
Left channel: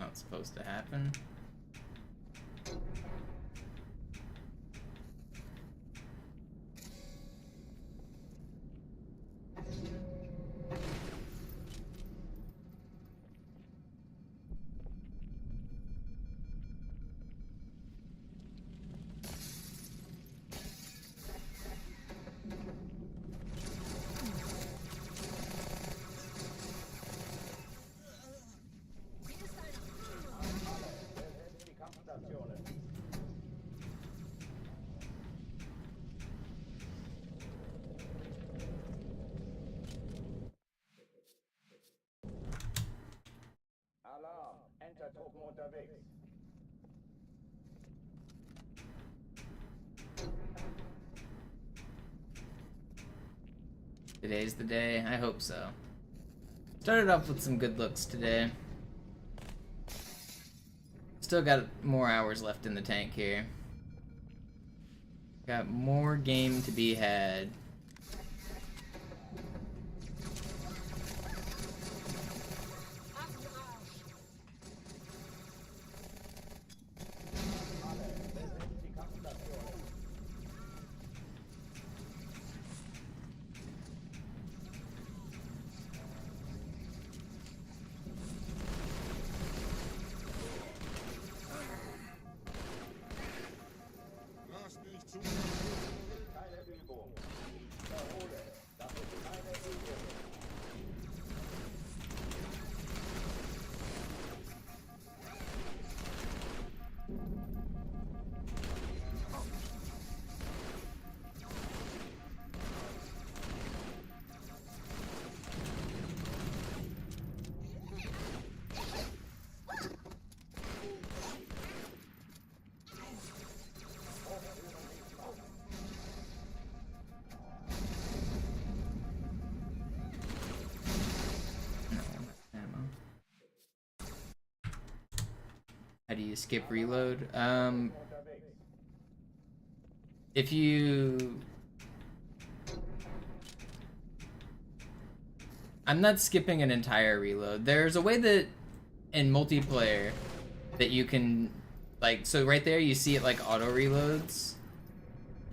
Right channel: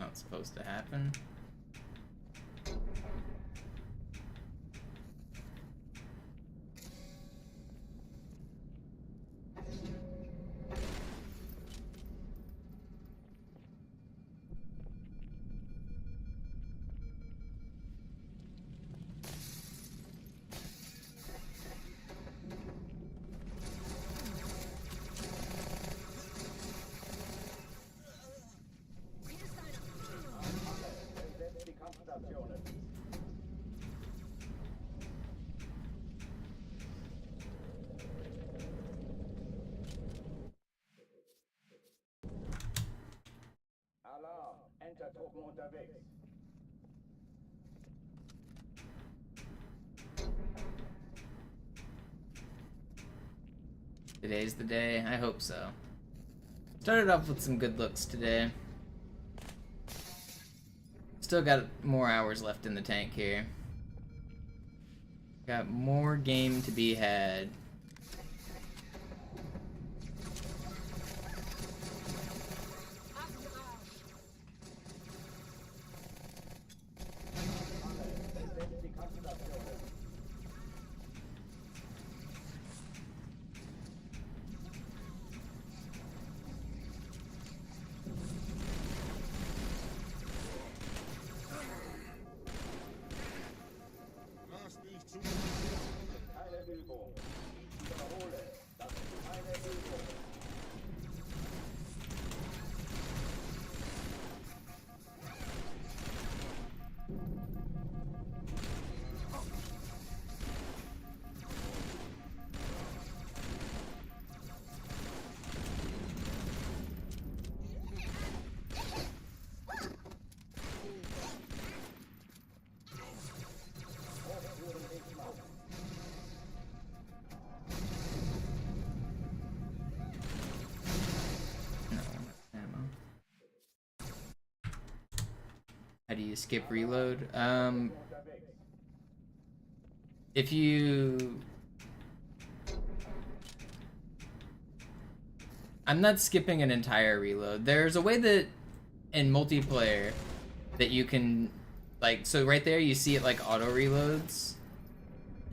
Not supposed to happen. Besetzt die Kampfstationen. Alarm! Entertruppen unterwegs. Today's the day. I hope so. Started off with some good looks today. Still got more hours left in the tank here. Got more game to be had. Alle, besetzt die Kampfstationen. Lass nicht zu. Keine Übung. Ich wiederhole, das ist keine Übung. Hochführen nicht machen. No, ammo. How do you skip reload? If you... I'm not skipping an entire reload. There's a way that in multiplayer that you can, like, so right there you see it like auto reloads.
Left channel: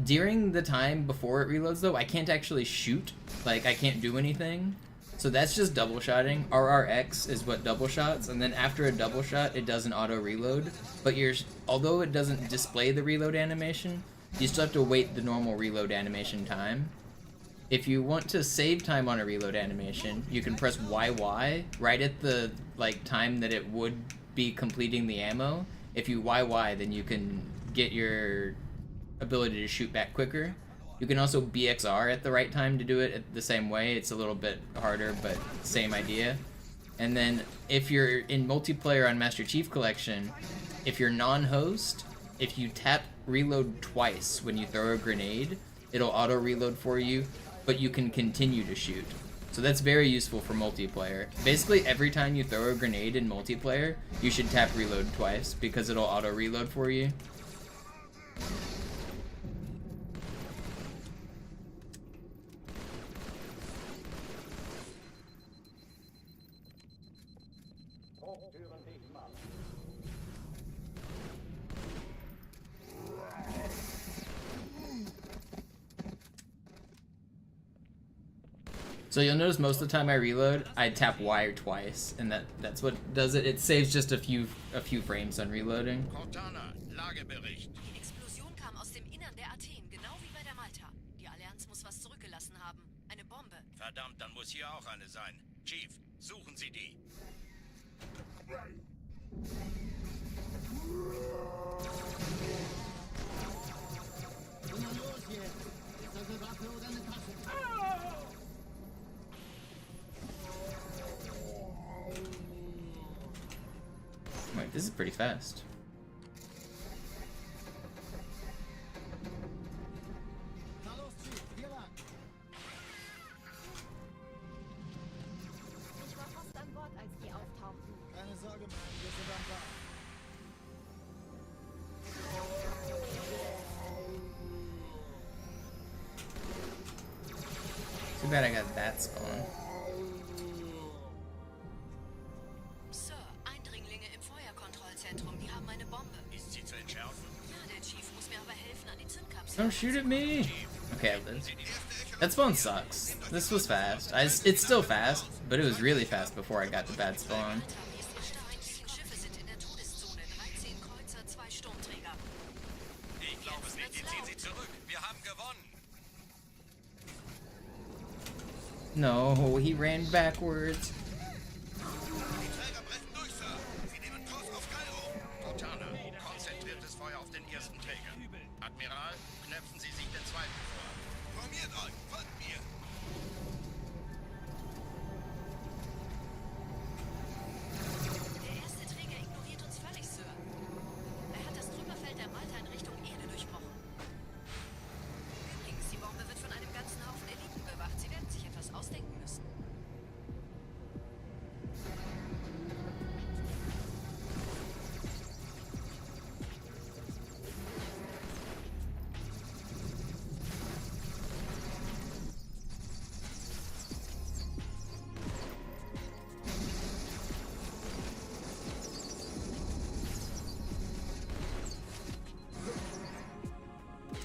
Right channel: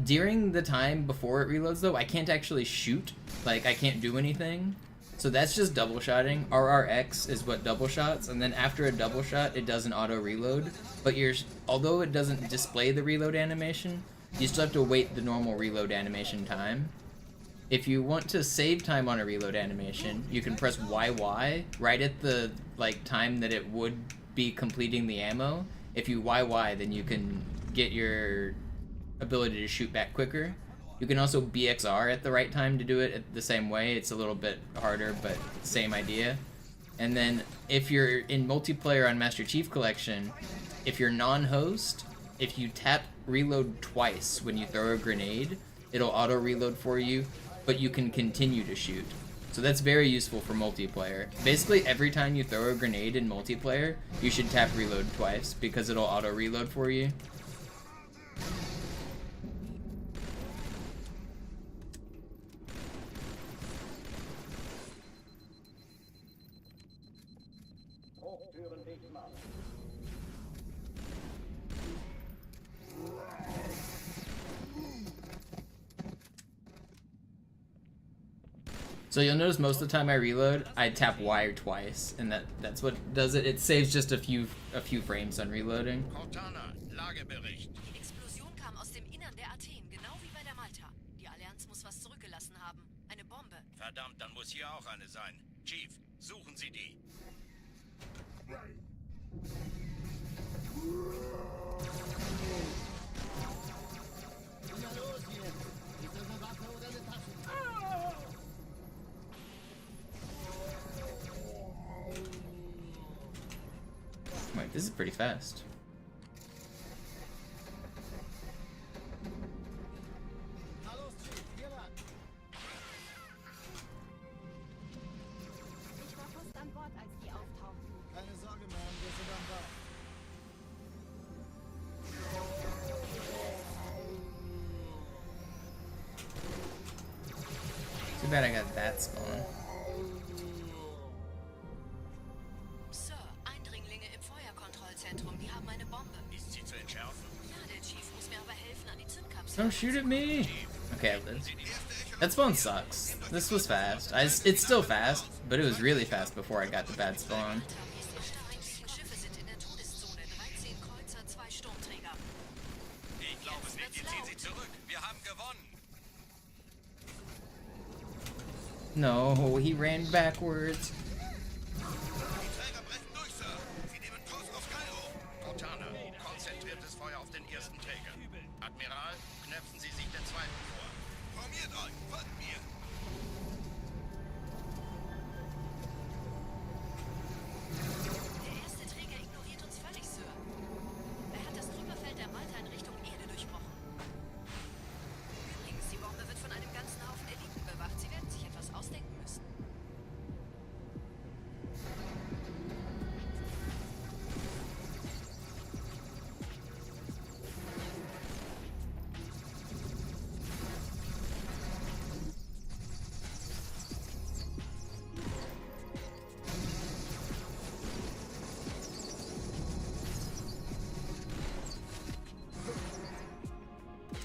During the time before it reloads though, I can't actually shoot. Like, I can't do anything. So that's just double shotting. RRX is what double shots, and then after a double shot it does an auto reload. But although it doesn't display the reload animation, you still have to wait the normal reload animation time. If you want to save time on a reload animation, you can press YY right at the time that it would be completing the ammo. If you YY, then you can get your ability to shoot back quicker. You can also BXR at the right time to do it the same way. It's a little bit harder, but same idea. And then if you're in multiplayer on Master Chief Collection, if you're non-host, if you tap reload twice when you throw a grenade, it'll auto reload for you, but you can continue to shoot. So that's very useful for multiplayer. Basically, every time you throw a grenade in multiplayer, you should tap reload twice because it'll auto reload for you. So you'll notice most of the time I reload, I tap Y twice, and that's what does it. It saves just a few frames on reloading. Cortana, Lagebericht. Die Explosion kam aus dem Innern der Athen, genau wie bei der Malta. Die Allianz muss was zurückgelassen haben. Eine Bombe. Verdammt, dann muss hier auch eine sein. Chief, suchen Sie die. Na los jetzt! Ist das eine Waffe oder eine Tasche? Wait, this is pretty fast. Na los, Chief, hier lang! Ich war fast an Bord, als die auftauchten. Keine Sorge, Mann, wir sind am Ball. Too bad I got that spawn. Sir, Eindringlinge im Feuerkontrollzentrum, die haben eine Bombe. Ist sie zu entschärfen? Ja, der Chief muss mir aber helfen, an die Zündkapsel. Don't shoot at me! Okay, I lived. That spawn sucks. This was fast. It's still fast, but it was really fast before I got the bad spawn. Die Schiffe sind in der Todeszone. 13 Kreuzer, 2 Sturmträger. Ich glaube es nicht, die ziehen sie zurück. Wir haben gewonnen. No, he ran backwards. Die Träger brechen durch, Sir. Sie nehmen Kurs auf Kairo. Cortana, konzentriertes Feuer auf den ersten Träger. Admiral, knöpfen Sie sich den zweiten vor. Formiert euch, folgt mir. Der erste Träger ignoriert uns völlig, Sir. Er hat das Trümmerfeld der Malta in Richtung Erde durchbrochen. Übrigens, die Bombe wird von einem ganzen Haufen Eliten bewacht. Sie werden sich etwas ausdenken müssen.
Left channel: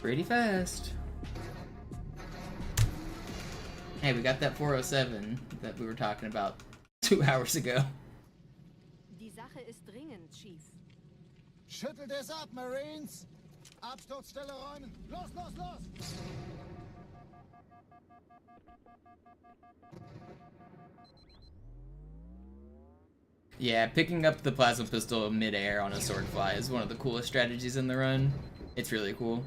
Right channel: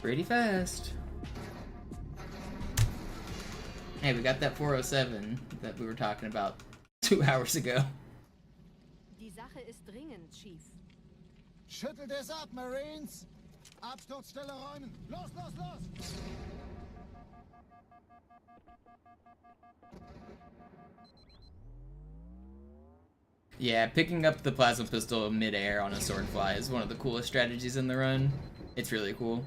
Pretty fast. Hey, we got that 407 that we were talking about 2 hours ago. Die Sache ist dringend, Chief. Schüttelt es ab, Marines! Absturzstelle räumen! Los, los, los! Yeah, picking up the plasma pistol mid-air on a swordfly is one of the coolest strategies in the run. It's really cool.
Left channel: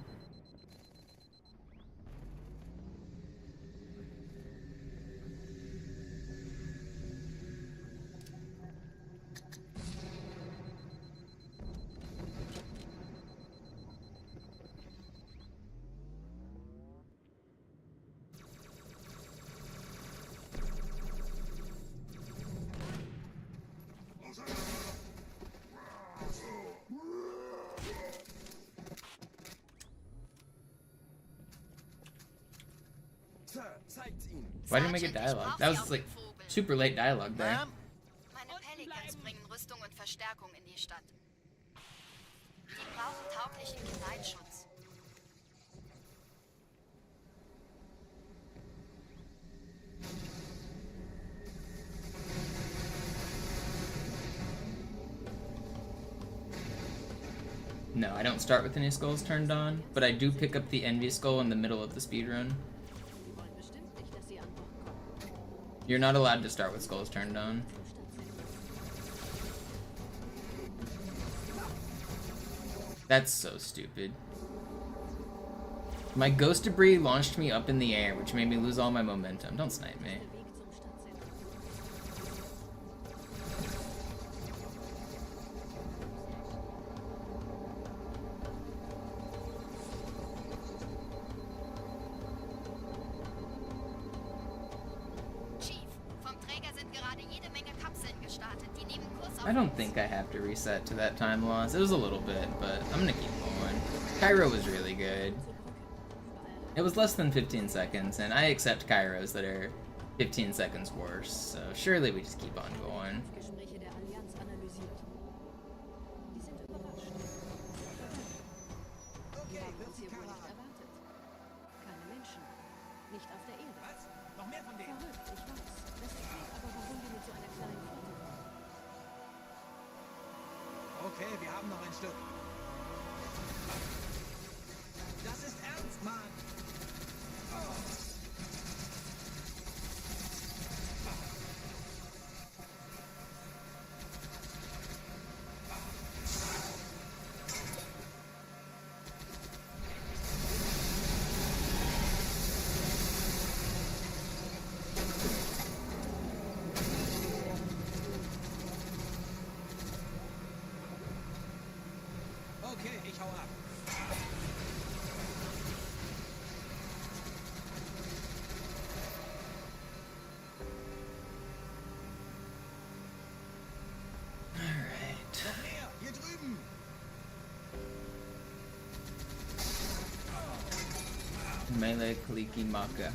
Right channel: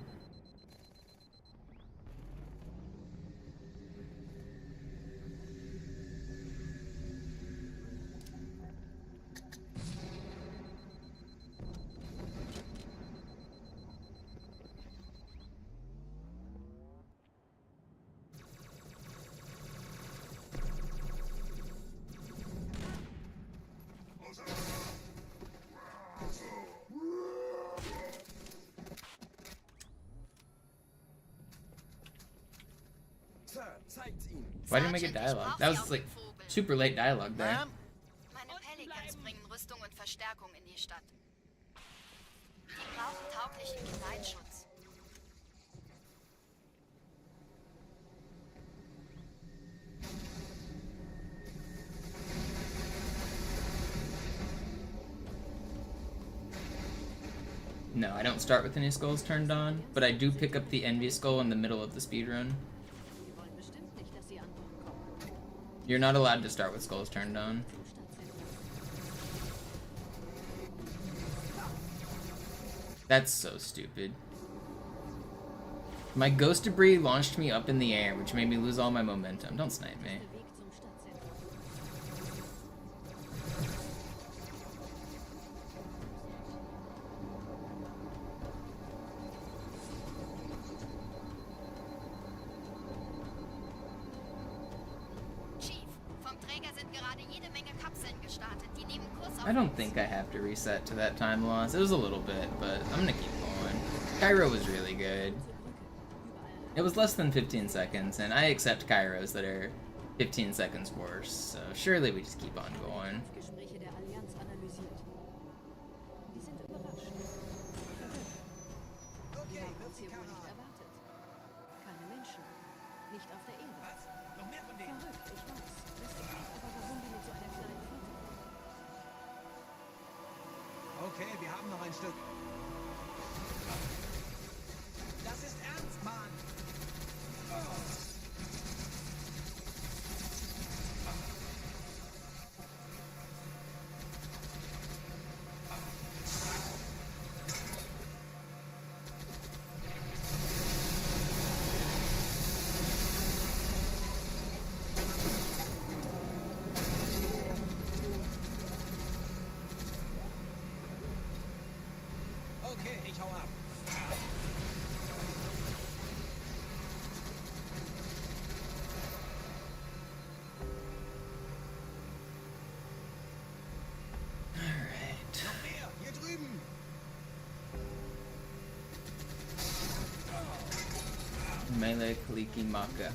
Why didn't we get dialogue? That was like super late dialogue there. Meine Pelicans bringen Rüstung und Verstärkung in die Stadt. Die brauchen tauglichen Geleitschutz. No, I don't start with any skulls turned on, but I do pick up the envy skull in the middle of the speedrun. Sie wollen bestimmt nicht, dass sie an Bord kommen. You're not allowed to start with skulls turned on. That's so stupid. My ghost debris launched me up in the air, which made me lose all my momentum. Don't snipe me. Der Weg zum Stadtzentrum. I don't think I have to reset to that time loss. It was a little bit, but I'm gonna keep going. Cairo was really good. It was less than 15 seconds, and I accept Cairos that are 15 seconds worse, so surely we just keep on going. Gespräche der Allianz analysiert. Die sind überrascht. Verwirrt. Die haben uns hier wohl nicht erwartet. Keine Menschen. Nicht auf der Erde. Verrückt, ich weiß. Das erklärt aber, warum die mit so einer kleinen Flotte kommen. Okay, wir haben noch ein Stück. Das ist ernst, Mann! Okay, ich hau ab. Alright. Hier drüben. Melee Kaliki Maka.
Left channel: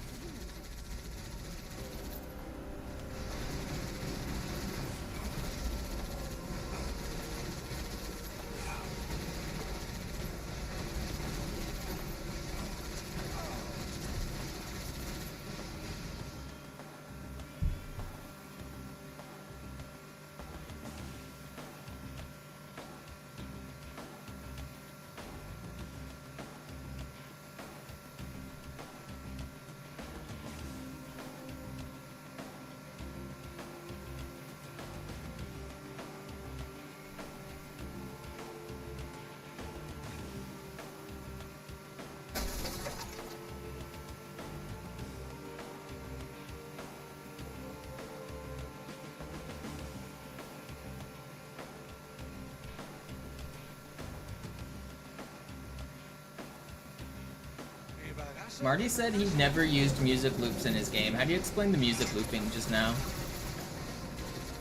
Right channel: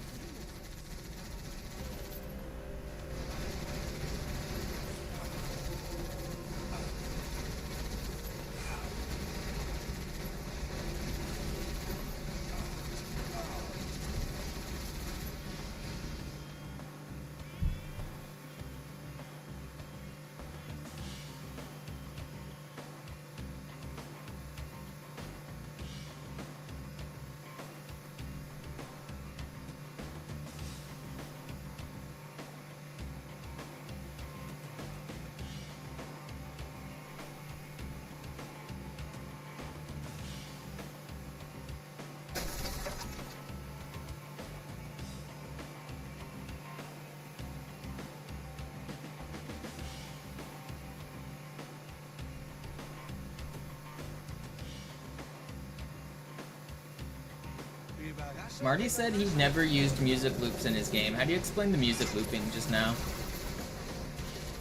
Marty said he never used music loops in his game. How do you explain the music looping just now?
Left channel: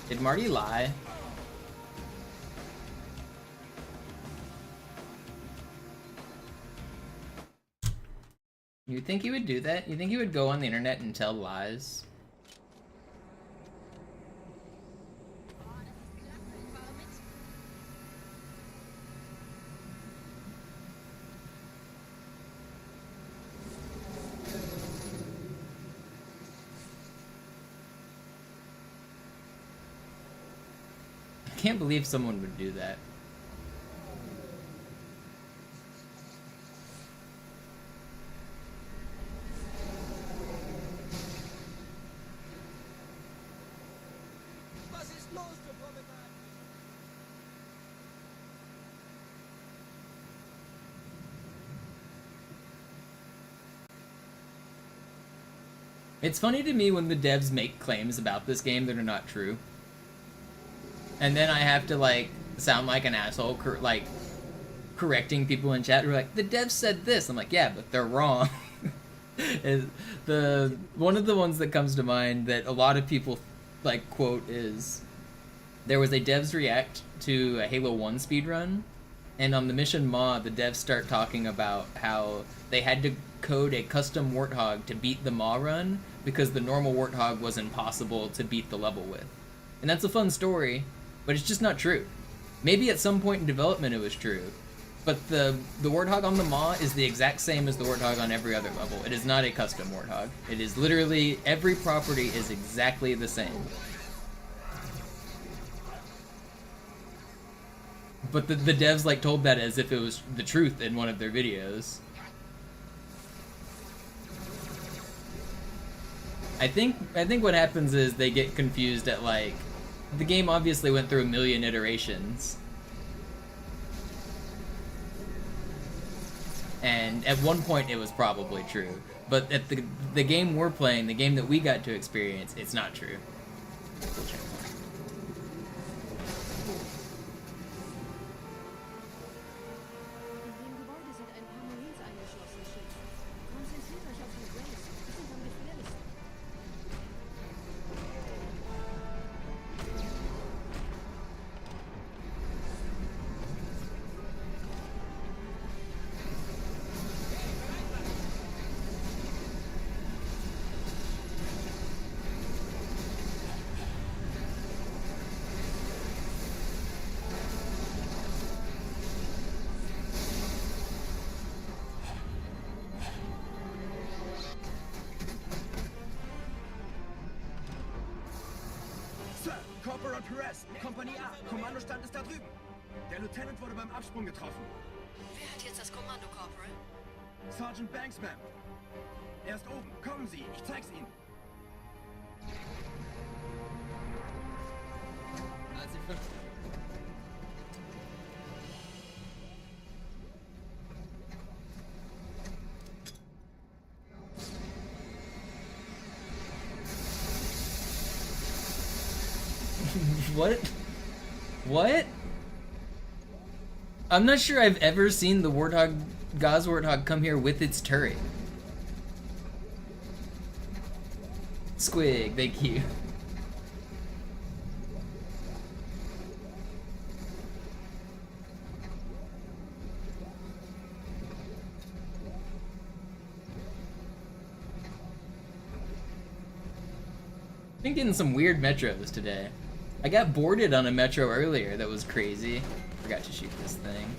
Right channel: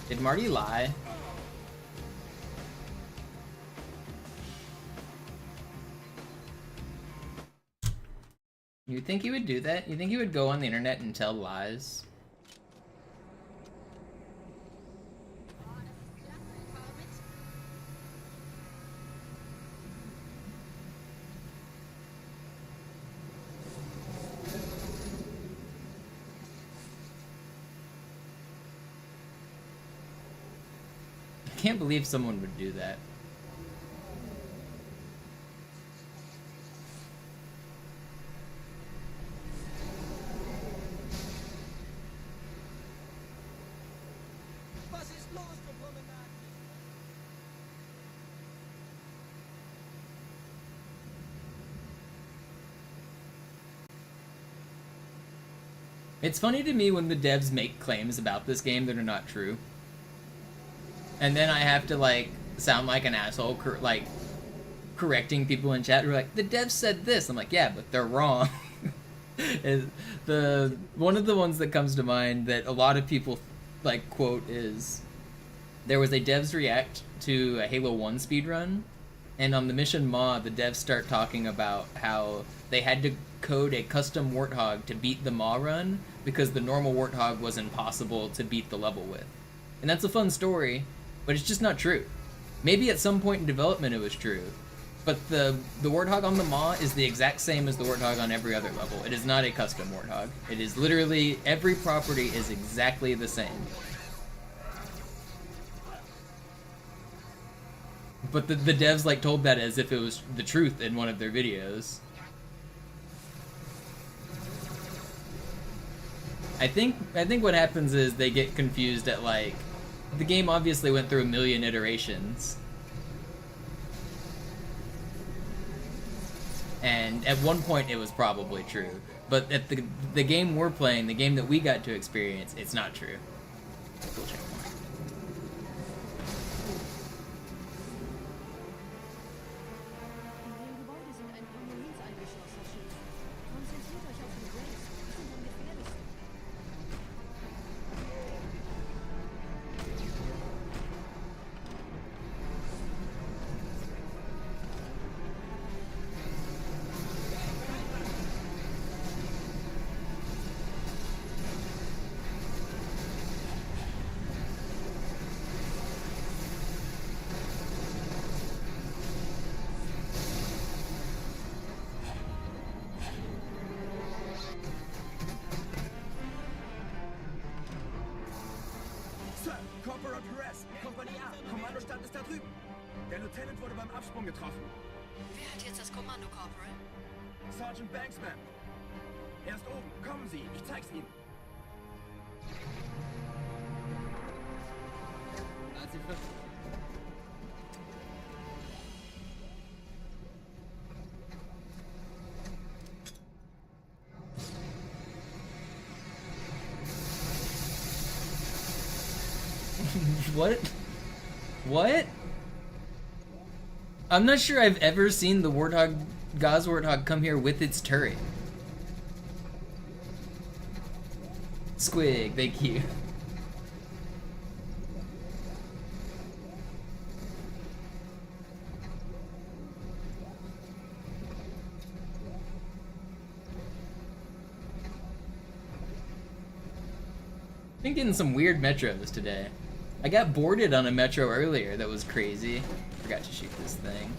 Did Marty lie? You think he would do that? You think he would go on the internet and tell lies? I can't believe someone would do that. It's funny to me when the devs make claims about this game that are not true. And then I have to, like, sound like an asshole, correcting people in chat who are like, the devs said this. I'm like, yeah, but they're wrong. One of the ones that comes to mind that a lot of people, like, quote is, there was a devs react to a Halo 1 speedrun, and on the mission Ma, the devs start talking about how they had to code a custom Warthog to beat the Ma run because the normal Warthog was impossible to beat the level with. And that's a fun story, but it's just not true. Maybe at some point in development it was true, but the Warthog on the Ma is the exact same as the Warthog on every other level. It is not a custom Warthog. It is literally, every property is exactly the same. But the devs, like, told that as if it was the truth in one of their videos. I think what happens is they get confused at, like, the game obviously went through a million iterations. And at one point it was probably true. But at the game we're playing, the game that we got to experience, it's not true. Cool checkpoint. In dem Gebäude sind ein paar Marines eingeschlossen, Chief. Konzentriert euch auf die Grays. Die sind am gefährlichsten. Kommandostand ist da drüben. Der Lieutenant wurde beim Absprung getroffen. Wer hat jetzt das Kommando, Corporal? Sergeant Banksman. Er ist oben. Kommen Sie, ich zeig's Ihnen. What? What? I'm not sure I've ever seen the Warthog, Gauss Warthog come here with its turret. Squig, thank you. Been getting some weird metros today. I got boarded on a metro earlier that was crazy. Forgot to shoot this thing.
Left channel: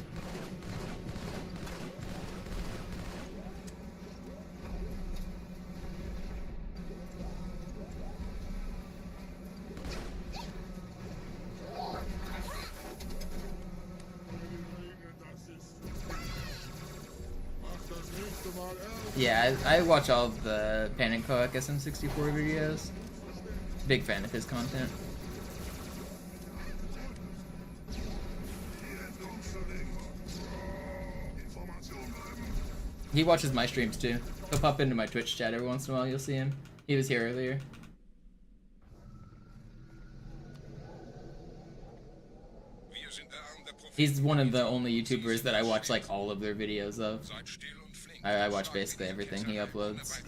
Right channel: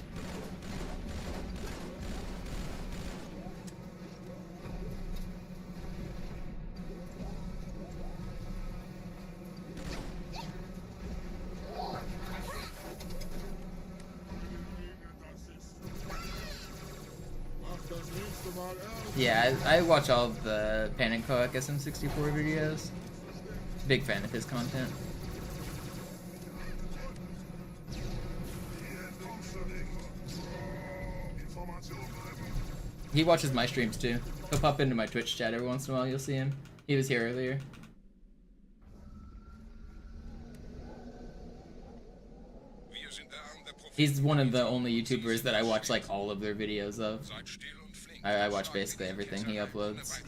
Yeah, I watch all of the Panic Coac SM64 videos. Big fan of his content. He watches my streams too. He'll pop into my Twitch chat every once in a while, you'll see him. He was here earlier. He's one of the only YouTubers that I watch like all of their videos of. I watch basically everything he uploads.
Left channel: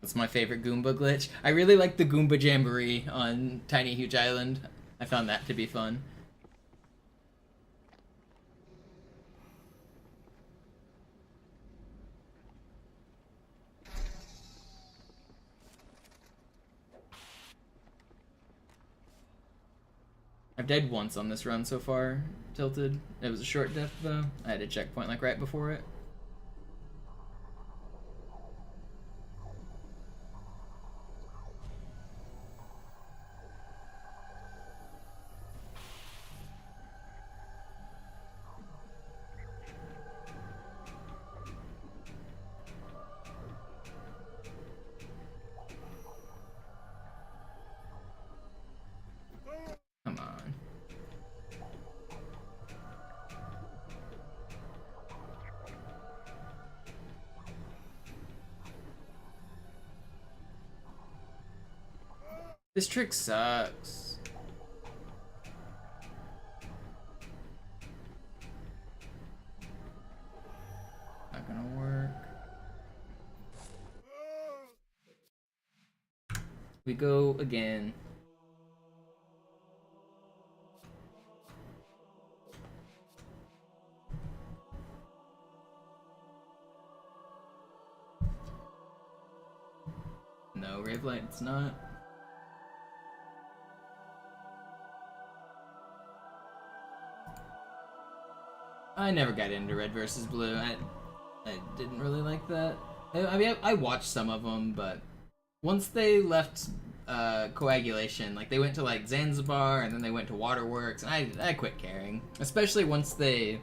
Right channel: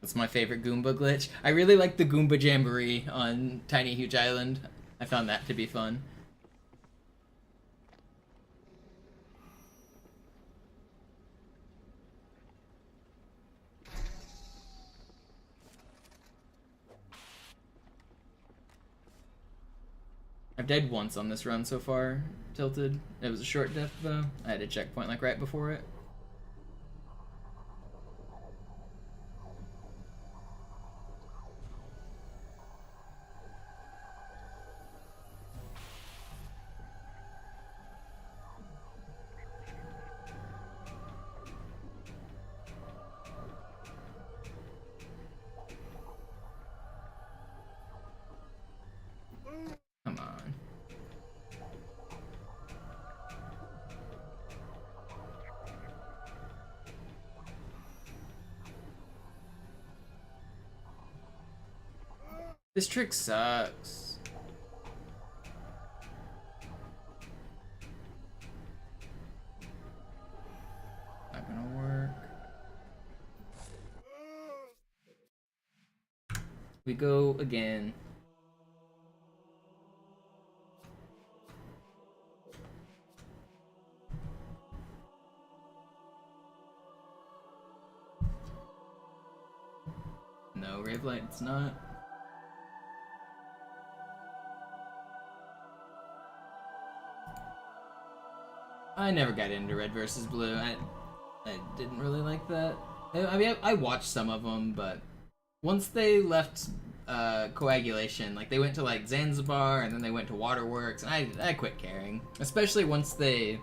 That's my favorite Goomba glitch. I really like the Goomba Jamboree on Tiny Huge Island. I found that to be fun. I've died once on this run so far, Tilted. It was a short death though. I had a checkpoint like right before it. Come on. This trick sucks. Not gonna work. We go again. No, Rave Light's not. I never got into Red versus Blue. I didn't really like that. I mean, I watched some of them, but once they left Coagulation, like they went to like Zanzibar and then they went to Waterworks, and I quit caring. Especially once they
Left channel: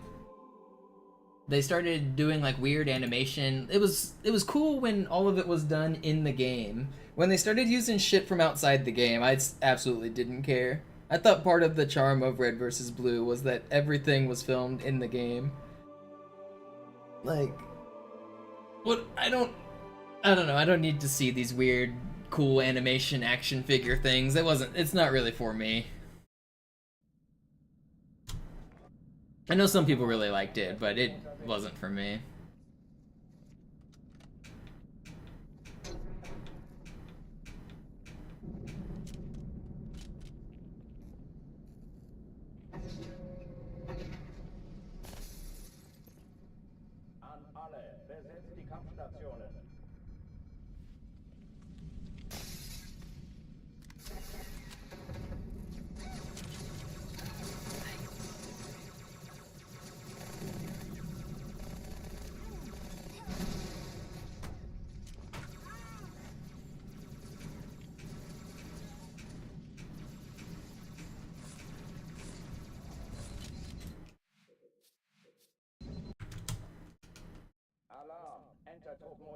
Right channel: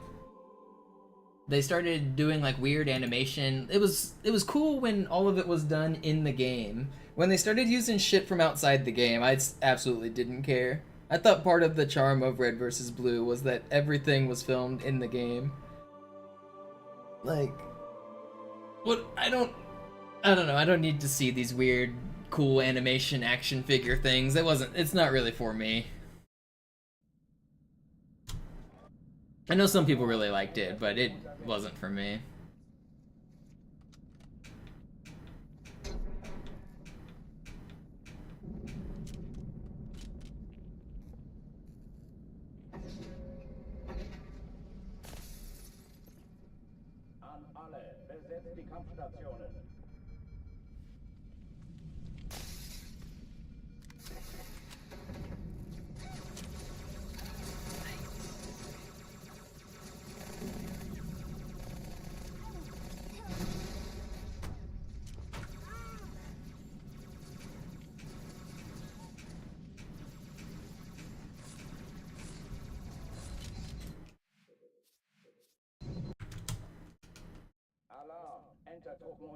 started doing like weird animation. It was cool when all of it was done in the game. When they started using shit from outside the game, I absolutely didn't care. I thought part of the charm of Red vs. Blue was that everything was filmed in the game. Like, what? I don't know. I don't need to see these weird, cool animation action figure things. It's not really for me. I know some people really liked it, but it wasn't for me. An alle, besetzt die Kampfstationen.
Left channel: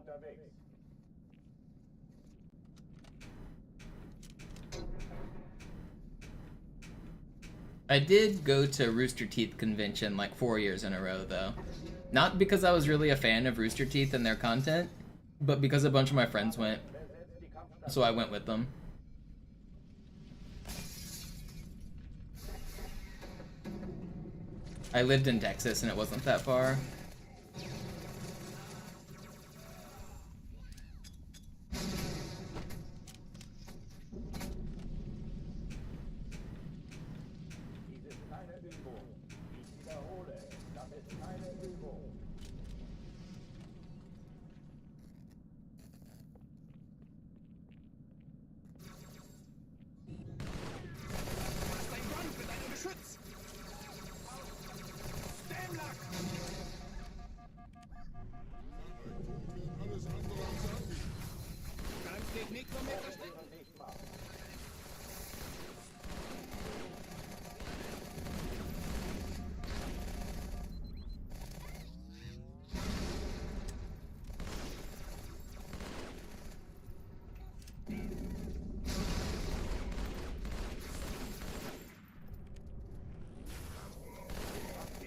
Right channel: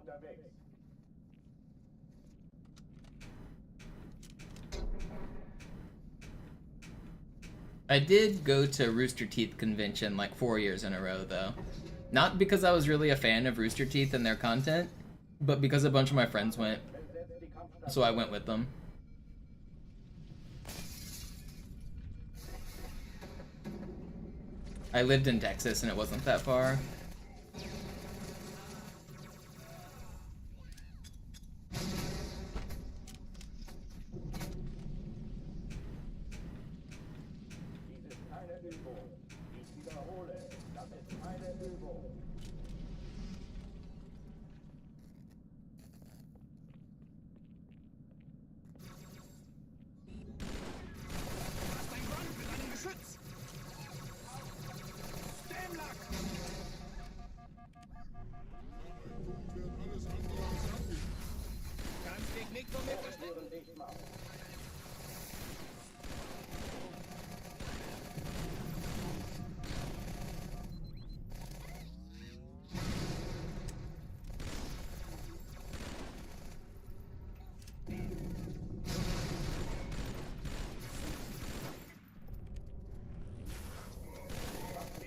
unterwegs. I did go to Rooster Teeth convention like 4 years in a row though. Not because I was really a fan of Rooster Teeth and their content, but because a bunch of my friends went, so I went with them. I lived in Texas and it wasn't that far. Dies ist keine Übung. Ich wiederhole, das ist keine Übung.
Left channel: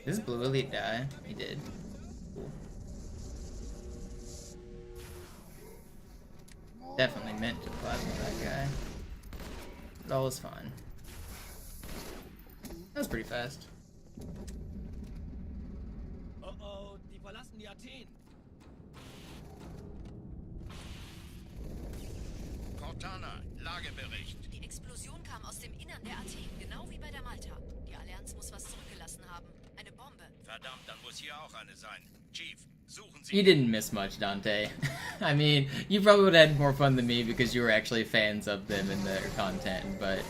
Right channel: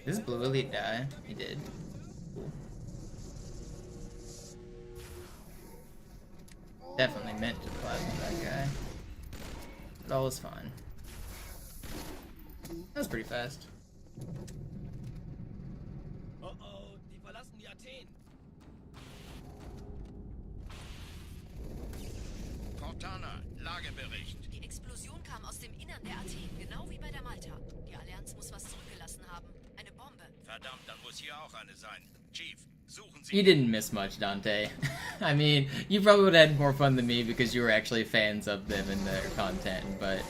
Does Blue Elite die? He did. Cool. Definitely meant to plasma that guy. But all is fine. That was pretty fast. Oh oh, die verlassen die Athen. Cortana, Lagebericht. Die Explosion kam aus dem Innern der Athen, genau wie bei der Malta. Die Allianz muss was zurückgelassen haben. Eine Bombe. Verdammt, dann muss hier auch eine sein. Chief, suchen Sie. You didn't miss much, Dante. I mean, you probably would have had more fun than me because you were actually fans of them and their content, but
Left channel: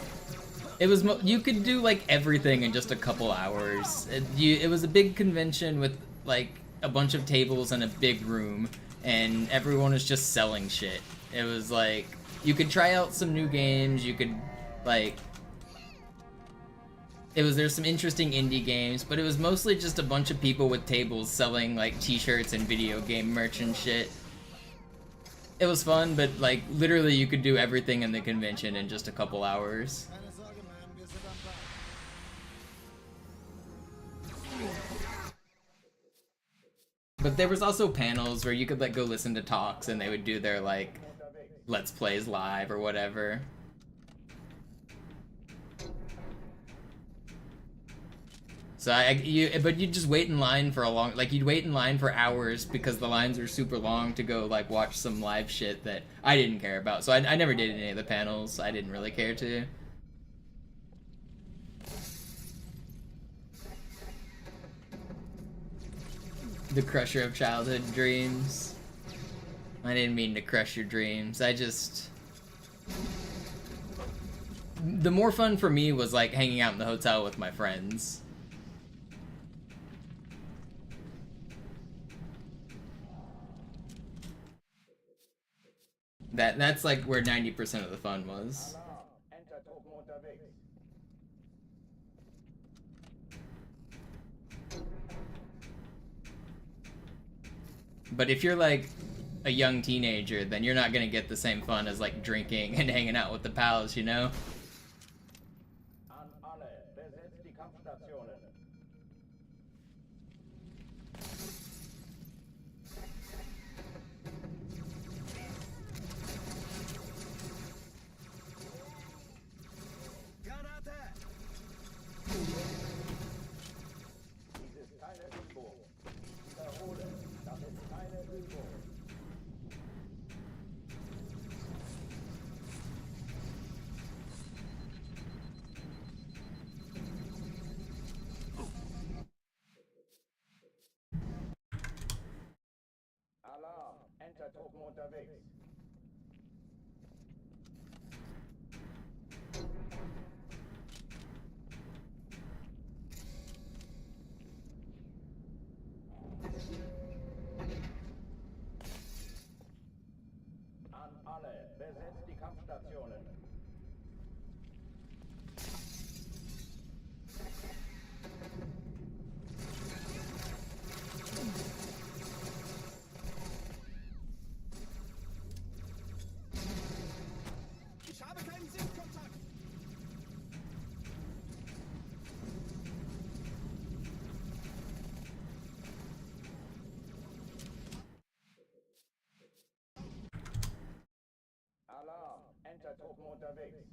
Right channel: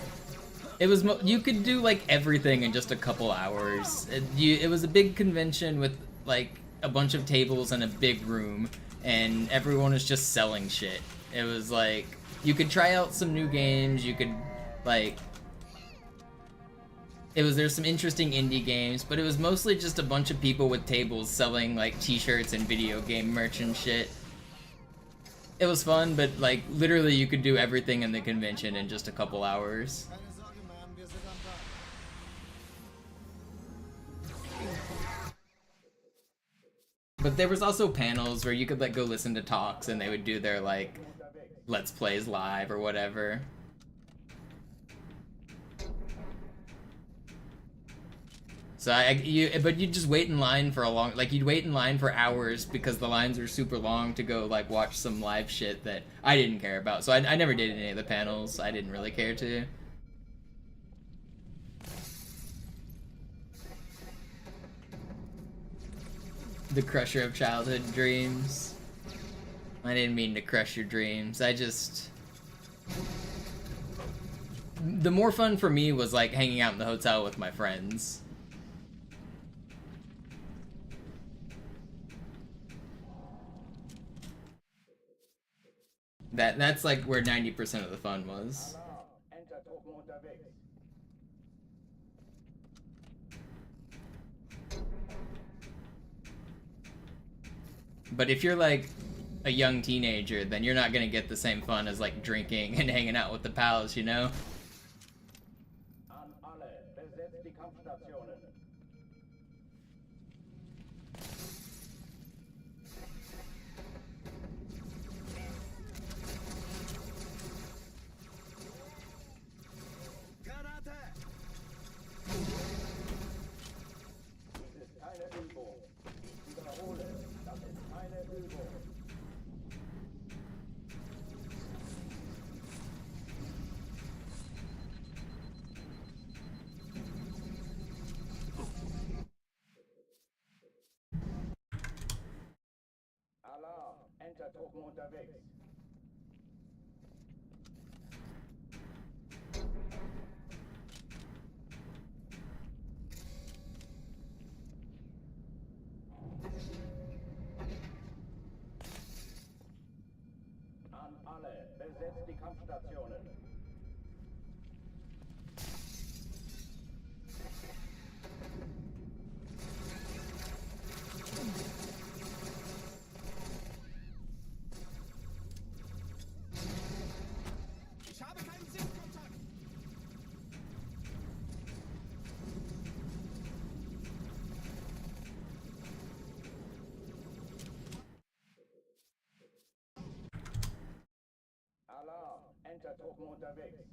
it was you could do like everything in just a couple hours. It was a big convention with like a bunch of tables and a big room, and everyone was just selling shit. It was like you could try out some new games. You could like. There's some interesting indie games, but it was mostly just a bunch of people with tables selling like t-shirts and video game merch and shit. It was fun, but like literally you could do everything in the convention in just a couple hours. Keine Sorge, Ma'am, wir sind am Ball. But there was also panels where you could like go listen to talks and they would do their like Let's Plays live or whatever. So but you'd just wait in line for you'd wait in line for hours because the lines were super long to go like watch some live shit that I didn't care about. So I never did any of the panels. I didn't really care to. The crusher of childhood dreams. I didn't mean to crush your dreams. The more fun for me was like hanging out in the hotel with my friends. That's like where 90% of the fun was. Entertruppen unterwegs. But if you're like a young teenager, then you're not gonna get the same fun as like drinking and hanging out with the pals, you know? An alle, besetzt die Kampfstationen. Dies ist keine Übung. Ich wiederhole, das ist keine Übung. Alarm, Entertruppen unterwegs. An alle, besetzt die Kampfstationen. Truppen unterwegs.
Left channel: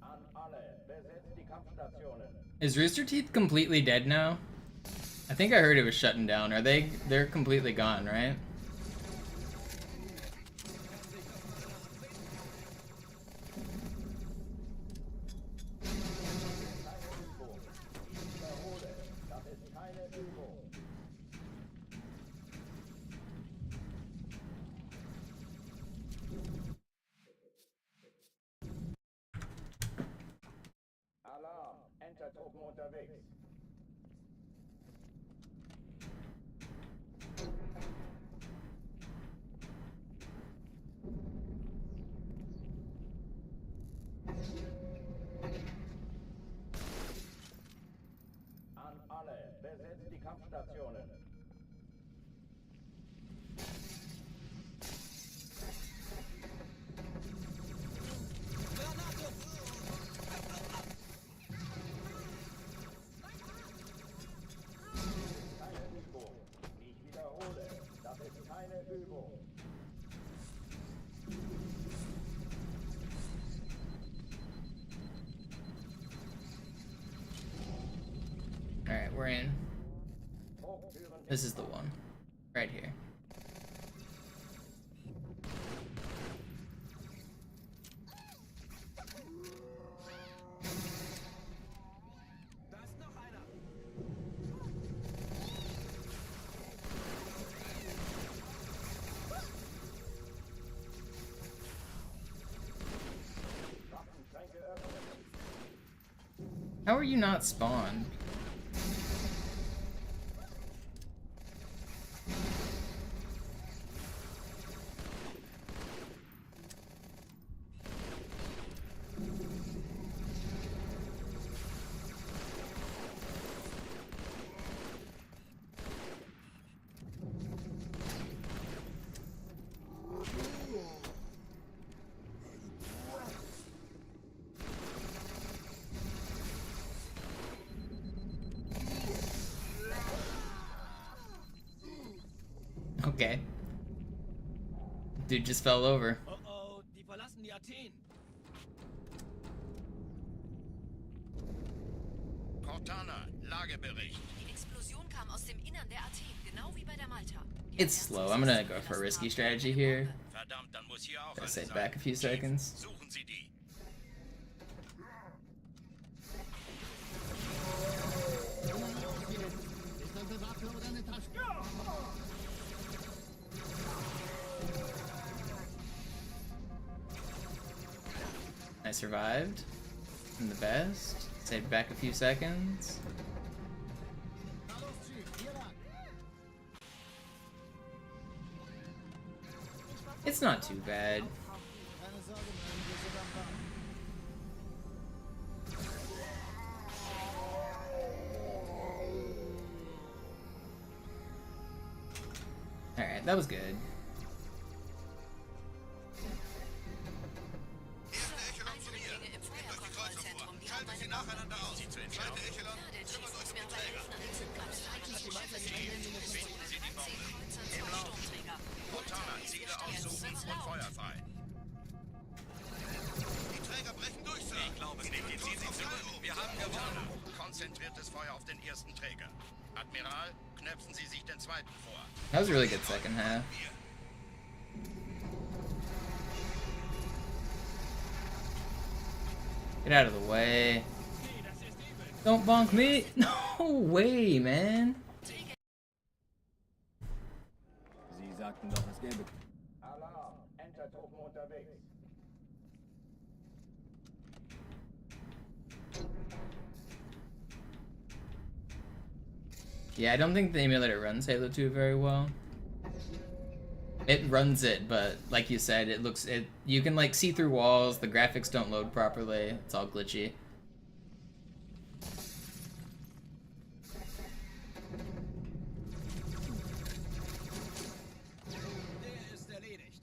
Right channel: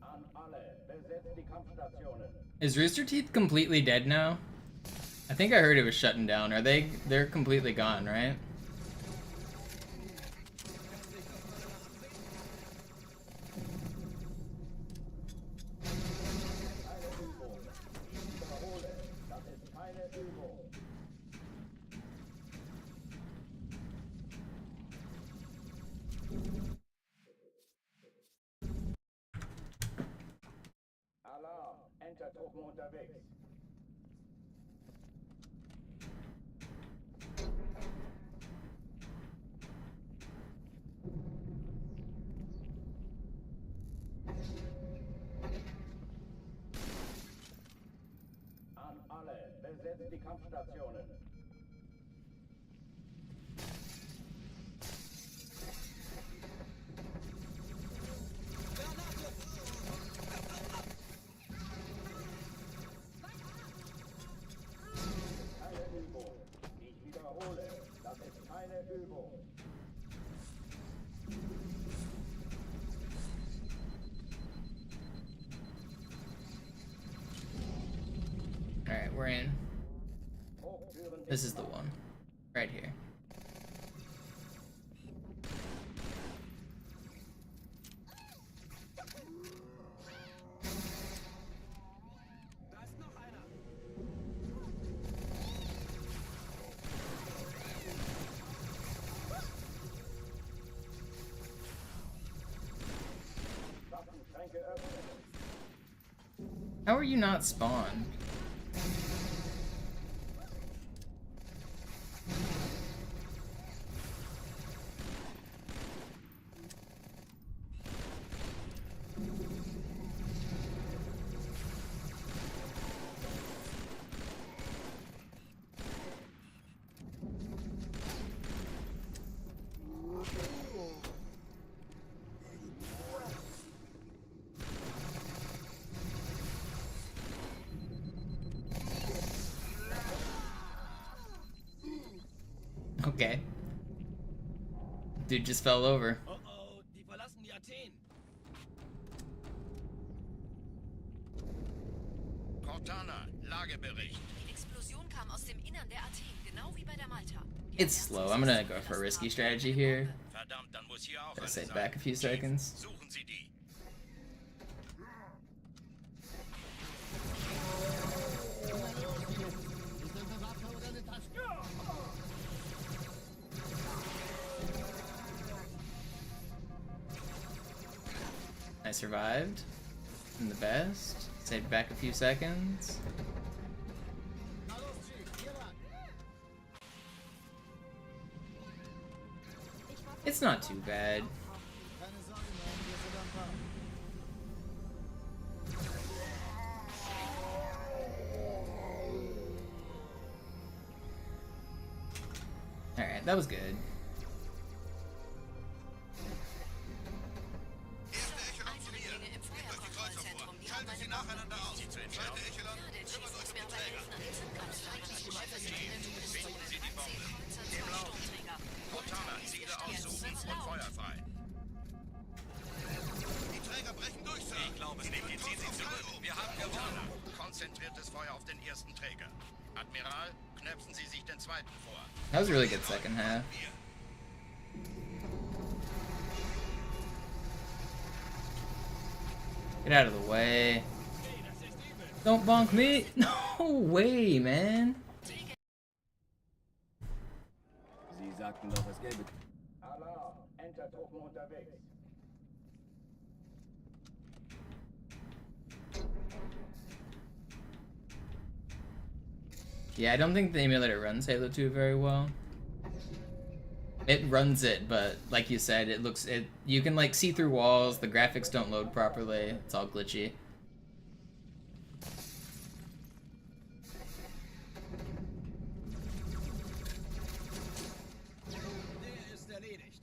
An alle, besetzt die Kampfstationen. Is Rooster Teeth completely dead now? I think I heard it was shutting down. They're completely gone, right? Keine Übung. Ich wiederhole, das ist keine Übung. Alarm, Entertruppen unterwegs. An alle, besetzt die Kampfstationen. Keine Übung. Ich wiederhole, das ist keine Übung. Alright, we're in. This is the one. Right here. Waffenschränke öffnen. How are you not spawned? Okay. Dude just fell over. Oh, die verlassen die Athen. Cortana, Lagebericht. Die Explosion kam aus dem Innern der Athen, genau wie bei der Malta. It's slow. I'm gonna go for a risky strategy here. Verdammt, dann muss hier auch Gotta eine sit sein. back a few seconds. Suchen Sie die. Ist das eine Waffe oder eine Tasche? I survived. I'm the best. Saved back a few seconds. It's not too bad. Keine Sorge, Mann, wir sind am Ball. Alright, that was good. Eindringlinge im Feuerkontrollzentrum, die haben eine Nacheinander aus. Die zu entscheiden. Ja, der Chief muss mir aber helfen, an den Zugkampfstreichen. Finden Sie die Bombe. Kreuzer, 2 Sturmträger. Cortana, Ziele aussuchen und Feuer frei. Die Träger brechen durch, Sir. Ich glaube es nicht. Die ziehen sich zurück. Wir haben gewonnen. Konzentriertes Feuer auf den ersten Träger. Admiral, knöpfen Sie sich den zweiten vor. That was a really good second half. Get out of the way. Don't bonk me. No way, man. Sie sagten doch, es gäbe... Alarm, Entertruppen unterwegs. Yeah, I don't think the emulator runs Halo 2 very well. It runs it, but like you said, you can like see through walls, the graphics don't load properly, it's all glitchy. Der ist erledigt.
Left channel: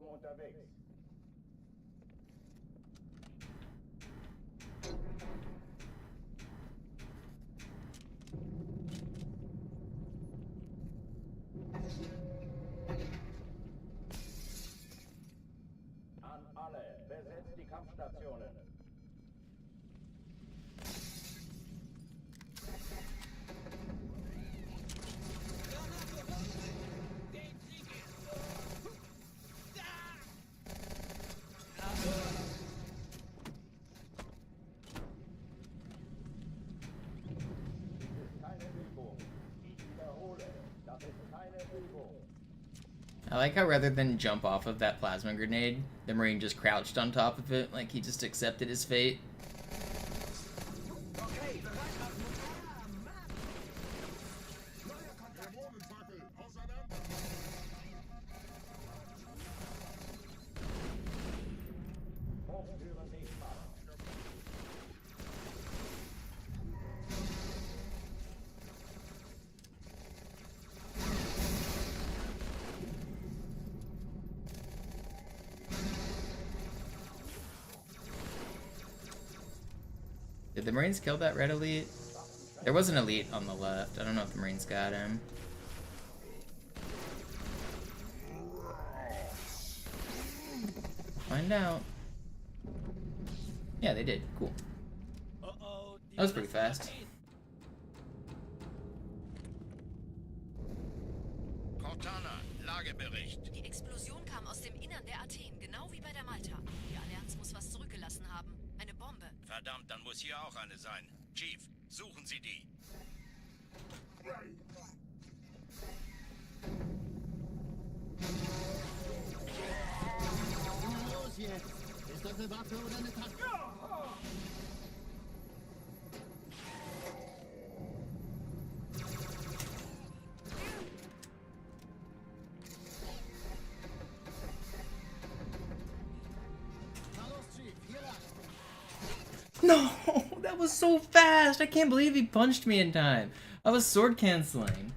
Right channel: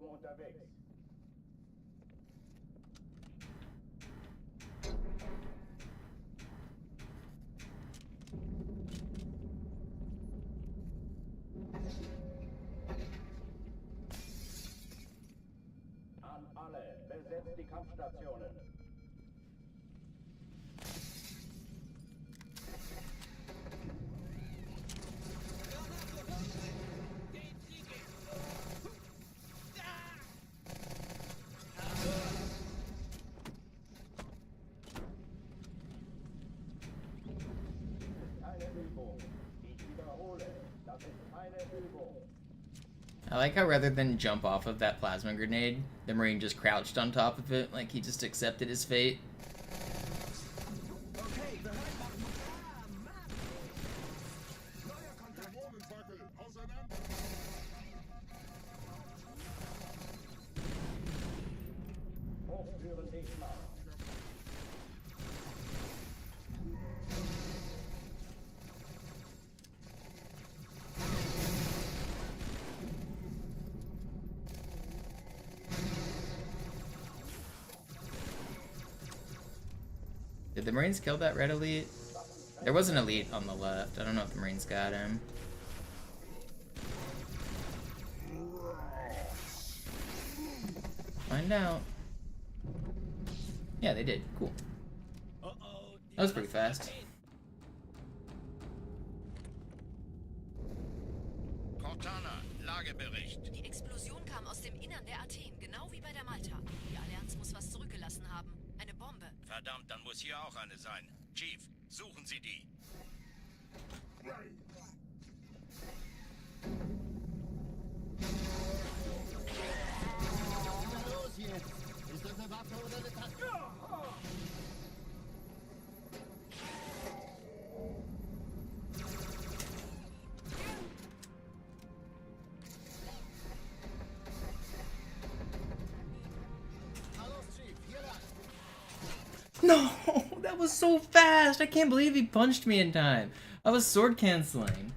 Truppen unterwegs. An alle, besetzt die Kampfstationen. I like how rather than jump off of that plasma grenade, the Marine just crouched on top of it, like he just accepted his fate. Did the Marines kill that red elite? There was an elite on the left. I don't know if the Marines got him. Find out. Yeah, they did. Cool. That was pretty fast. Cortana, Lagebericht. Die Explosion kam aus dem Innern der Athen, genau wie bei der Malta. Die Allianz muss was zurückgelassen haben. Eine Bombe. Verdammt, dann muss hier auch eine sein. Chief, suchen Sie die. Na los jetzt! Ist das eine Waffe oder eine Taste? No, that was so fast. I can't believe he punched me in time. I was sword canceling.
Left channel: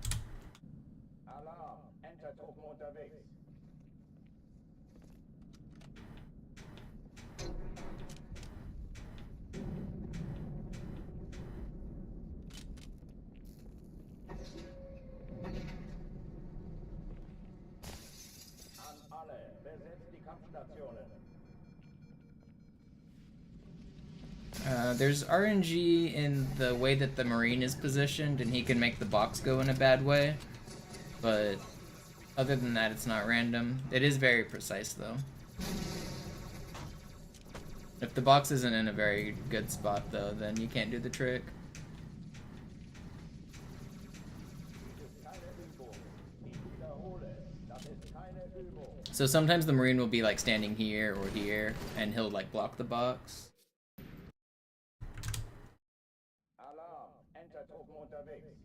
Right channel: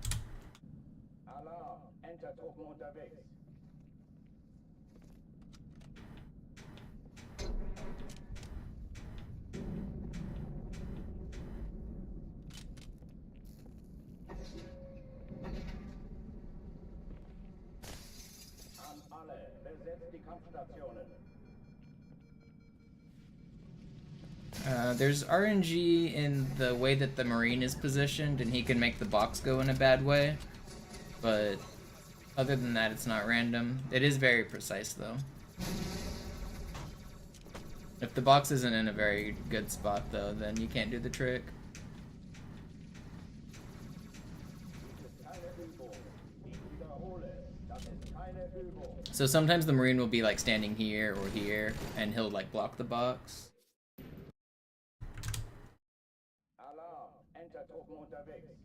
Alarm, Enter-Truppen unterwegs. An alle, besetzt die Kampfstationen. There's RNG in the way that the Marine is positioned, and he can make the box go in a bad way. But other than that, it's not random. It is very precise, though. If the box isn't in a very good spot, though, then you can't do the trick. So sometimes the Marine will be like standing here or here, and he'll like block the box. Alarm, Enter-Truppen unterwegs.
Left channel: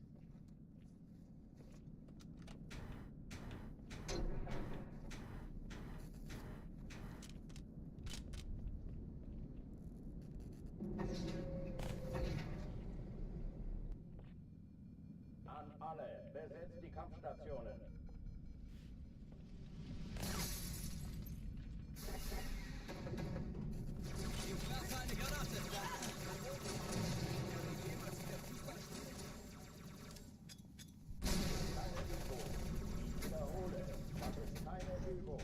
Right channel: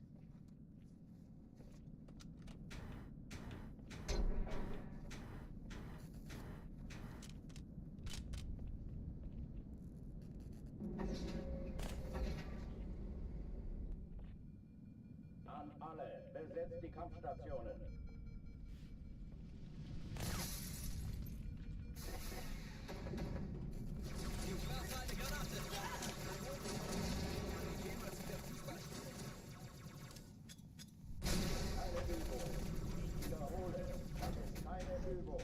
An alle, besetzt die Kampfstationen. Keine Übung. Ich wiederhole, das ist keine Übung.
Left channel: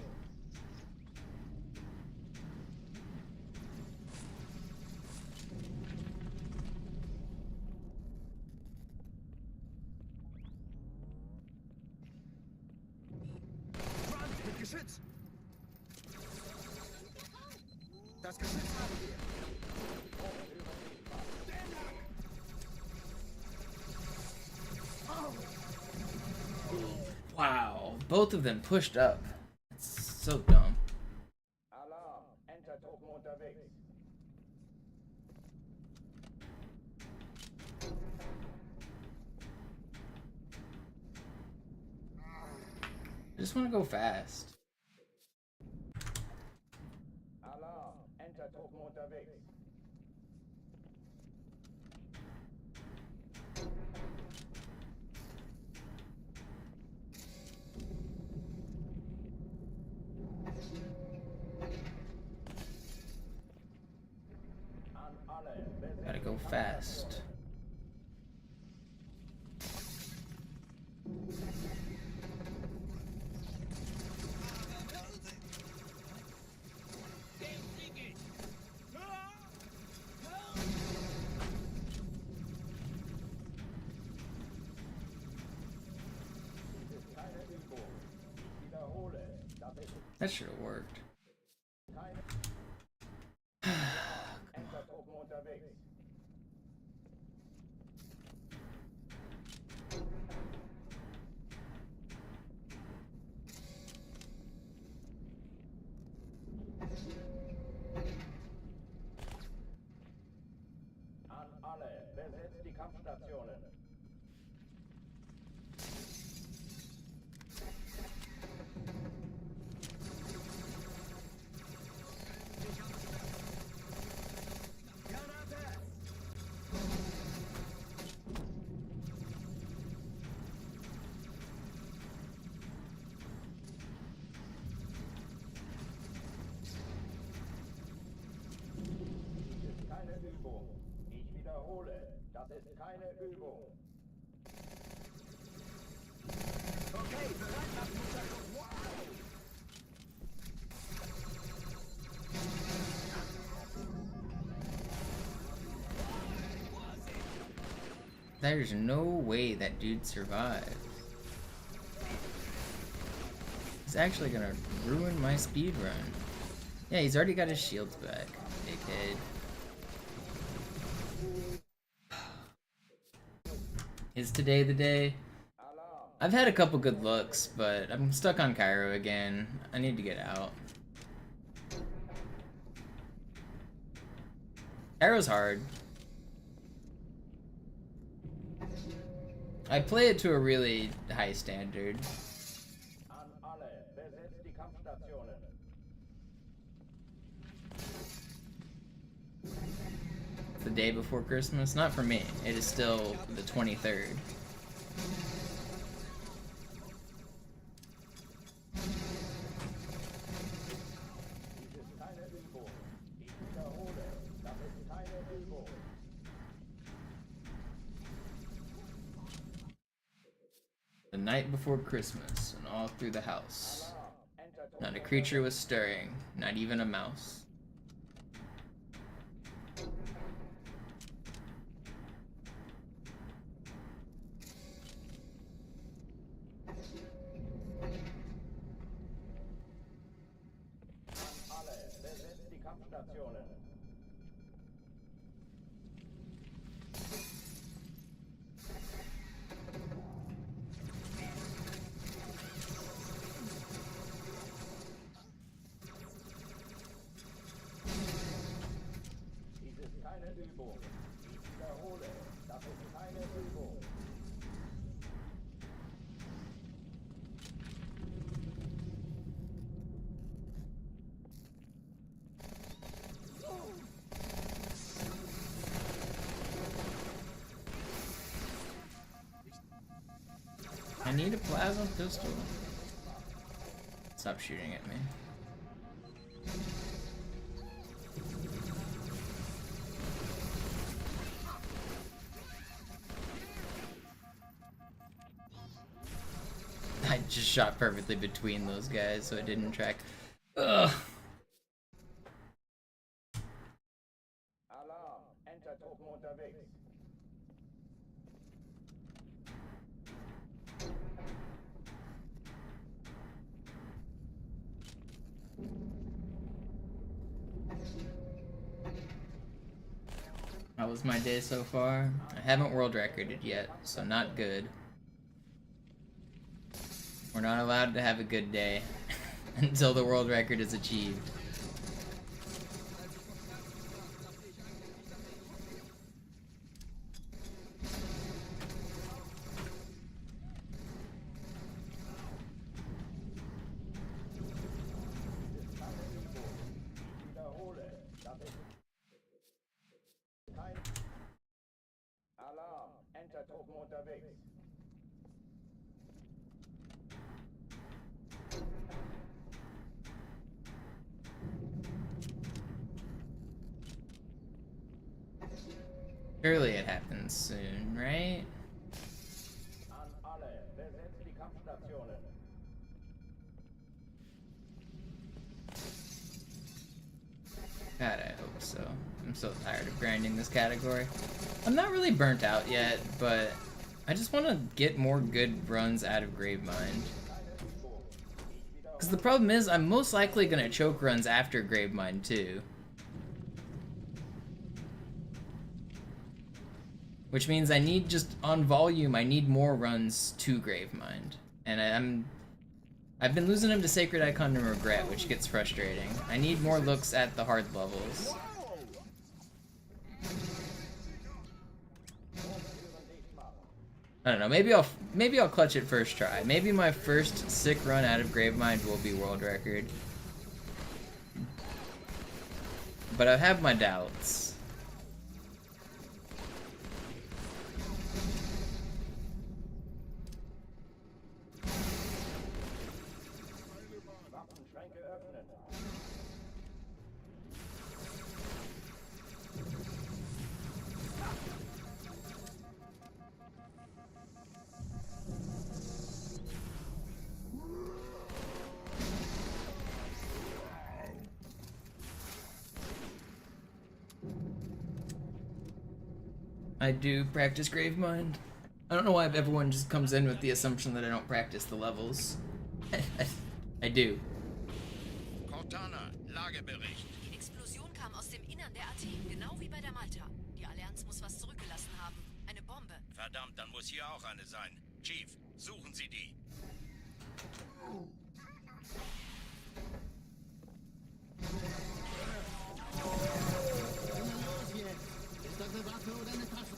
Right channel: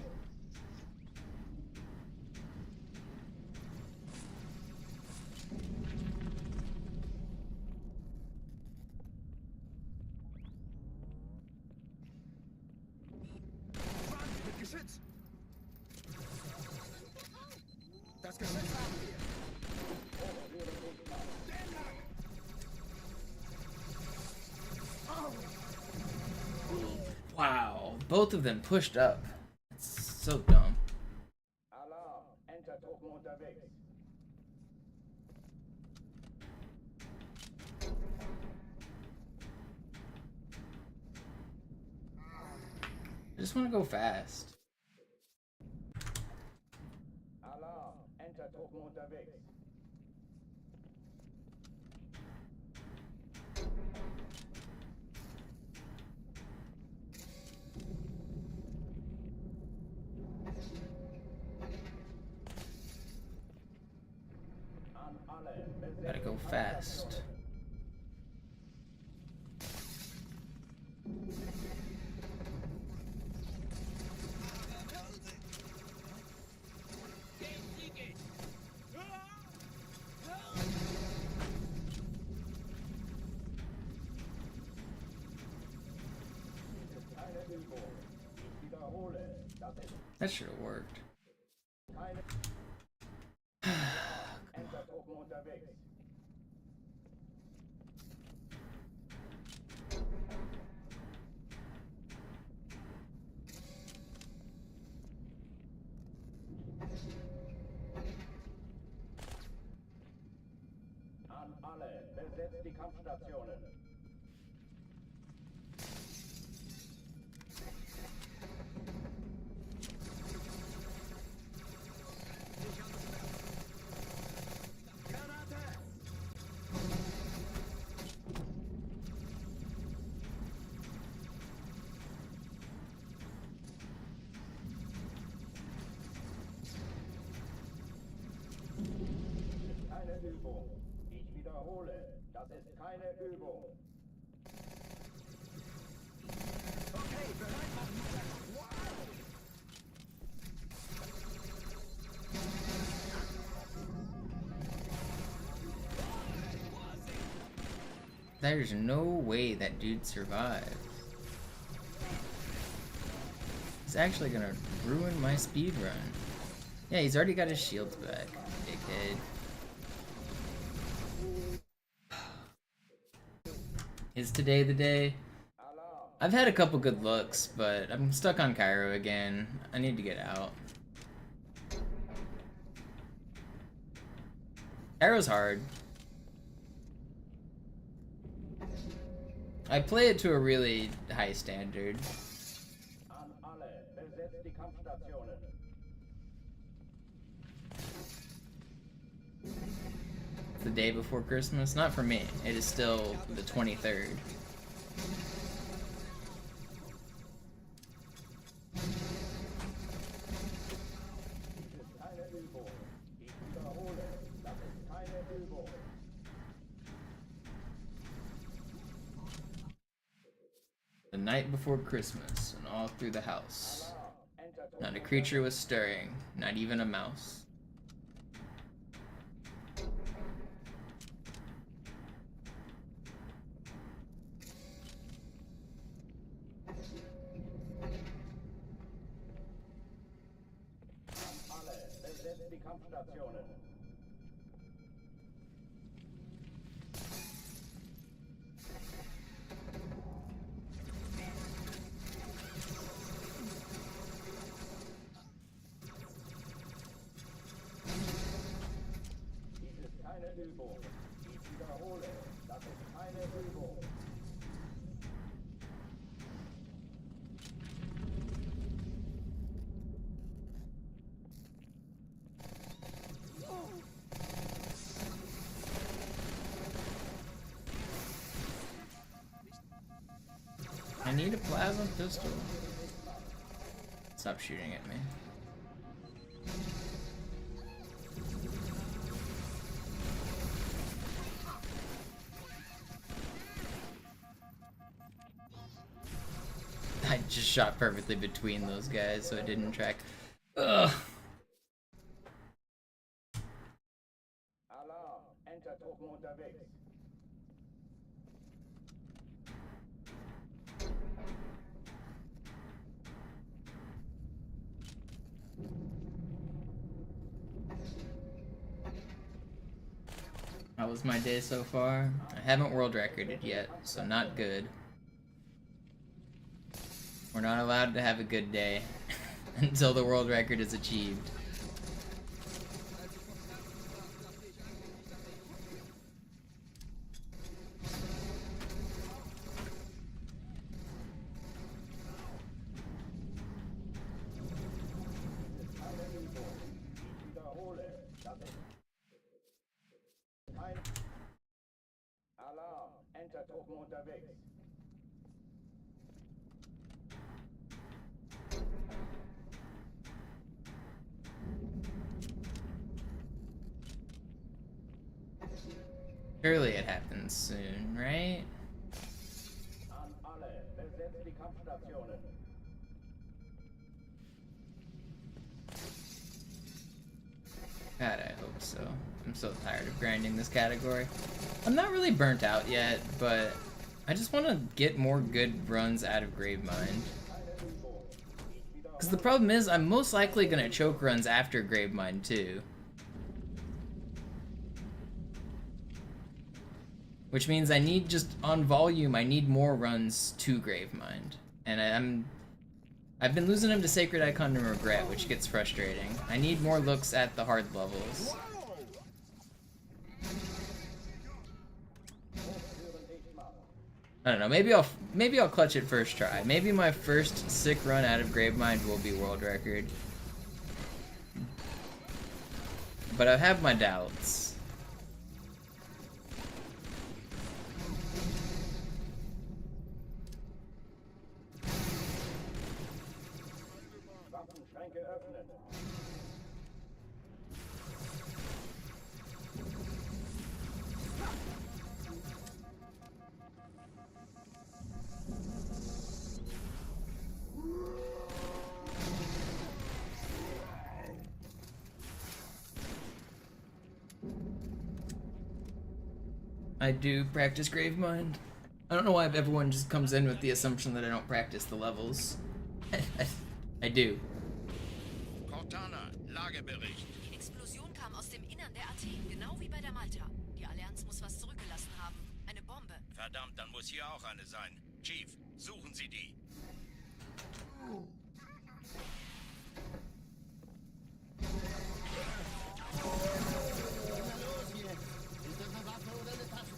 Wow, both of them pushed up. It's so dumb. Alarm, Enter-Truppen unterwegs. I just want to go fast. Alarm, Enter-Truppen unterwegs. Gotta go fast. That should have worked. An alle, besetzt die Kampfstationen. Übung. Ich wiederhole, das ist keine Übung. There's no way that dude survives. He's actually gonna ruin my speed run. Yeah, he's already got his shields back, dickhead. Is today the day? I've had a couple good looks, but I'm stuck on Cairo again. I need to get out. Cairo's hard. I play it to a really high standard. The day before Christmas? Not for me. It is still the 23rd. The night before Christmas, and all through the house. Not a creature was stirring, not even a mouse. Übung. Ich wiederhole, das ist keine Übung. I need a plasma pistol. Stop shooting at me. I just shot perfectly between those guys, so it didn't track. Ugh. Alarm, Entertruppen unterwegs. How was my day so far? I haven't world recorded yet, so not good. We're not allowed to have a good day until the world record is achieved. Alarm, Entertruppen unterwegs. Surely it happens soon, right? An alle, besetzt die Kampfstationen. God, I hope so. I'm so tired of grinding this category. I'm not really burnt out yet, but I just want to get more good runs out of Gravemind. Because the problem is, I'm most likely going to choke runs after Gravemind too. Which means I need just, on volume, I need more runs to Gravemind. And I've been losing them to Sacred Icon and Regret, which gets frustrating. I need more looks at the hard levels. I don't know, maybe I'll clutch it first try. Maybe my first sick run out of Gravemind will be world record. But I have my doubts. Waffenschränke öffnen. I do practice Gravemind. I don't know why everyone just comes in with the assumption that I don't practice the levels. I do. Cortana, Lagebericht. Die Explosion kam aus dem Innern der AT, genau wie bei der Malta. Die Allianz muss was zurückgelassen haben. Eine Bombe. Verdammt, dann muss hier auch eine sein. Chief, suchen Sie die. Na los jetzt! Ist das eine Waffe oder eine Tasche?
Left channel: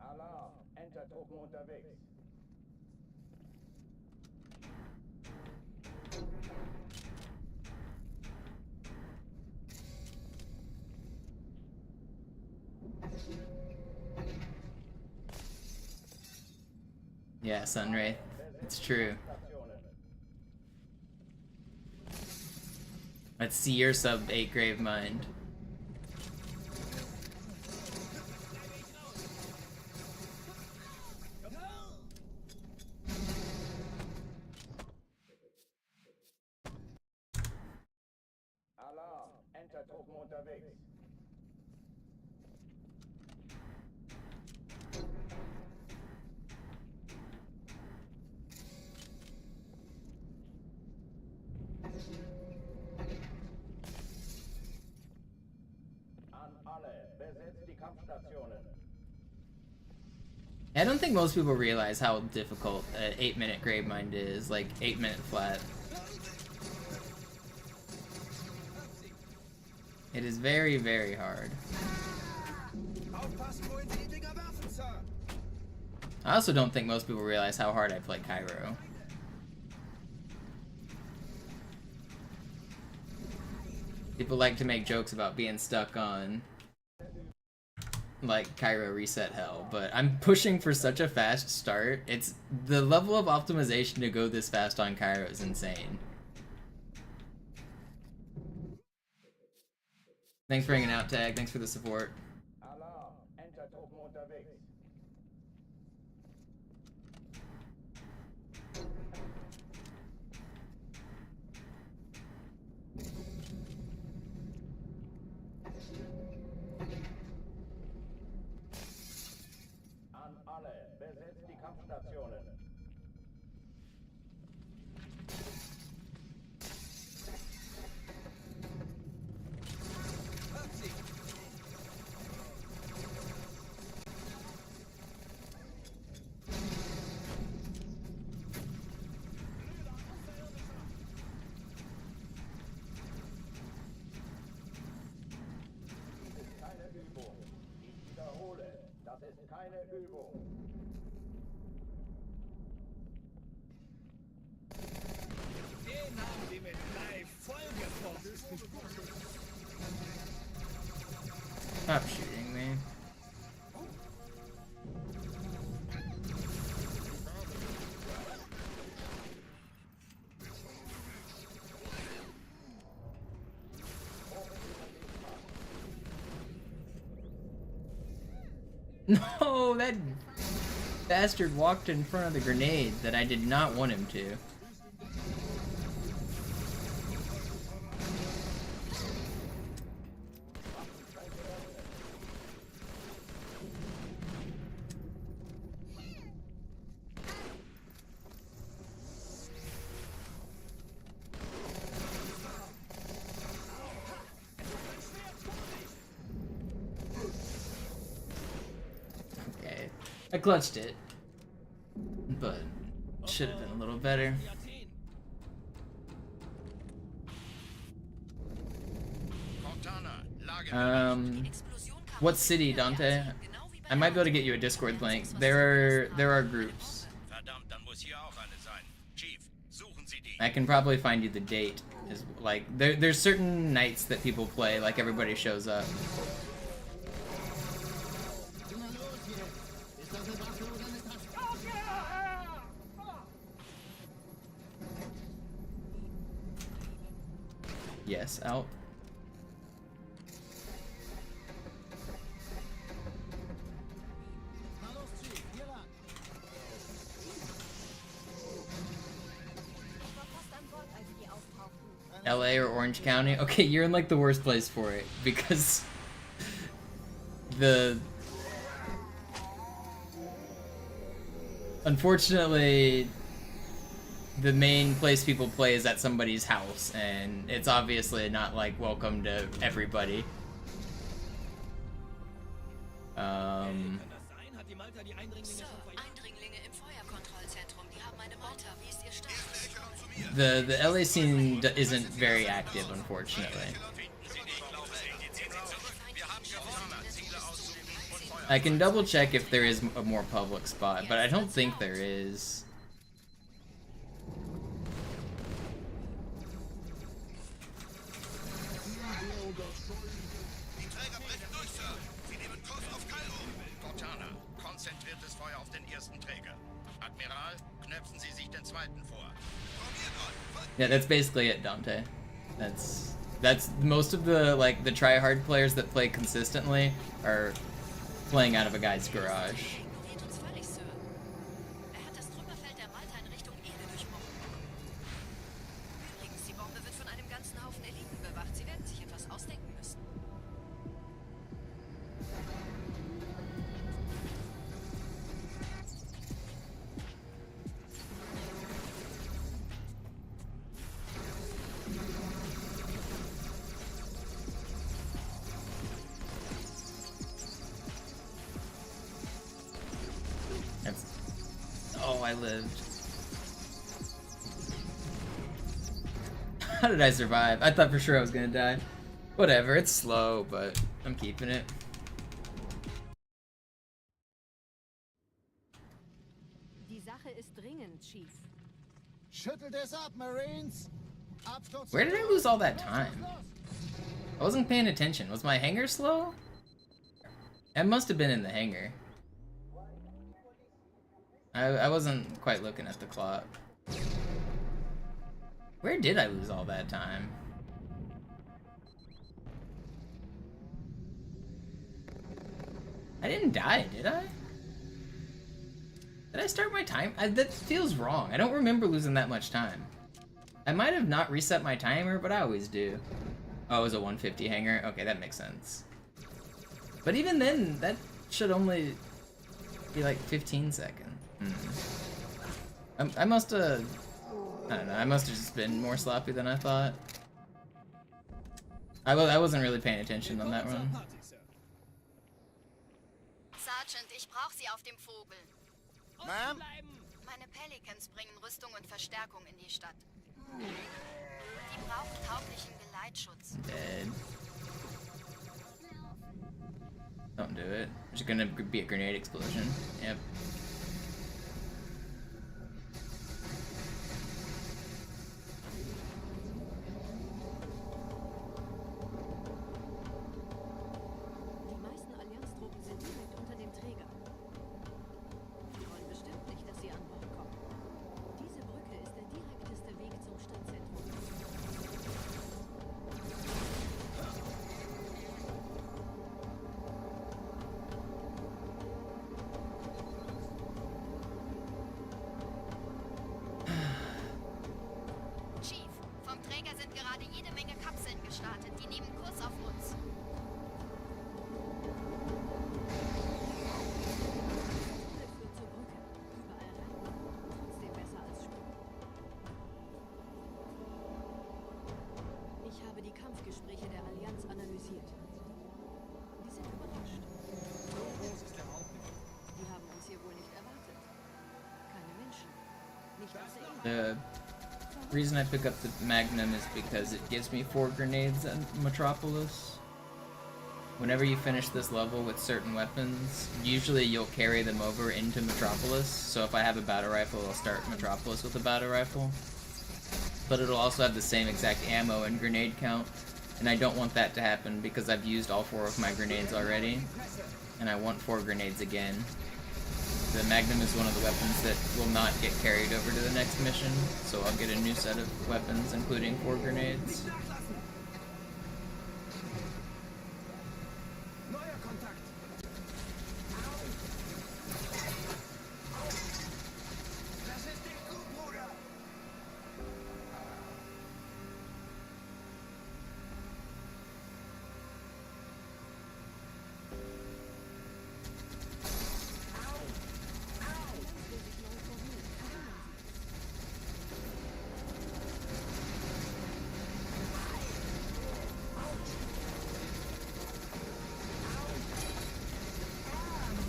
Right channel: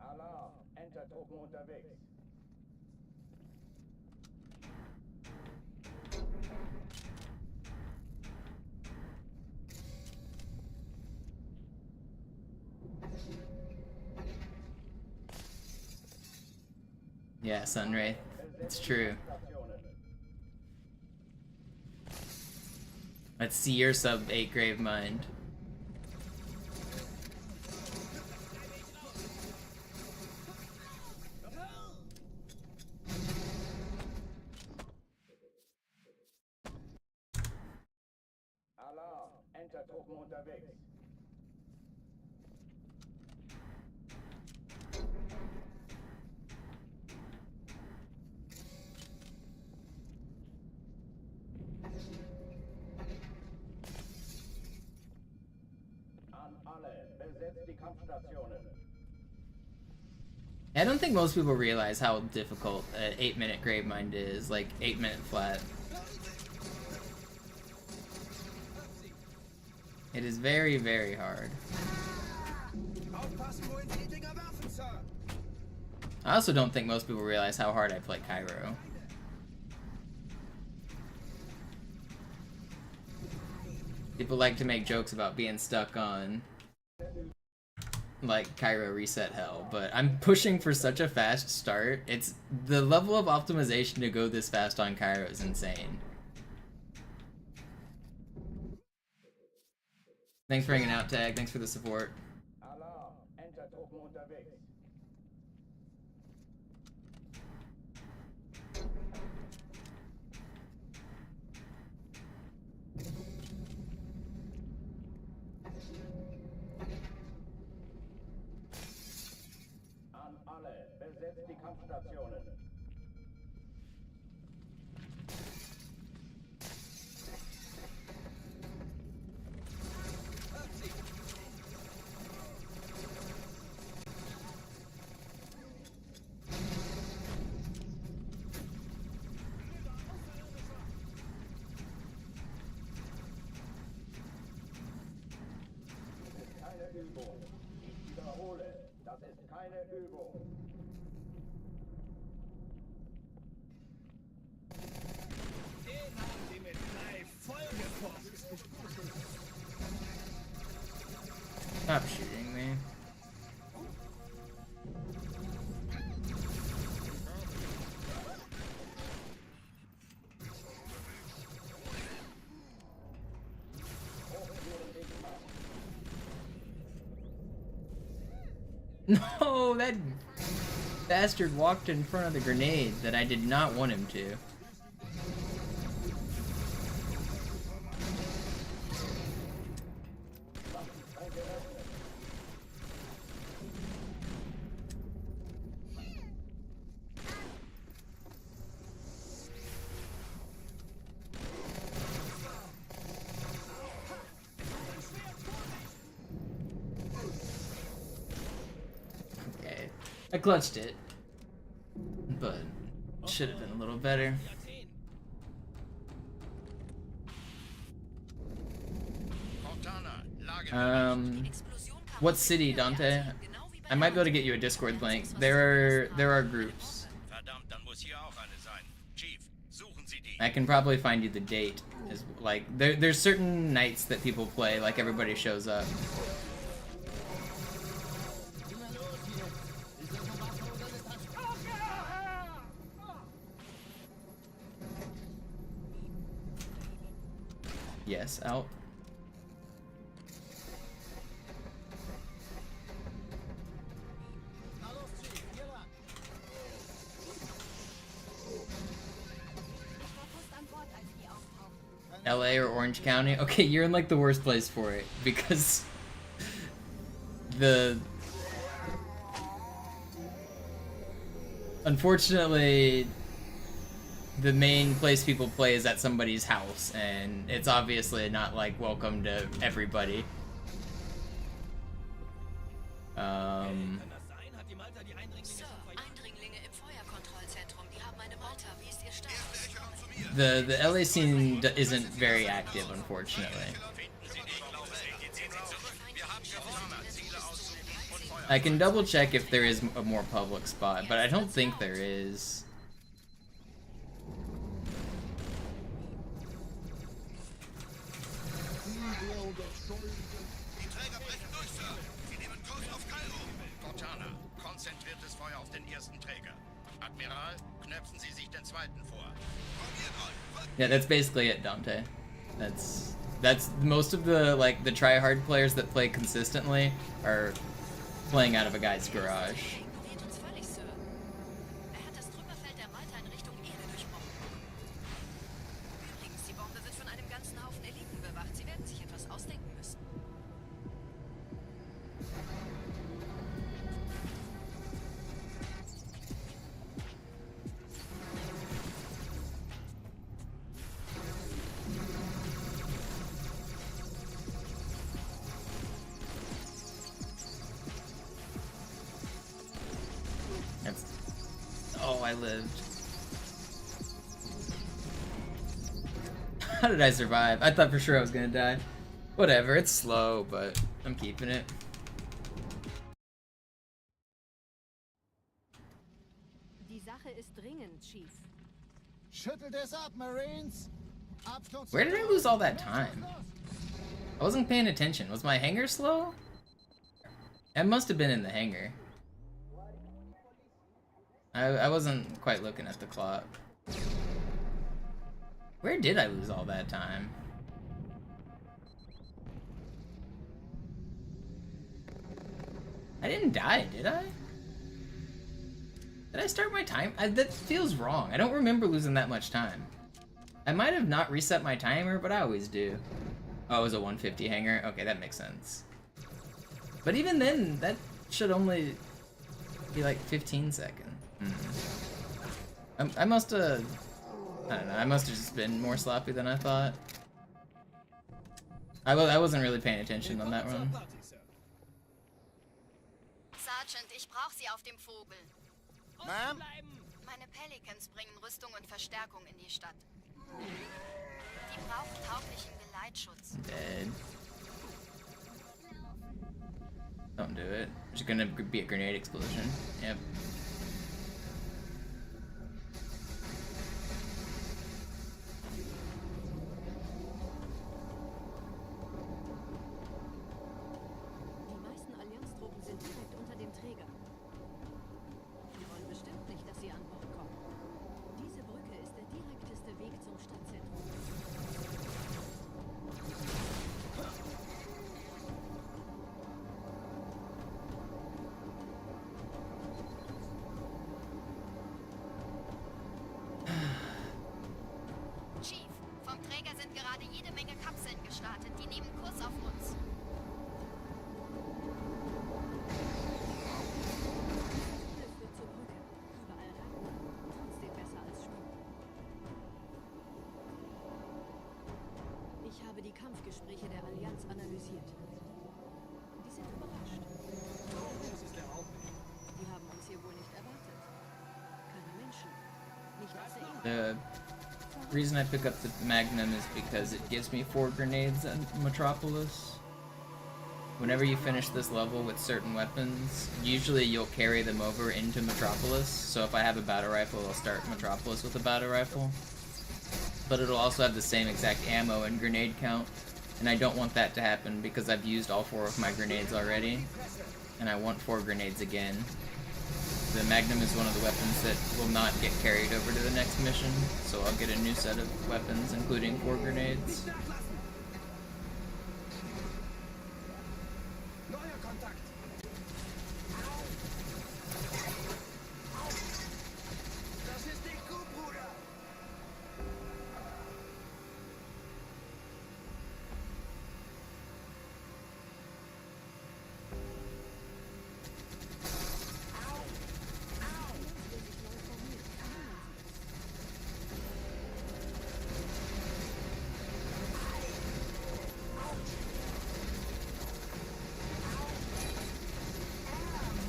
Alarm, Entertruppen unterwegs. Yeah, Sunray. It's true. Let's see your sub 8 Gravemind. Alarm, Entertruppen unterwegs. An alle, besetzt die Kampfstationen. I don't think most people realize how difficult an 8-minute Gravemind is, like 8-minute flat. It is very, very hard. I also don't think most people realize how hard I play Cairo. People like to make jokes about being stuck on, like, Cairo reset hell, but I'm pushing for such a fast start. It's the level of optimization to go this fast on Cairo is insane. Thanks for hanging out, Tag. Thanks for the support. Alarm, Entertruppen unterwegs. An alle, besetzt die Kampfstationen. Dies ist keine Übung. Ich wiederhole, das ist keine Übung. Stop shooting me. No, that bastard walked in front of the grenade that I did not want him to. I clutched it, but should have been a little better. What city, Dante? I might be able to get you a Discord link. There are groups. I can probably find you the date. Is like there's certain nights that people play, like everybody shows up. Yes, out. LA or Orange County? Okay, you're in like the worst place for it because unfortunately the main place people play is at somebody's house, and it's obviously not like welcome to everybody. The LA scene isn't very active, unfortunately. I can double check if there is a more public spot, but I don't think there is. Yeah, that's basically it, Dante. That's most of the the try-hard players that play consistently are playing out of a guy's garage. Oh, I lived. How did I survive? I thought for sure I was gonna die. Whatever, it's slow, but I'm keeping it. Die Sache ist dringend, Chief. Schüttelt es ab, Marines. Where did I lose all that time? I wasn't paying attention. Was my hangar slow? I must have been in the hangar. I wasn't quite looking at the clock. Where did I lose all that time? I didn't die, did I? Did I start my time? That feels wrong. I don't remember losing that much time. I might have not reset my timer, but I always do. Oh, it was a 150 hangar? Okay, that makes sense. But even then, that should only be like 15 seconds. I must have... I don't know, I must have just been more sloppy than I thought. I wasn't really paying attention on that run. Sergeant, ich brauche Sie auf dem Vogel. Ma'am? Meine Pelicans bringen Rüstung und Verstärkung in die Stadt. Die brauchen tauglichen Geleitschutz. Dead. Don't do it. There's gonna be a grenade explosion. Yep. Die meisten Allianztruppen sind direkt unter dem Träger. Sie wollen bestimmt nicht, dass sie an Bord kommen. Diese Brücke ist der direkteste Weg zum Stadtzentrum. habe die Kampfgespräche der Allianz analysiert. Die sind überrascht. Die haben uns hier wohl nicht erwartet. Keine Menschen. Nicht aus der Erde. The reason I pick up the Magnum is because it gives me 4 grenades in Metropolis. Whenever you finish this level with certain weapons, usually you'll carry them over into Metropolis. So if I have a battle rifle, I'll start Metropolis with a battle rifle. But it'll also have the same exact ammo and grenade count. And I don't want that to happen because I've used all 4 of my grenades already. And I want 4 grenades again. The Magnum is one of the weapons that will not get carried over to the next mission, so I'll get a new set of weapons, including 4 grenades.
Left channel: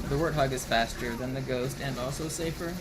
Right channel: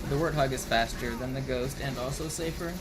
The Warthog is faster than the Ghost and also safer.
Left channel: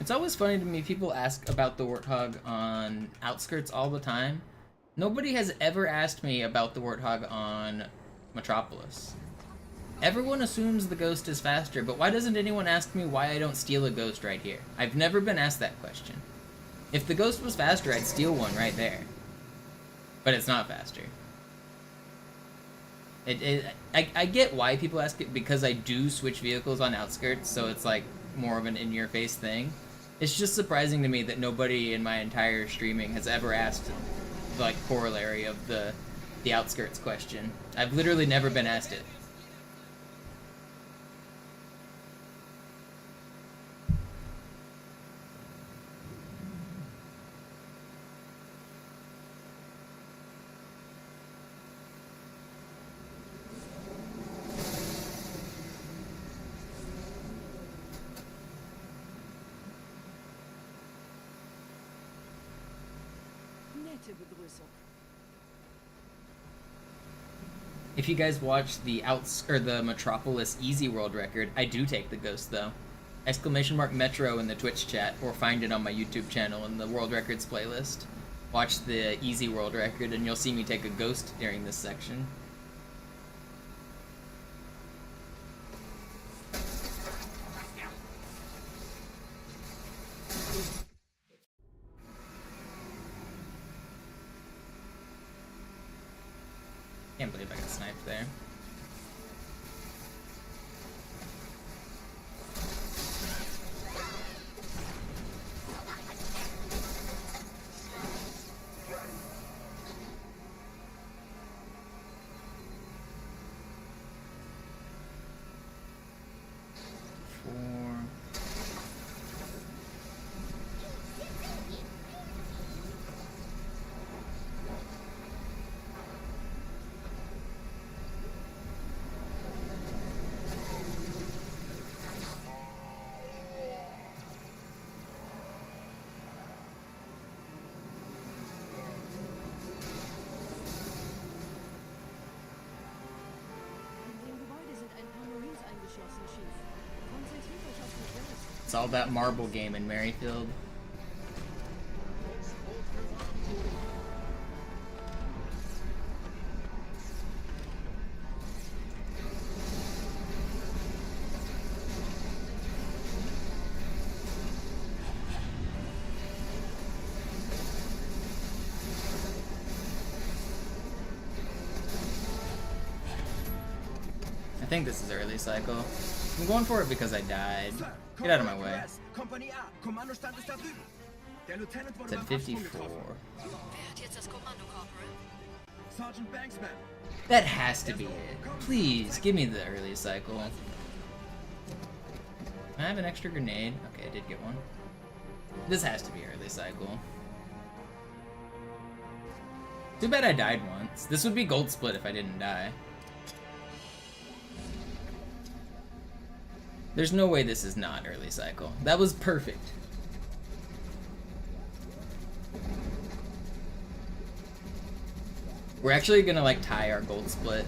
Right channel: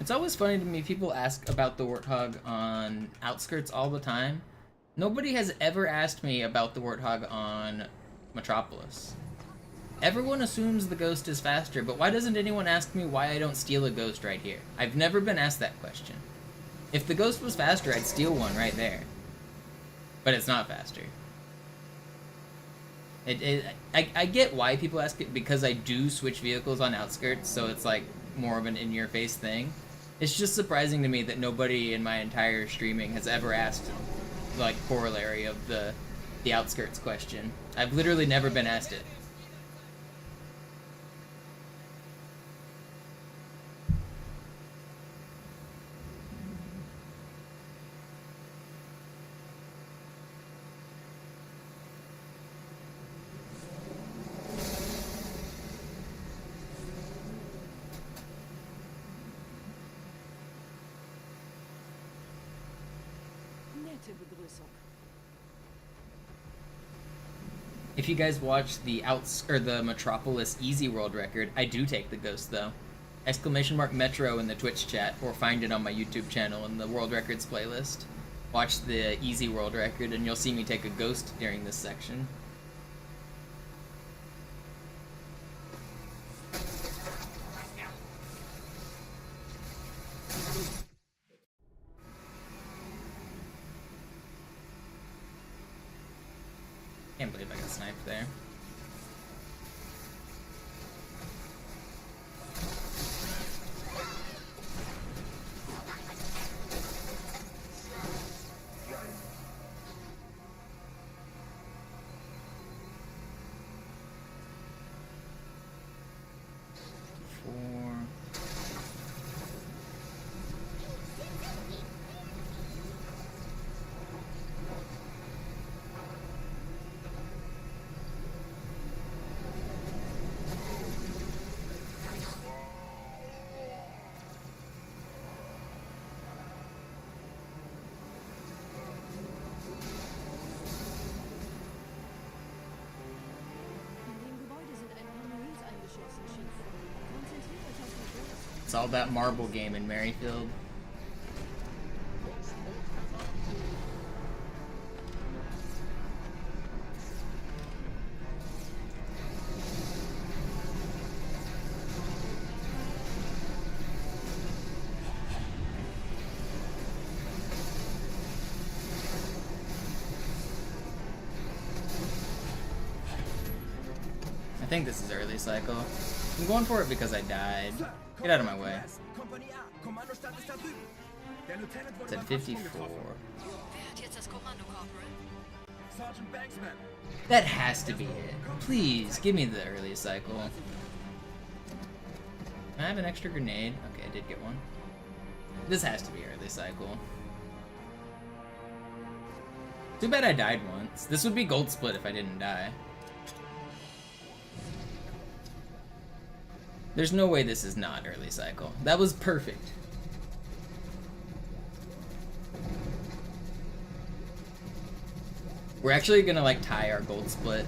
It's always funny to me, people ask about the Warthog on Outskirts all the time. Nobody has ever asked me about the Warthog on Metropolis. Everyone assumes the Ghost is faster, but why doesn't anyone ask me why I don't steal a Ghost right here? I've never been asked that question. If the Ghost was faster, I'd steal one right there. But it's not faster. I get why people ask it, because I do switch vehicles on Outskirts, so it's like more of an in-your-face thing. It's just surprising to me that nobody in my entire streaming has ever asked, like, corollary of the Outskirts question. I've literally never been asked it. If you guys watch the Metropolis Easy World record, I do take the Ghost though. !Metro in the Twitch chat, or find it on my YouTube channel in the World Records playlist. Watch the Easy World record and you'll see me take a Ghost during this section. Can't believe I got sniped there. It's all that marble game in Merrifield. I think this is early cycle. I'm going for it because I died. Get out of my way. It's at 54. That has to be it. Please, give me the early cycle. Can I have an extra grenade? Okay, I did get one. This has to be early cycle. Too bad I died once. This would be gold split if I didn't die. There's no way this is not early cycle. That was perfect. We're actually gonna like tie our gold split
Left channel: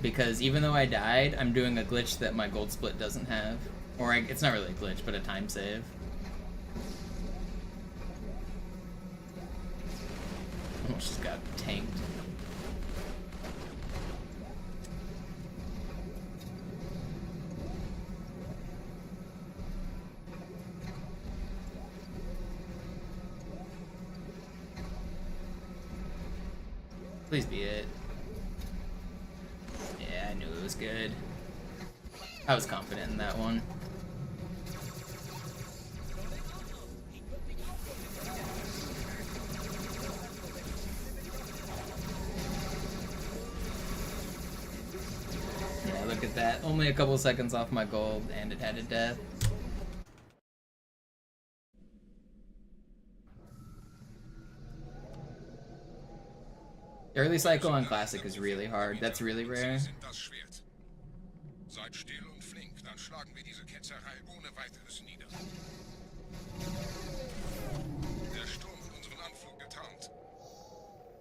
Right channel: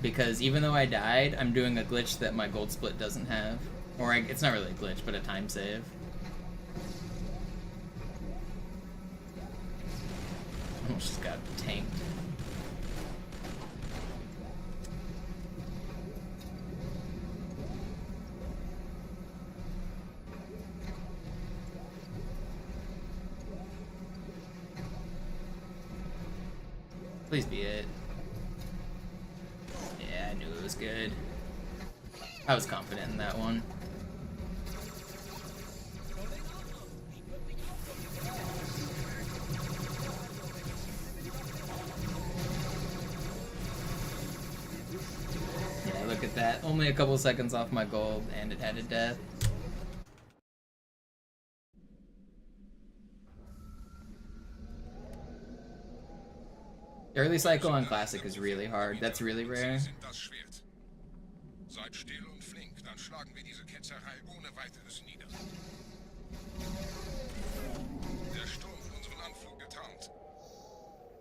because even though I died, I'm doing a glitch that my gold split doesn't have. Or it's not really a glitch, but a time save. Almost just got tanked. Please be it. Yeah, I knew it was good. I was confident in that one. Yeah, look at that. Only a couple seconds off my gold, and it had a death. Early cycle on Classic is really hard. That's really rare. Seid still und flink, dann schlagen wir diese Ketzerei ohne weiteres nieder. Der Sturm hat unseren Anflug getarnt.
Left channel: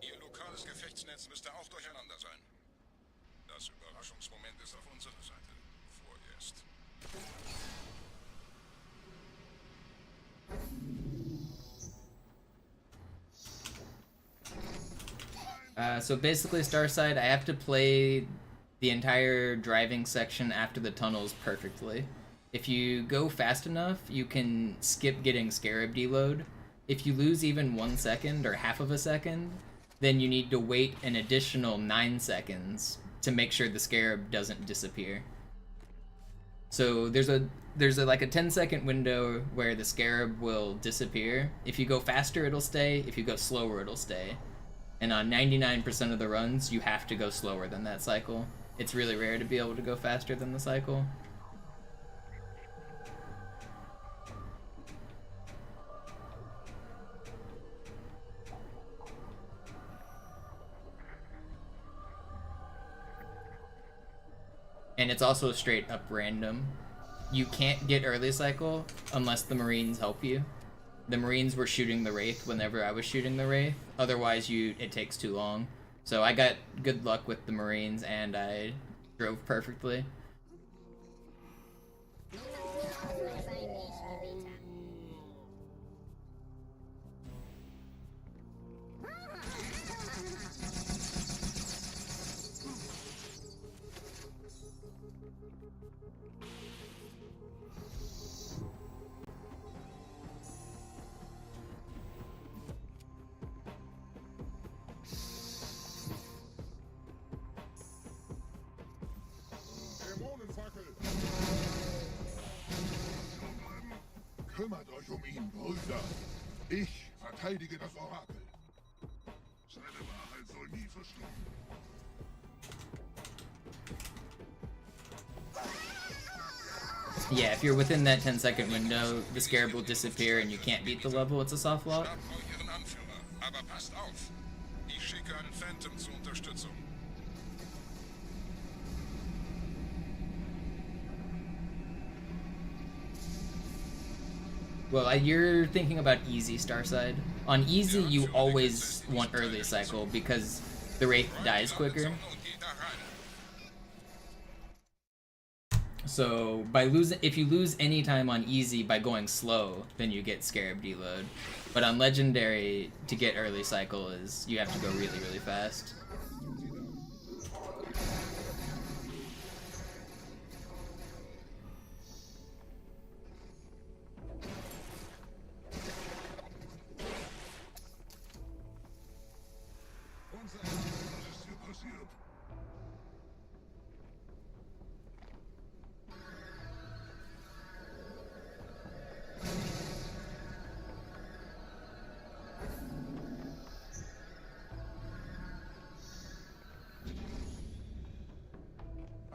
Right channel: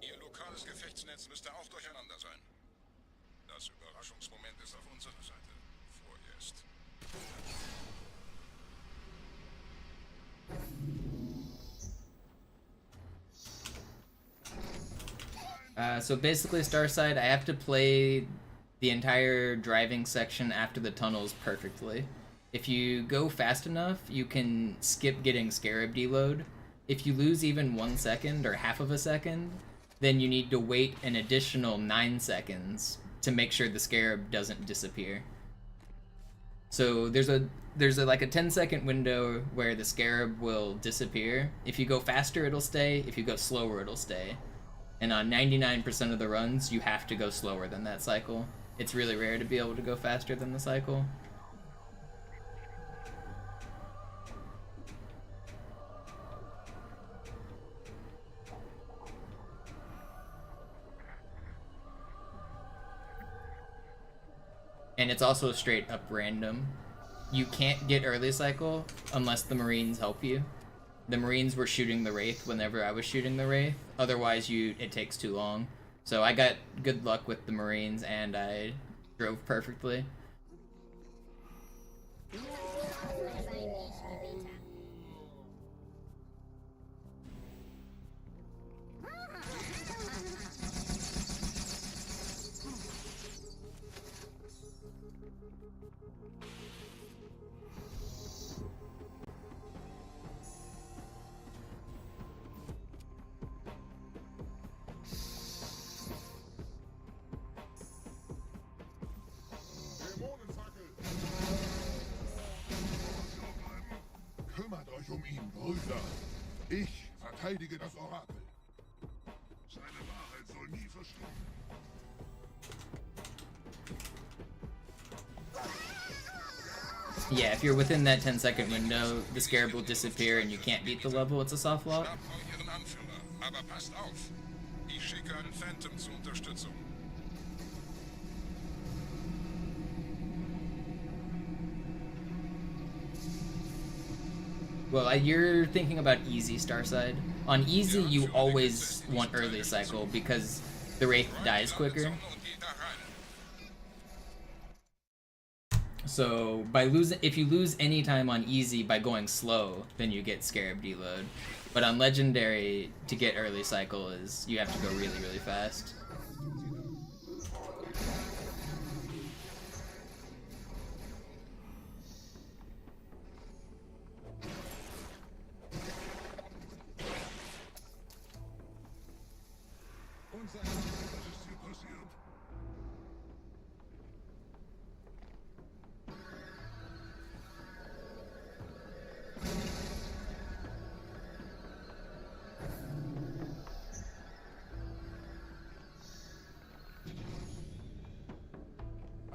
Ihr lokales Gefechtsnetz müsste auch durcheinander sein. Das Überraschungsmoment ist auf unserer Seite. Vorerst. So basically, Starside, I have to play the entire driving section after the tunnels perfectly. If you go fast enough, you can skip getting Scarab deload. If you lose even 1 second or half of a second, then you need to wait an additional 9 seconds to make sure the Scarab doesn't disappear. So there's a like a 10-second window where the Scarab will disappear. If you go faster, it'll stay. If you go slower, it'll stay. And on 99% of the runs, you have to go slower than that cycle. It's really rare to be able to go faster than the cycle. And it's also straight up random. You can't get early cycle unless the Marines help you. The Marines were shooting the Wraith whenever I was shooting the Wraith. Otherwise, it takes too long. So I got good luck with the Marines, and I drove perfectly. Kümmert euch ihn, Brüder. Ich verteidige das Orakel. Seine Wahrheit soll nie verstummen. Yeah, if you're within that 10-second window, the Scarab will disappear and you can't beat the level. It's a soft lock. Aber passt auf. Ich schicke einen Phantom zur Unterstützung. Well, you're thinking about easy Starside. On easy, you always want early cycle because the Wraith dies quicker. So if you lose any time on easy by going slow, then you get Scarab deload. But on legendary, to get early cycle is you have to go really, really fast.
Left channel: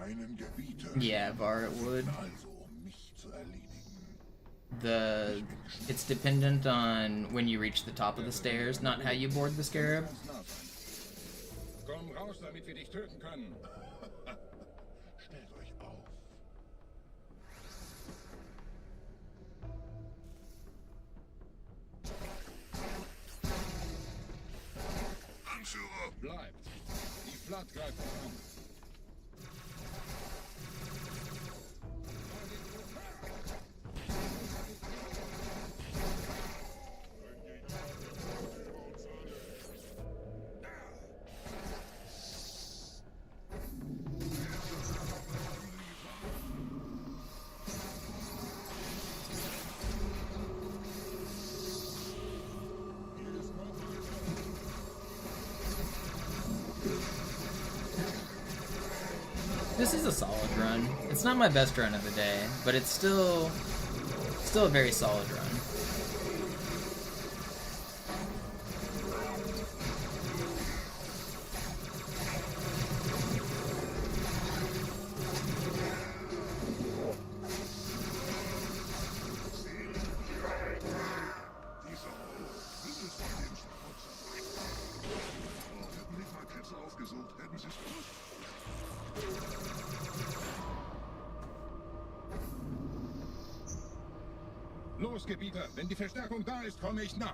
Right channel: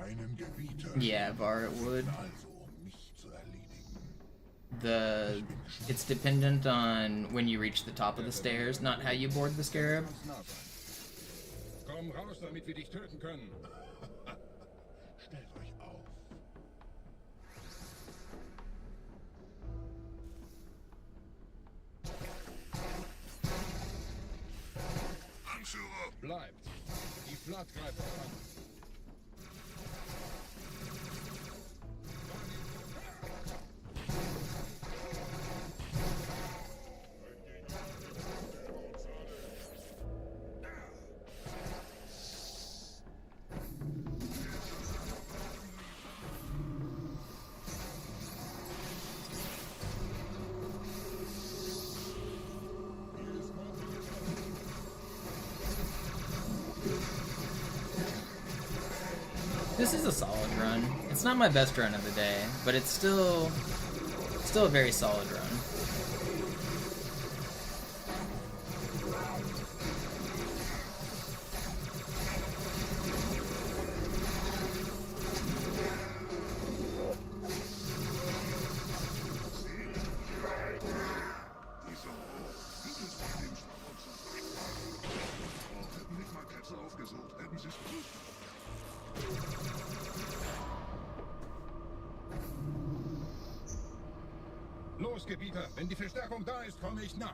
Meinen Gebieter. Yeah, Var, it would. Also, mich zu erledigen. It's dependent on when you reach the top of the stairs, not how you board the scarab. Komm raus, damit wir dich töten können. Stellt euch auf. Anführer! Bleibt! Die Flat greift uns an. This is a solid run. It's not my best run of the day, but it's still a very solid run. Los, Gebieter! Wenn die Verstärkung da ist, komme ich nach.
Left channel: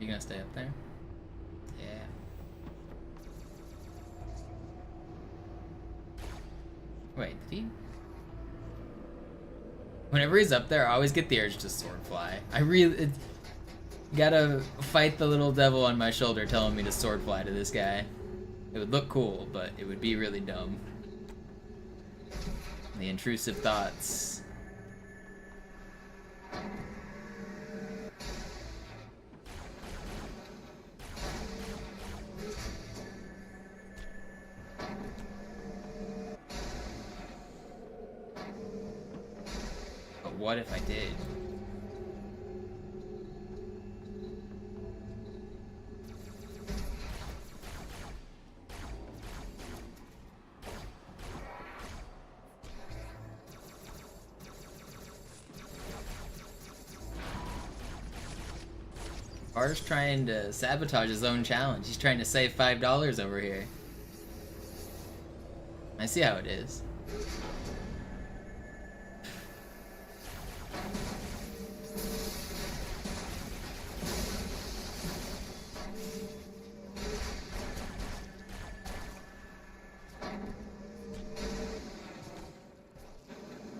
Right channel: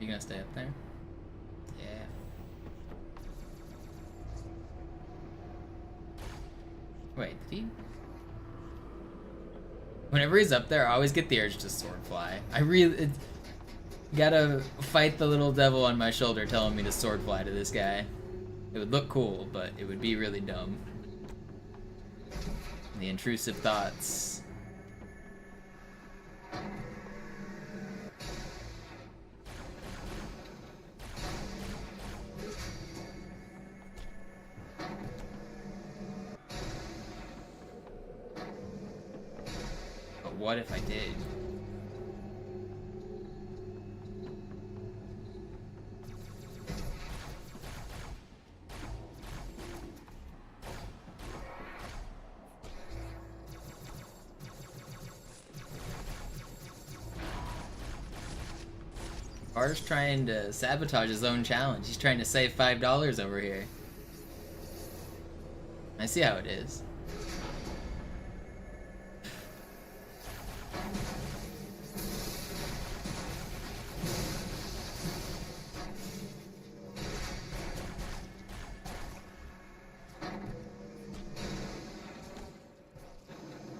You gonna stay up there? Yeah. Wait, did he? Whenever he's up there, I always get the urge to sword fly. I really gotta fight the little devil on my shoulder telling me to sword fly to this guy. It would look cool, but it would be really dumb. The intrusive thoughts. But what if I did? Art's trying to sabotage his own challenge. He's trying to save $5 over here. I see how it is.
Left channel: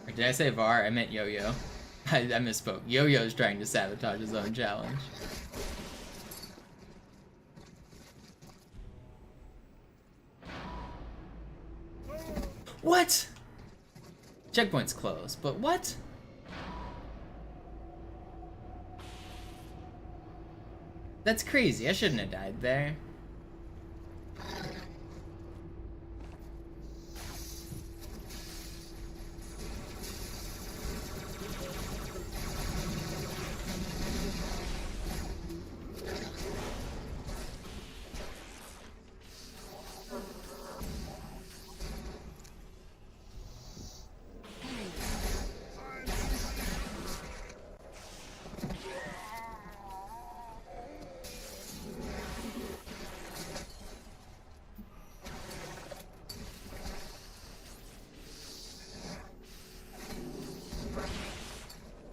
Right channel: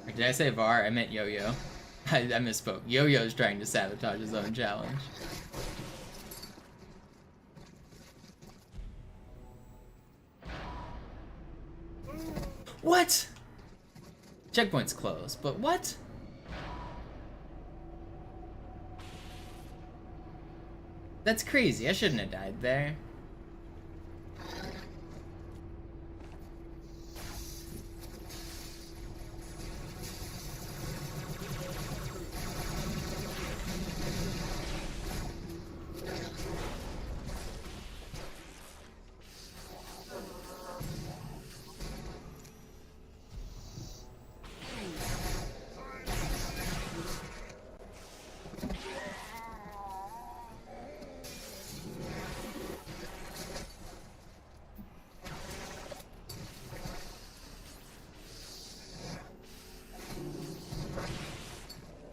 Or did I say Var? I meant Yo-Yo. I misspoke. Yo-Yo's trying to sabotage his own challenge. What? Checkpoint's closed, but what? That's crazy. I shouldn't have died there.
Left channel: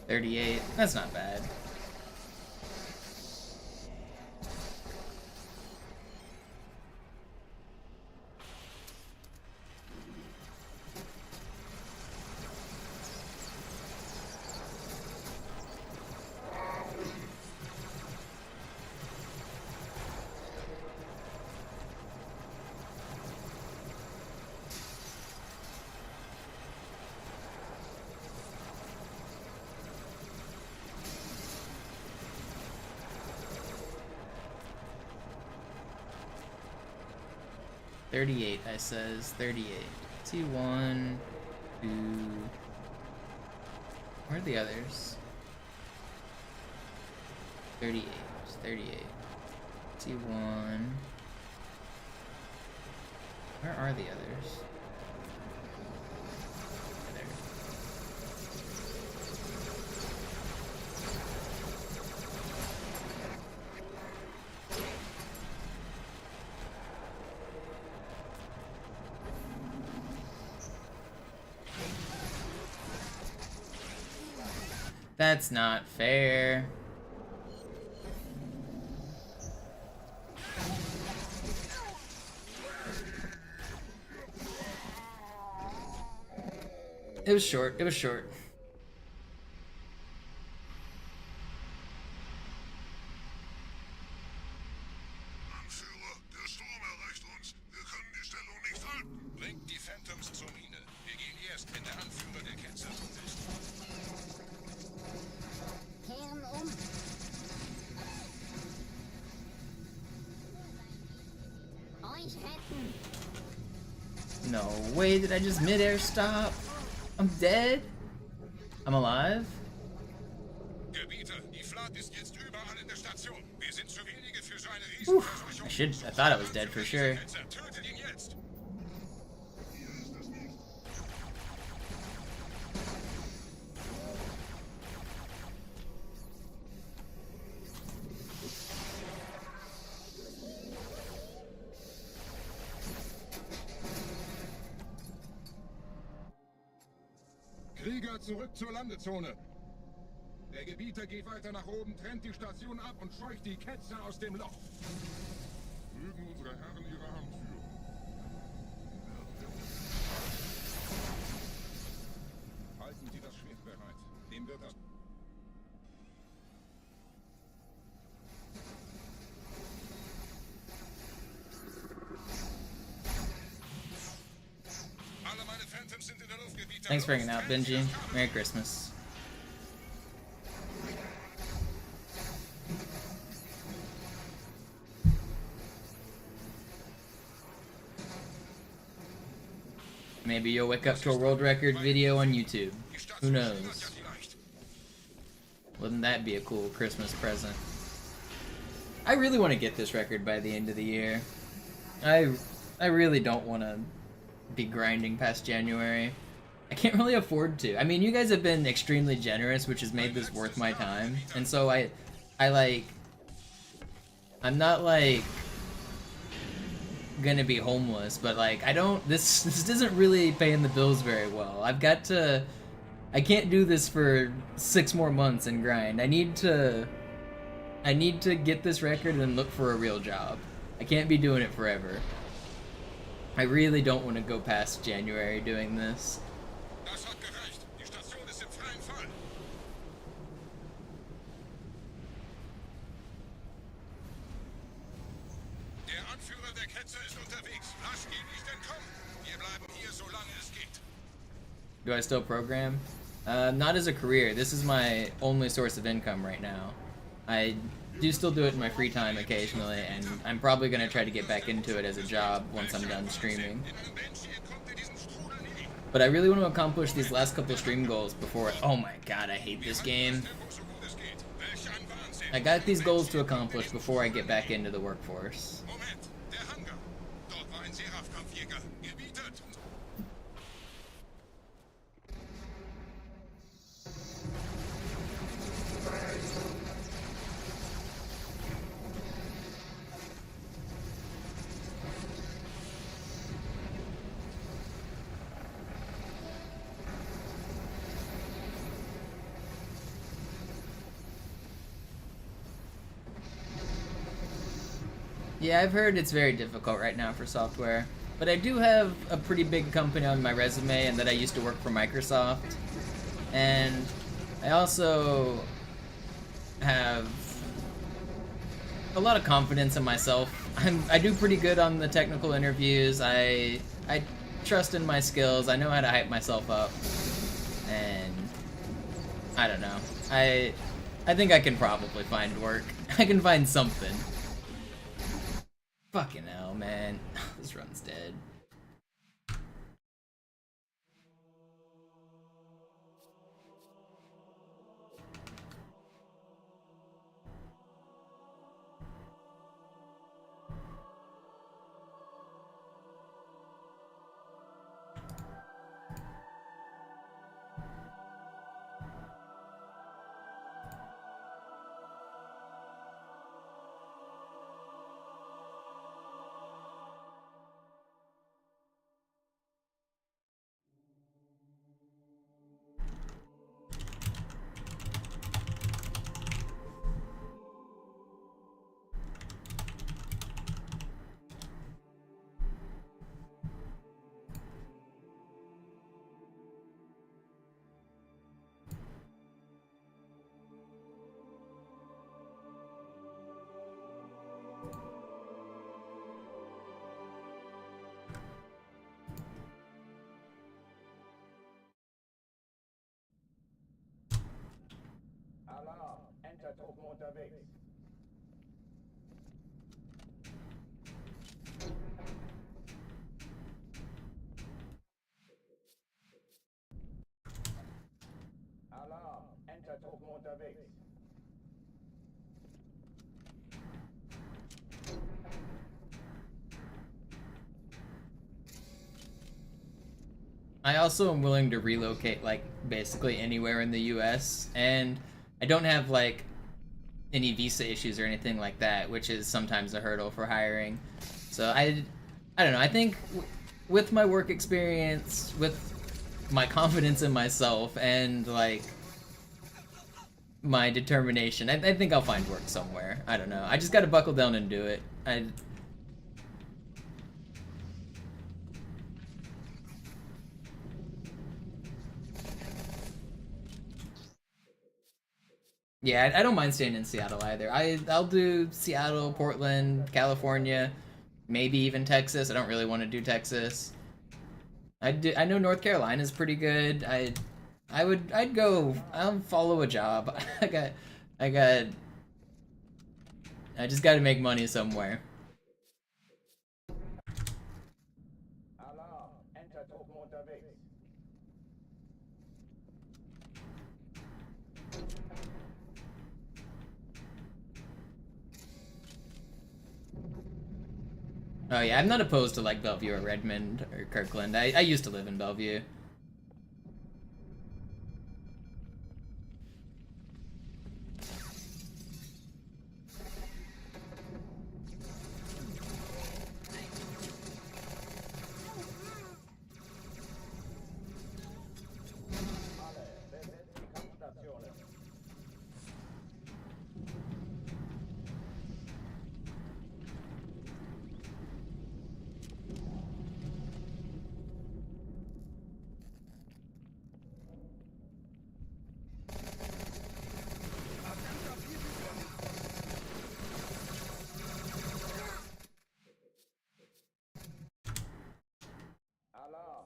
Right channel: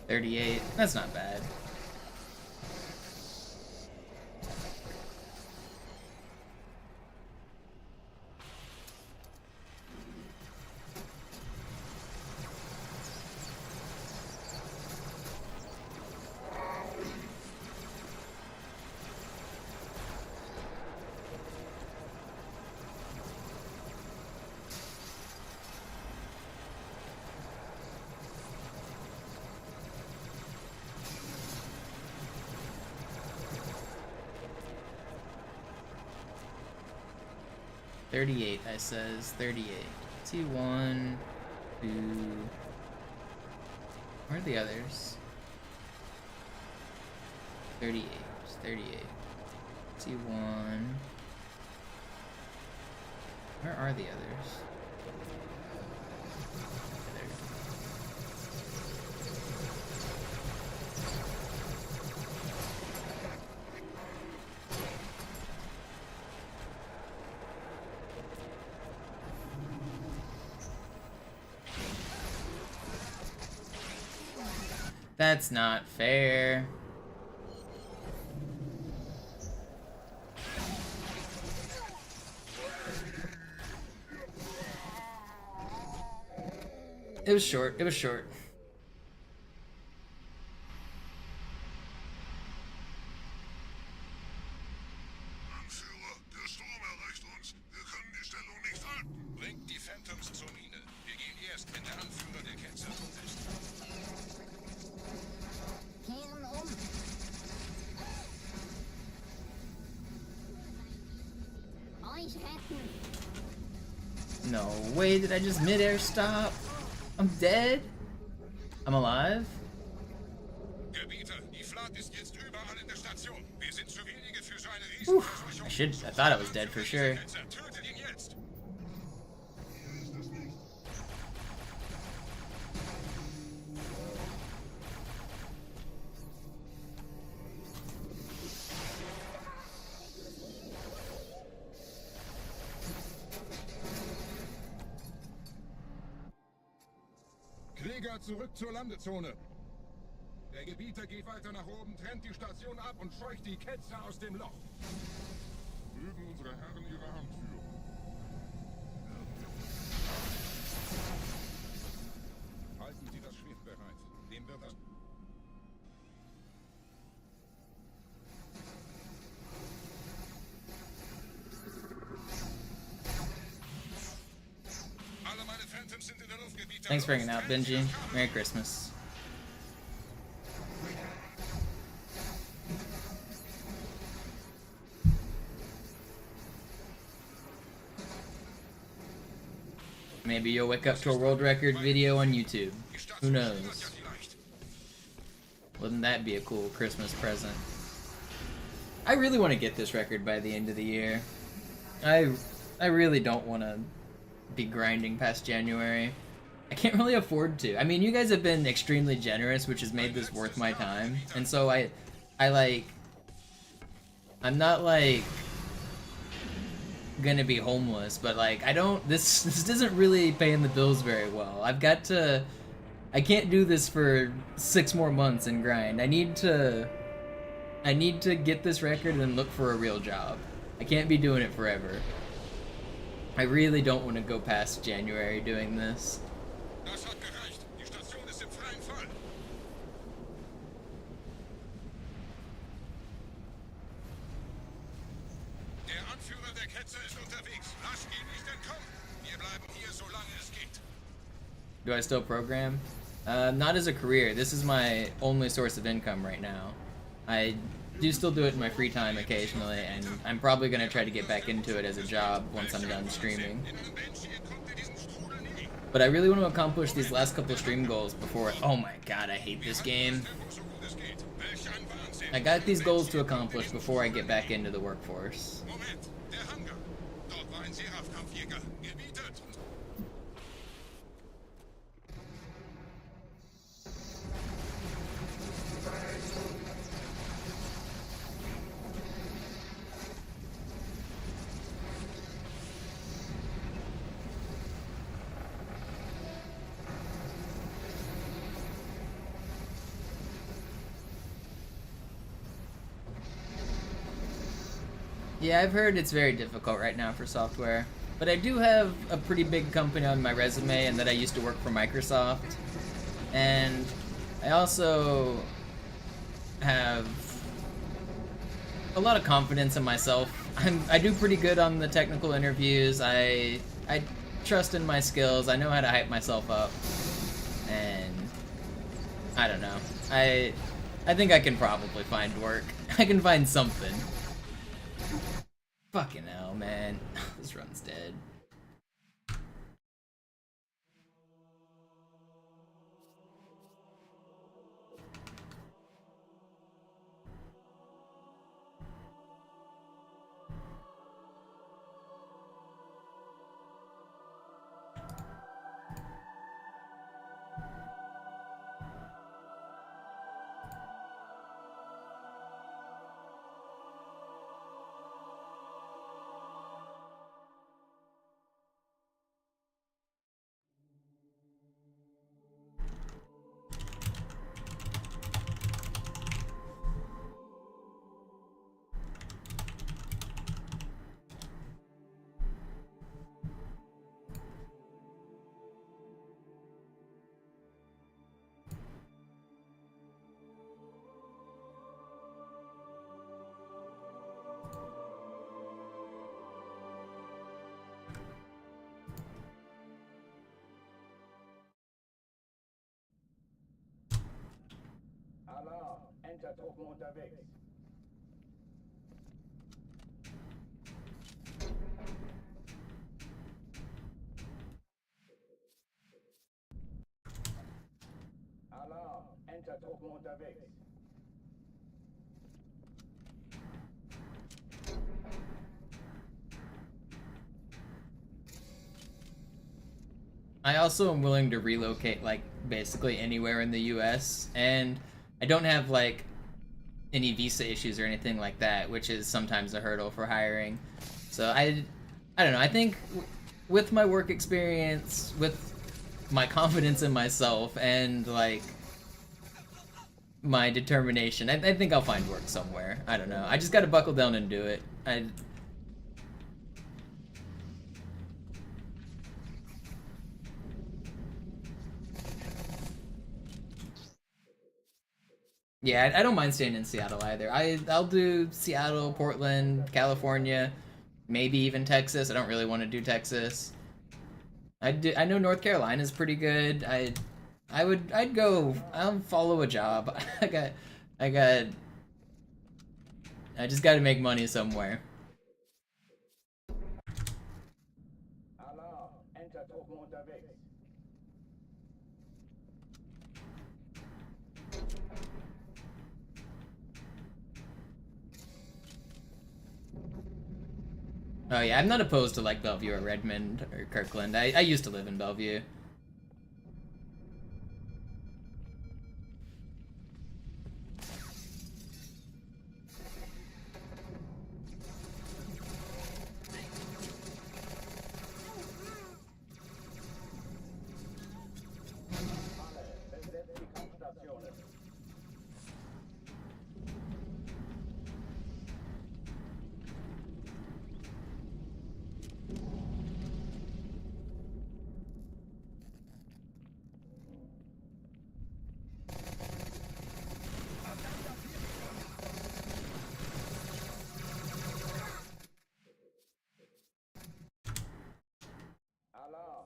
$38. That's not bad. 38, I says. 38. T1, 2... Where are the others? 38. 38. T1... Where are the others? There. That's not fair. It was short. It was short. Anführer, der Sturm erreicht uns. Wir können die Stellung nicht halten. Bringt die Phantoms zur Mine. Wir gehen erst, wenn der Anführer der Ketzer tot ist. Kehren um. Euch retten. No way, did I just mid-air stop? I'm dead? I'm alive? Gebieter, die Flat ist jetzt überall in der Station. Wir sind zu wenige für so eine Whew, I thought I was dead for sure. Tötet ihn jetzt. Krieger, zurück zur Landezone. Der Gebieter geht weiter nach oben, trennt die Station ab und scheucht die Ketzer aus dem Loch. Mögen unsere Herren ihre Hand führen. Halten Sie das Schwert bereit. Dem wird das... Alle meine Phantoms sind in der Luft, Gebieter. Thanks for hanging out, Benji. Merry Christmas. Maybe you'll wake up to a world record video on YouTube. Who knows? Wouldn't that be a cool Christmas present? I really want to get this record by the end of the year. I really don't want to be grinding past January. I can't really afford to. I mean, you guys have been extremely generous, which has made this worth my time. And so I'm not like gonna be homeless, but like this isn't really paying the bills very well. I can't do this for 6 more months and grind. I need to get this record and then look for a real job. I can't be doing it forever. I really don't want to go past January doing this. Das hat gereicht. Die Station ist im freien Fall. Der Anführer der Ketzer ist unterwegs. Lass ihn nicht entkommen. Wir bleiben hier, solange es geht. Do I still program? Not as a career. This is my only source of income right now. I do still do it in my free time occasionally, and I'm probably going to try to get back into it as a job once I'm done streaming. But I really want to accomplish these last couple of stream goals before... Oh my god, I hate this game. I got these goals to accomplish before I get back into the workforce. Yeah, I've heard it's very difficult right now for software, but I do have a pretty big company on my resume and that I used to work for Microsoft, and I also have a lot of confidence in myself. I do pretty good on the technical interviews. I trust in my skills. I know how to hype myself up, and I don't know. I think I can probably find work. I can find something. Fucking hell, man. This run's dead. Alarm, Entertruppen unterwegs. Alarm, Entertruppen unterwegs. I also am willing to relocate, like, basically anywhere in the US, and I don't have, like, any visa issues or anything like that, which is sometimes a hurdle for hiring. So I don't know, I think with my work experience, with my confidence in myself, and, like, my determination, I think I'll find work somewhere. I don't know. I just gotta buckle down and do it. Yeah, I don't mind staying in Seattle either. I'll do Seattle, Portland, California, maybe even Texas. I don't really want to do Texas. I know North Carolina is pretty good. I'd go. I'll follow a job. I just got to make money somewhere. Alarm, Entertruppen unterwegs. Oh yeah, I'm not opposed to like Bellevue or Redmond or Kirkland. I used to live in Bellevue. Alle, besetzt die Kampfstationen.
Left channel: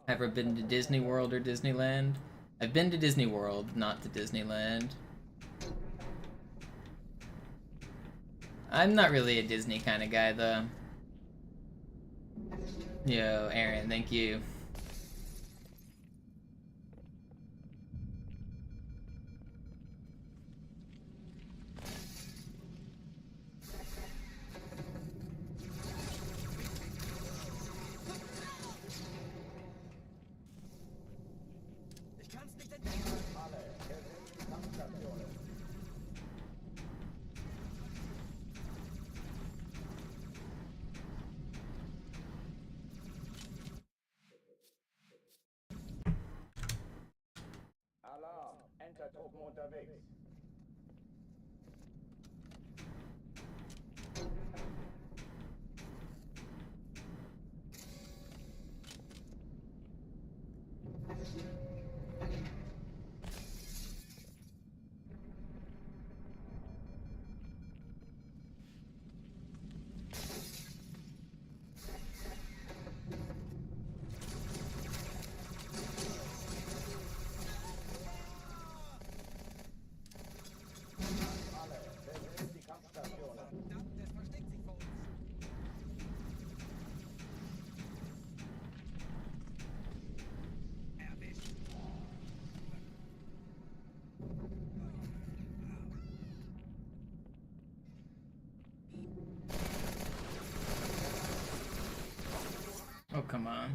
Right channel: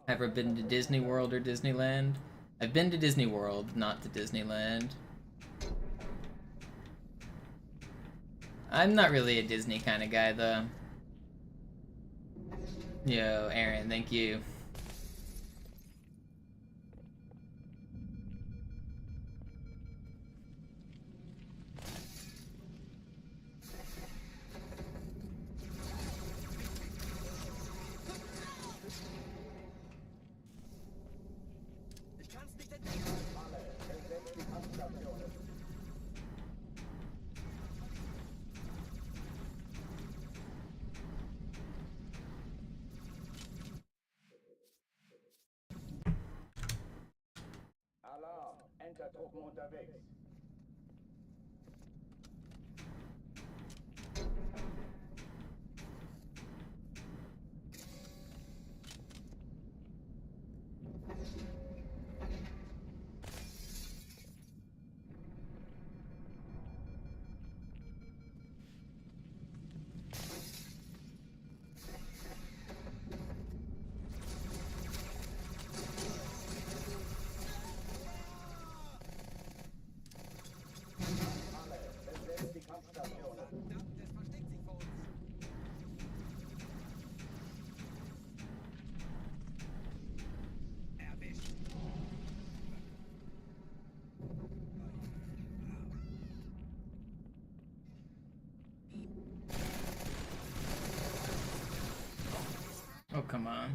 Ever been to Disney World or Disneyland? I've been to Disney World, not to Disneyland. I'm not really a Disney kind of guy, though. Yo, Aaron, thank you. Alle, besetzt die Kampfstationen. Alarm, Entertruppen unterwegs. come on.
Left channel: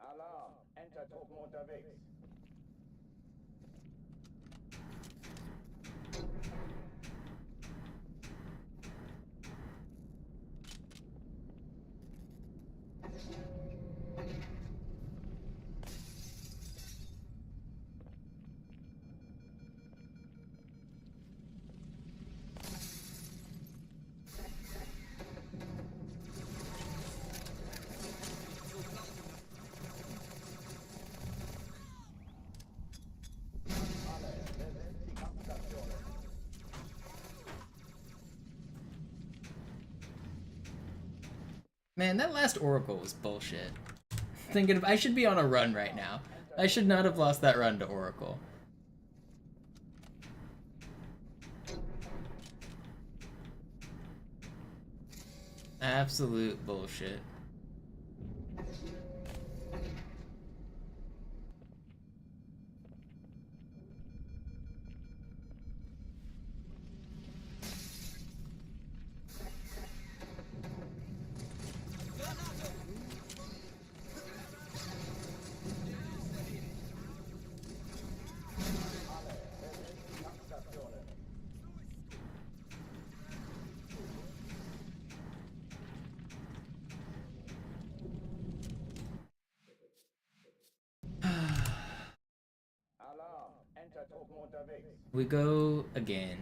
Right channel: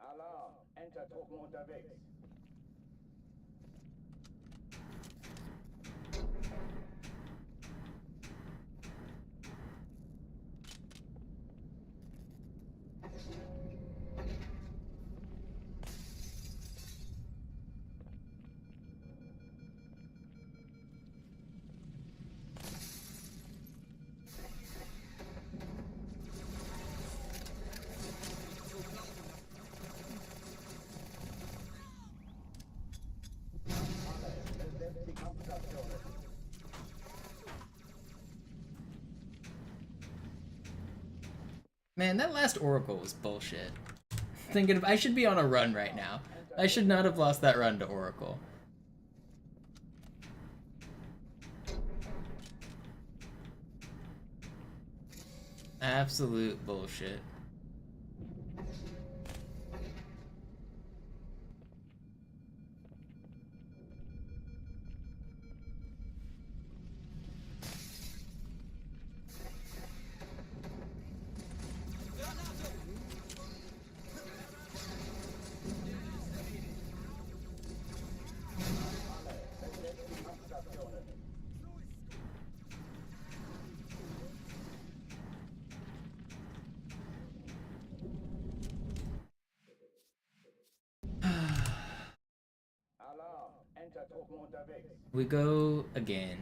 Alarm, Enter-Truppen unterwegs. Man, that last Oracle was bullshit. Thinking I should be on a run right now. I should not have lost that run to Oracle. Absolute bullshit. We go again.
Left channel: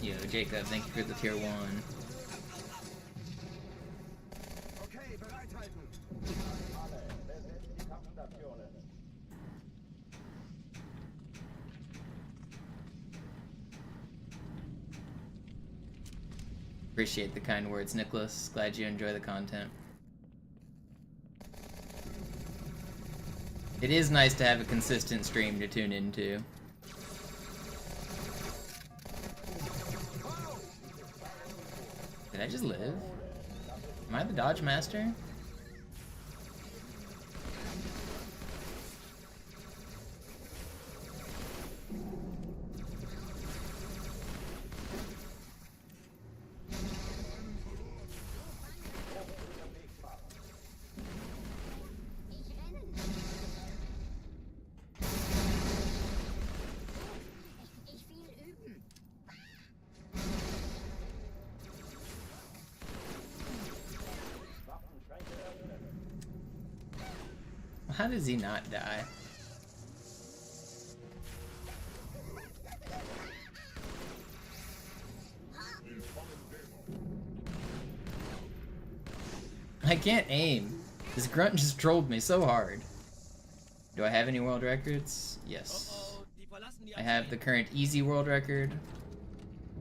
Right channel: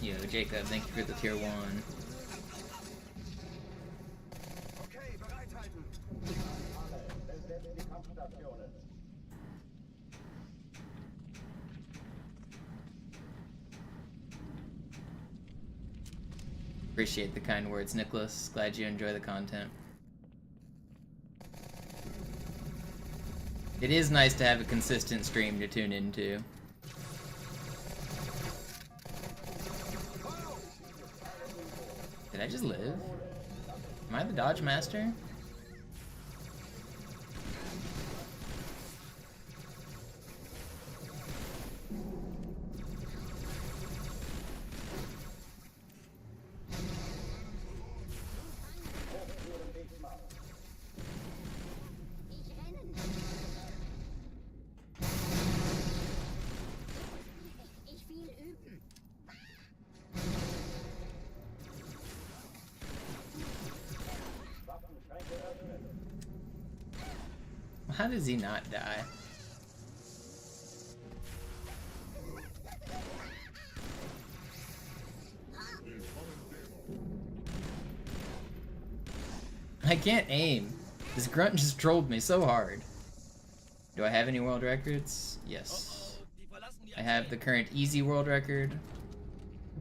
Yo, Jacob, thank you for the tier 1. Appreciate the kind words, Nicholas. Glad you enjoy the content. It is nice to have a consistent stream to tune into. Did I just live? Am I the Dodge Master? How does he not die? I can't aim. This grunt just trolled me so hard. Do I have any world records? Yes. I have the current easy world record.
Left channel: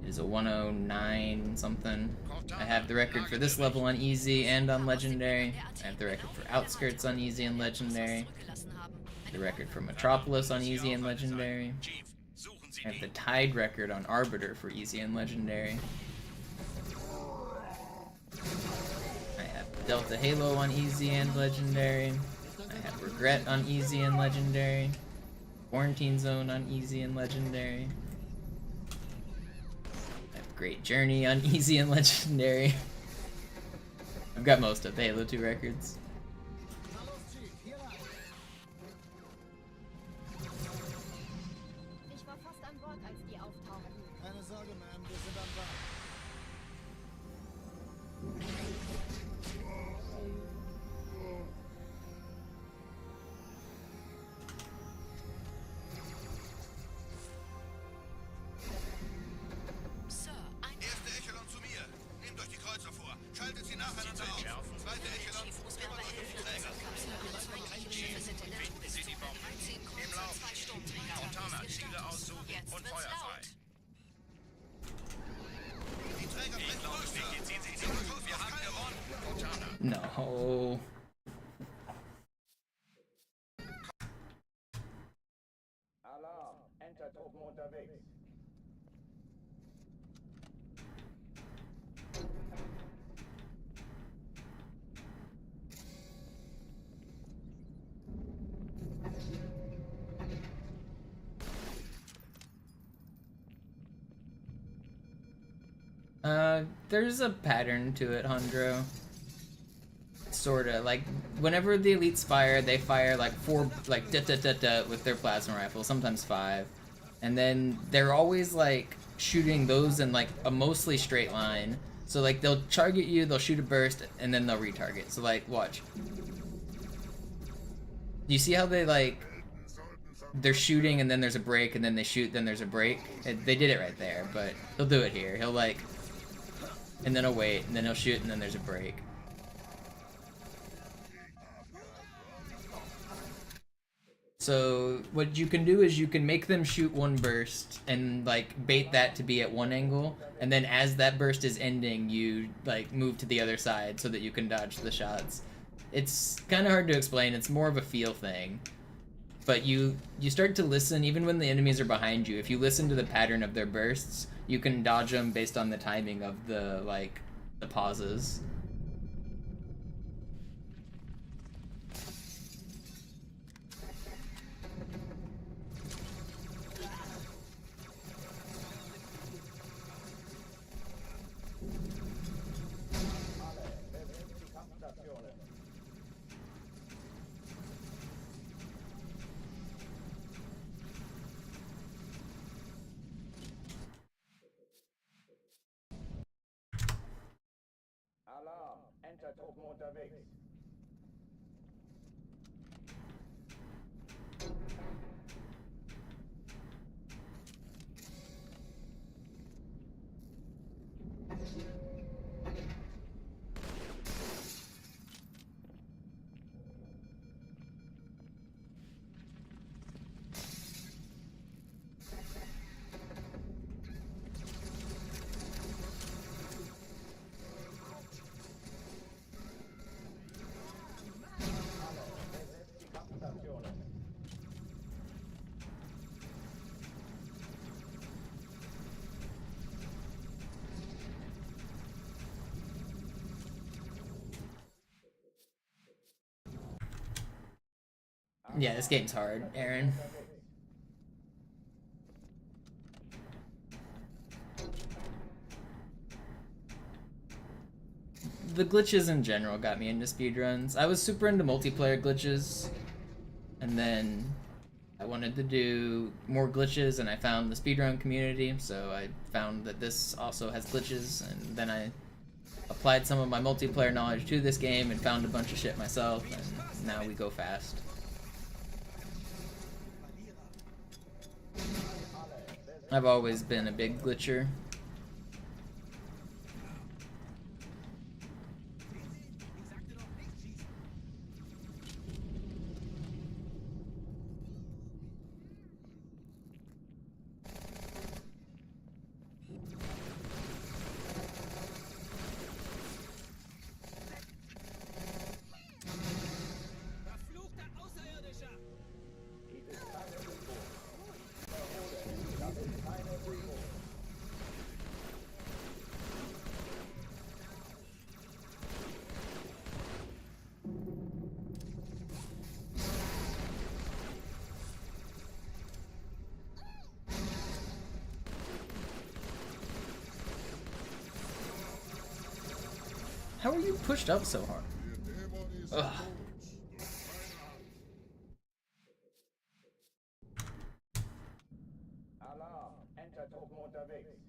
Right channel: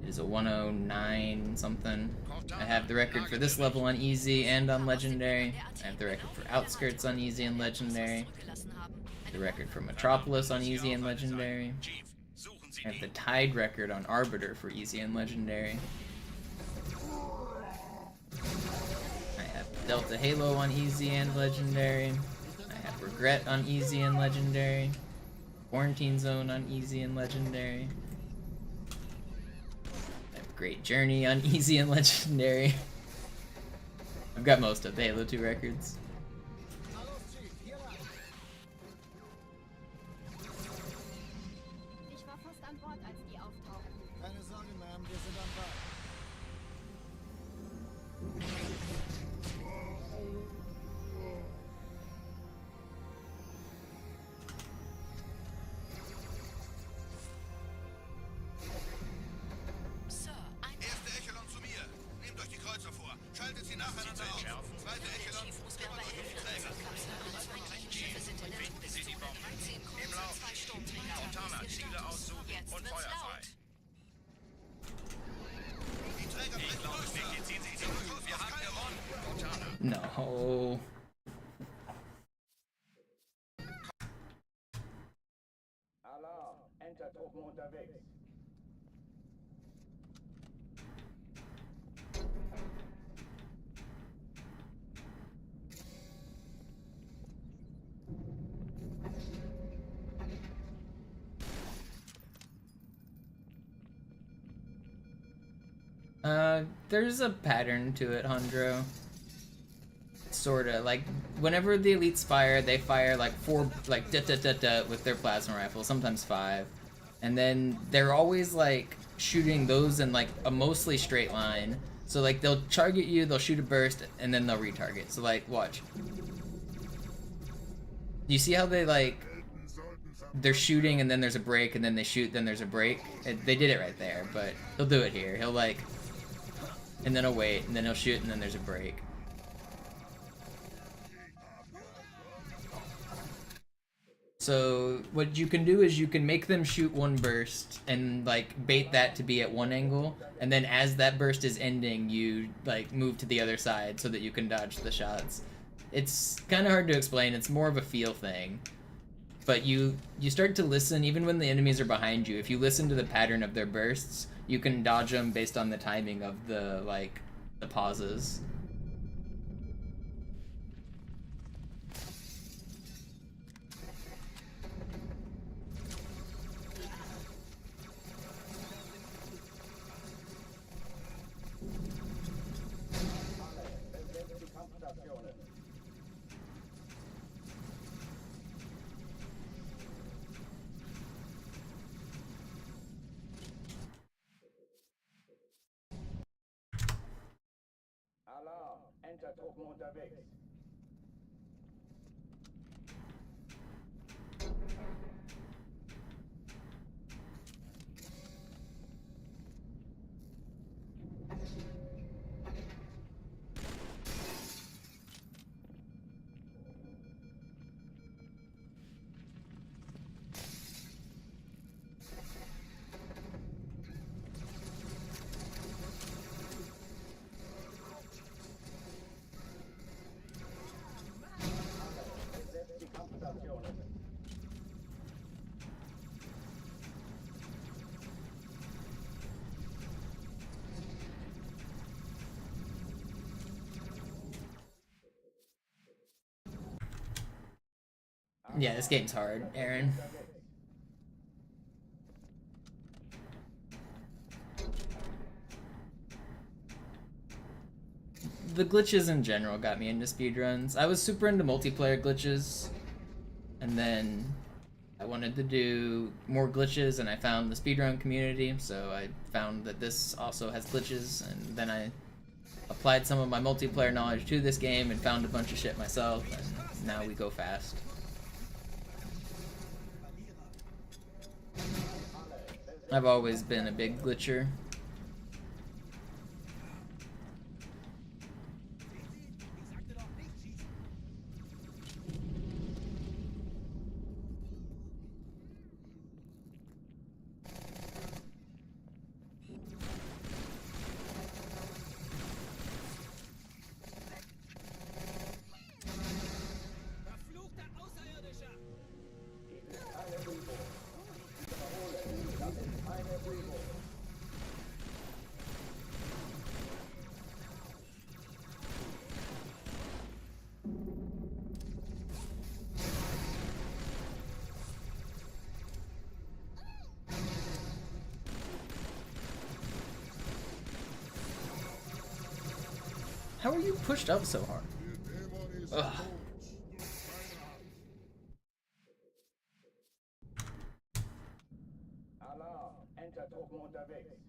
It is a 109 something. I have the record for this level on easy and on legendary. I have the record for outskirts on easy and legendary. The record for Metropolis on easy and legendary. I have the tied record on Arbiter for easy and legendary. I have Delta Halo on easy and legendary. I have Regret on easy and legendary. Quarantine Zone on easy and legendary. I have Great Journey on easy and legendary. I've got most of the Halo 2 records. Keine Sorge, Ma'am, wir sind am Ball. Erste Echelon zu mir. Nehmt euch die Kreuzer vor. Schaltet sie nacheinander auf. Zweite Echelon, kümmert euch um die Träger. Finden Sie die Bomben. Im Lauf. Montana, Ziele aussuchen und Feuer frei. Enter Truppen unterwegs. There's a pattern to it, Hondro. Sorta. Like, whenever the elites fire, they fire like 4, like, da-da-da-da with their plasma rifle, sometimes 5. And then they're always, like, shooting those in, like, a mostly straight line. So, like, they'll target you, they'll shoot a burst, and then they'll retarget. So, like, watch. You see how they, like, they're shooting and then there's a break, and then they shoot, then there's a break? They did it right there, but he'll do it here. He'll, like, and then he'll wait, and then he'll shoot, and then there's a break. So what you can do is you can make them shoot one burst and like bait that to be at one angle, and then as that burst is ending, you like move to the other side so that you can dodge the shots. It's kind of hard to explain. It's more of a feel thing. But you start to listen even when the enemies are behind you. If you listen to the pattern of their bursts, you can dodge them based on the timing of the like the pauses. Alarm! Enter-Truppen unterwegs. Yeah, this game's hard, Aaron. The glitches in general got me into speedruns. I was super into multiplayer glitches, and then I wanted to do more glitches, and I found the speedrun community, so I found that this also has glitches, and then I applied some of my multiplayer knowledge to this game and found a bunch of shit myself, and now we go fast. I've always been a big glitcher. How are you pushed up so hard? Ugh. Alarm! Enter-Truppen unterwegs.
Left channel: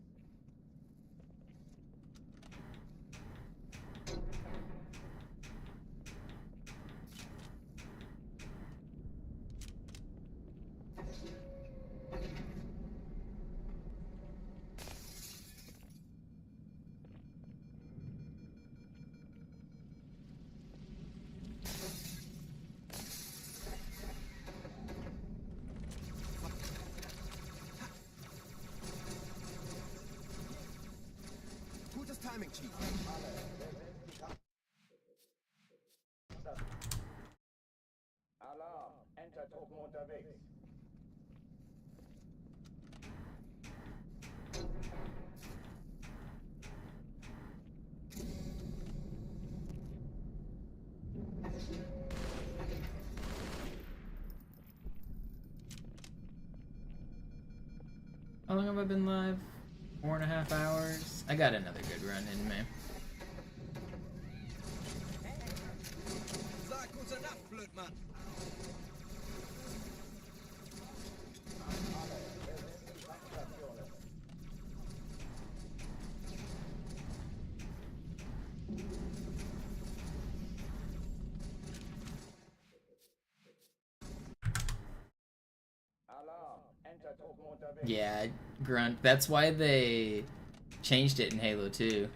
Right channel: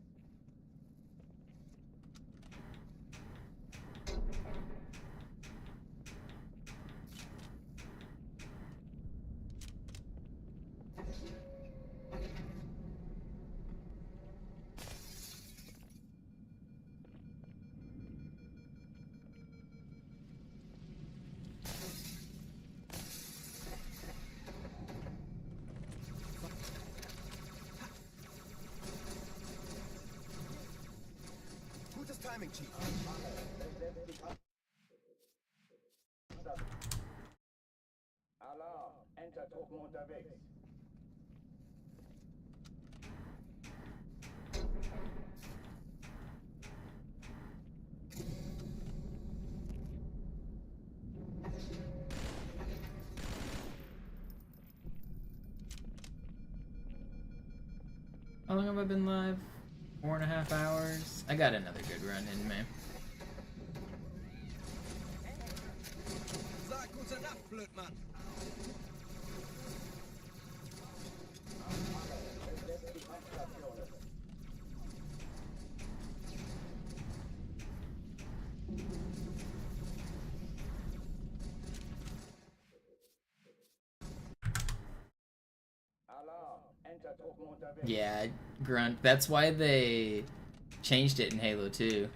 Timing, Chief. Alarm! Enter-Truppen unterwegs. How long have I been live? 4.5 hours. I got another good run in me. Yeah, grunt. That's why they changed it in Halo 2.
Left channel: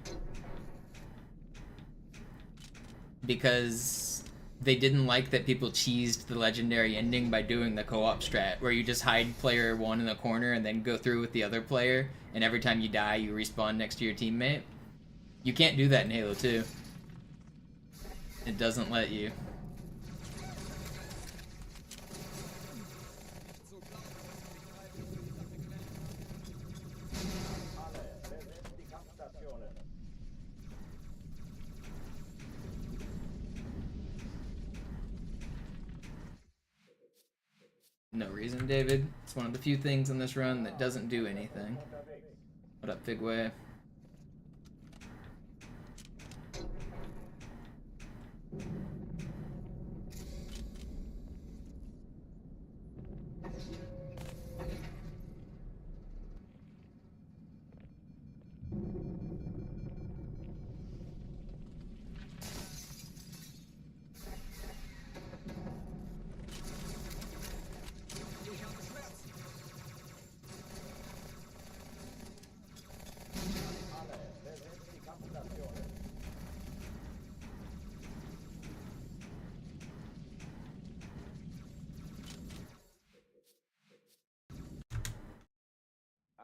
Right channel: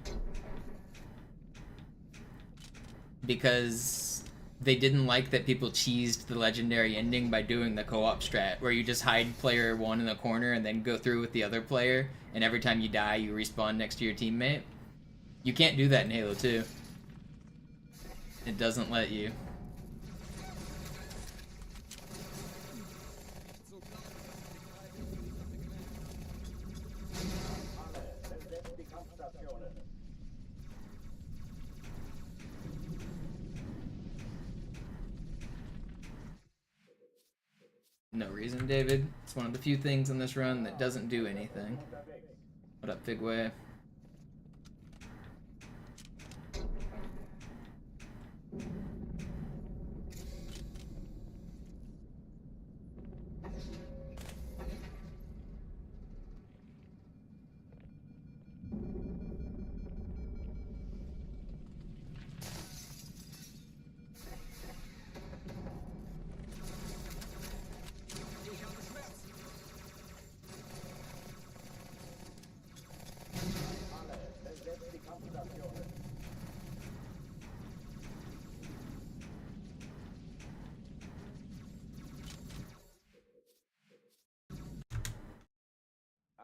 Because they didn't like that people cheesed the legendary ending by doing the co-op strat, where you just hide player 1 in the corner and then go through with the other player, and every time you die, you respawn next to your teammate. You can't do that in Halo 2. It doesn't let you. No reason, David. It's one of the few things in this run that doesn't do anything. What up, Figway?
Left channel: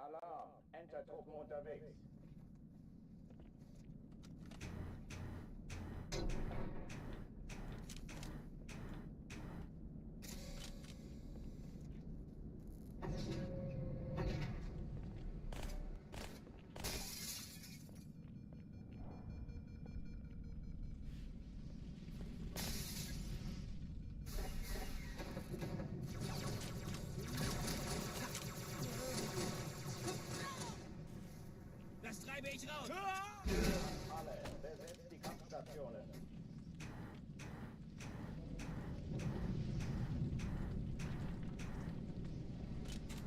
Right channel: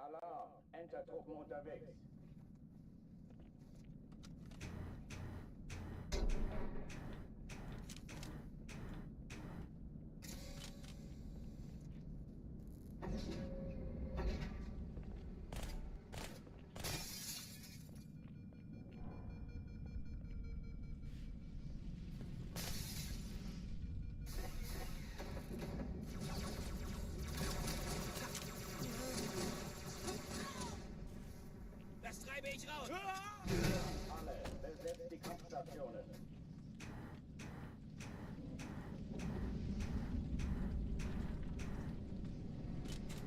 Alarm! Entertruppen unterwegs. Alle, besetzt die Kampfstationen.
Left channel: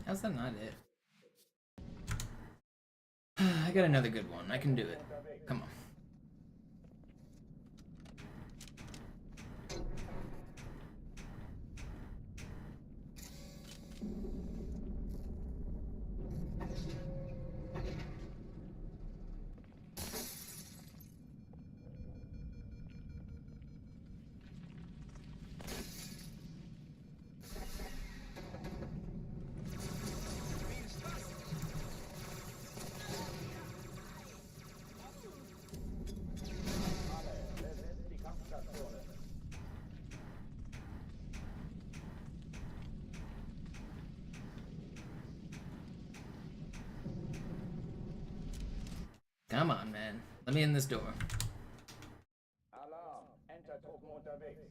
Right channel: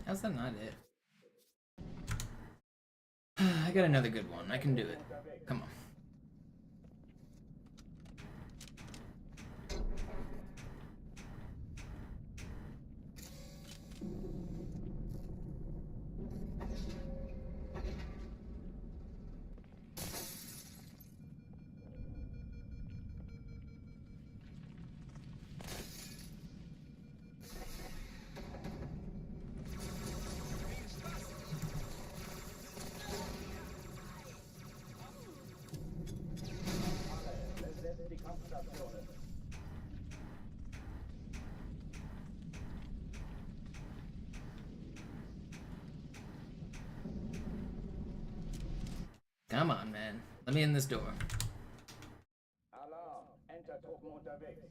How's that not it? I got another good one. I can do it. Come on. Come on, man. Let me in this door. Alarm! Entertruppen unterwegs.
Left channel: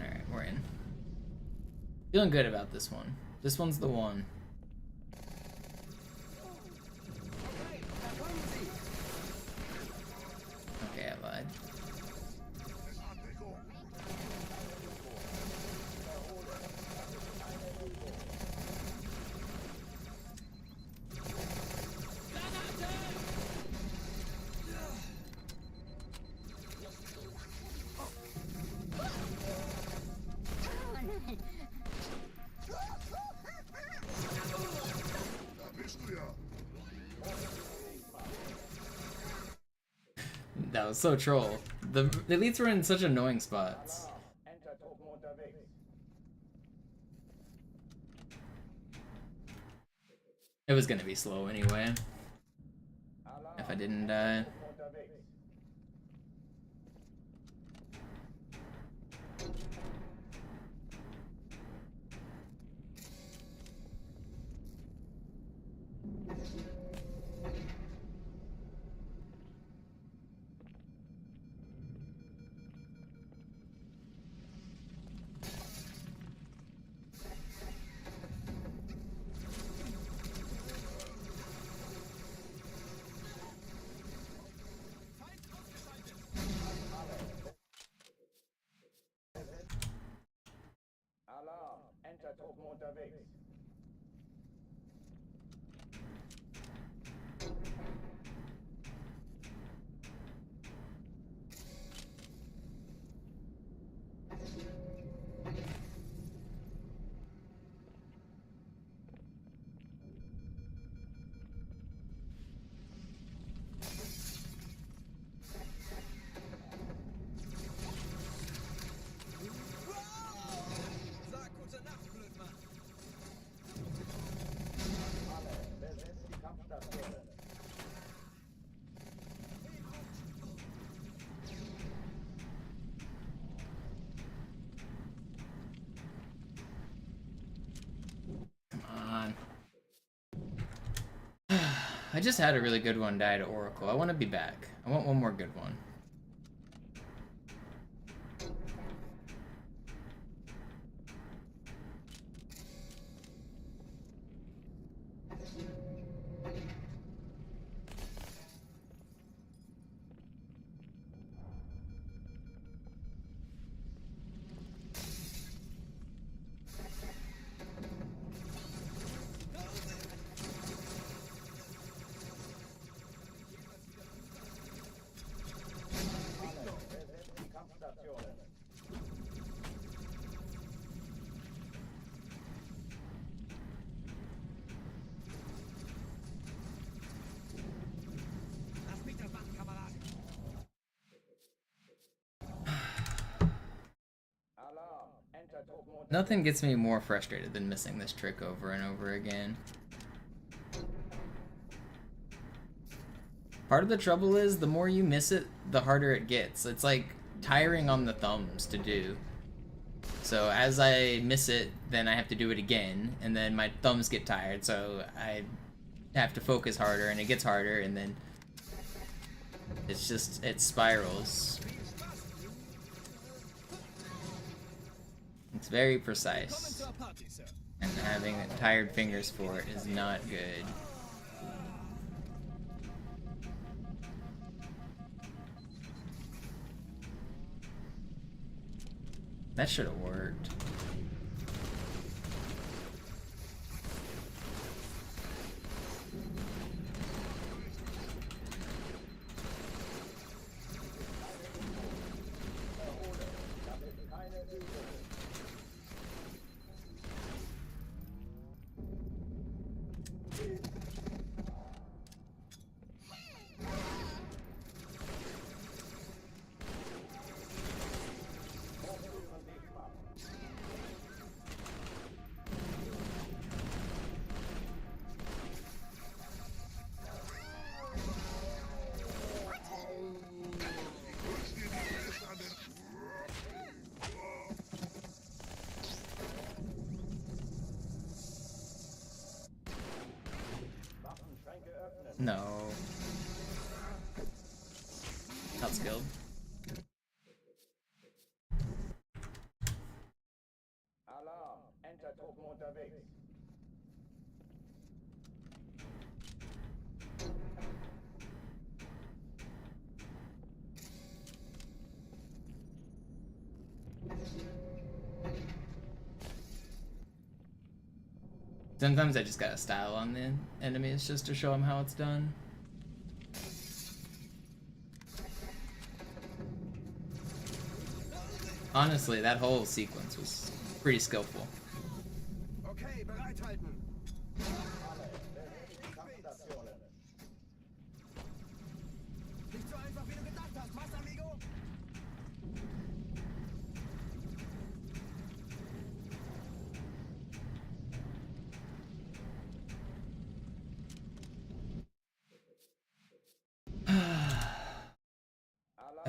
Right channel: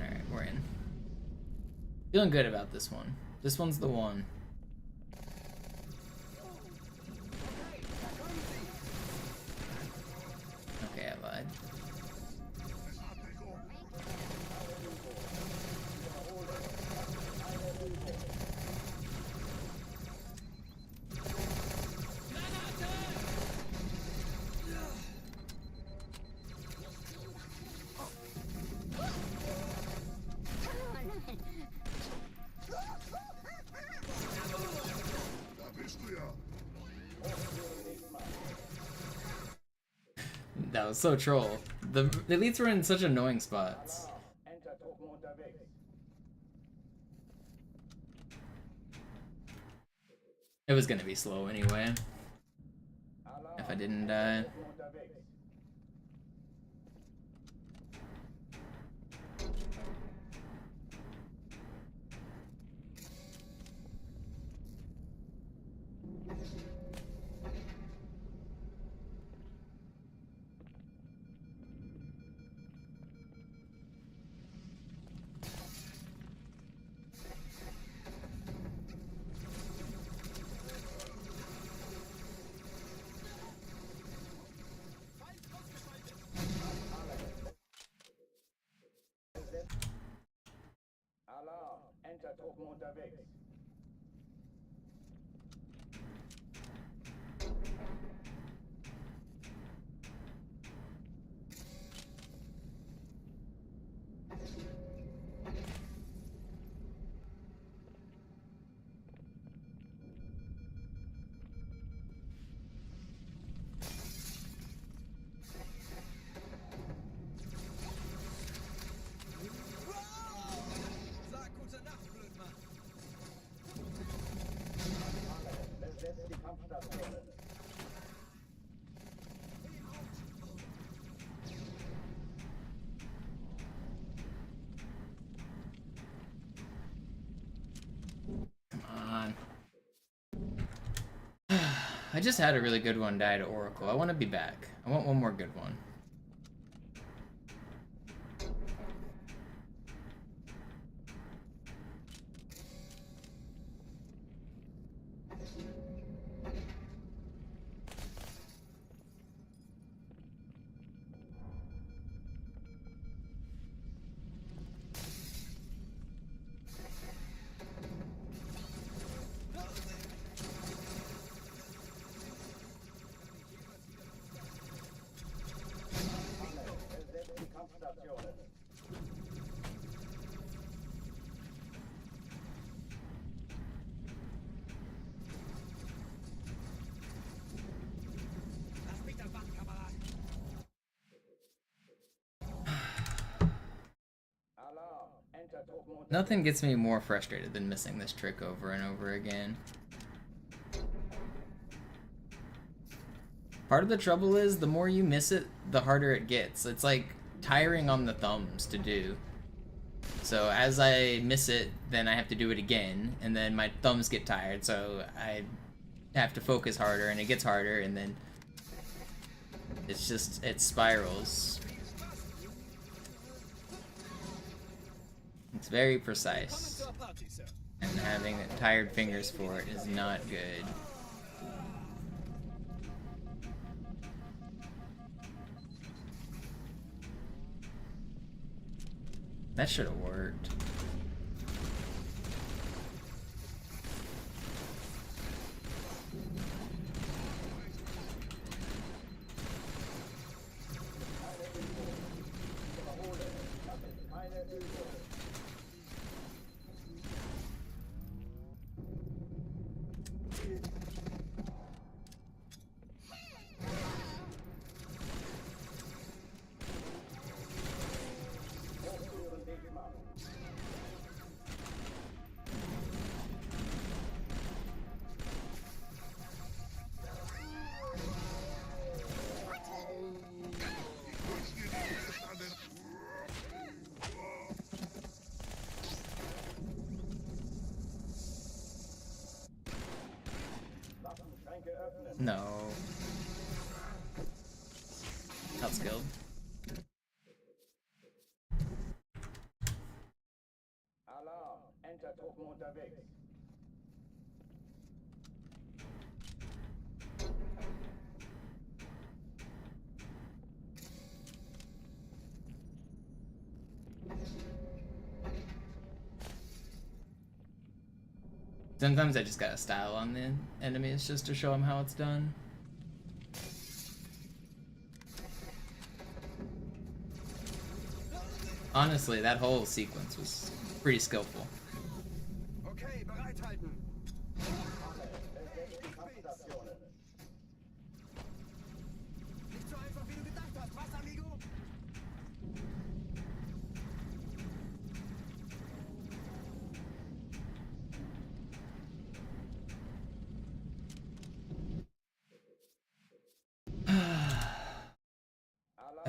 Alright, we're in. Feeling good about this one. This one's the one. Okay, I lied. That was so troll. The elites were in such annoying spots. Entertruppen unterwegs. It was gonna be slow anyway. If I didn't die. Alarm, Entertruppen unterwegs. I just had a really good one die to Oracle. I want to be back. I want one more good one. Nothing gets me more frustrated than missing this trick over and over again. Part of the trouble is, the more you miss it, the harder it gets. It's like tiring on the thumbs to do. So as I miss it, then I have to do it again, and then my thumbs get tired, so I have to focus harder, and it gets harder, and then it's just, it spirals. It's very precise, and having tired fingers for it is not good. That should have worked. No. Outskilled. Alarm, Entertruppen unterwegs. Sometimes I just gotta style on the enemies just to show them how it's done. Honestly, that whole sequence was pretty skillful. Okay, bereithalten. Alle, besetzt die Kampfstationen. Nicht so einfach, wie du gedacht hast,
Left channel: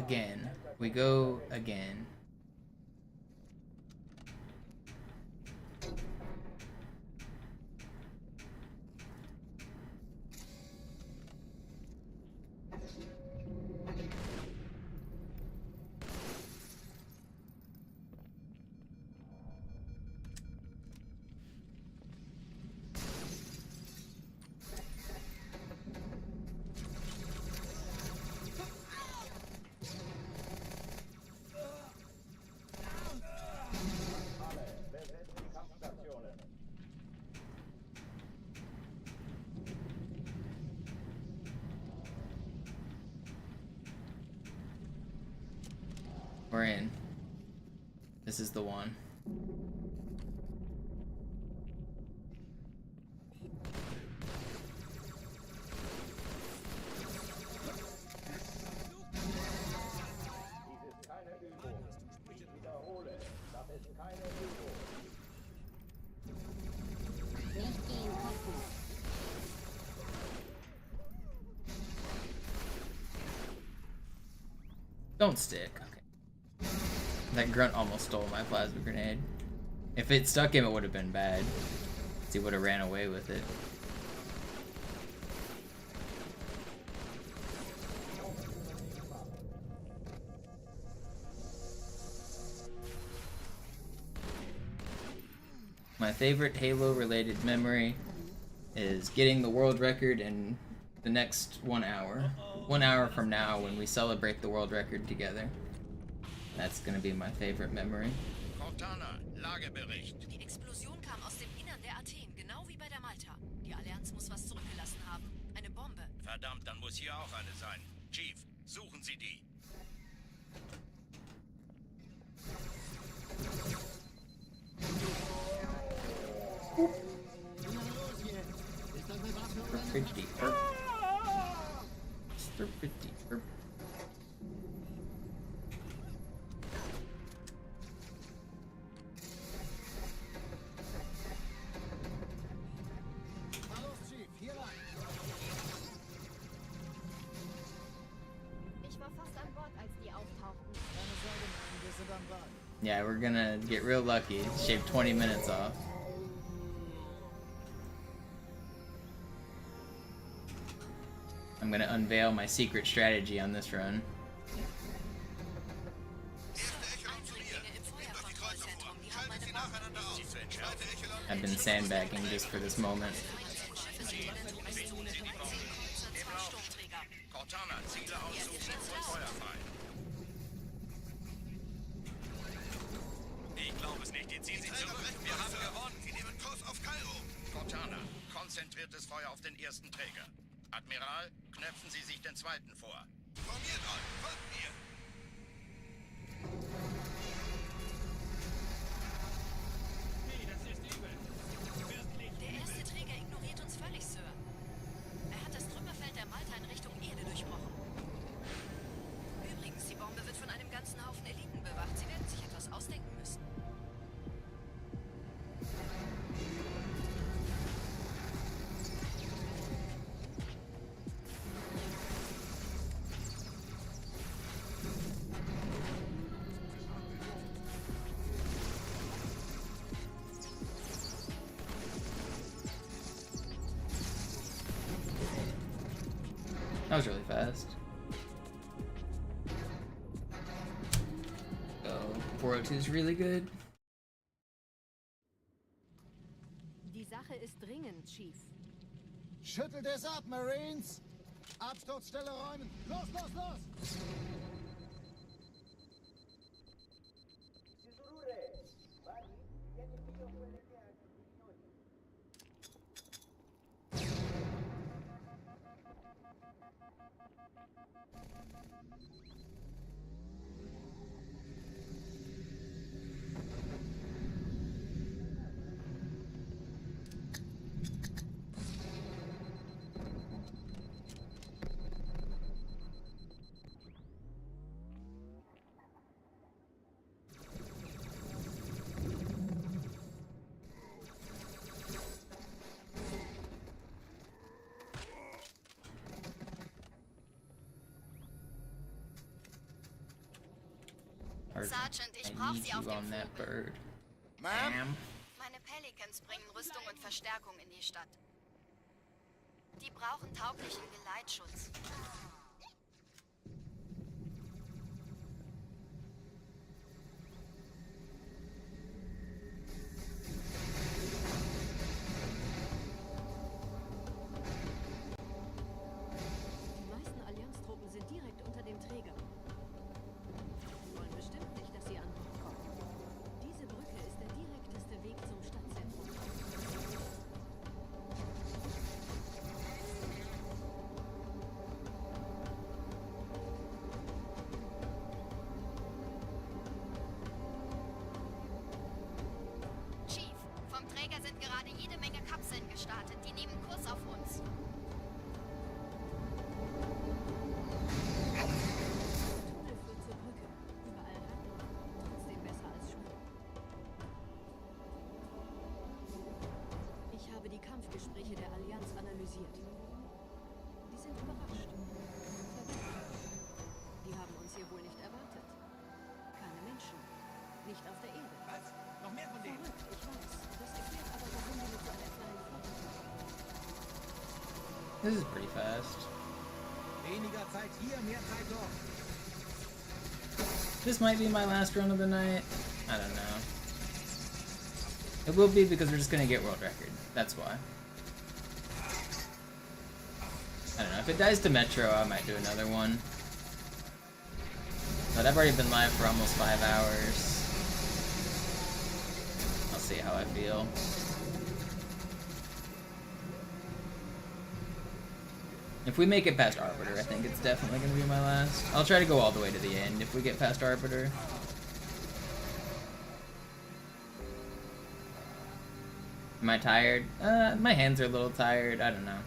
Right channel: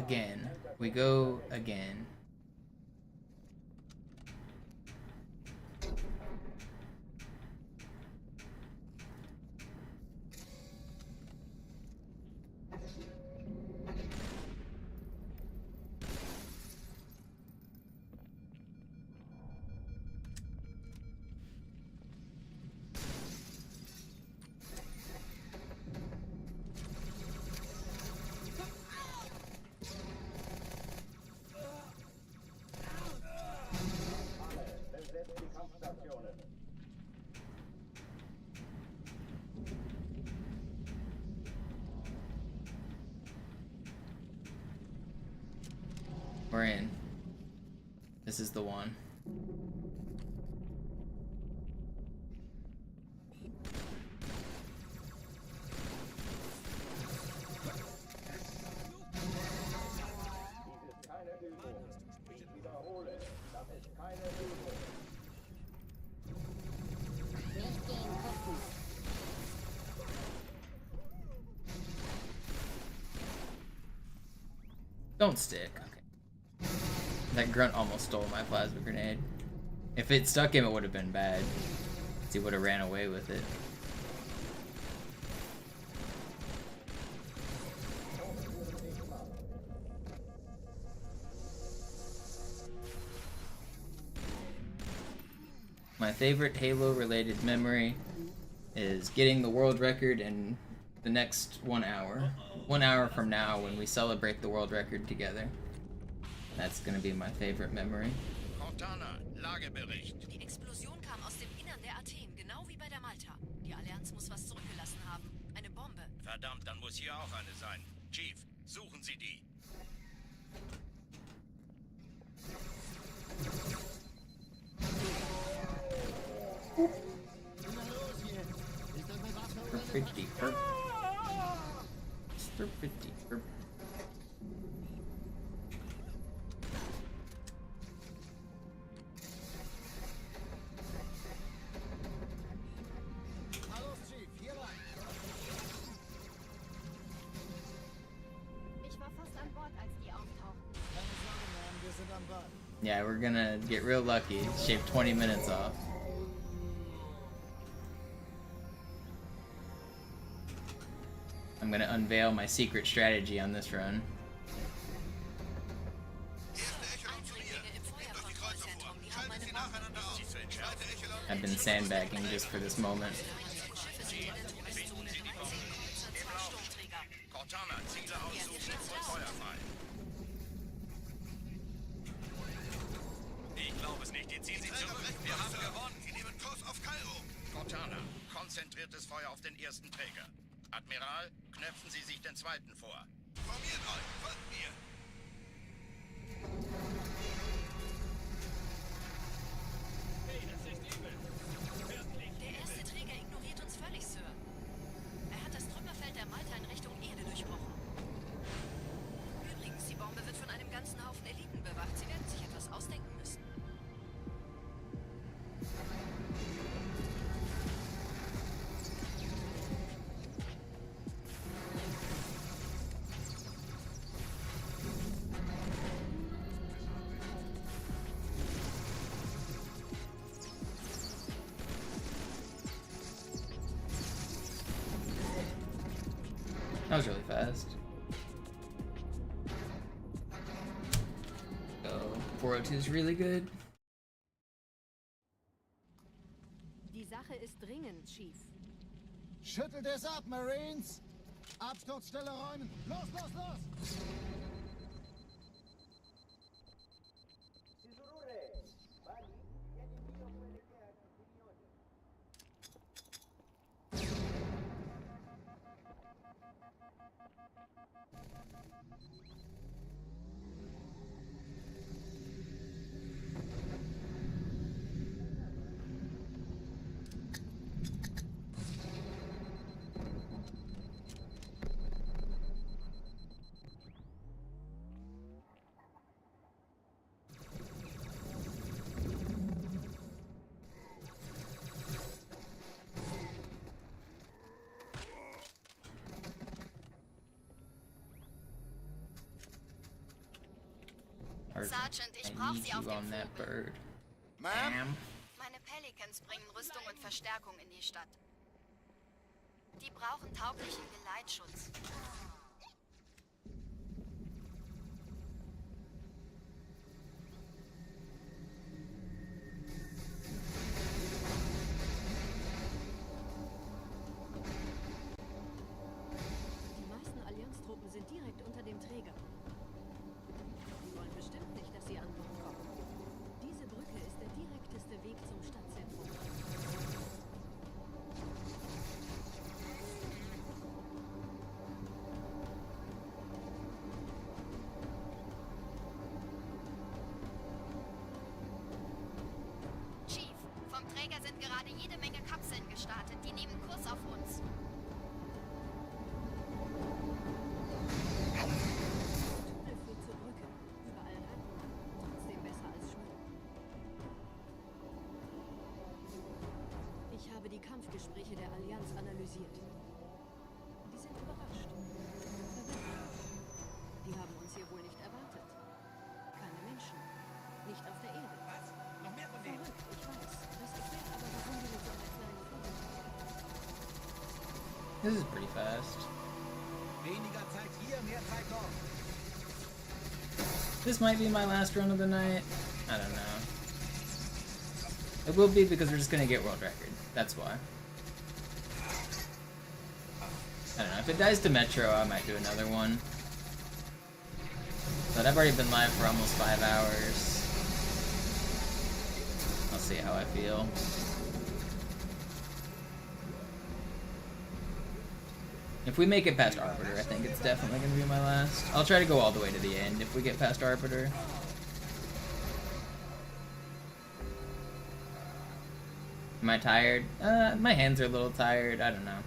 again. We go again. We're in. This is the one. Dies ist keine Übung. Ich wiederhole, das ist keine Übung. Nicht gehen gucken. Don't stick. Okay. That grunt almost stole my plasma grenade. If it stuck him, it would have been bad. He would have ran away with it. My favorite Halo-related memory is getting the world record in the next 1 hour. 1 hour from now when we celebrate the world record together. That's gonna be my favorite memory. Cortana, Lagebericht. Die Explosion kam aus dem Innern der Athen, genau wie bei der Malta. Die Allianz muss was zurückgelassen haben. Eine Bombe. Verdammt, dann muss hier auch eine sein. Chief, suchen Sie die. Stupidity perp. Stupidity perp. Hallo, Chief, hier lang. Ich war fast an Bord, als die auftauchten. Keine Sorge, Mann, wir sind am Bad. Yeah, we're gonna get real lucky. Shave 20 minutes off. I'm gonna unveil my secret strategy on this run. I've been sandbagging just for this moment. Cortana, Ziele aussuchen und Feuer frei. Ich glaube es nicht, die ziehen sich zurück. Wir haben gewonnen. Sie nehmen Kurs auf Kairo. Cortana, konzentriertes Feuer auf den ersten Träger. Admiral, knöpfen Sie sich den zweiten vor. Formiert euch, folgt mir. Der erste Träger ignoriert uns völlig, Sir. Er hat das Trümmerfeld der Malta in Richtung Erde durchbrochen. Übrigens, die Bombe wird von einem ganzen Haufen Eliten bewacht. Sie werden sich etwas ausdenken müssen. That was really fast. Oh, 402 is really good. Die Sache ist dringend, Chief. Schüttelt es ab, Marines! Absturzstelle räumen! Los, los, los! Sergeant, ich I brauche need Sie auf you dem on that Flügel. bird. Ma'am? Meine Pelicans bringen Rüstung und Verstärkung in die Stadt. Die brauchen tauglichen Geleitschutz. Die meisten Allianztruppen sind direkt unter dem Träger. Die wollen bestimmt nicht, dass sie an Bord kommen. Diese Brücke ist der direkteste Weg zum Stadtzentrum. Chief, vom Träger sind gerade jede Menge Kapseln gestartet. Die nehmen Kurs auf uns. Dieser Tunnel führt zur Brücke. Überall Ratten. Trotzdem besser als Schwimmen. Ich habe die Kampfgespräche der Allianz analysiert. Die sind überrascht. Verwirrt. Die haben uns hier wohl nicht erwartet. Keine Menschen. Nicht auf der Erde. Verrückt, ich weiß. Das erklärt aber, warum die mit so einer kleinen Flotte kommen. This is pretty fast. Weniger Zeit hier, mehr Zeit dort. This might be my last run of the night. I don't know. It will be because we're just gonna get world record. That's why. I don't know. If it dies to Metro, I might do another one. But I've already been live for almost 5 hours. I'll see how I feel. If we make it past Arbiter, I think it's definitely gonna be my last. I'll try to go all the way to the end if we get past Arbiter. Am I tired? My hands are a little tired. I don't know.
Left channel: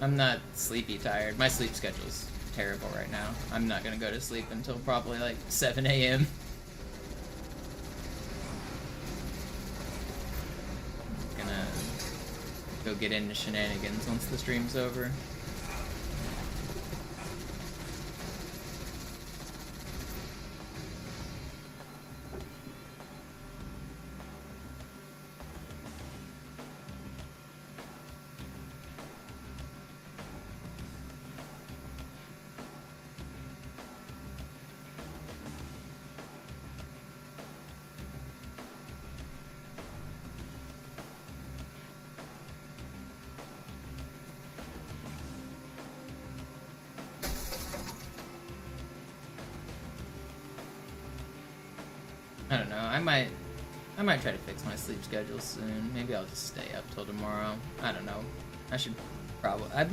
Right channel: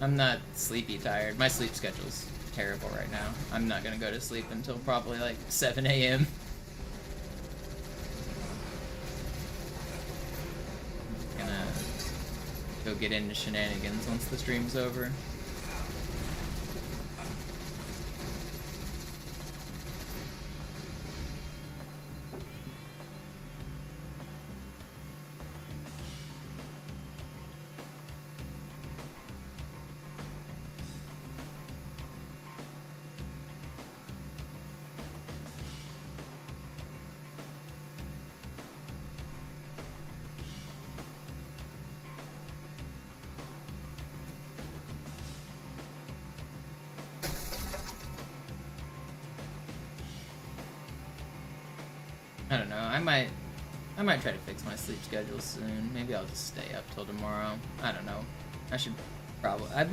I'm not sleepy tired. My sleep schedule's terrible right now. I'm not gonna go to sleep until probably like 7 a.m. Gonna go get into shenanigans once the stream's over. I don't know. I might try to fix my sleep schedule soon. Maybe I'll just stay up till tomorrow. I don't know. I should probably. I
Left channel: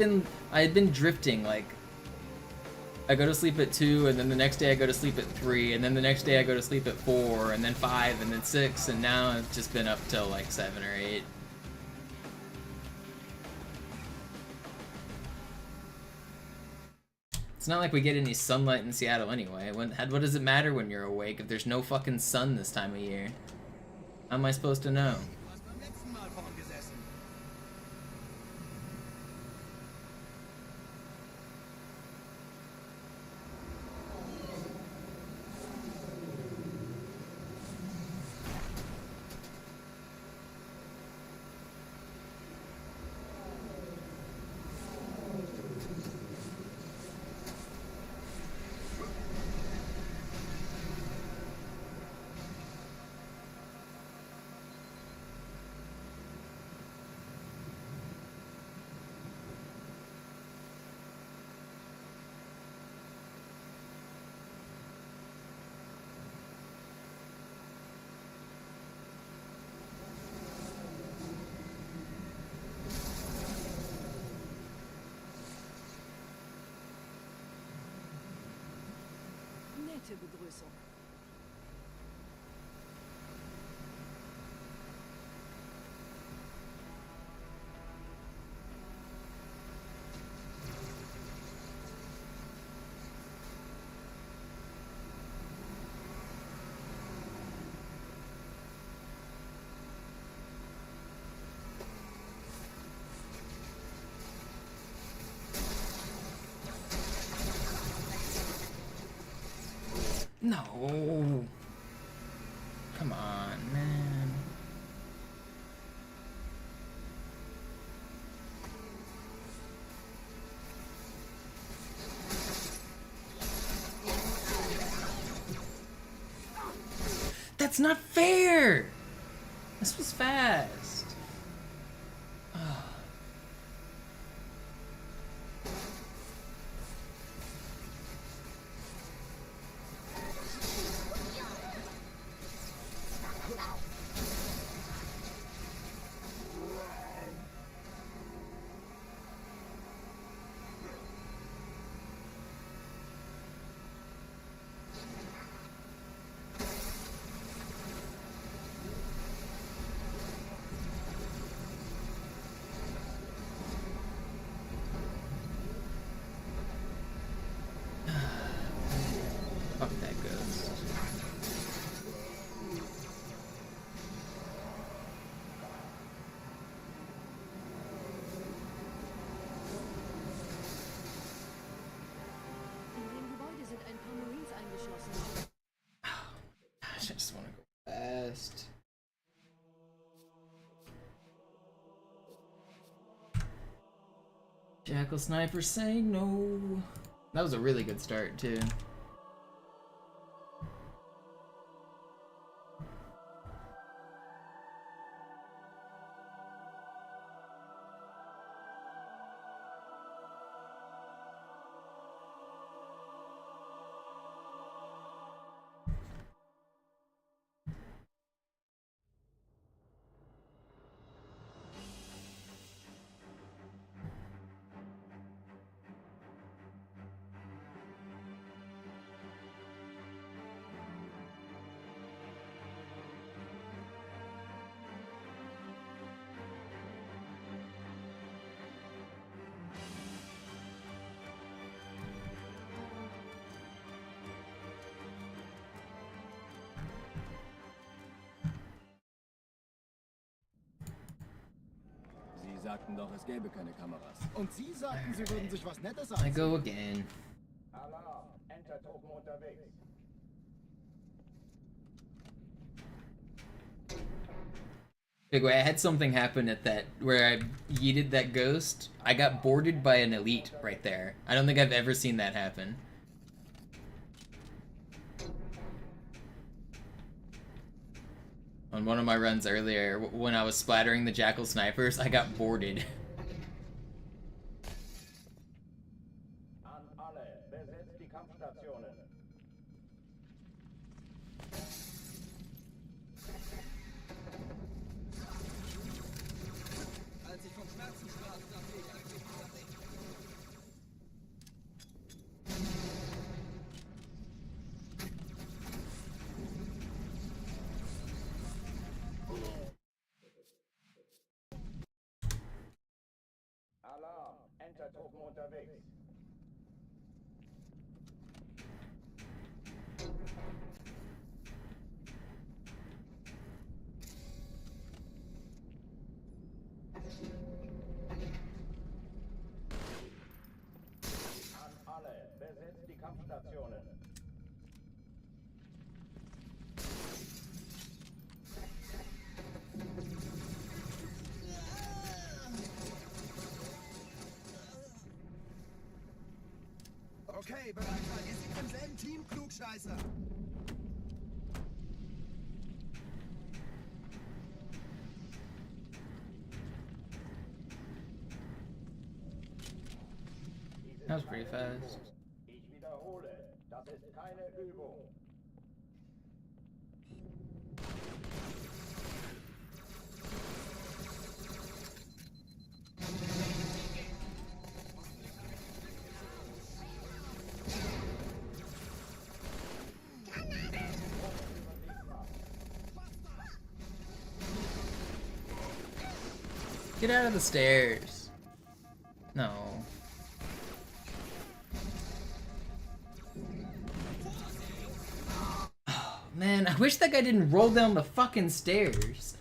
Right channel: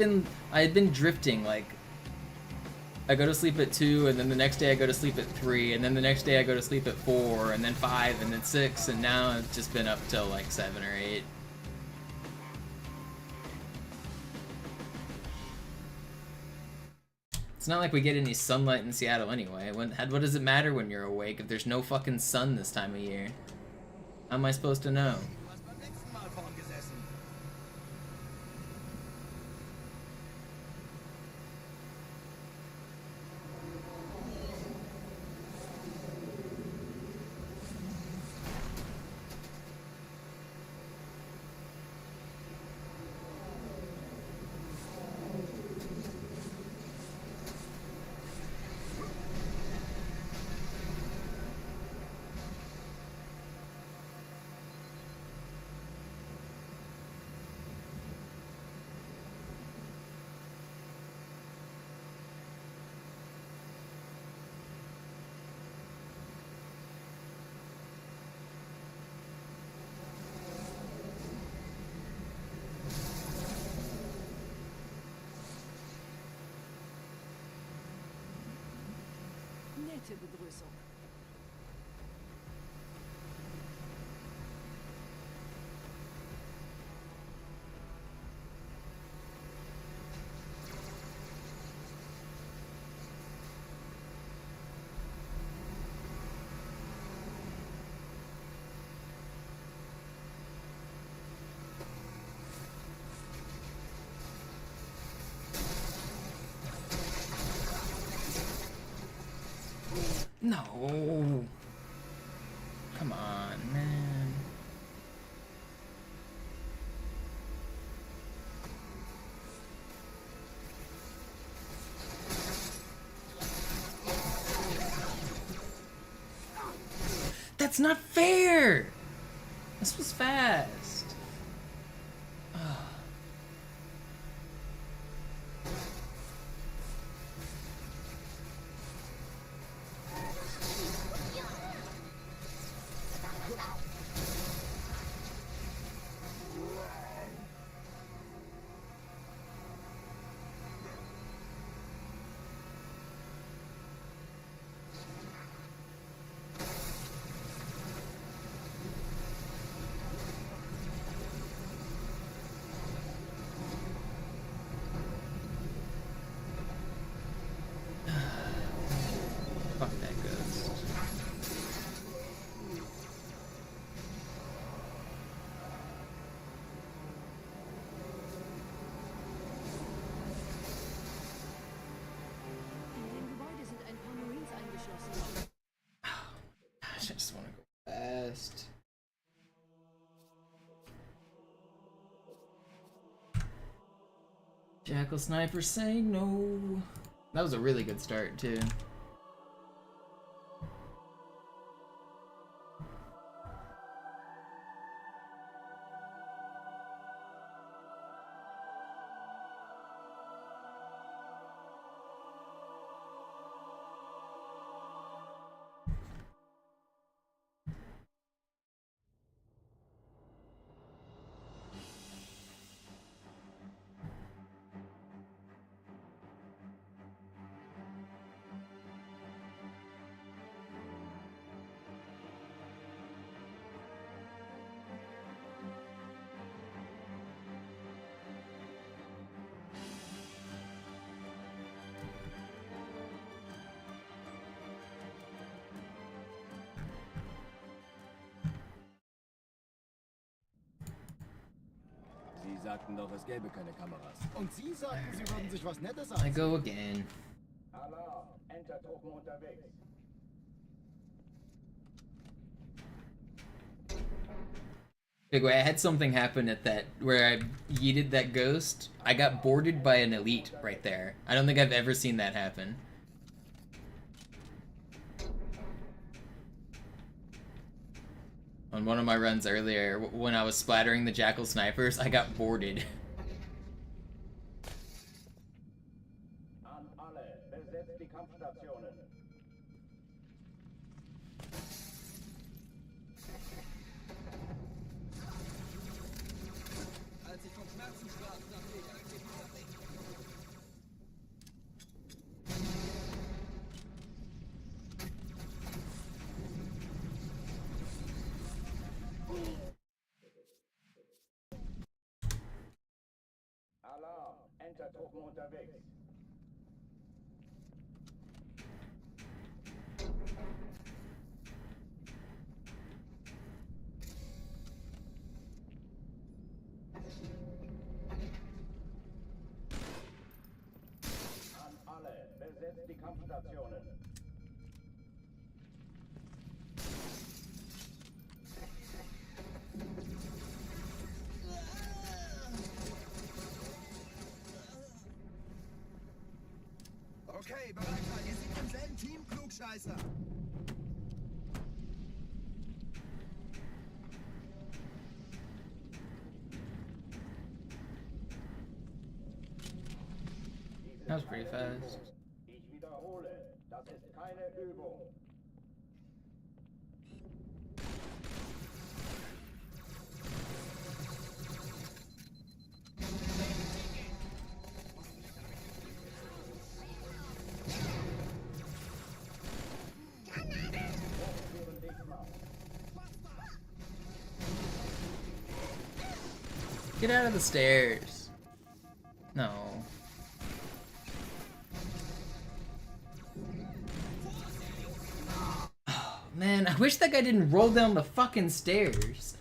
had been drifting. Like, I go to sleep at 2, and then the next day I go to sleep at 3, and then the next day I go to sleep at 4, and then 5, and then 6, and now it's just been up till like 7 or 8. It's not like we get any sunlight in Seattle anyway. What does it matter when you're awake if there's no fucking sun this time of year? How am I supposed to know? Nette Begrüßung. No. Come on, man. That's not fair! This was fast. Ugh. Fuck that ghost. In dem Gebäude sind ein paar Marines eingeschlossen. I just want to go fast. Jackal Sniper saying no. That was a really good start too. Sie sagten doch, es gäbe keine Kameras. Und Sie sagten, Sie würden sich was Nettes I ansehen. go again. Alarm! Entertruppen unterwegs. Big way, I had something happen at that where I yeeted that ghost. I got boarded by an elite right there. I don't think I've ever seen that happen. On one of my runs earlier, when I was splattering the Jackal snipers, I got boarded. An alle, besetzt die Kampfstationen. Als ich vom Schmerzen sprach, dachte ich eigentlich. Alarm! Entertruppen unterwegs. An alle, besetzt die Kampfstationen. Okay, bereit sein. Ihr seid im selben Team, Klugscheißer. That was pretty fast. Ich wiederhole, das ist keine Übung. Get out of the stairs. No. Oh, man, I wish that guy didn't roll down the fucking stairs.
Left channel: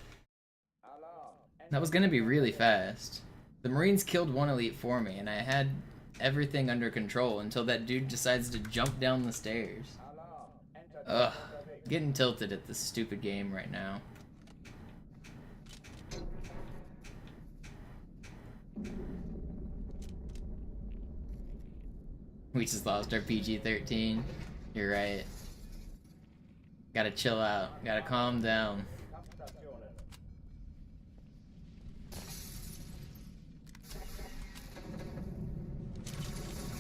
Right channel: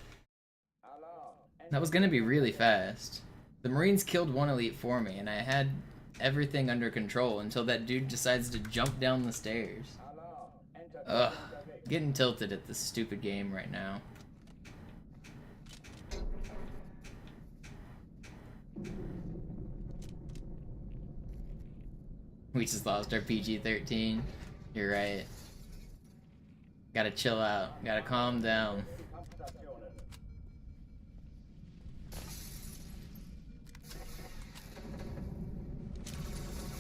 That was gonna be really fast. The Marines killed one elite for me, and I had everything under control until that dude decides to jump down the stairs. Alarm! Ugh. Getting tilted at this stupid game right now. We just lost our PG-13. You're right. Gotta chill out. Gotta calm down.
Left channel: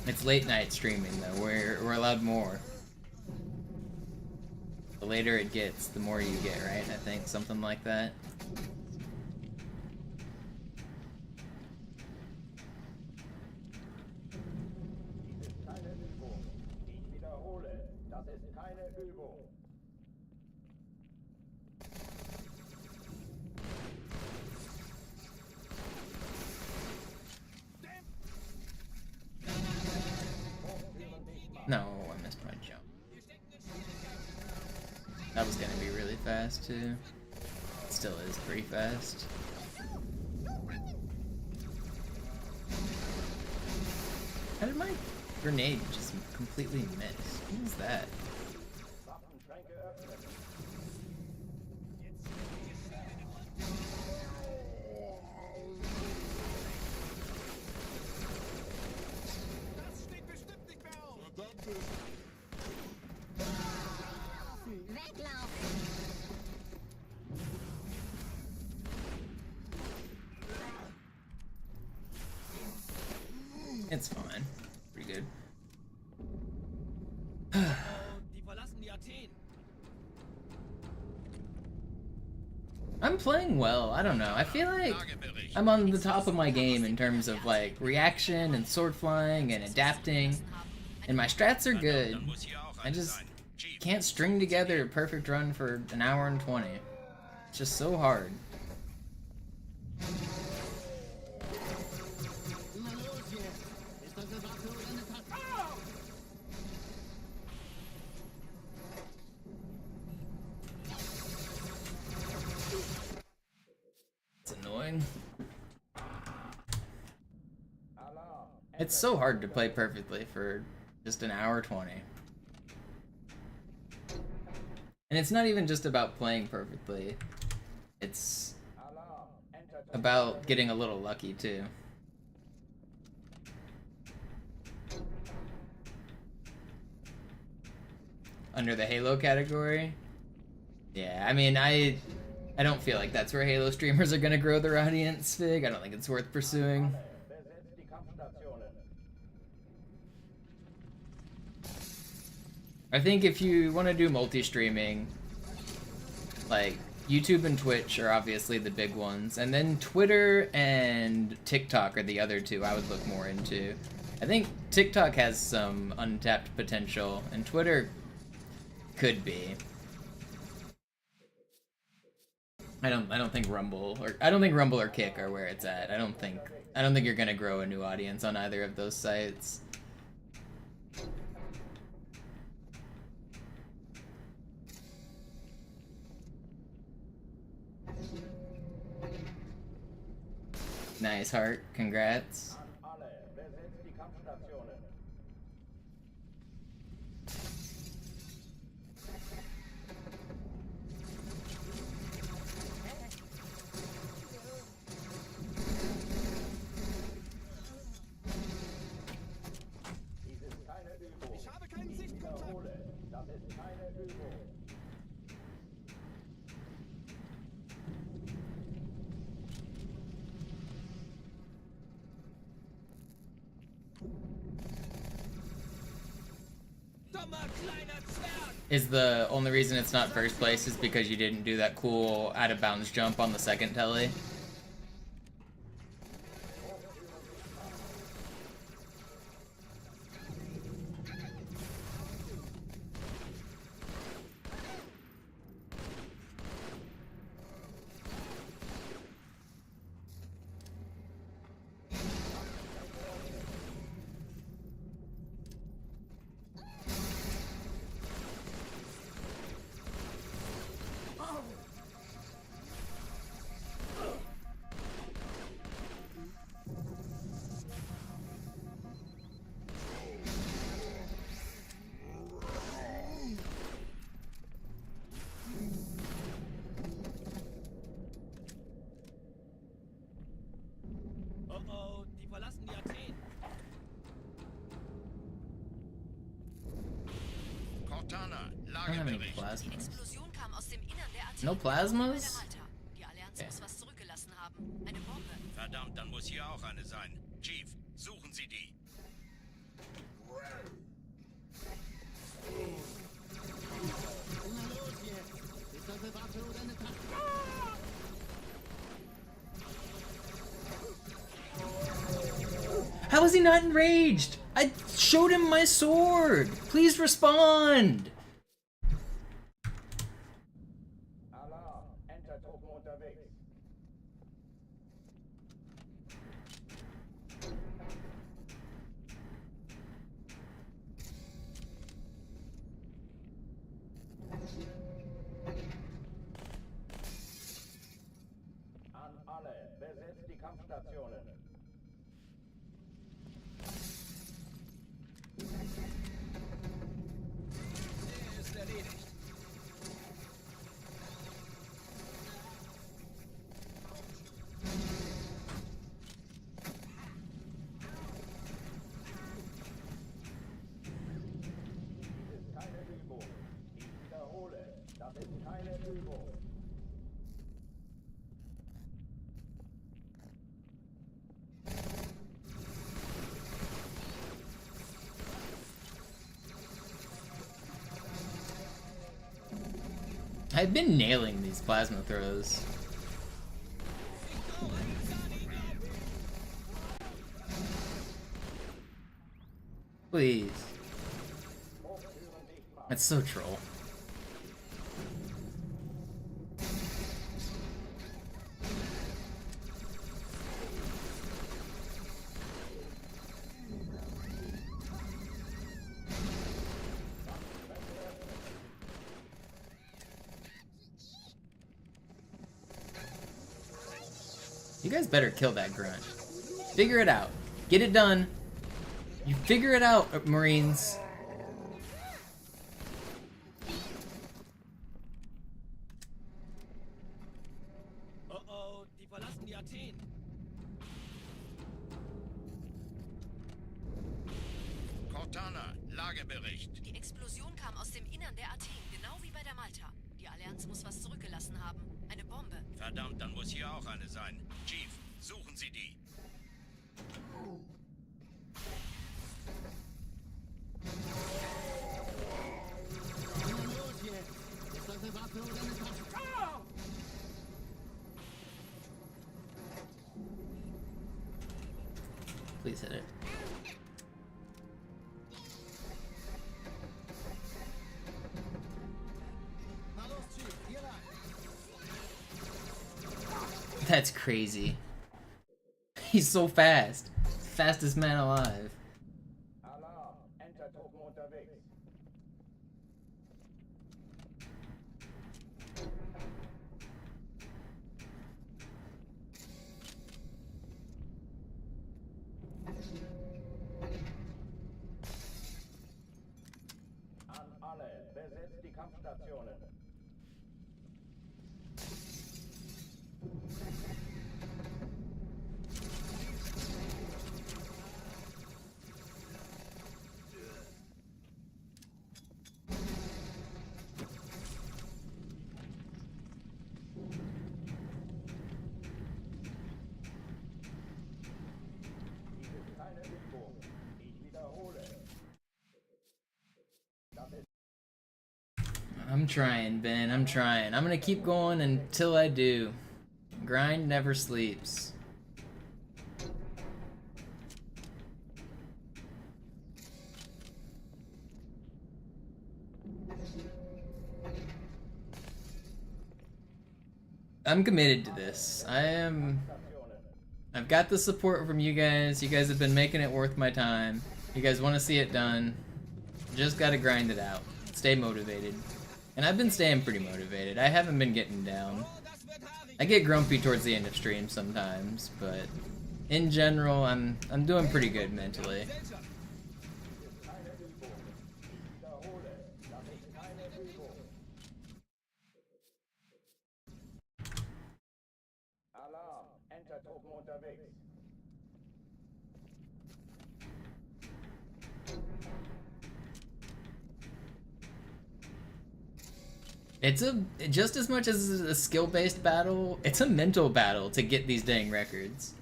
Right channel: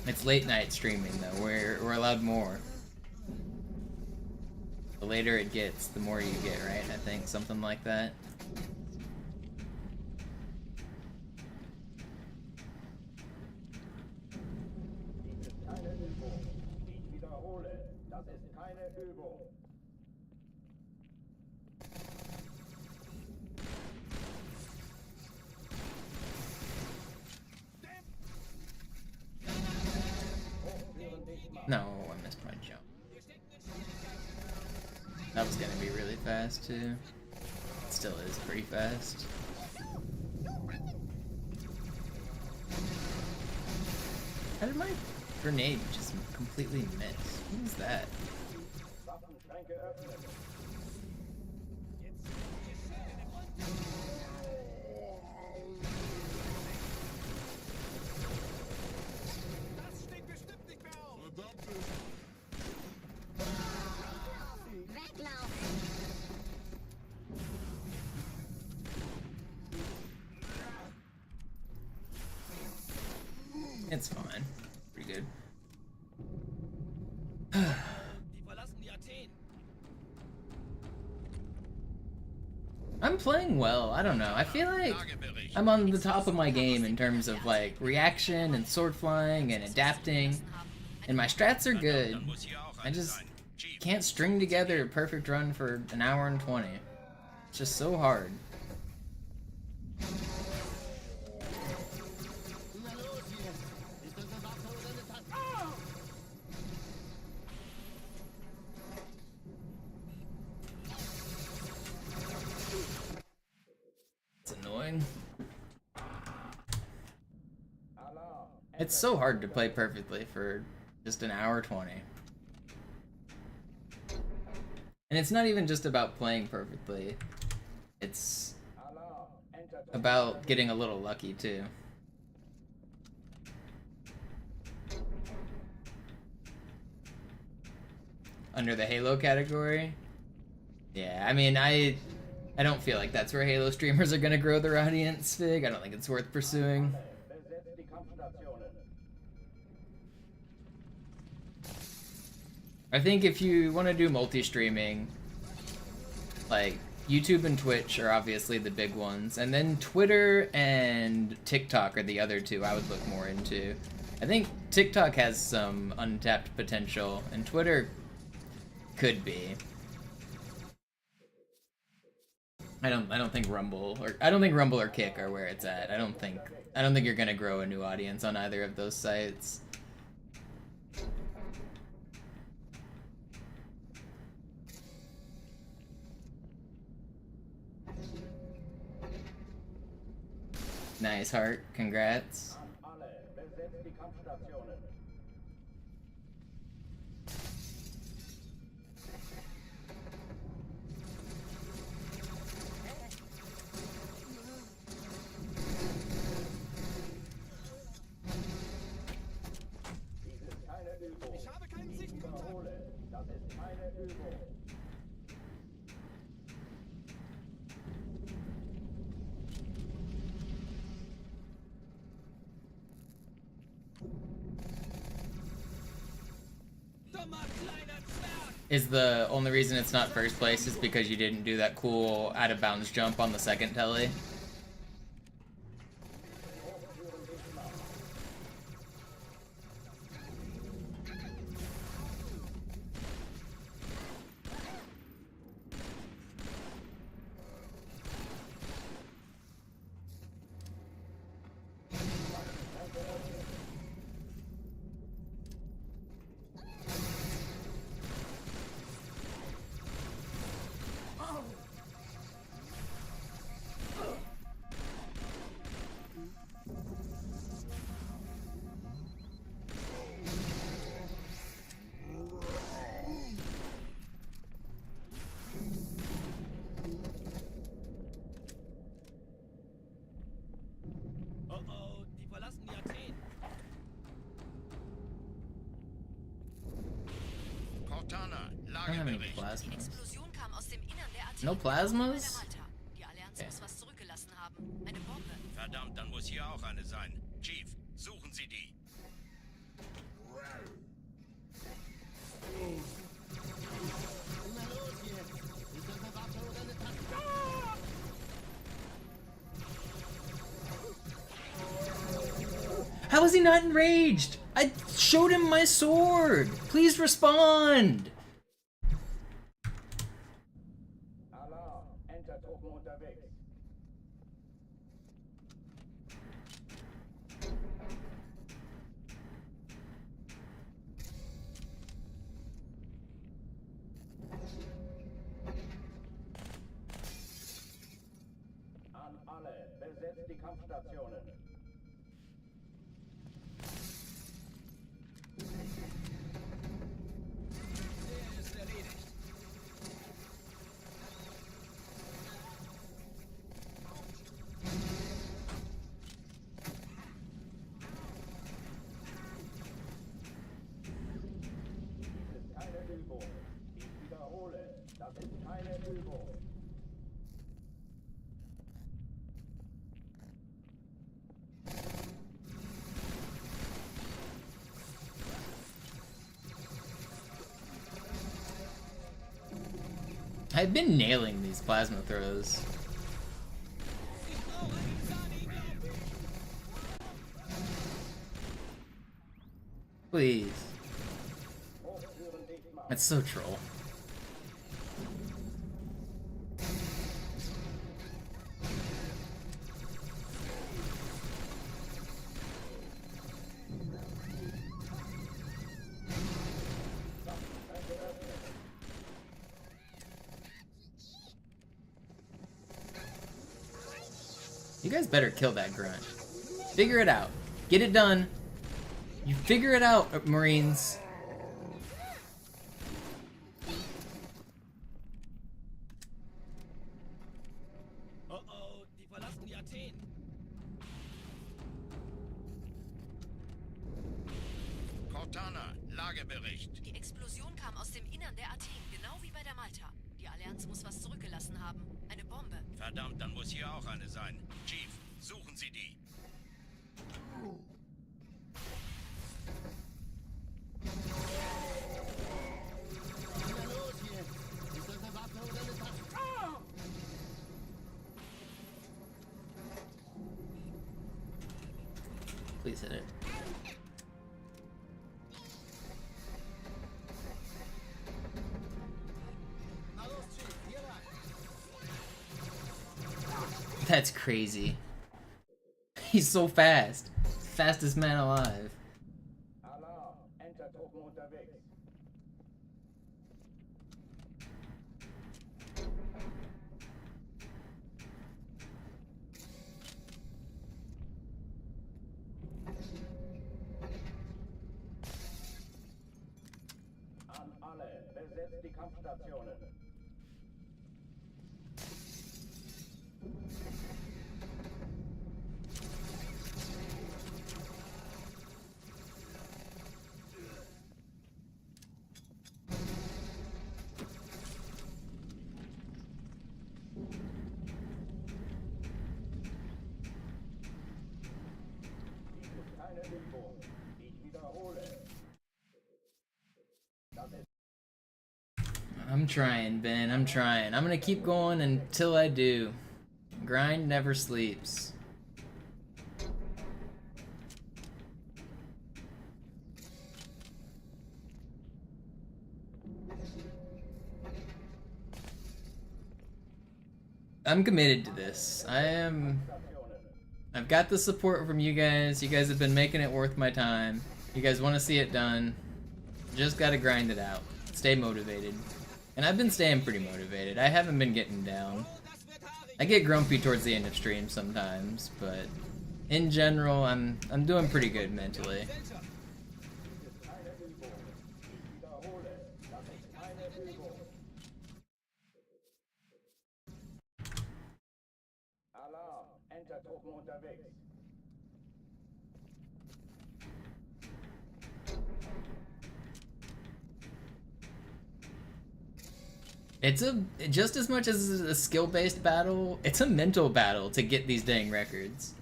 It's late night streaming though. We're allowed more. The later it gets, the more you get, right? I think something like that. Dies ist keine Übung. Ich wiederhole, das ist keine Übung. No, I missed my jump. That was gonna be really fast too. It still is pretty fast. How did my grenade just completely miss? What was that? It's fine. Pretty good. I'm playing well. I don't know. I feel like I'm on the top of my game in terms of like reaction and sword flying and adapting. And my strats are good. I just can't string together a perfect run for an hour and 20. It's just so hard. It's annoying. It's so hard to play perfectly for just an hour 20. And it's not even just about playing perfectly. It's about getting a little lucky too. Under the Halo category? Yeah, I mean, I don't feel like that's where Halo streamers are gonna grow their audience, Fig. I don't think it's worth pursuing. I think if you want to do multi-streaming, like, YouTube and Twitch are obviously the big ones, and then Twitter and TikTok are the other two I would look more into. I think TikTok has some untapped potential, and Twitter could be. I don't think Rumble or Kick are where it's at. I don't think you're gonna grow a new audience on either of those sites. Nice, Heart. Congrats. Is the only reason it's not first place is because you didn't do that cool out of bounds jump on the second telly? Oh oh, die verlassen die Athen. Cortana, I don't have any Lagebericht. plasmas. Explosion kam aus dem Innern der Athen. No plasmas? Die Allianz Okay. muss was zurückgelassen haben. Eine Bombe. Verdammt, dann muss hier auch eine sein. Chief, suchen Sie die. Na los jetzt! Ist das eine Waffe oder eine Tasche? How is he not enraged? I showed him my sword! Please respond! Alarm, Entertruppen unterwegs. An alle, besetzt die Kampfstationen. Ist erledigt. Dies ist keine Übung. Ich wiederhole, das ist keine Übung. I've been nailing these plasma throws. Please. That's so troll. You guys better kill that grunt. Figure it out. Get it done. You figure it out, Marines. Oh oh, die verlassen die Athen. Cortana, Lagebericht. Die Explosion kam aus dem Innern der Athen, genau wie bei der Malta. Die Allianz muss was zurückgelassen haben. Eine Bombe. Verdammt, dann muss hier auch eine sein. Chief, suchen Sie die. Na los jetzt! Ist das eine Waffe oder eine Tasche? Please hit it. Na los, Chief, hier lang! That's crazy. He's so fast. Fastest man alive. Alarm, Entertruppen unterwegs. An alle, besetzt die Kampfstationen. Dies ist keine Übung. Ich wiederhole. Das ist I'm trying, Ben. I'm trying. I'm gonna keep going until I do. Grind never sleeps. I'm committed to this. I've got the support from you guys. You guys have been making it worth my time. You guys want to see it done. Just gotta grind it out. Stay motivated. And I've been staying pretty motivated. I haven't been getting down. I get grumpy towards the end of stream sometimes, but in general, I'm doing pretty good mentally. Alarm, Entertruppen unterwegs. It's a just as much as a skill-based battle, it's a mental battle to get these dang records.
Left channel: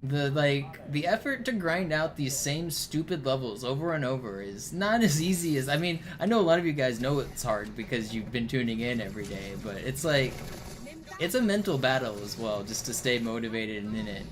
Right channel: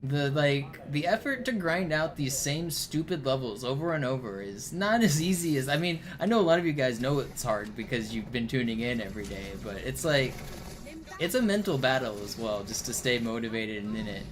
The effort to grind out these same stupid levels over and over is not as easy as, I mean, I know a lot of you guys know it's hard because you've been tuning in every day, but it's like, it's a mental battle as well, just to stay motivated and in it.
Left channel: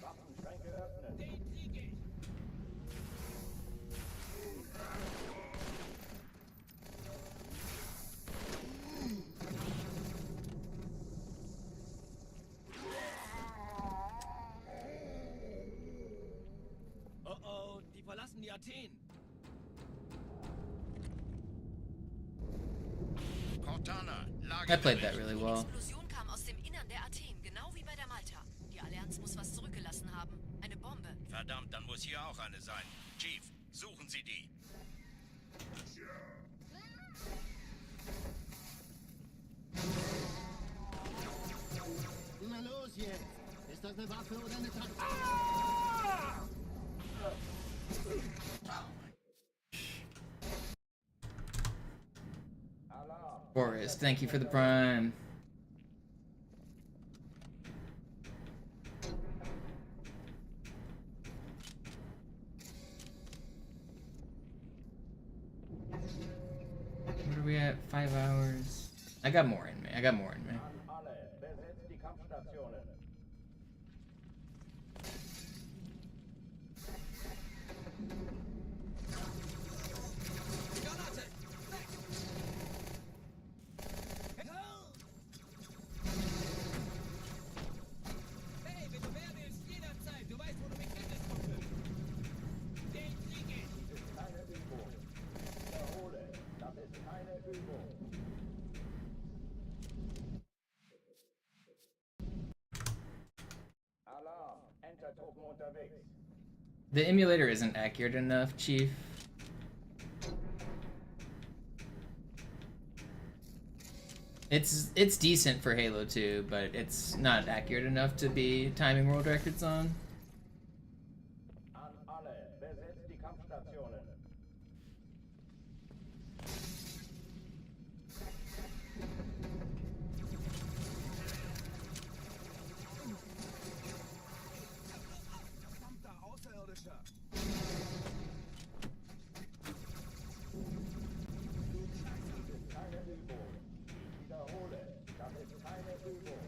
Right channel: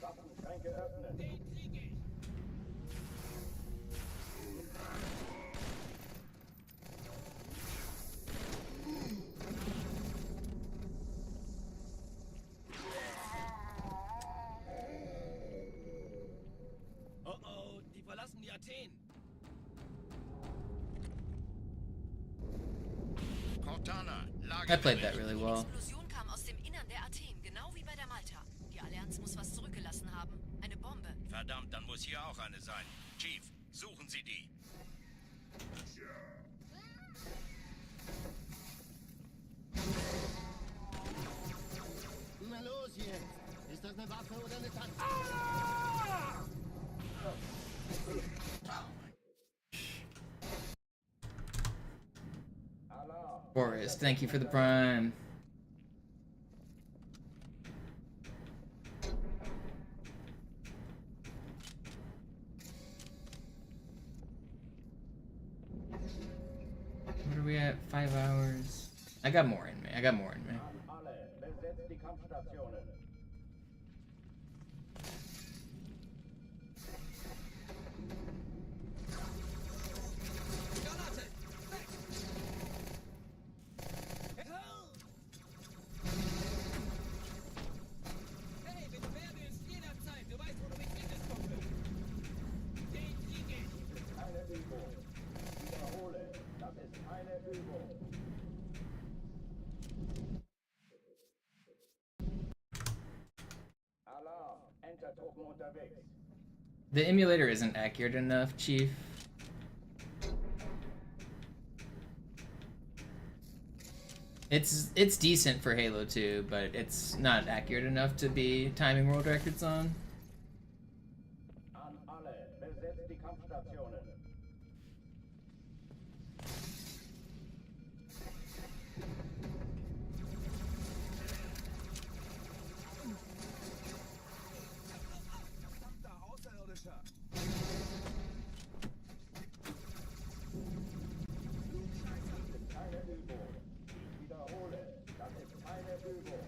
Waffenschränke öffnen. Oh oh, die verlassen die Athen. Cortana, I played that really well. Die Explosion kam aus dem Innern der Athen, genau wie bei der Malta. Die Allianz muss was zurückgelassen haben. Eine Bombe. Verdammt, dann muss hier auch eine sein. Chief, suchen Sie die. Na los jetzt! Ist das eine Waffe oder eine Taktik? Forrest, thank you for the prime. What are we at? 5 hours. I got more in me. I got more in me. Alle, besetzt die Kampfstationen. Hey, wenn du mehr willst, jederzeit. Du weißt, wo du mich findest, Kumpel. Den Kriege. Dies ist keine Übung. Ich wiederhole, das ist keine Übung. Alarm, Entertruppen unterwegs. The emulator isn't accurate enough, Chief. It's decent for Halo 2, but it's not accurate enough to be timing world records on. An alle, besetzt die Kampfstationen. Verdammter Außerirdischer! Dies ist keine Übung. Ich wiederhole, das ist keine Übung.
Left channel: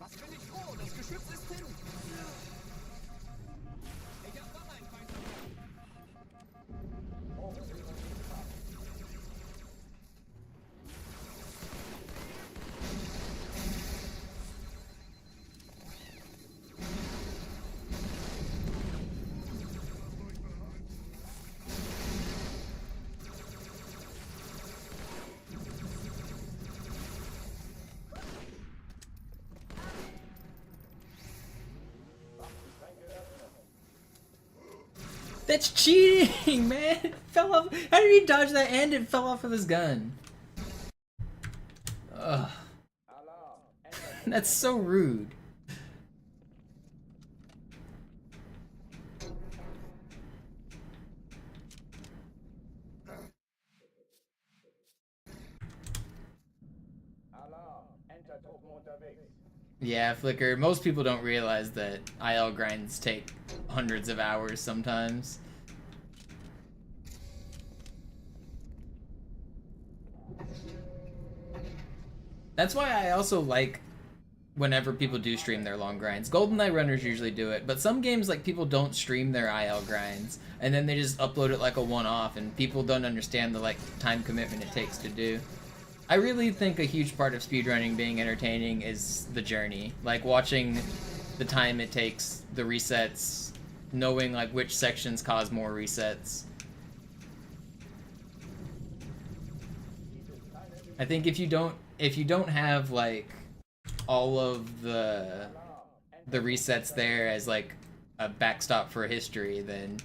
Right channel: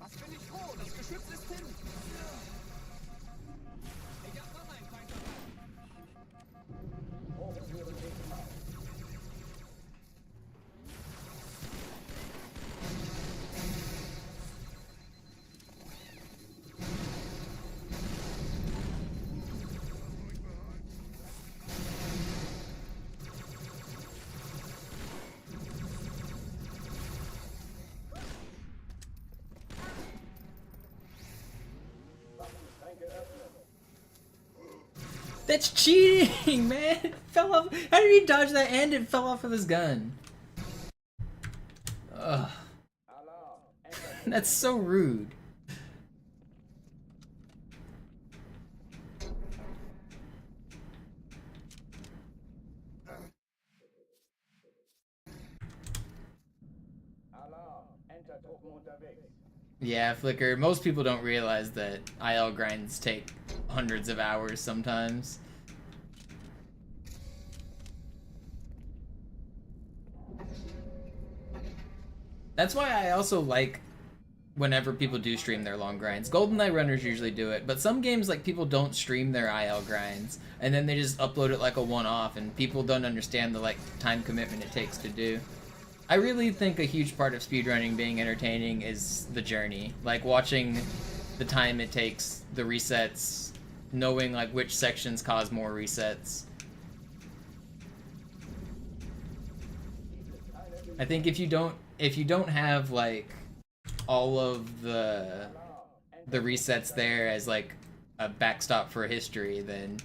Was bin ich froh? Das Geschütz ist hin! Ich hab noch einen Feind dabei. Hochführen ins Marsch. Waffenschränke öffnen. That's cheating, man! It fell off. How did he dodge that and it fell off of his gun? Ugh. Alarm, That's so rude. Alarm, Entertruppen unterwegs. Yeah, Flicker. Most people don't realize that IL grinds take hundreds of hours sometimes. That's why I also like whenever people do stream their long grinds. GoldenEye runners usually do it, but some games, like, people don't stream their IL grinds, and then they just upload it like a one-off, and people don't understand the, like, time commitment it takes to do. I really think a huge part of speedrunning being entertaining is the journey. Like, watching the time it takes, the resets, knowing, like, which sections cause more resets. I think if you don't have, like, all of the resets there as, like, a backstop for history, then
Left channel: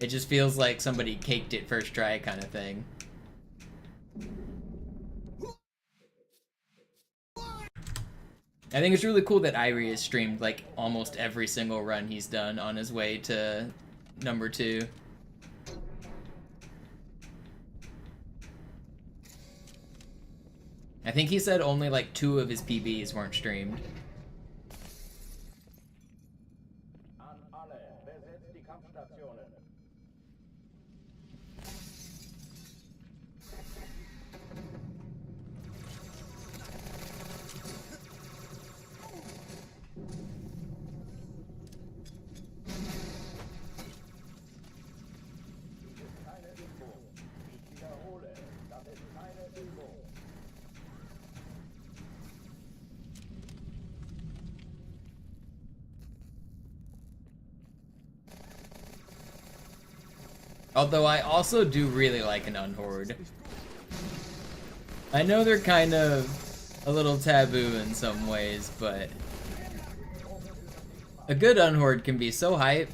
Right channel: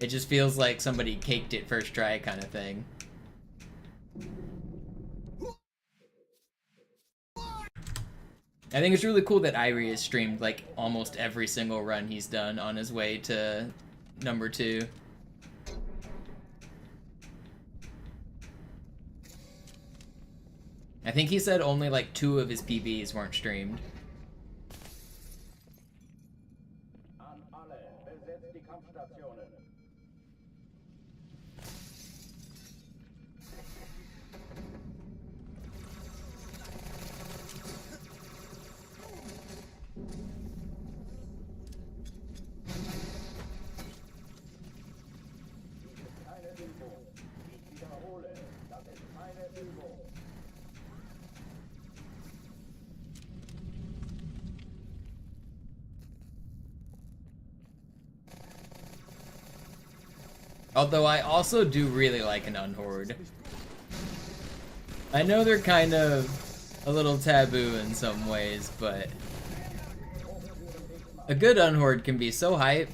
it just feels like somebody caked it first try kind of thing. I think it's really cool that Irie has streamed, like, almost every single run he's done on his way to number 2. I think he said only, like, 2 of his PBs weren't streamed. An alle, besetzt die Kampfstationen. Dies ist keine Übung. Ich wiederhole, das ist keine Übung. Although I also do really like an unhorde. I know they're kind of a little taboo in some ways, but a good unhorde can be so hype.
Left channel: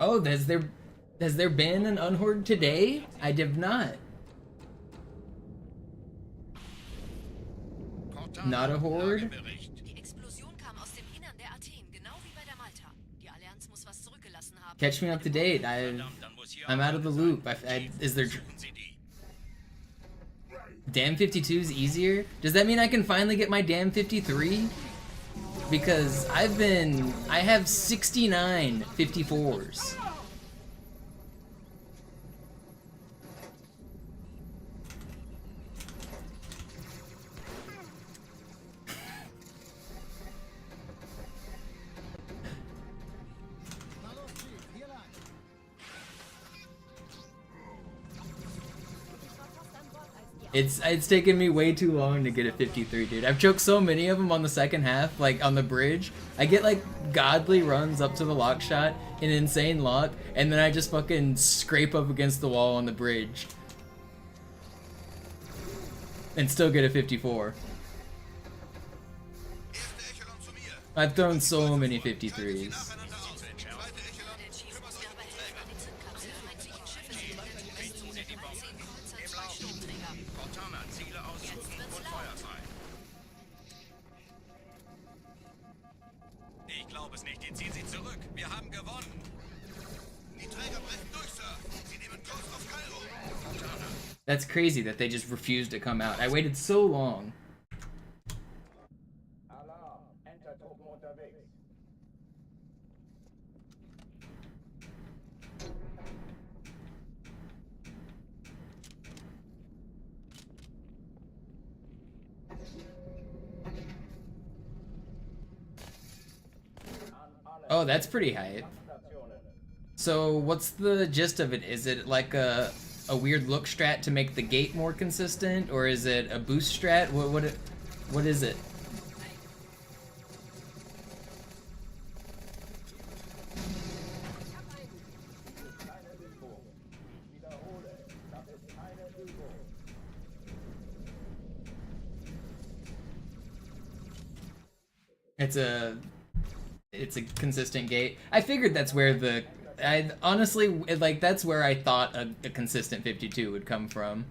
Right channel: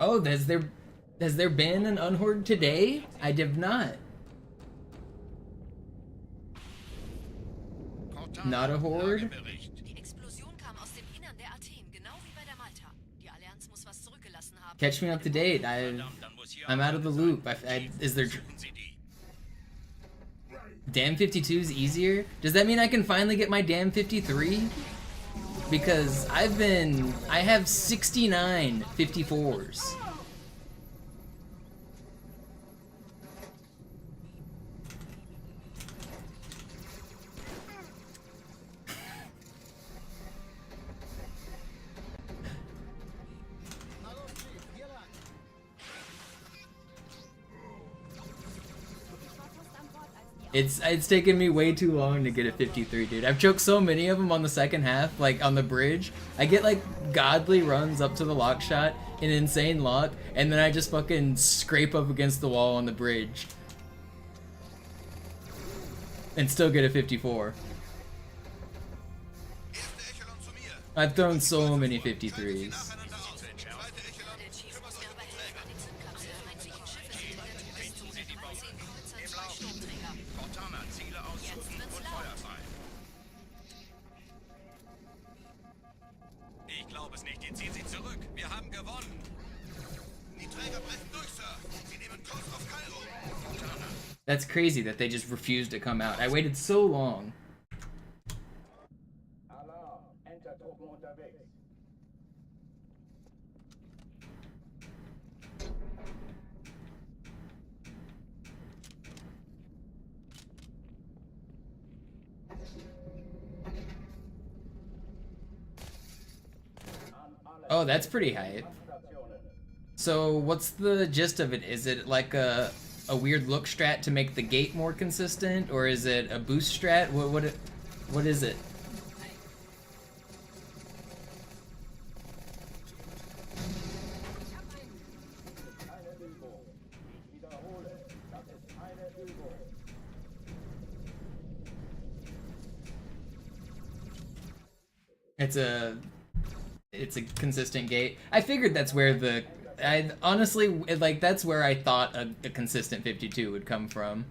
Oh, has there been an unhorde today? I did not. Not a horde? Die Explosion kam aus dem Innern der Athen, genau wie bei der Malta. Die Allianz muss was zurückgelassen haben. Catch me up to date. I'm out of the loop. Is there... Damn 52 is easier? Does that mean I can finally get my damn 53? Because I have 69 54s. It's taken me way too long to get a 53, dude. I've choked so many of them on the second half, like on the bridge. I get like godly runs up to the lock shot, an insane lock, and then I just fucking scrape up against the wall on the bridge. And still get a 54. I've thrown so many 53s. Ich glaube es nicht. Die ziehen sie zurück. Wir haben gewonnen. Die Träger brechen durch, Sir. Sie nehmen Kurs auf Kairo. That's crazy that they just refused to come out. I waited so long. Alarm, Entertruppen unterwegs. Oh, that's pretty hype. So what's the gist of it? Is it like a weird look strat to make the gate more consistent, or is it a boost strat? What is it? It's a consistent gate. I figured that's where the... I honestly, like, that's where I thought a consistent 52 would come from.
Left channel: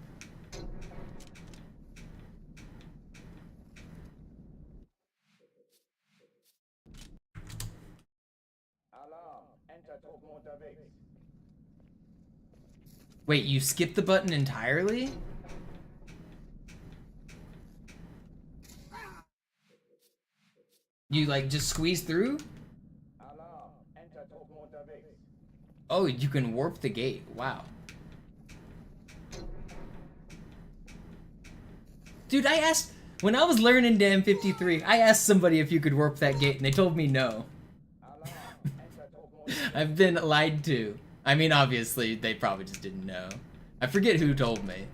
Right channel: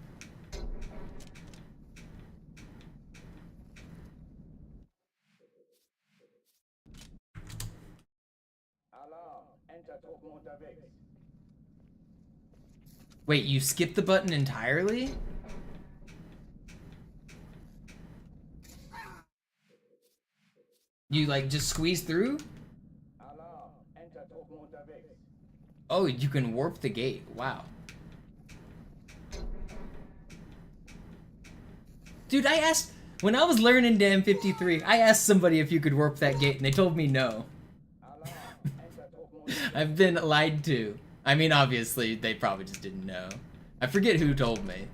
Wait, you skipped the button entirely? You, like, just squeeze through? Oh, you can warp the gate. Wow. Dude, I asked... When I was learning Damn 53, I asked somebody if you could warp that gate, and they told me no. I've been lied to. I mean, obviously, they probably just didn't know. I forget who told me.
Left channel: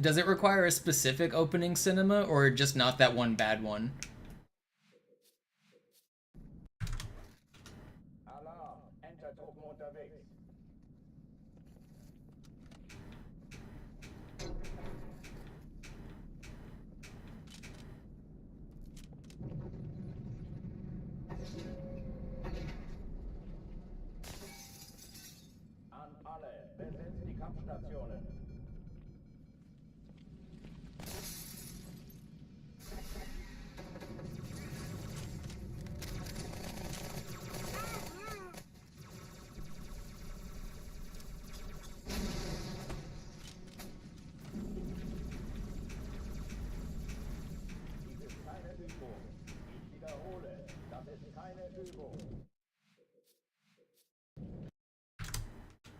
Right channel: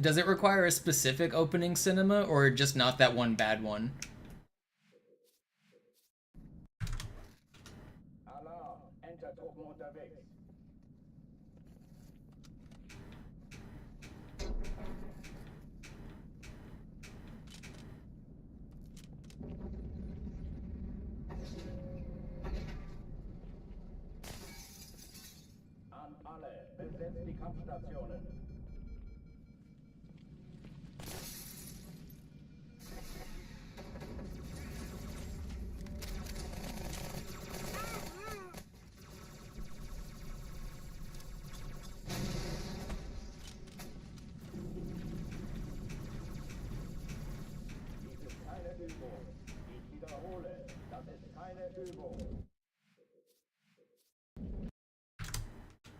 Does it require a specific opening cinema, or just not that one bad one?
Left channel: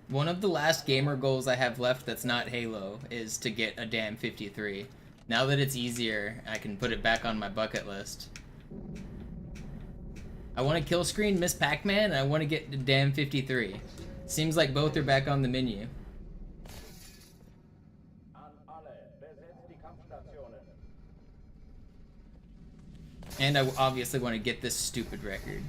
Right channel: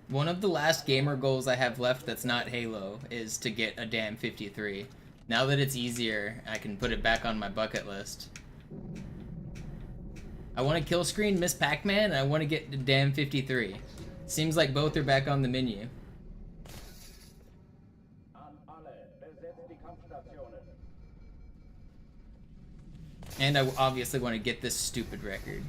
One of the last gamer goals I have left that's not Halo is to get a damn 53. Now that it's easier, I can put it back on my bucket list. I want to kill screen Miss Pac-Man, and I want to get the damn 53. Seems like both are back on the menu. And I obviously want to get this stupid record.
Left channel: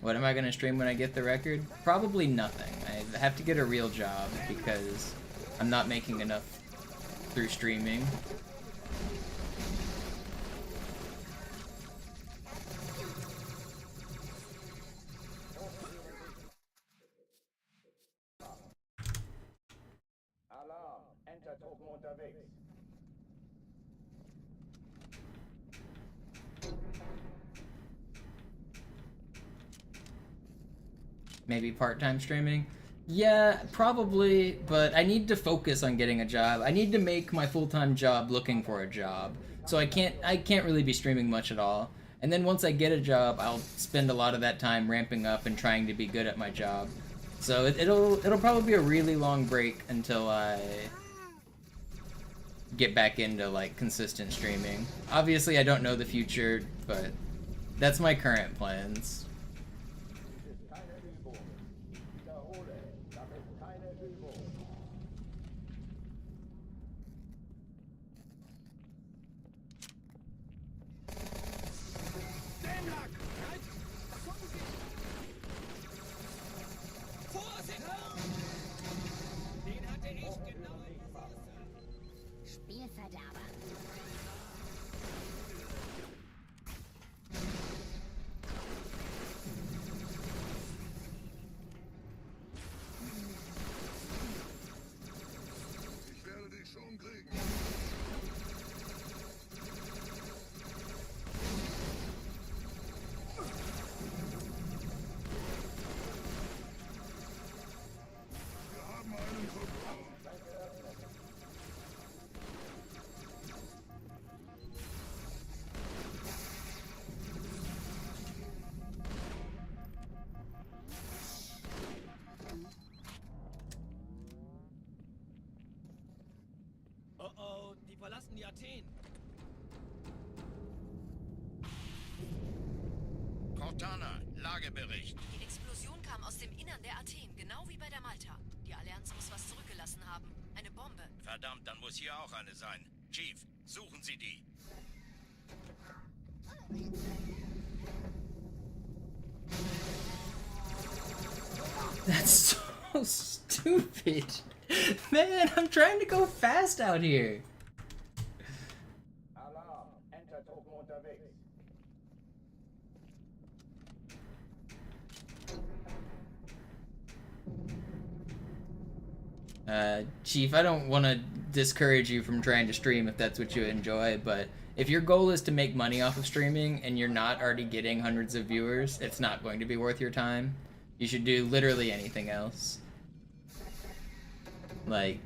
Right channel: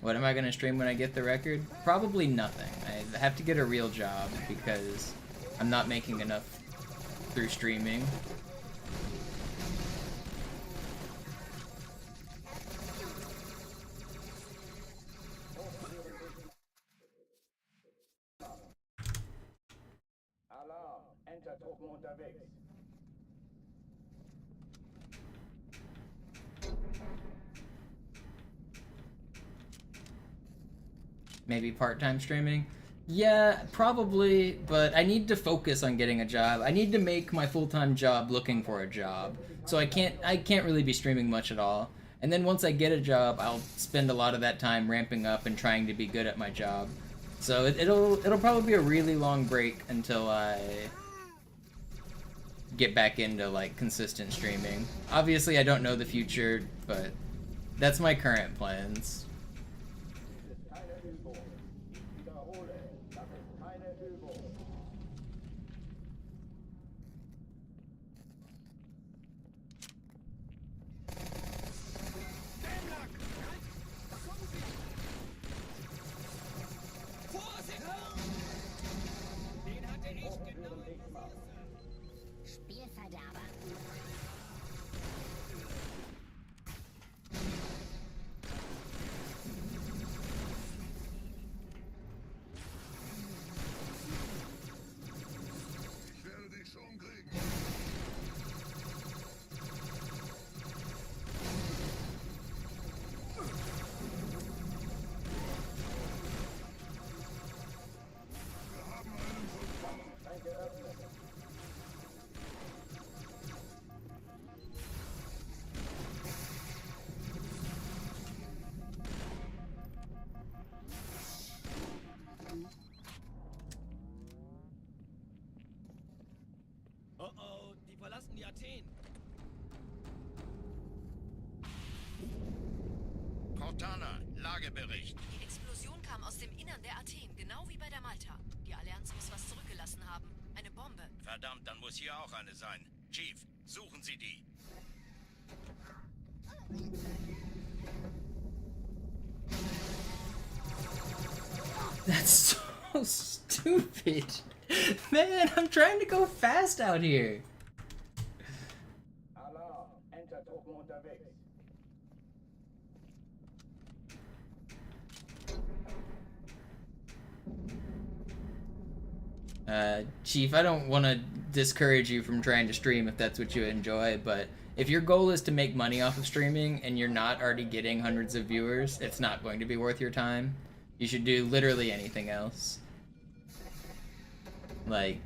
What am I gonna stream when I get the record? Probably nothing. I have to get a real job because I'm not making enough through streaming. Maybe part-time streaming? Yeah, probably, but I need to focus on getting a job. I need to make my full-time job looking for a job. So I can't really be streaming much at all. And then once I get a job, I'll spend a lot of that time ramping up and trying to be good at my job. So it'll probably be a really long break until I get back into like consistent streaming. Obviously I don't know the future, but that's my current plans. verlassen die Athen. Cortana, Lagebericht. Die Explosion kam aus dem Innern der Athen, genau wie bei der Malta. Die Allianz muss was zurückgelassen haben. Eine Bombe. Verdammt, dann muss hier auch eine sein. Chief, suchen Sie die. That's so stupid. Man, I'm trying to go fast out here. Alarm, Entertruppen unterwegs. Chief, I don't want to discourage you from trying to stream if that's what you enjoy, but if your goal is to make money off of streaming and you're not already getting hundreds of viewers, it's not going to be worth your time. You should do literally anything else. Like,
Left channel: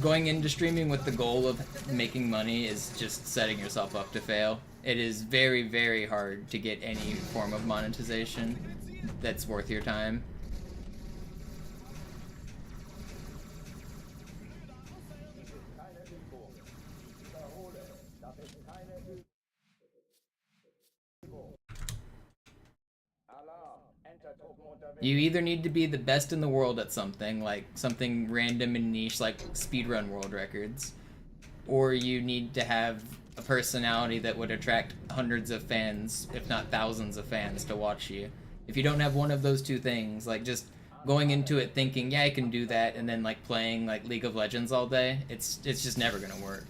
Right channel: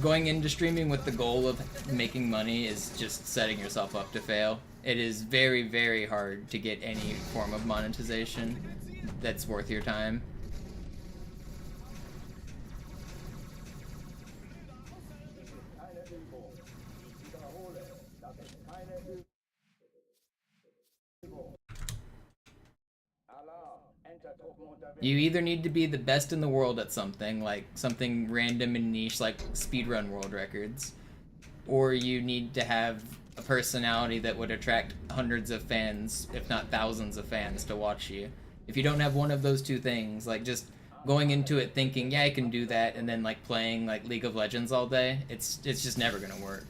going into streaming with the goal of making money is just setting yourself up to fail. It is very, very hard to get any form of monetization that's worth your time. You either need to be the best in the world at something, like something random and niche like speedrun world records, or you need to have a personality that would attract hundreds of fans, if not thousands of fans, to watch you. If you don't have one of those two things, like just going into it thinking, yeah, I can do that, and then like playing like League of Legends all day, it's just never gonna work.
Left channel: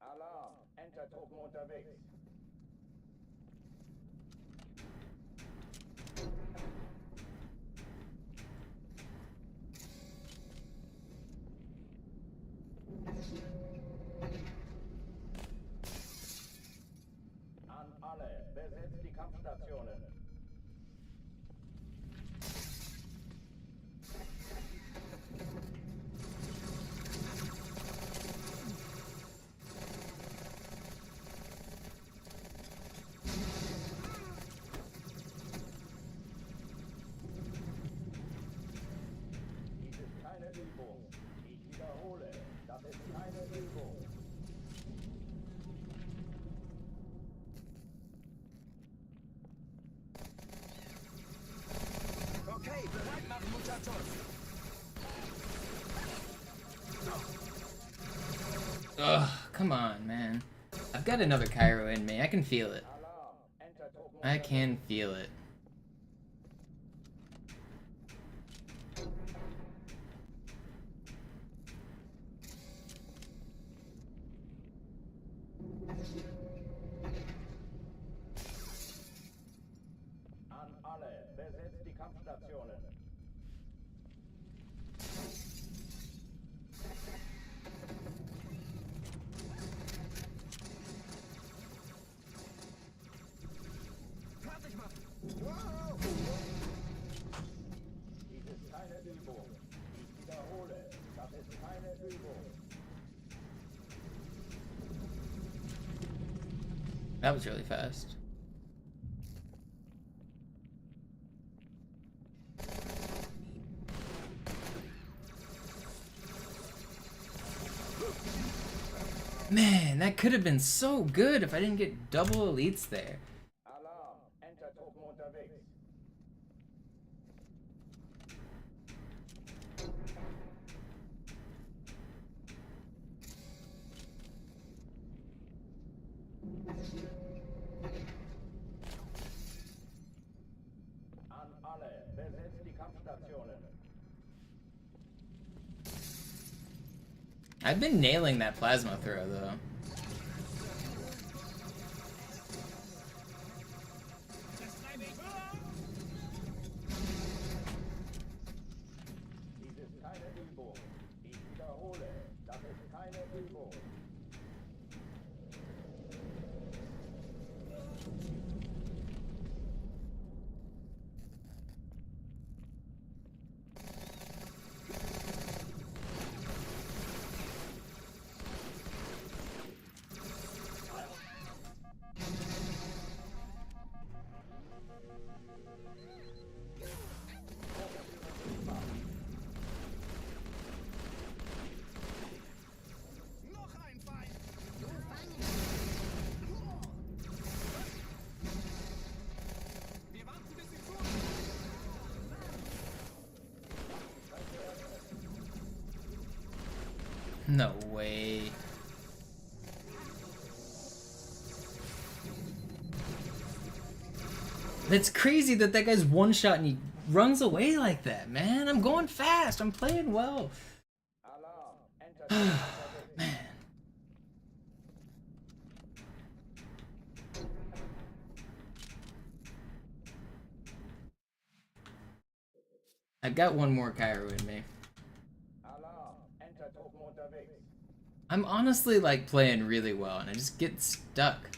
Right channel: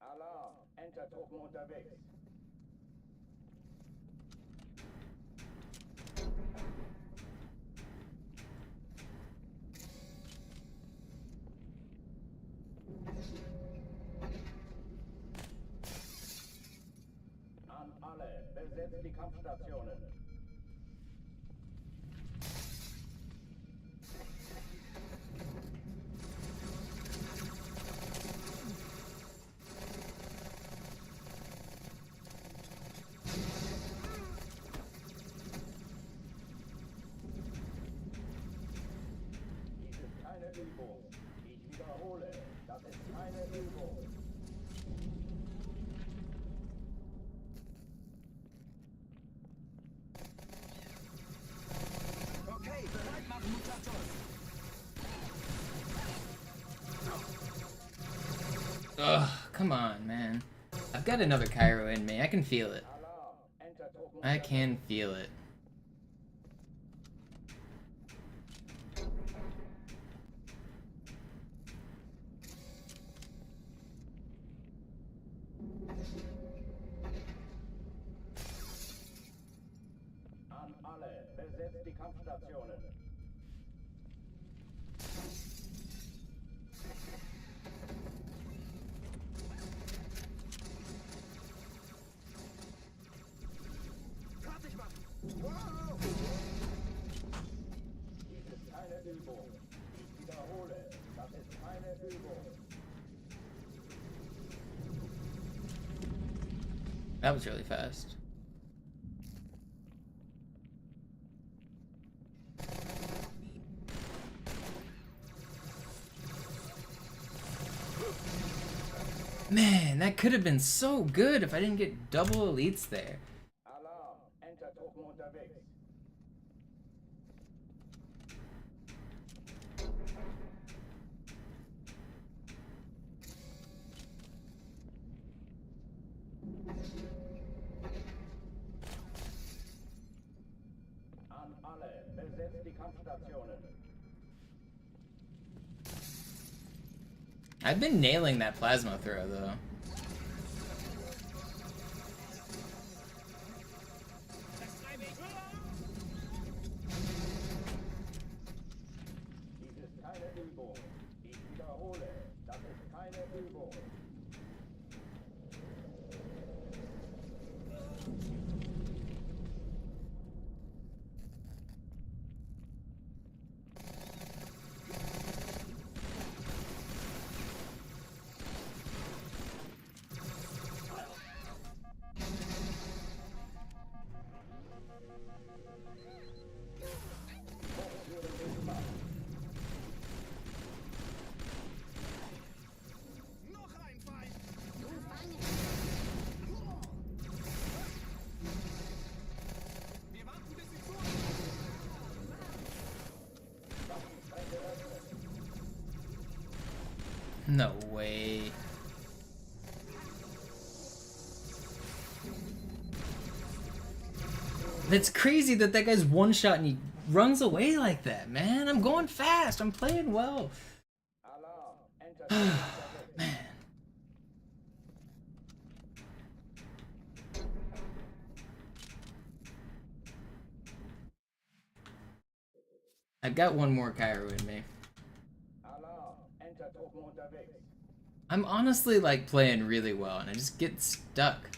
Alarm, Entertruppen unterwegs. An alle, besetzt die Kampfstationen. Dies ist keine Übung. Ich wiederhole, das ist keine Übung. Okay, bereit machen, Mutator. Ugh, come on, man. I've got another Cairo in me. I can feel it. I can feel it. An alle, besetzt die Kampfstationen. Fertig machen. Wow! Dies ist keine Übung. Ich wiederhole, das ist keine Übung. That was really fast. Man, that could have been so good if I didn't get double elites there. Alarm, Entertruppen unterwegs. An alle, besetzt die Kampfstationen. I've been nailing that plasma throw though. Dies ist keine Übung. Ich wiederhole, das ist keine Übung. No way. That's crazy that that guy's one shot and he runs away like that, man. I'm going fast. I'm playing well. Man. I've got one more Cairo in me. I'm honestly like playing really well and I just get stuck.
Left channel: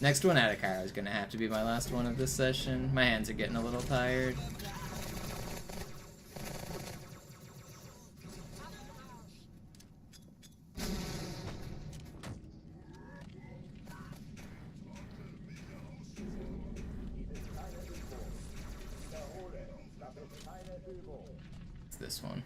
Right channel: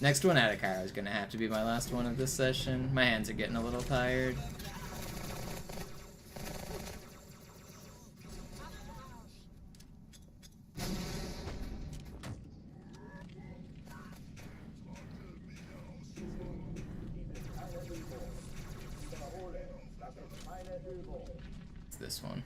Next one out of Cairo is gonna have to be my last one of this session. My hands are getting a little tired. It's this one.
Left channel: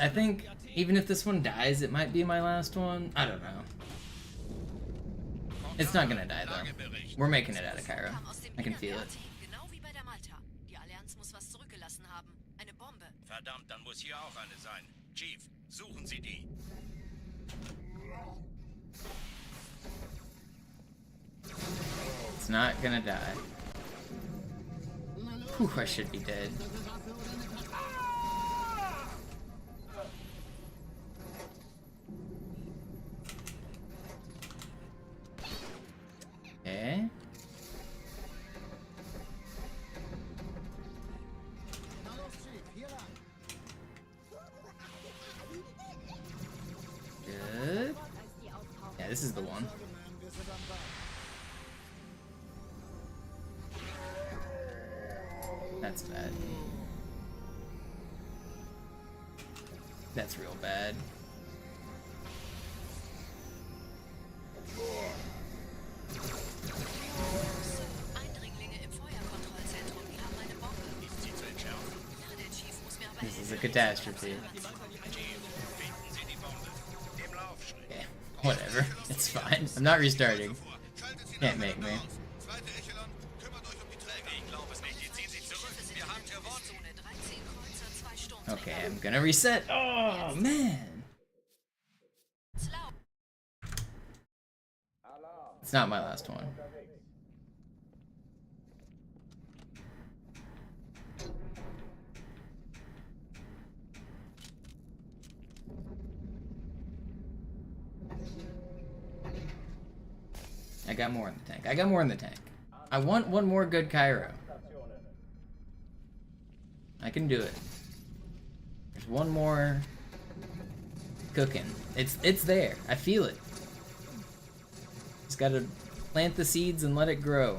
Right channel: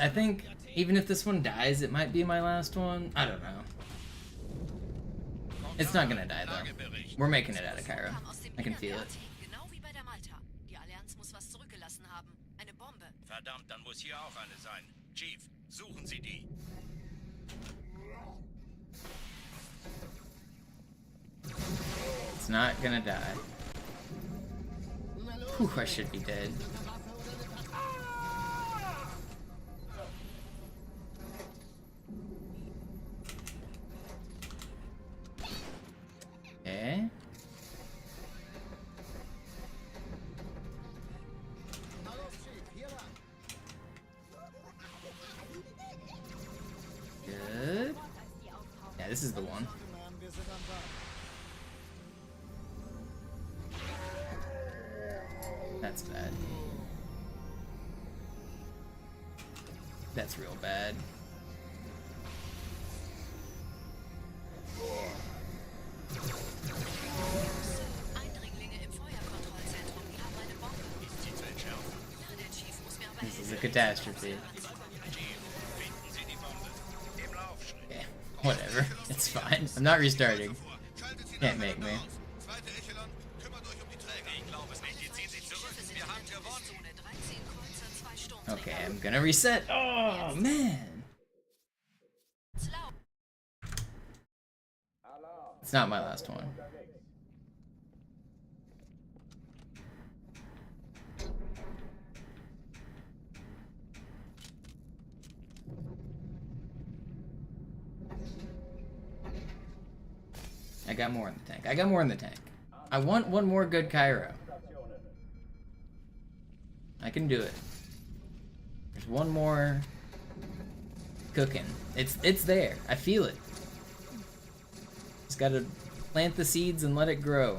I think even if this one dies, it might be my last one. I don't know. It's not gonna die though. We're making it out of Cairo. I can feel it. Verdammt, dann muss hier auch eine sein. Chief, suchen Sie die. It's not gonna die. Whew, I should be dead. Okay. Good. Yeah, this is the one. That's bad. That's real bad. This is a catastrophe. Okay, whatever. It's fine. I'm not restarting. Can't make me. Okay, I'm gonna reset. Oh, man. It's not my last one. I got more in the tank. I got more in the tank. I want one more good Cairo. I can do it. There's one more cooking. It's there. I feel it. Just gotta plant the seeds and let it grow.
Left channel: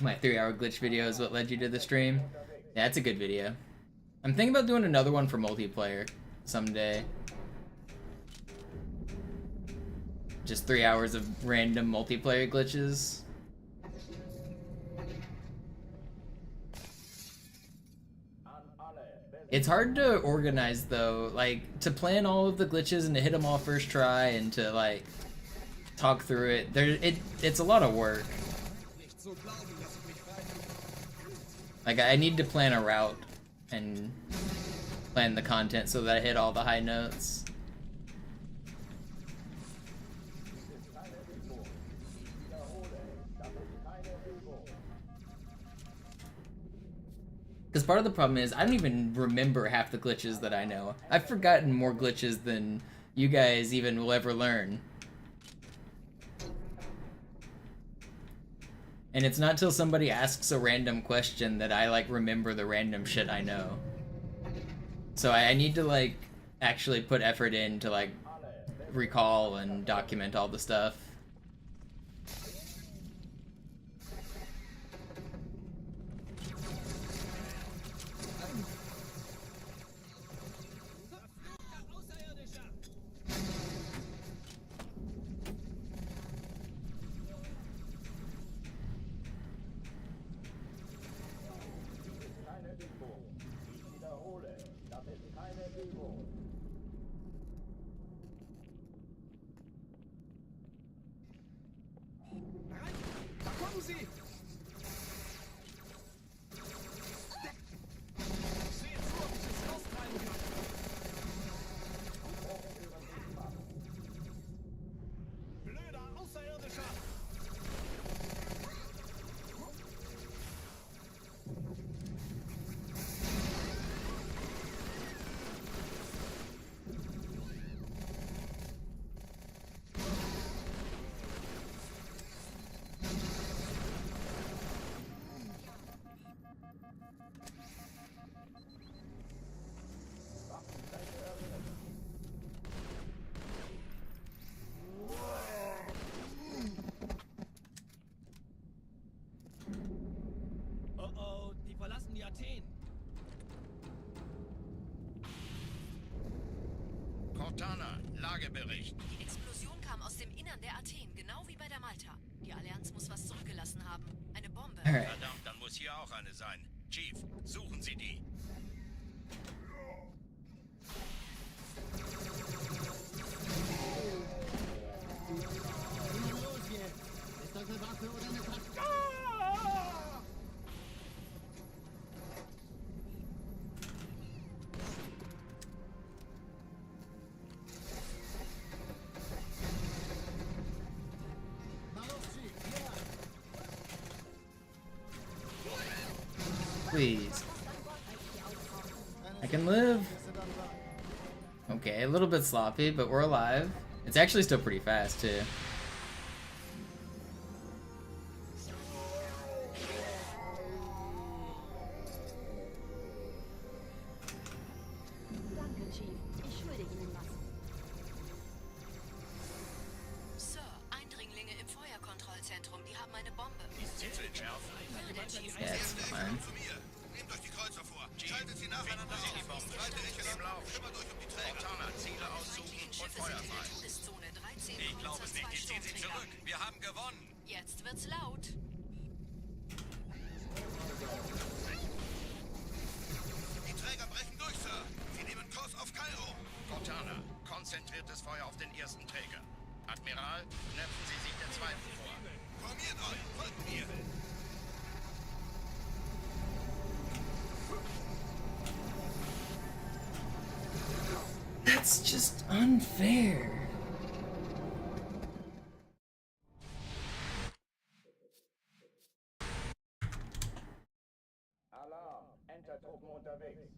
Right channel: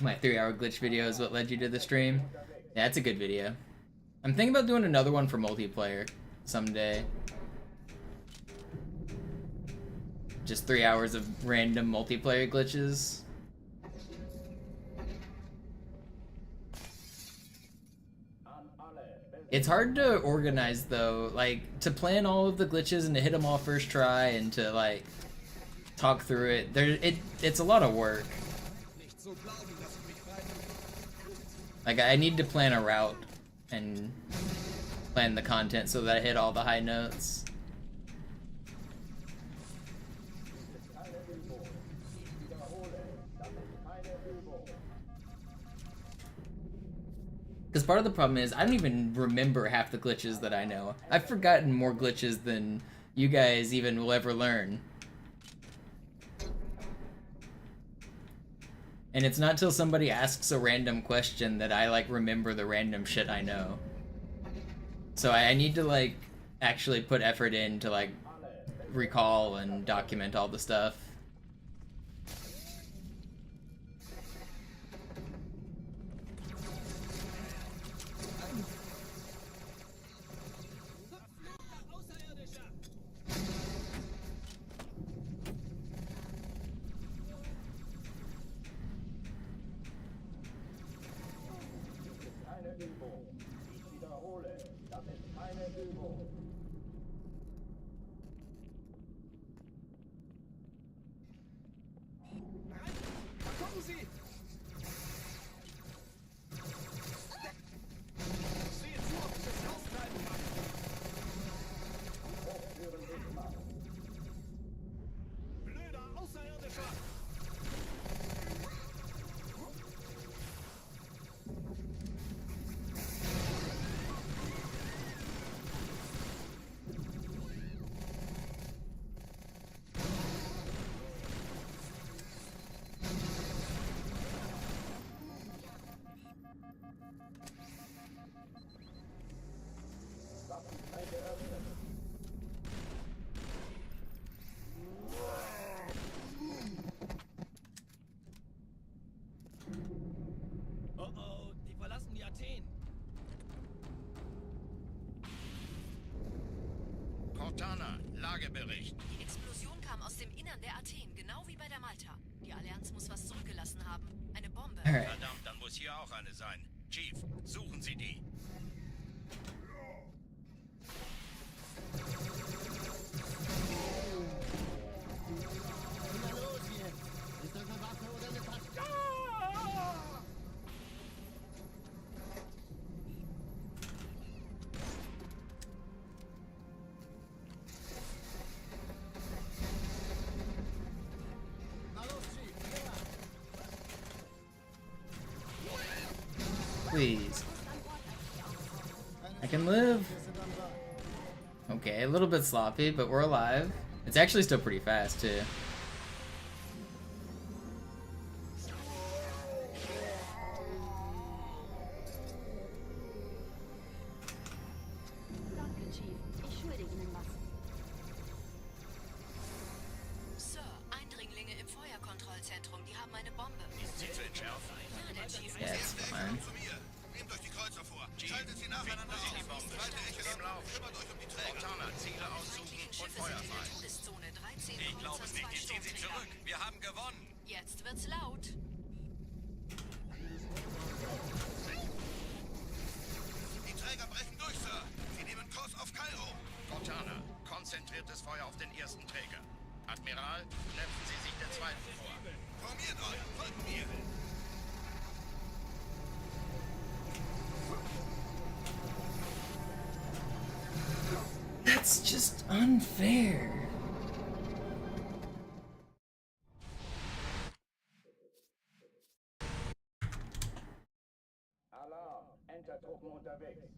My 3-hour glitch video is what led you to the stream. Yeah, it's a good video. I'm thinking about doing another one for multiplayer someday. Just 3 hours of random multiplayer glitches. It's hard to organize though, like to plan all of the glitches and to hit them all first try and to like talk through it. It's a lot of work. Like, I need to plan a route and plan the content so that I hit all the high notes. Because part of the problem is I don't even remember half the glitches that I know. I've forgotten more glitches than you guys even will ever learn. And it's not till somebody asks a random question that I, like, remember the random shit I know. So I need to, like, actually put effort in to, like, recall and document all the stuff. Oh, die verlassen die Athen. Cortana, Lagebericht. Die Explosion kam aus dem Innern der Athen, genau wie bei der Malta. Die Allianz muss was zurückgelassen haben. Eine Bombe. Verdammt, dann muss hier auch eine sein. Chief, suchen Sie die. Na los jetzt! Ist das eine Waffe oder eine Taste? Please. I can live. Okay, a little bit sloppy, but we're alive. It's actually still pretty fast, too. Danke, Chief. Ich schulde Ihnen was. Sir, Eindringlinge im Feuerkontrollzentrum, die haben eine Bombe. Ist sie zu entschärfen? Yeah, it's fine. Nehmt euch die Kreuzer vor. Schaltet sie nacheinander auf. Die Bombe. Zweite Ecke im Lauf. Kümmert euch um die Träger. Cortana, Ziele aussuchen und Feuer frei. Ich glaube es nicht, die ziehen sie zurück. Wir haben gewonnen. Jetzt wird's laut. Die Träger brechen durch, Sir. Sie nehmen Kurs auf Kairo. Cortana, konzentriertes Feuer auf den ersten Träger. Admiral, knöpfen Sie sich den zweiten vor. Formiert euch, folgt mir. That's just unfair. Alarm! Entertruppen unterwegs.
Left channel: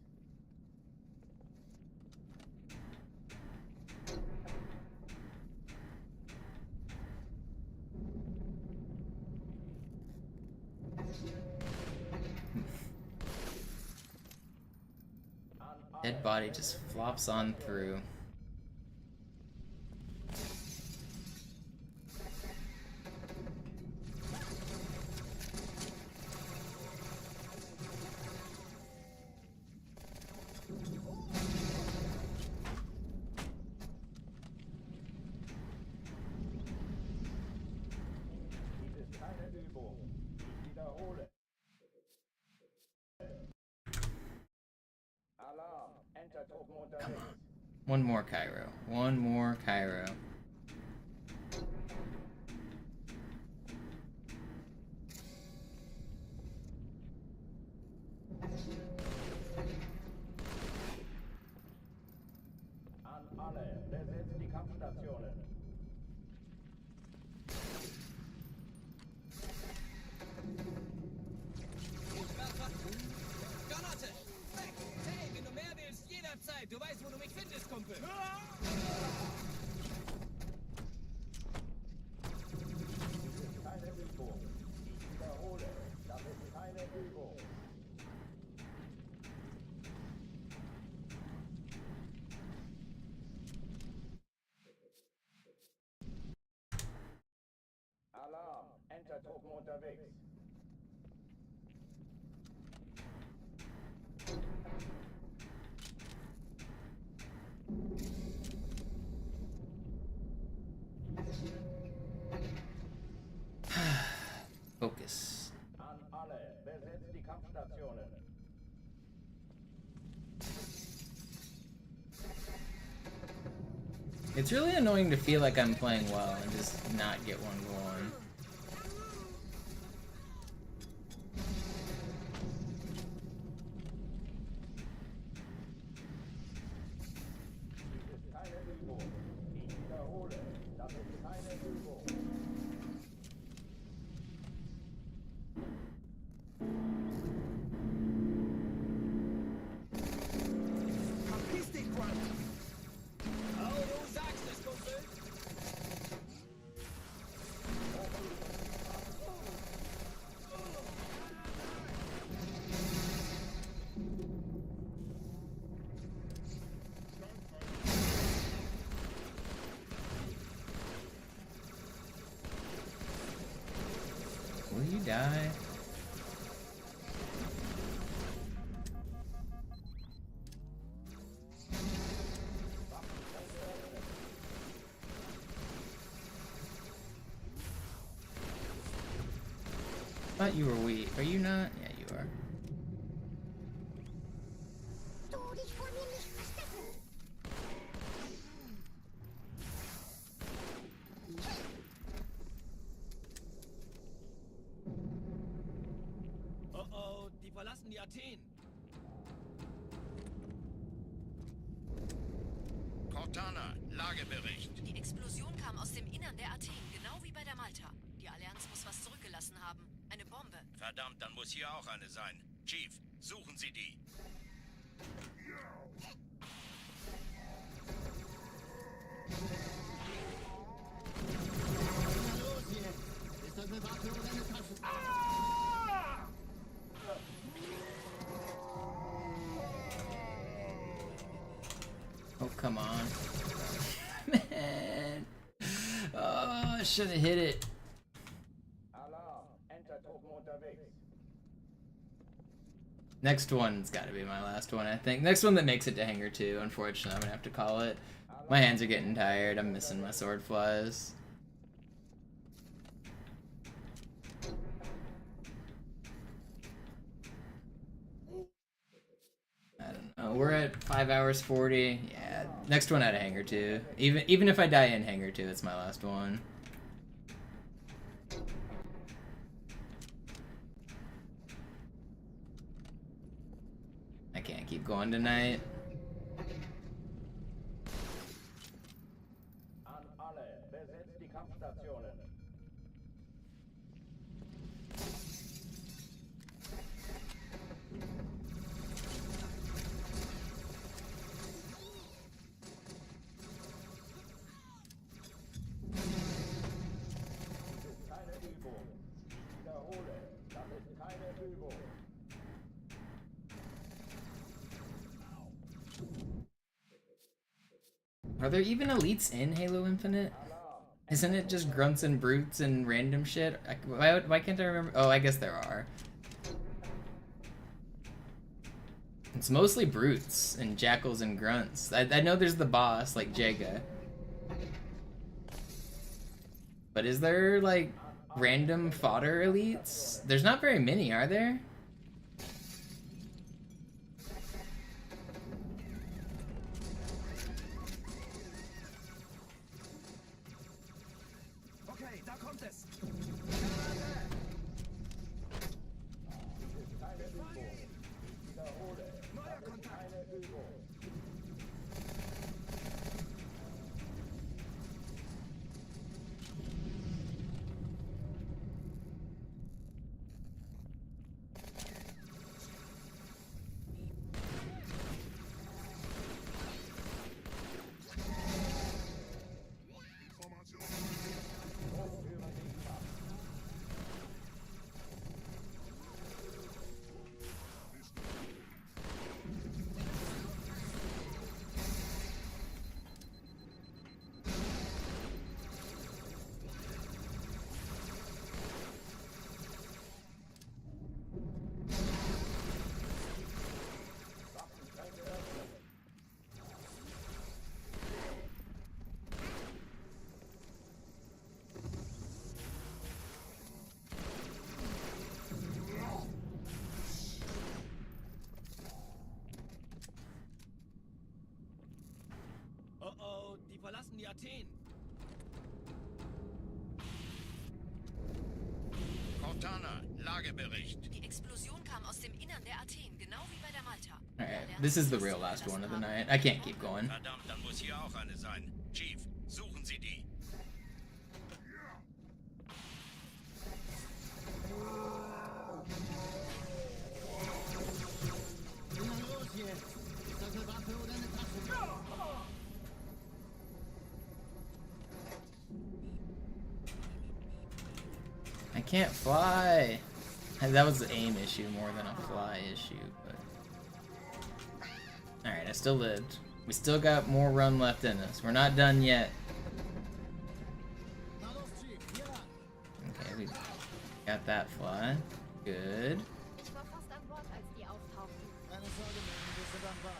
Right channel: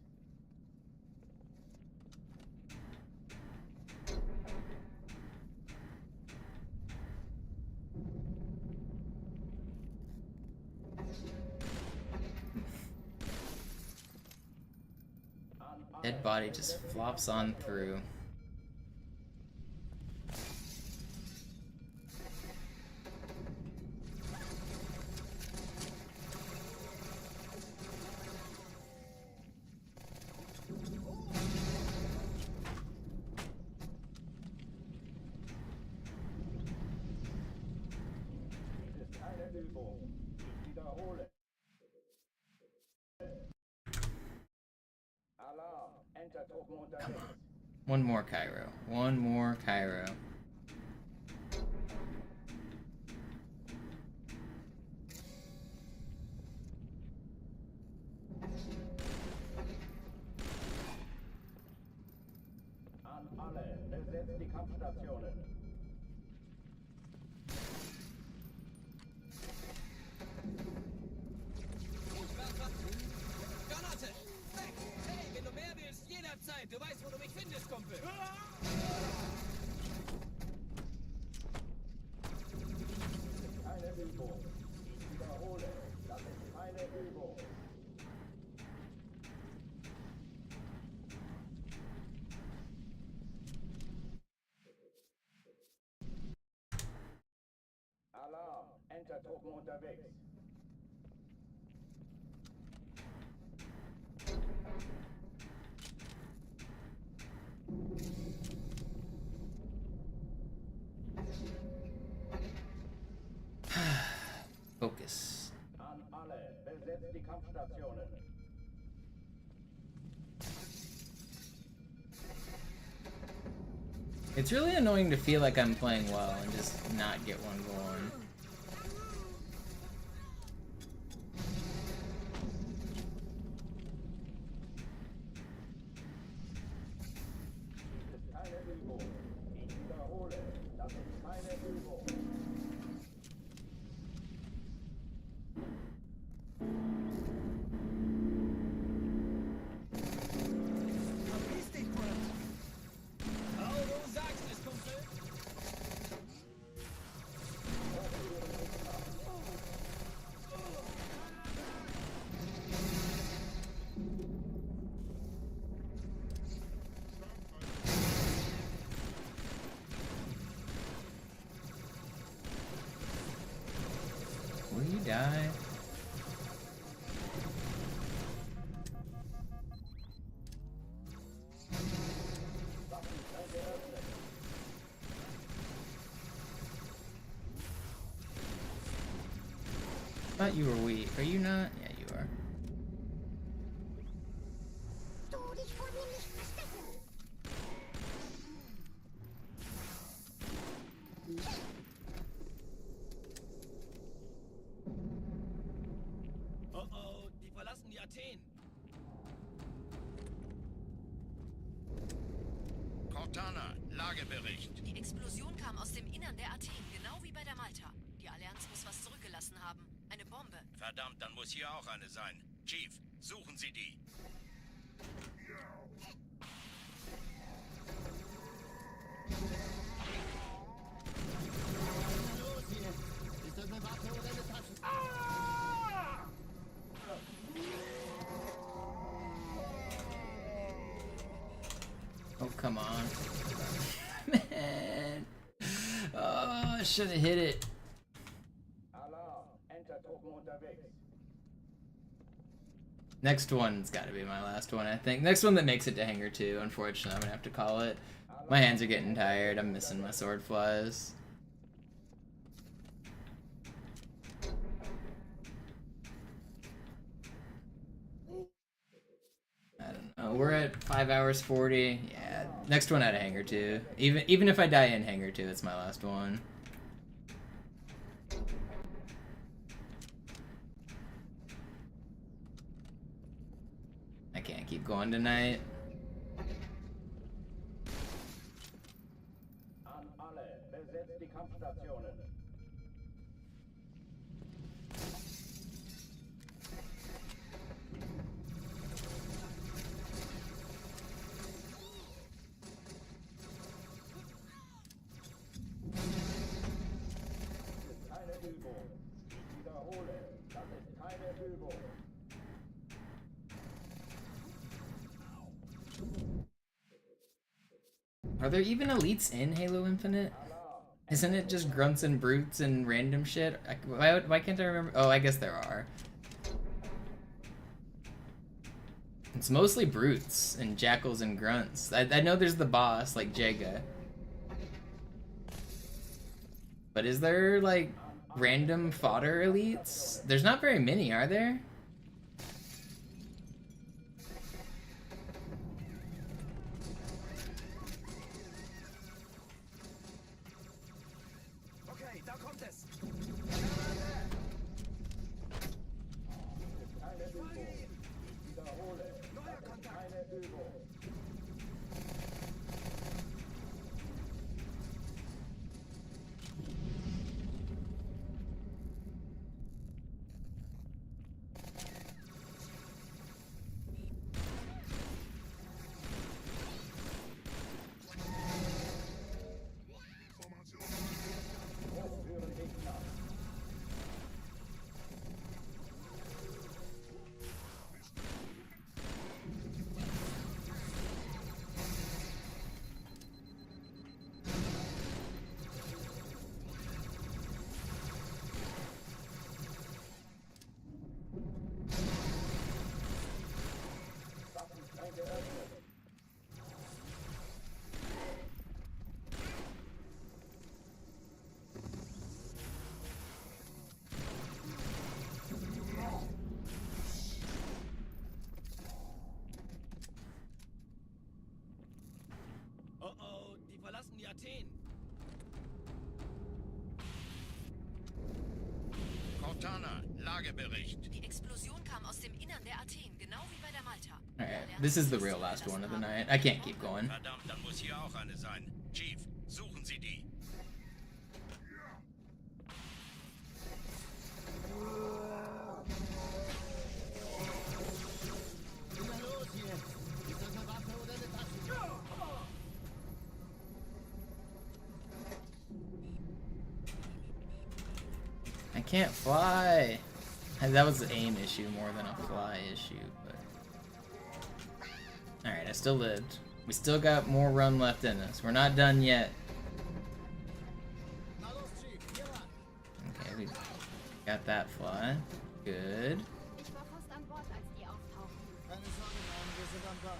Dead body just flops on through. Dies ist keine Übung. Ich wiederhole. Alarm! Entertruppen unterwegs. One more Cairo. One more Cairo. Kampfstationen. Granate! Weg! Hey, wenn du mehr willst, jederzeit. Du weißt, wo du mich findest, Kumpel. Dies ist keine Übung. Ich wiederhole, das ist keine Übung. Alarm! Entertruppen unterwegs. Focus. An alle, besetzt die Kampfstationen. It's really annoying to feel like I'm playing well and just not get one going. Dies ist keine Übung. Ich wiederhole, das ist keine Übung. Will you die? Thought you were weak. Are you not? Yeah, you are. Oh oh, die verlassen die Athen. Cortana, Lagebericht. Die Explosion kam aus dem Innern der Athen, genau wie bei der Malta. Die Allianz muss was zurückgelassen haben. Eine Bombe. Verdammt, dann muss hier auch eine sein. Chief, suchen Sie die. Los jetzt! Ist das eine Waffe oder eine Tasche? Oh, come on. Man. Oh, I should have hit it. Alarm! Entertruppen unterwegs. Next one's gotta be my last one, I think. Next one that makes it to Hangar 2, unfortunately, I'm gonna have to call it. My hands are getting tired, I'm missing my sword flies. I don't know, we're at 5 hours 40. Yeah, next one out of Hangar 2. Even if I die in Hangar 2, it's my last one. I can't keep going tonight. An alle, besetzt die Kampfstationen. Dies ist keine Übung. Ich wiederhole, das ist keine Übung. Are there even elites in Halo Infinite? Isn't it just grunts and brutes and random shit? Why can't I remember? Oh, I guess there are. It's mostly brutes and jackals and grunts. I know there's the boss, like Jaga. But is there, like, random fodder elites? There's not very many, are there? Okay, da kommt es. Dies ist keine Übung. Ich wiederhole, das ist keine Übung. Athen. Cortana, Lagebericht. Die Explosion kam aus dem Innern der Athen, genau wie bei der Malta. Alright, this is the real last one of the night. I can't keep going. Verdammt, dann muss hier auch eine sein. Chief, suchen Sie die. Na los jetzt! Ist das eine Waffe oder eine Taschenlampe? I can't fly. That was the aim issue more than a fly issue, but... Alright, I still lived. We still got more run left in us. We're not done yet. Okay, we got that fly. Good. Ich war fast an Bord, als die auftauchten. Keine Sorge, Mann, wir sind am Bord.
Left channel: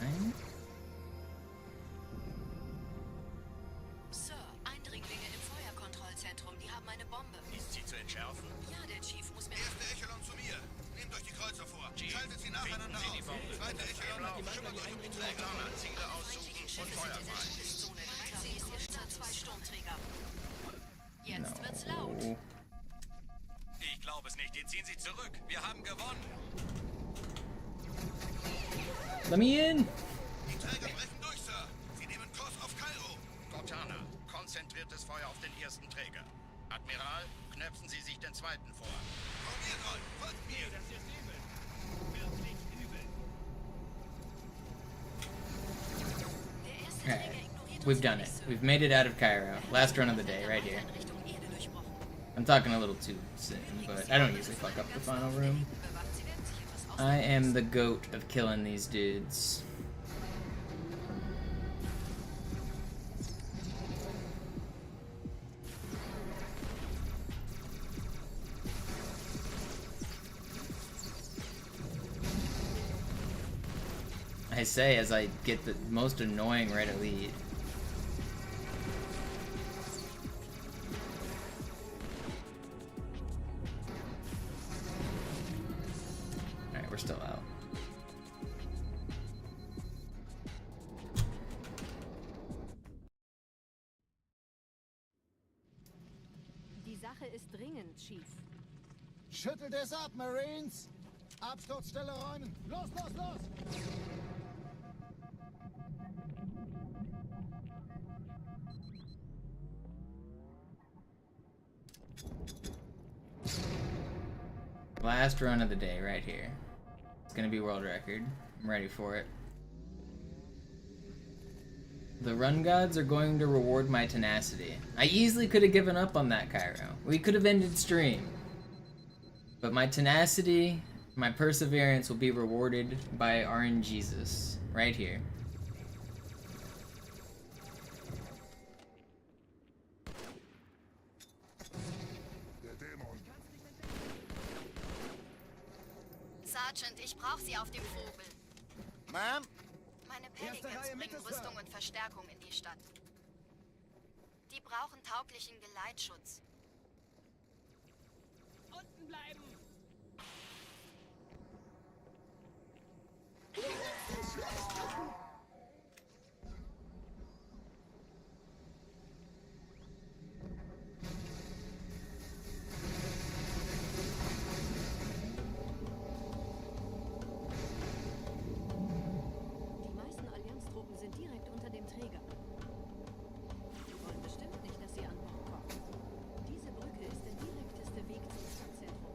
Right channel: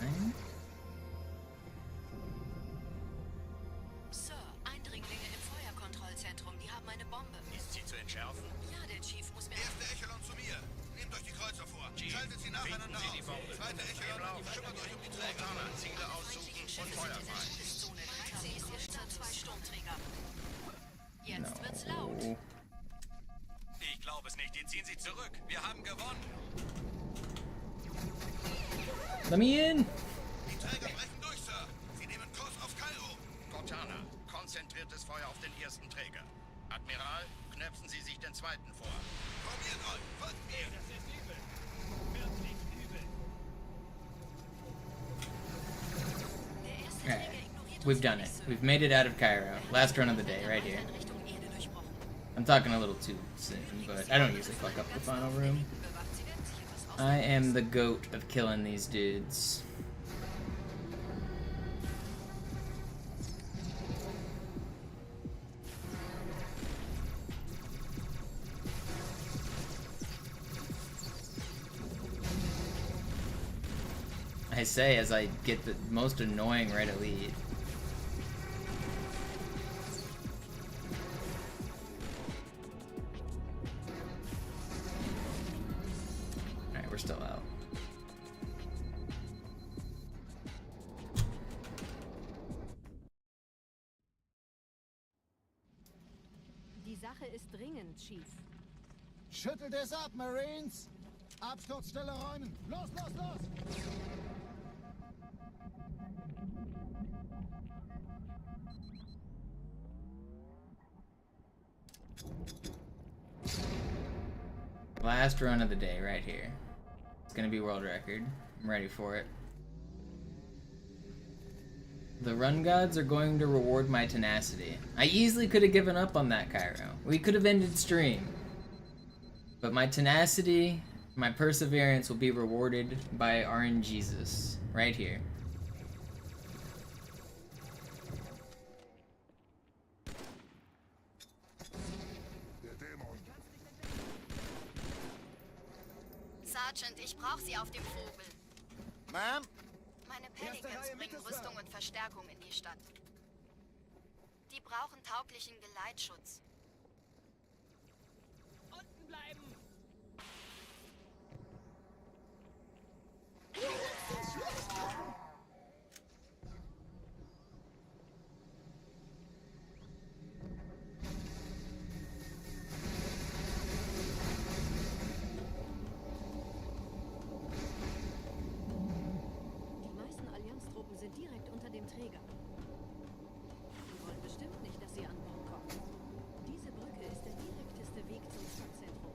Fine. Sir, Eindringlinge im Feuerkontrollzentrum, die haben eine Bombe. Ist sie zu entschärfen? Ja, der Chief muss mir... Erste Echelon zu mir. Nehmt euch die Kreuzer vor. Schaltet sie nacheinander auf. Die Bombe. Zweite Echelon, kümmert euch um die Träger. Ziele aussuchen und Feuer frei. Todeszone 3C ist ihr Start 2 Sturmträger. Jetzt wird's laut. No. Ich glaube es nicht. Die ziehen sich zurück. Wir haben gewonnen. Let me in! Die Träger brechen durch, Sir. Sie nehmen Kurs auf Kairo. Cortana, konzentriertes Feuer auf den ersten Träger. Admiral, knöpfen Sie sich den zweiten vor. Probiert euch. Folgt mir. Das ist übel. Wirklich übel. Der erste Alright, Träger ignoriert we've uns done it. völlig, Sir. We've made it out of Cairo. Last run of the day, right here. In Richtung Erde durchbrochen. I'm talking a little too soon, but I don't usually fuck up the final room. Bewacht, sie werden sich etwas aus... I am the goat of killing these dudes. I say as I get the most annoying right at lead. Alright, we're still out. Die Sache ist dringend, Chief. Schüttelt es ab, Marines! Absturzstelle räumen! Los, los, los! Last run of the day right here. It's gonna be world record. I'm ready for it. The run gods are going to reward my tenacity. I easily could have given up on that, Cairo. We could have ended stream. But my tenacity, my perseverance will be rewarded by RNGesus. Right here. Sergeant, ich brauche Sie auf dem Vogel. Ma'am? Meine Pelicans bringen Rüstung und Verstärkung in die Stadt. Die brauchen tauglichen Geleitschutz. Unten bleiben. Die meisten Allianztruppen sind direkt unter dem Träger. Die wollen bestimmt nicht, dass sie an Bord kommen. Diese Brücke ist der direkteste Weg zum Stadtzentrum.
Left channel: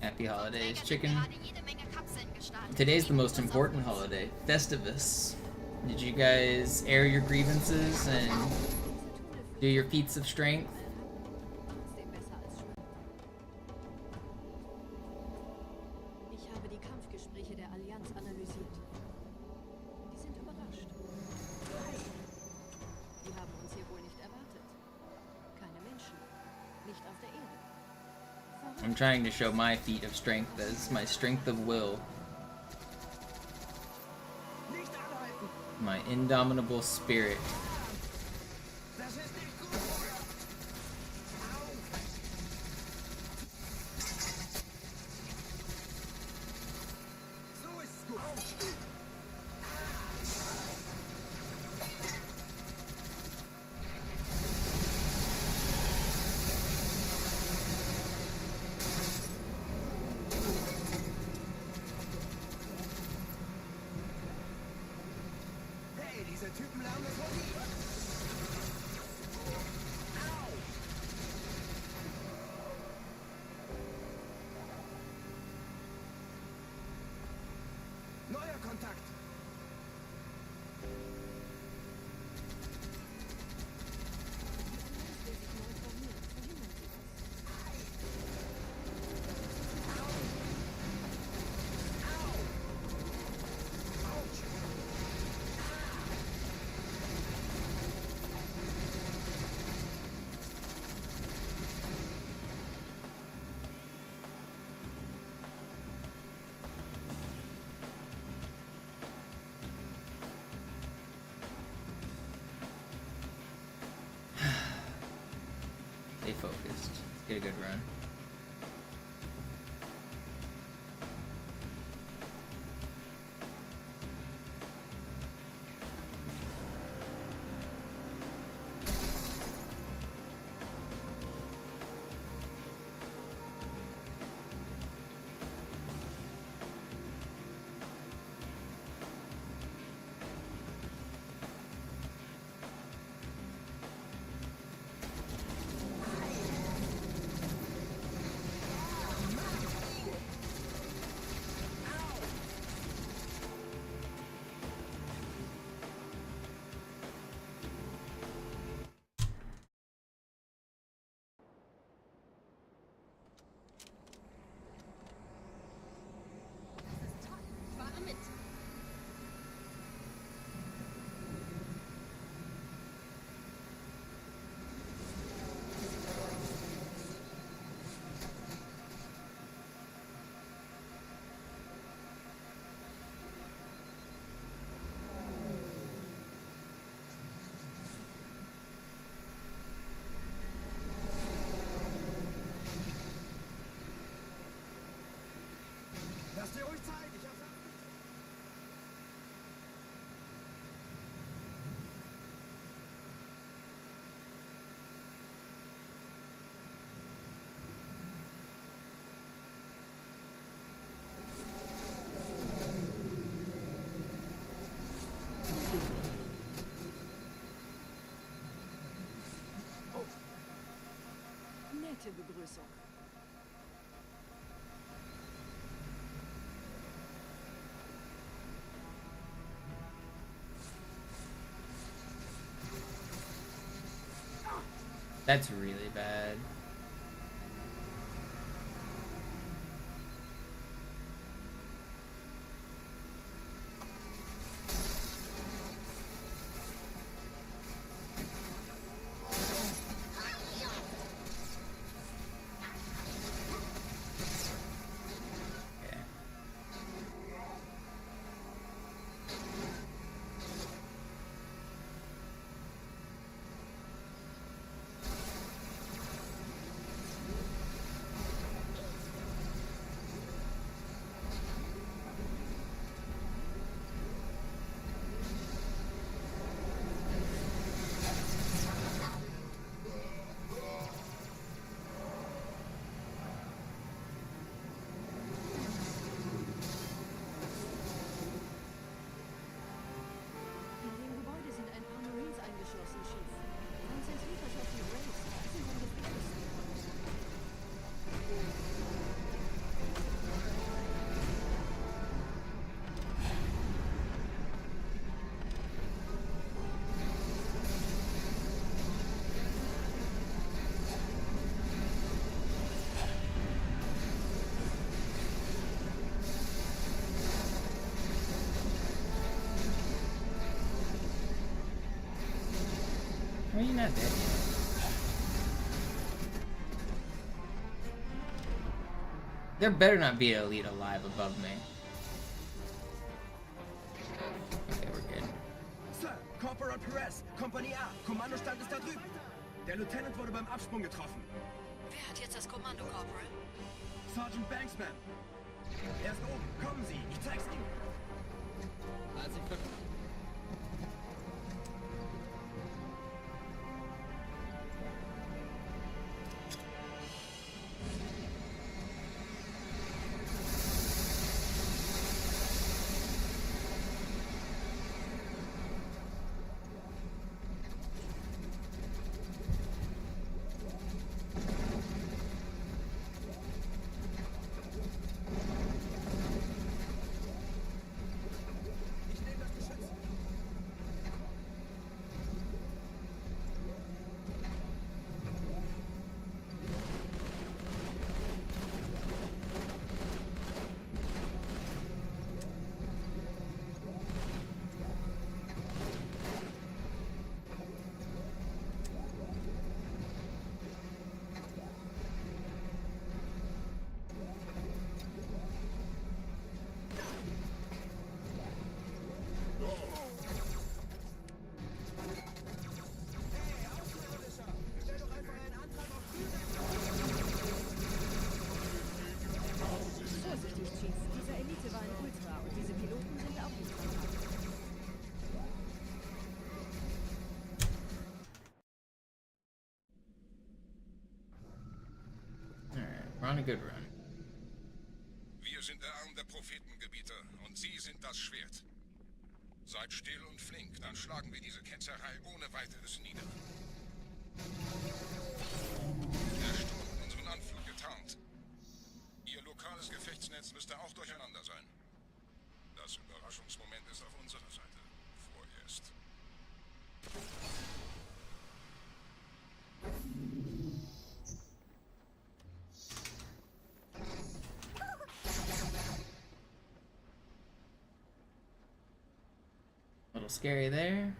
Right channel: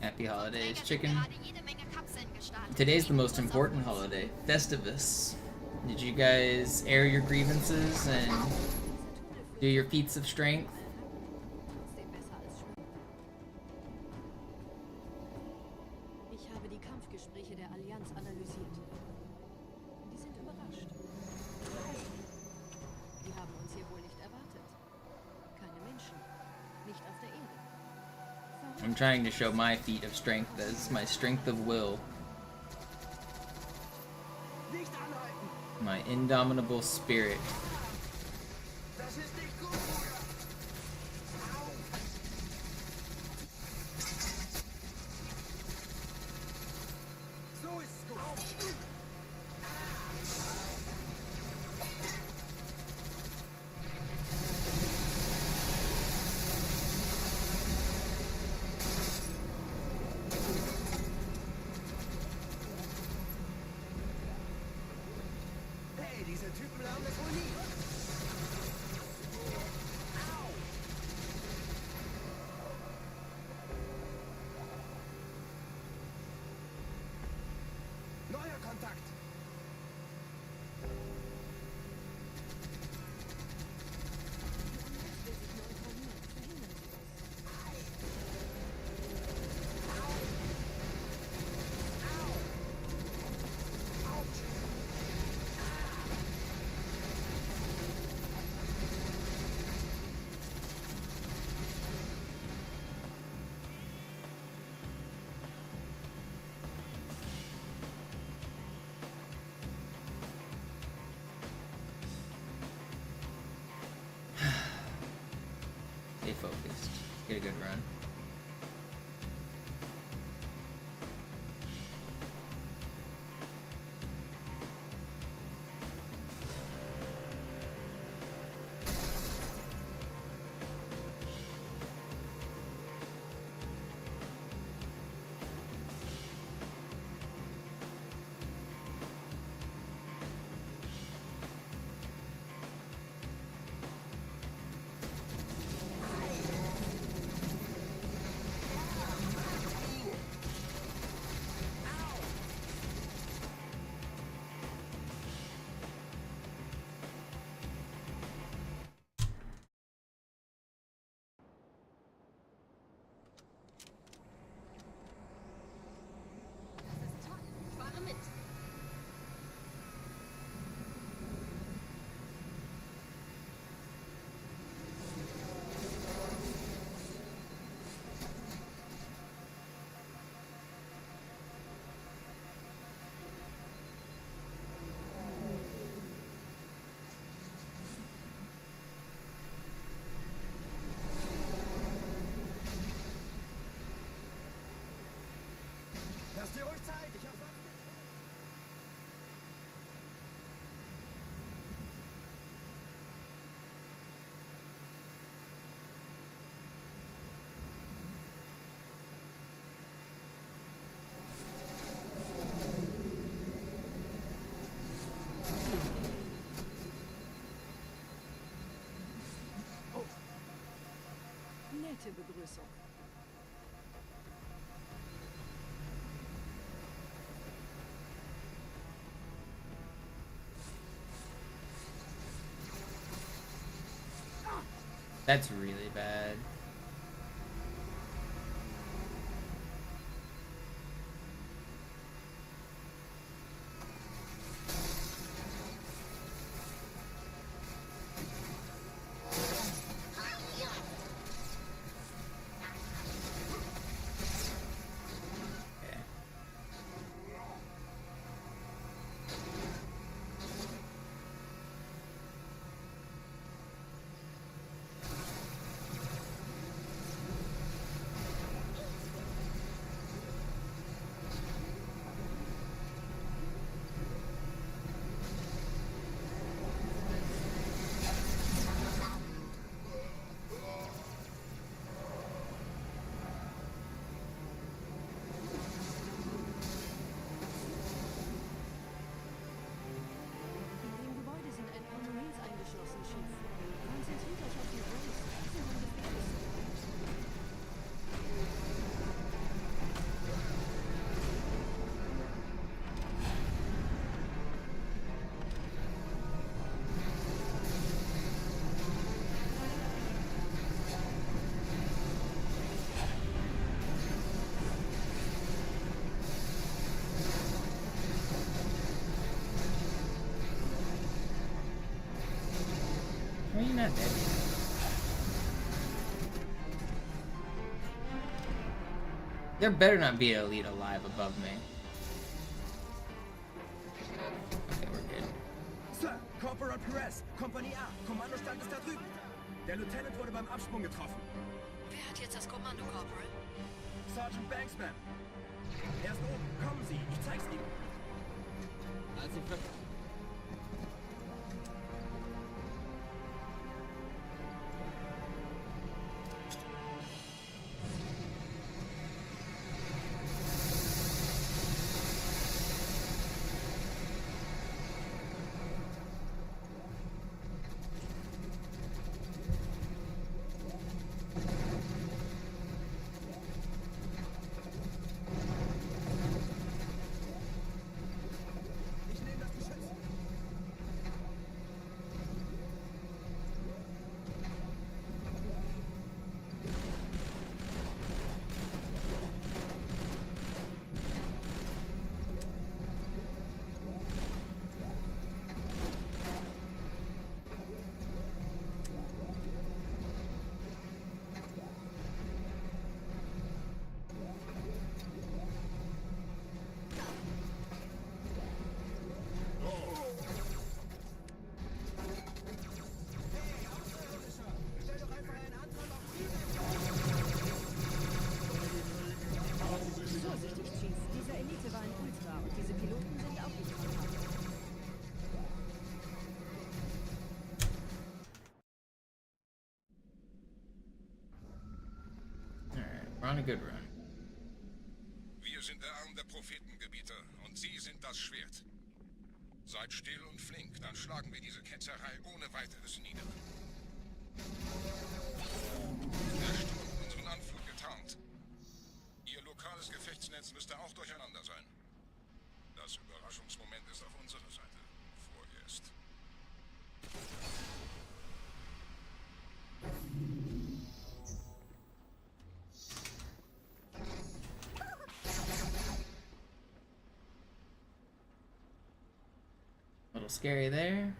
Happy holidays, chicken. Gerade jede Menge Kapseln gestartet. Today's the most important holiday, Festivus. Did you guys air your grievances and do your feats of strength? Trotzdem besser als schwimmen. Ich habe die Kampfgespräche der Allianz analysiert. Die sind überrascht. Die haben uns hier wohl nicht erwartet. Keine Menschen. Nicht auf der Erde. Verrückt. I'm trying to show my feat of strength as my strength of will. My indomitable spirit. Stay focused. Get a good run. Nette Begrüßung. That's really bad. Eingeschlossen, Chief. Konzentriert euch auf die Rays. Die sind am gefährlichsten. How are you not dead yet? There better not be an elite alive above me. Okay, we're good. Sir, Corporal Perez, Kompanie A, Kommandostand ist da drüben. Der Lieutenant wurde beim Absprung getroffen. Wer hat jetzt das Kommando, Corporal? Sergeant Banksman. Er ist oben. Kommen Sie, ich zeig's Ihnen. Also, Vorsichtig, Chief. Dieser Elite war ein Ultra und diese Piloten sind auch nicht rentabel. Alright, we're on a good run. Wir sind der Arm der Prophetengebieter und Sie sind das Schwert. Seid still und flink, dann schlagen wir diese Ketzerei ohne weiteres nieder. Der Sturm hat unseren Anflug getarnt. Ihr lokales Gefechtsnetz müsste auch durcheinander sein. Das Überraschungsmoment ist auf unserer Seite. Vorerst. A little scary there.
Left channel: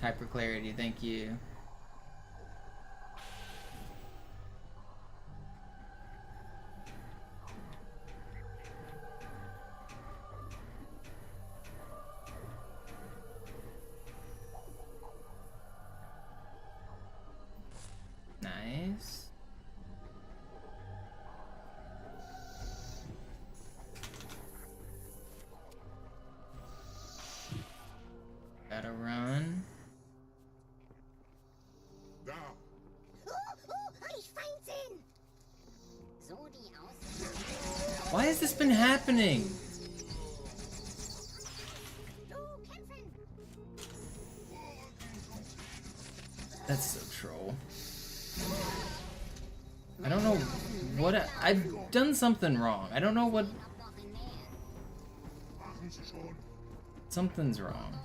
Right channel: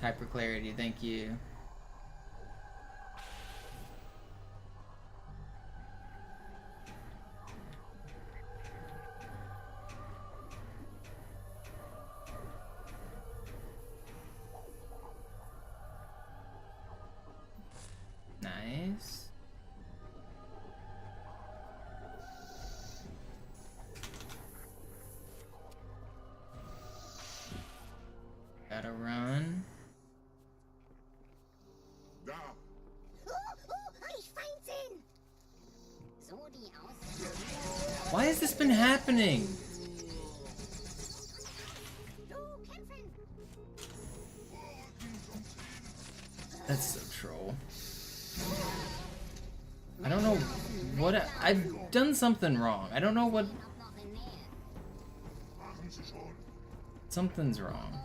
Hyper clarity, thank you. Nice. Gotta run. Why has this been happening? That's so troll. I don't know what I've done something wrong. I don't know what. Something's wrong.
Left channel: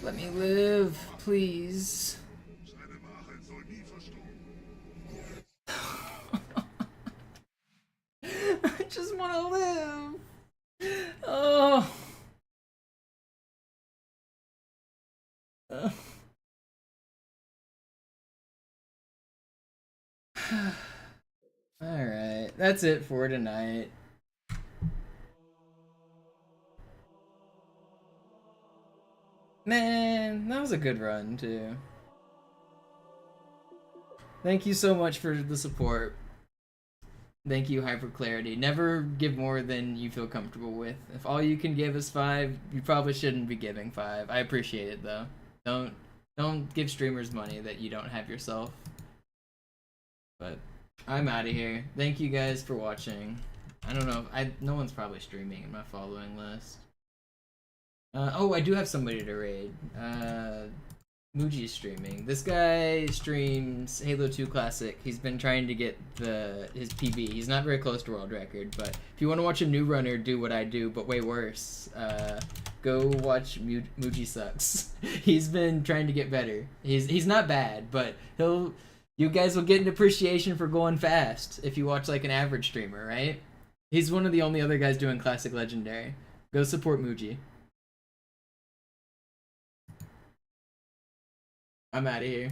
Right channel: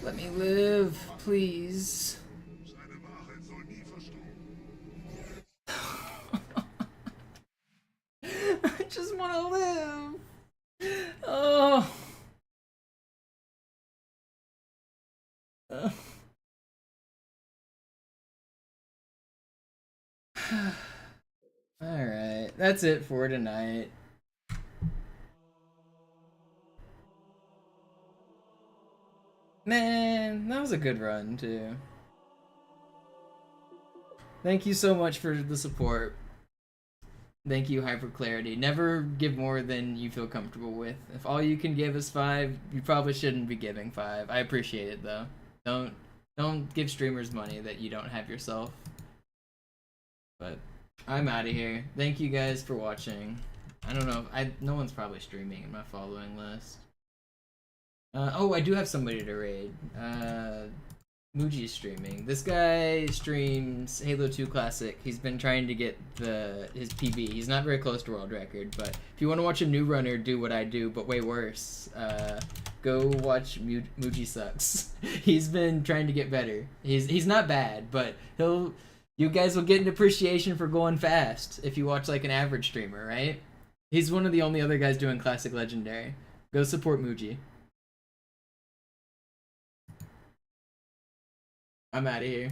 Let me live, please. I just want to live. Oh. Alright, that's it for tonight. Man, that was a good run, too. Thank you so much for the support. Thank you, Hyperclarity. Never give more than you feel comfortable with. If all you can give is 5, you probably shouldn't be giving 5. I appreciate it, though. Don't give streamers money that you don't have yourself. But I'm out of here. Thank you guys for watching. I don't know. No one's probably streaming in my following list. Oh, I do have somebody to raid. Muji's streaming. This guy streams Halo 2 Classic. He's been trying to get his PB. He's not very close to world record, but if you want to watch a new runner do what I do, but way worse, go watch Muji Sucks. He's been trying to get better. He's not bad, but you guys will get an appreciation for going fast if you watch like an average streamer, right? He's one of the only other guys doing Classic Legendary. Go support Muji. I'm out of here.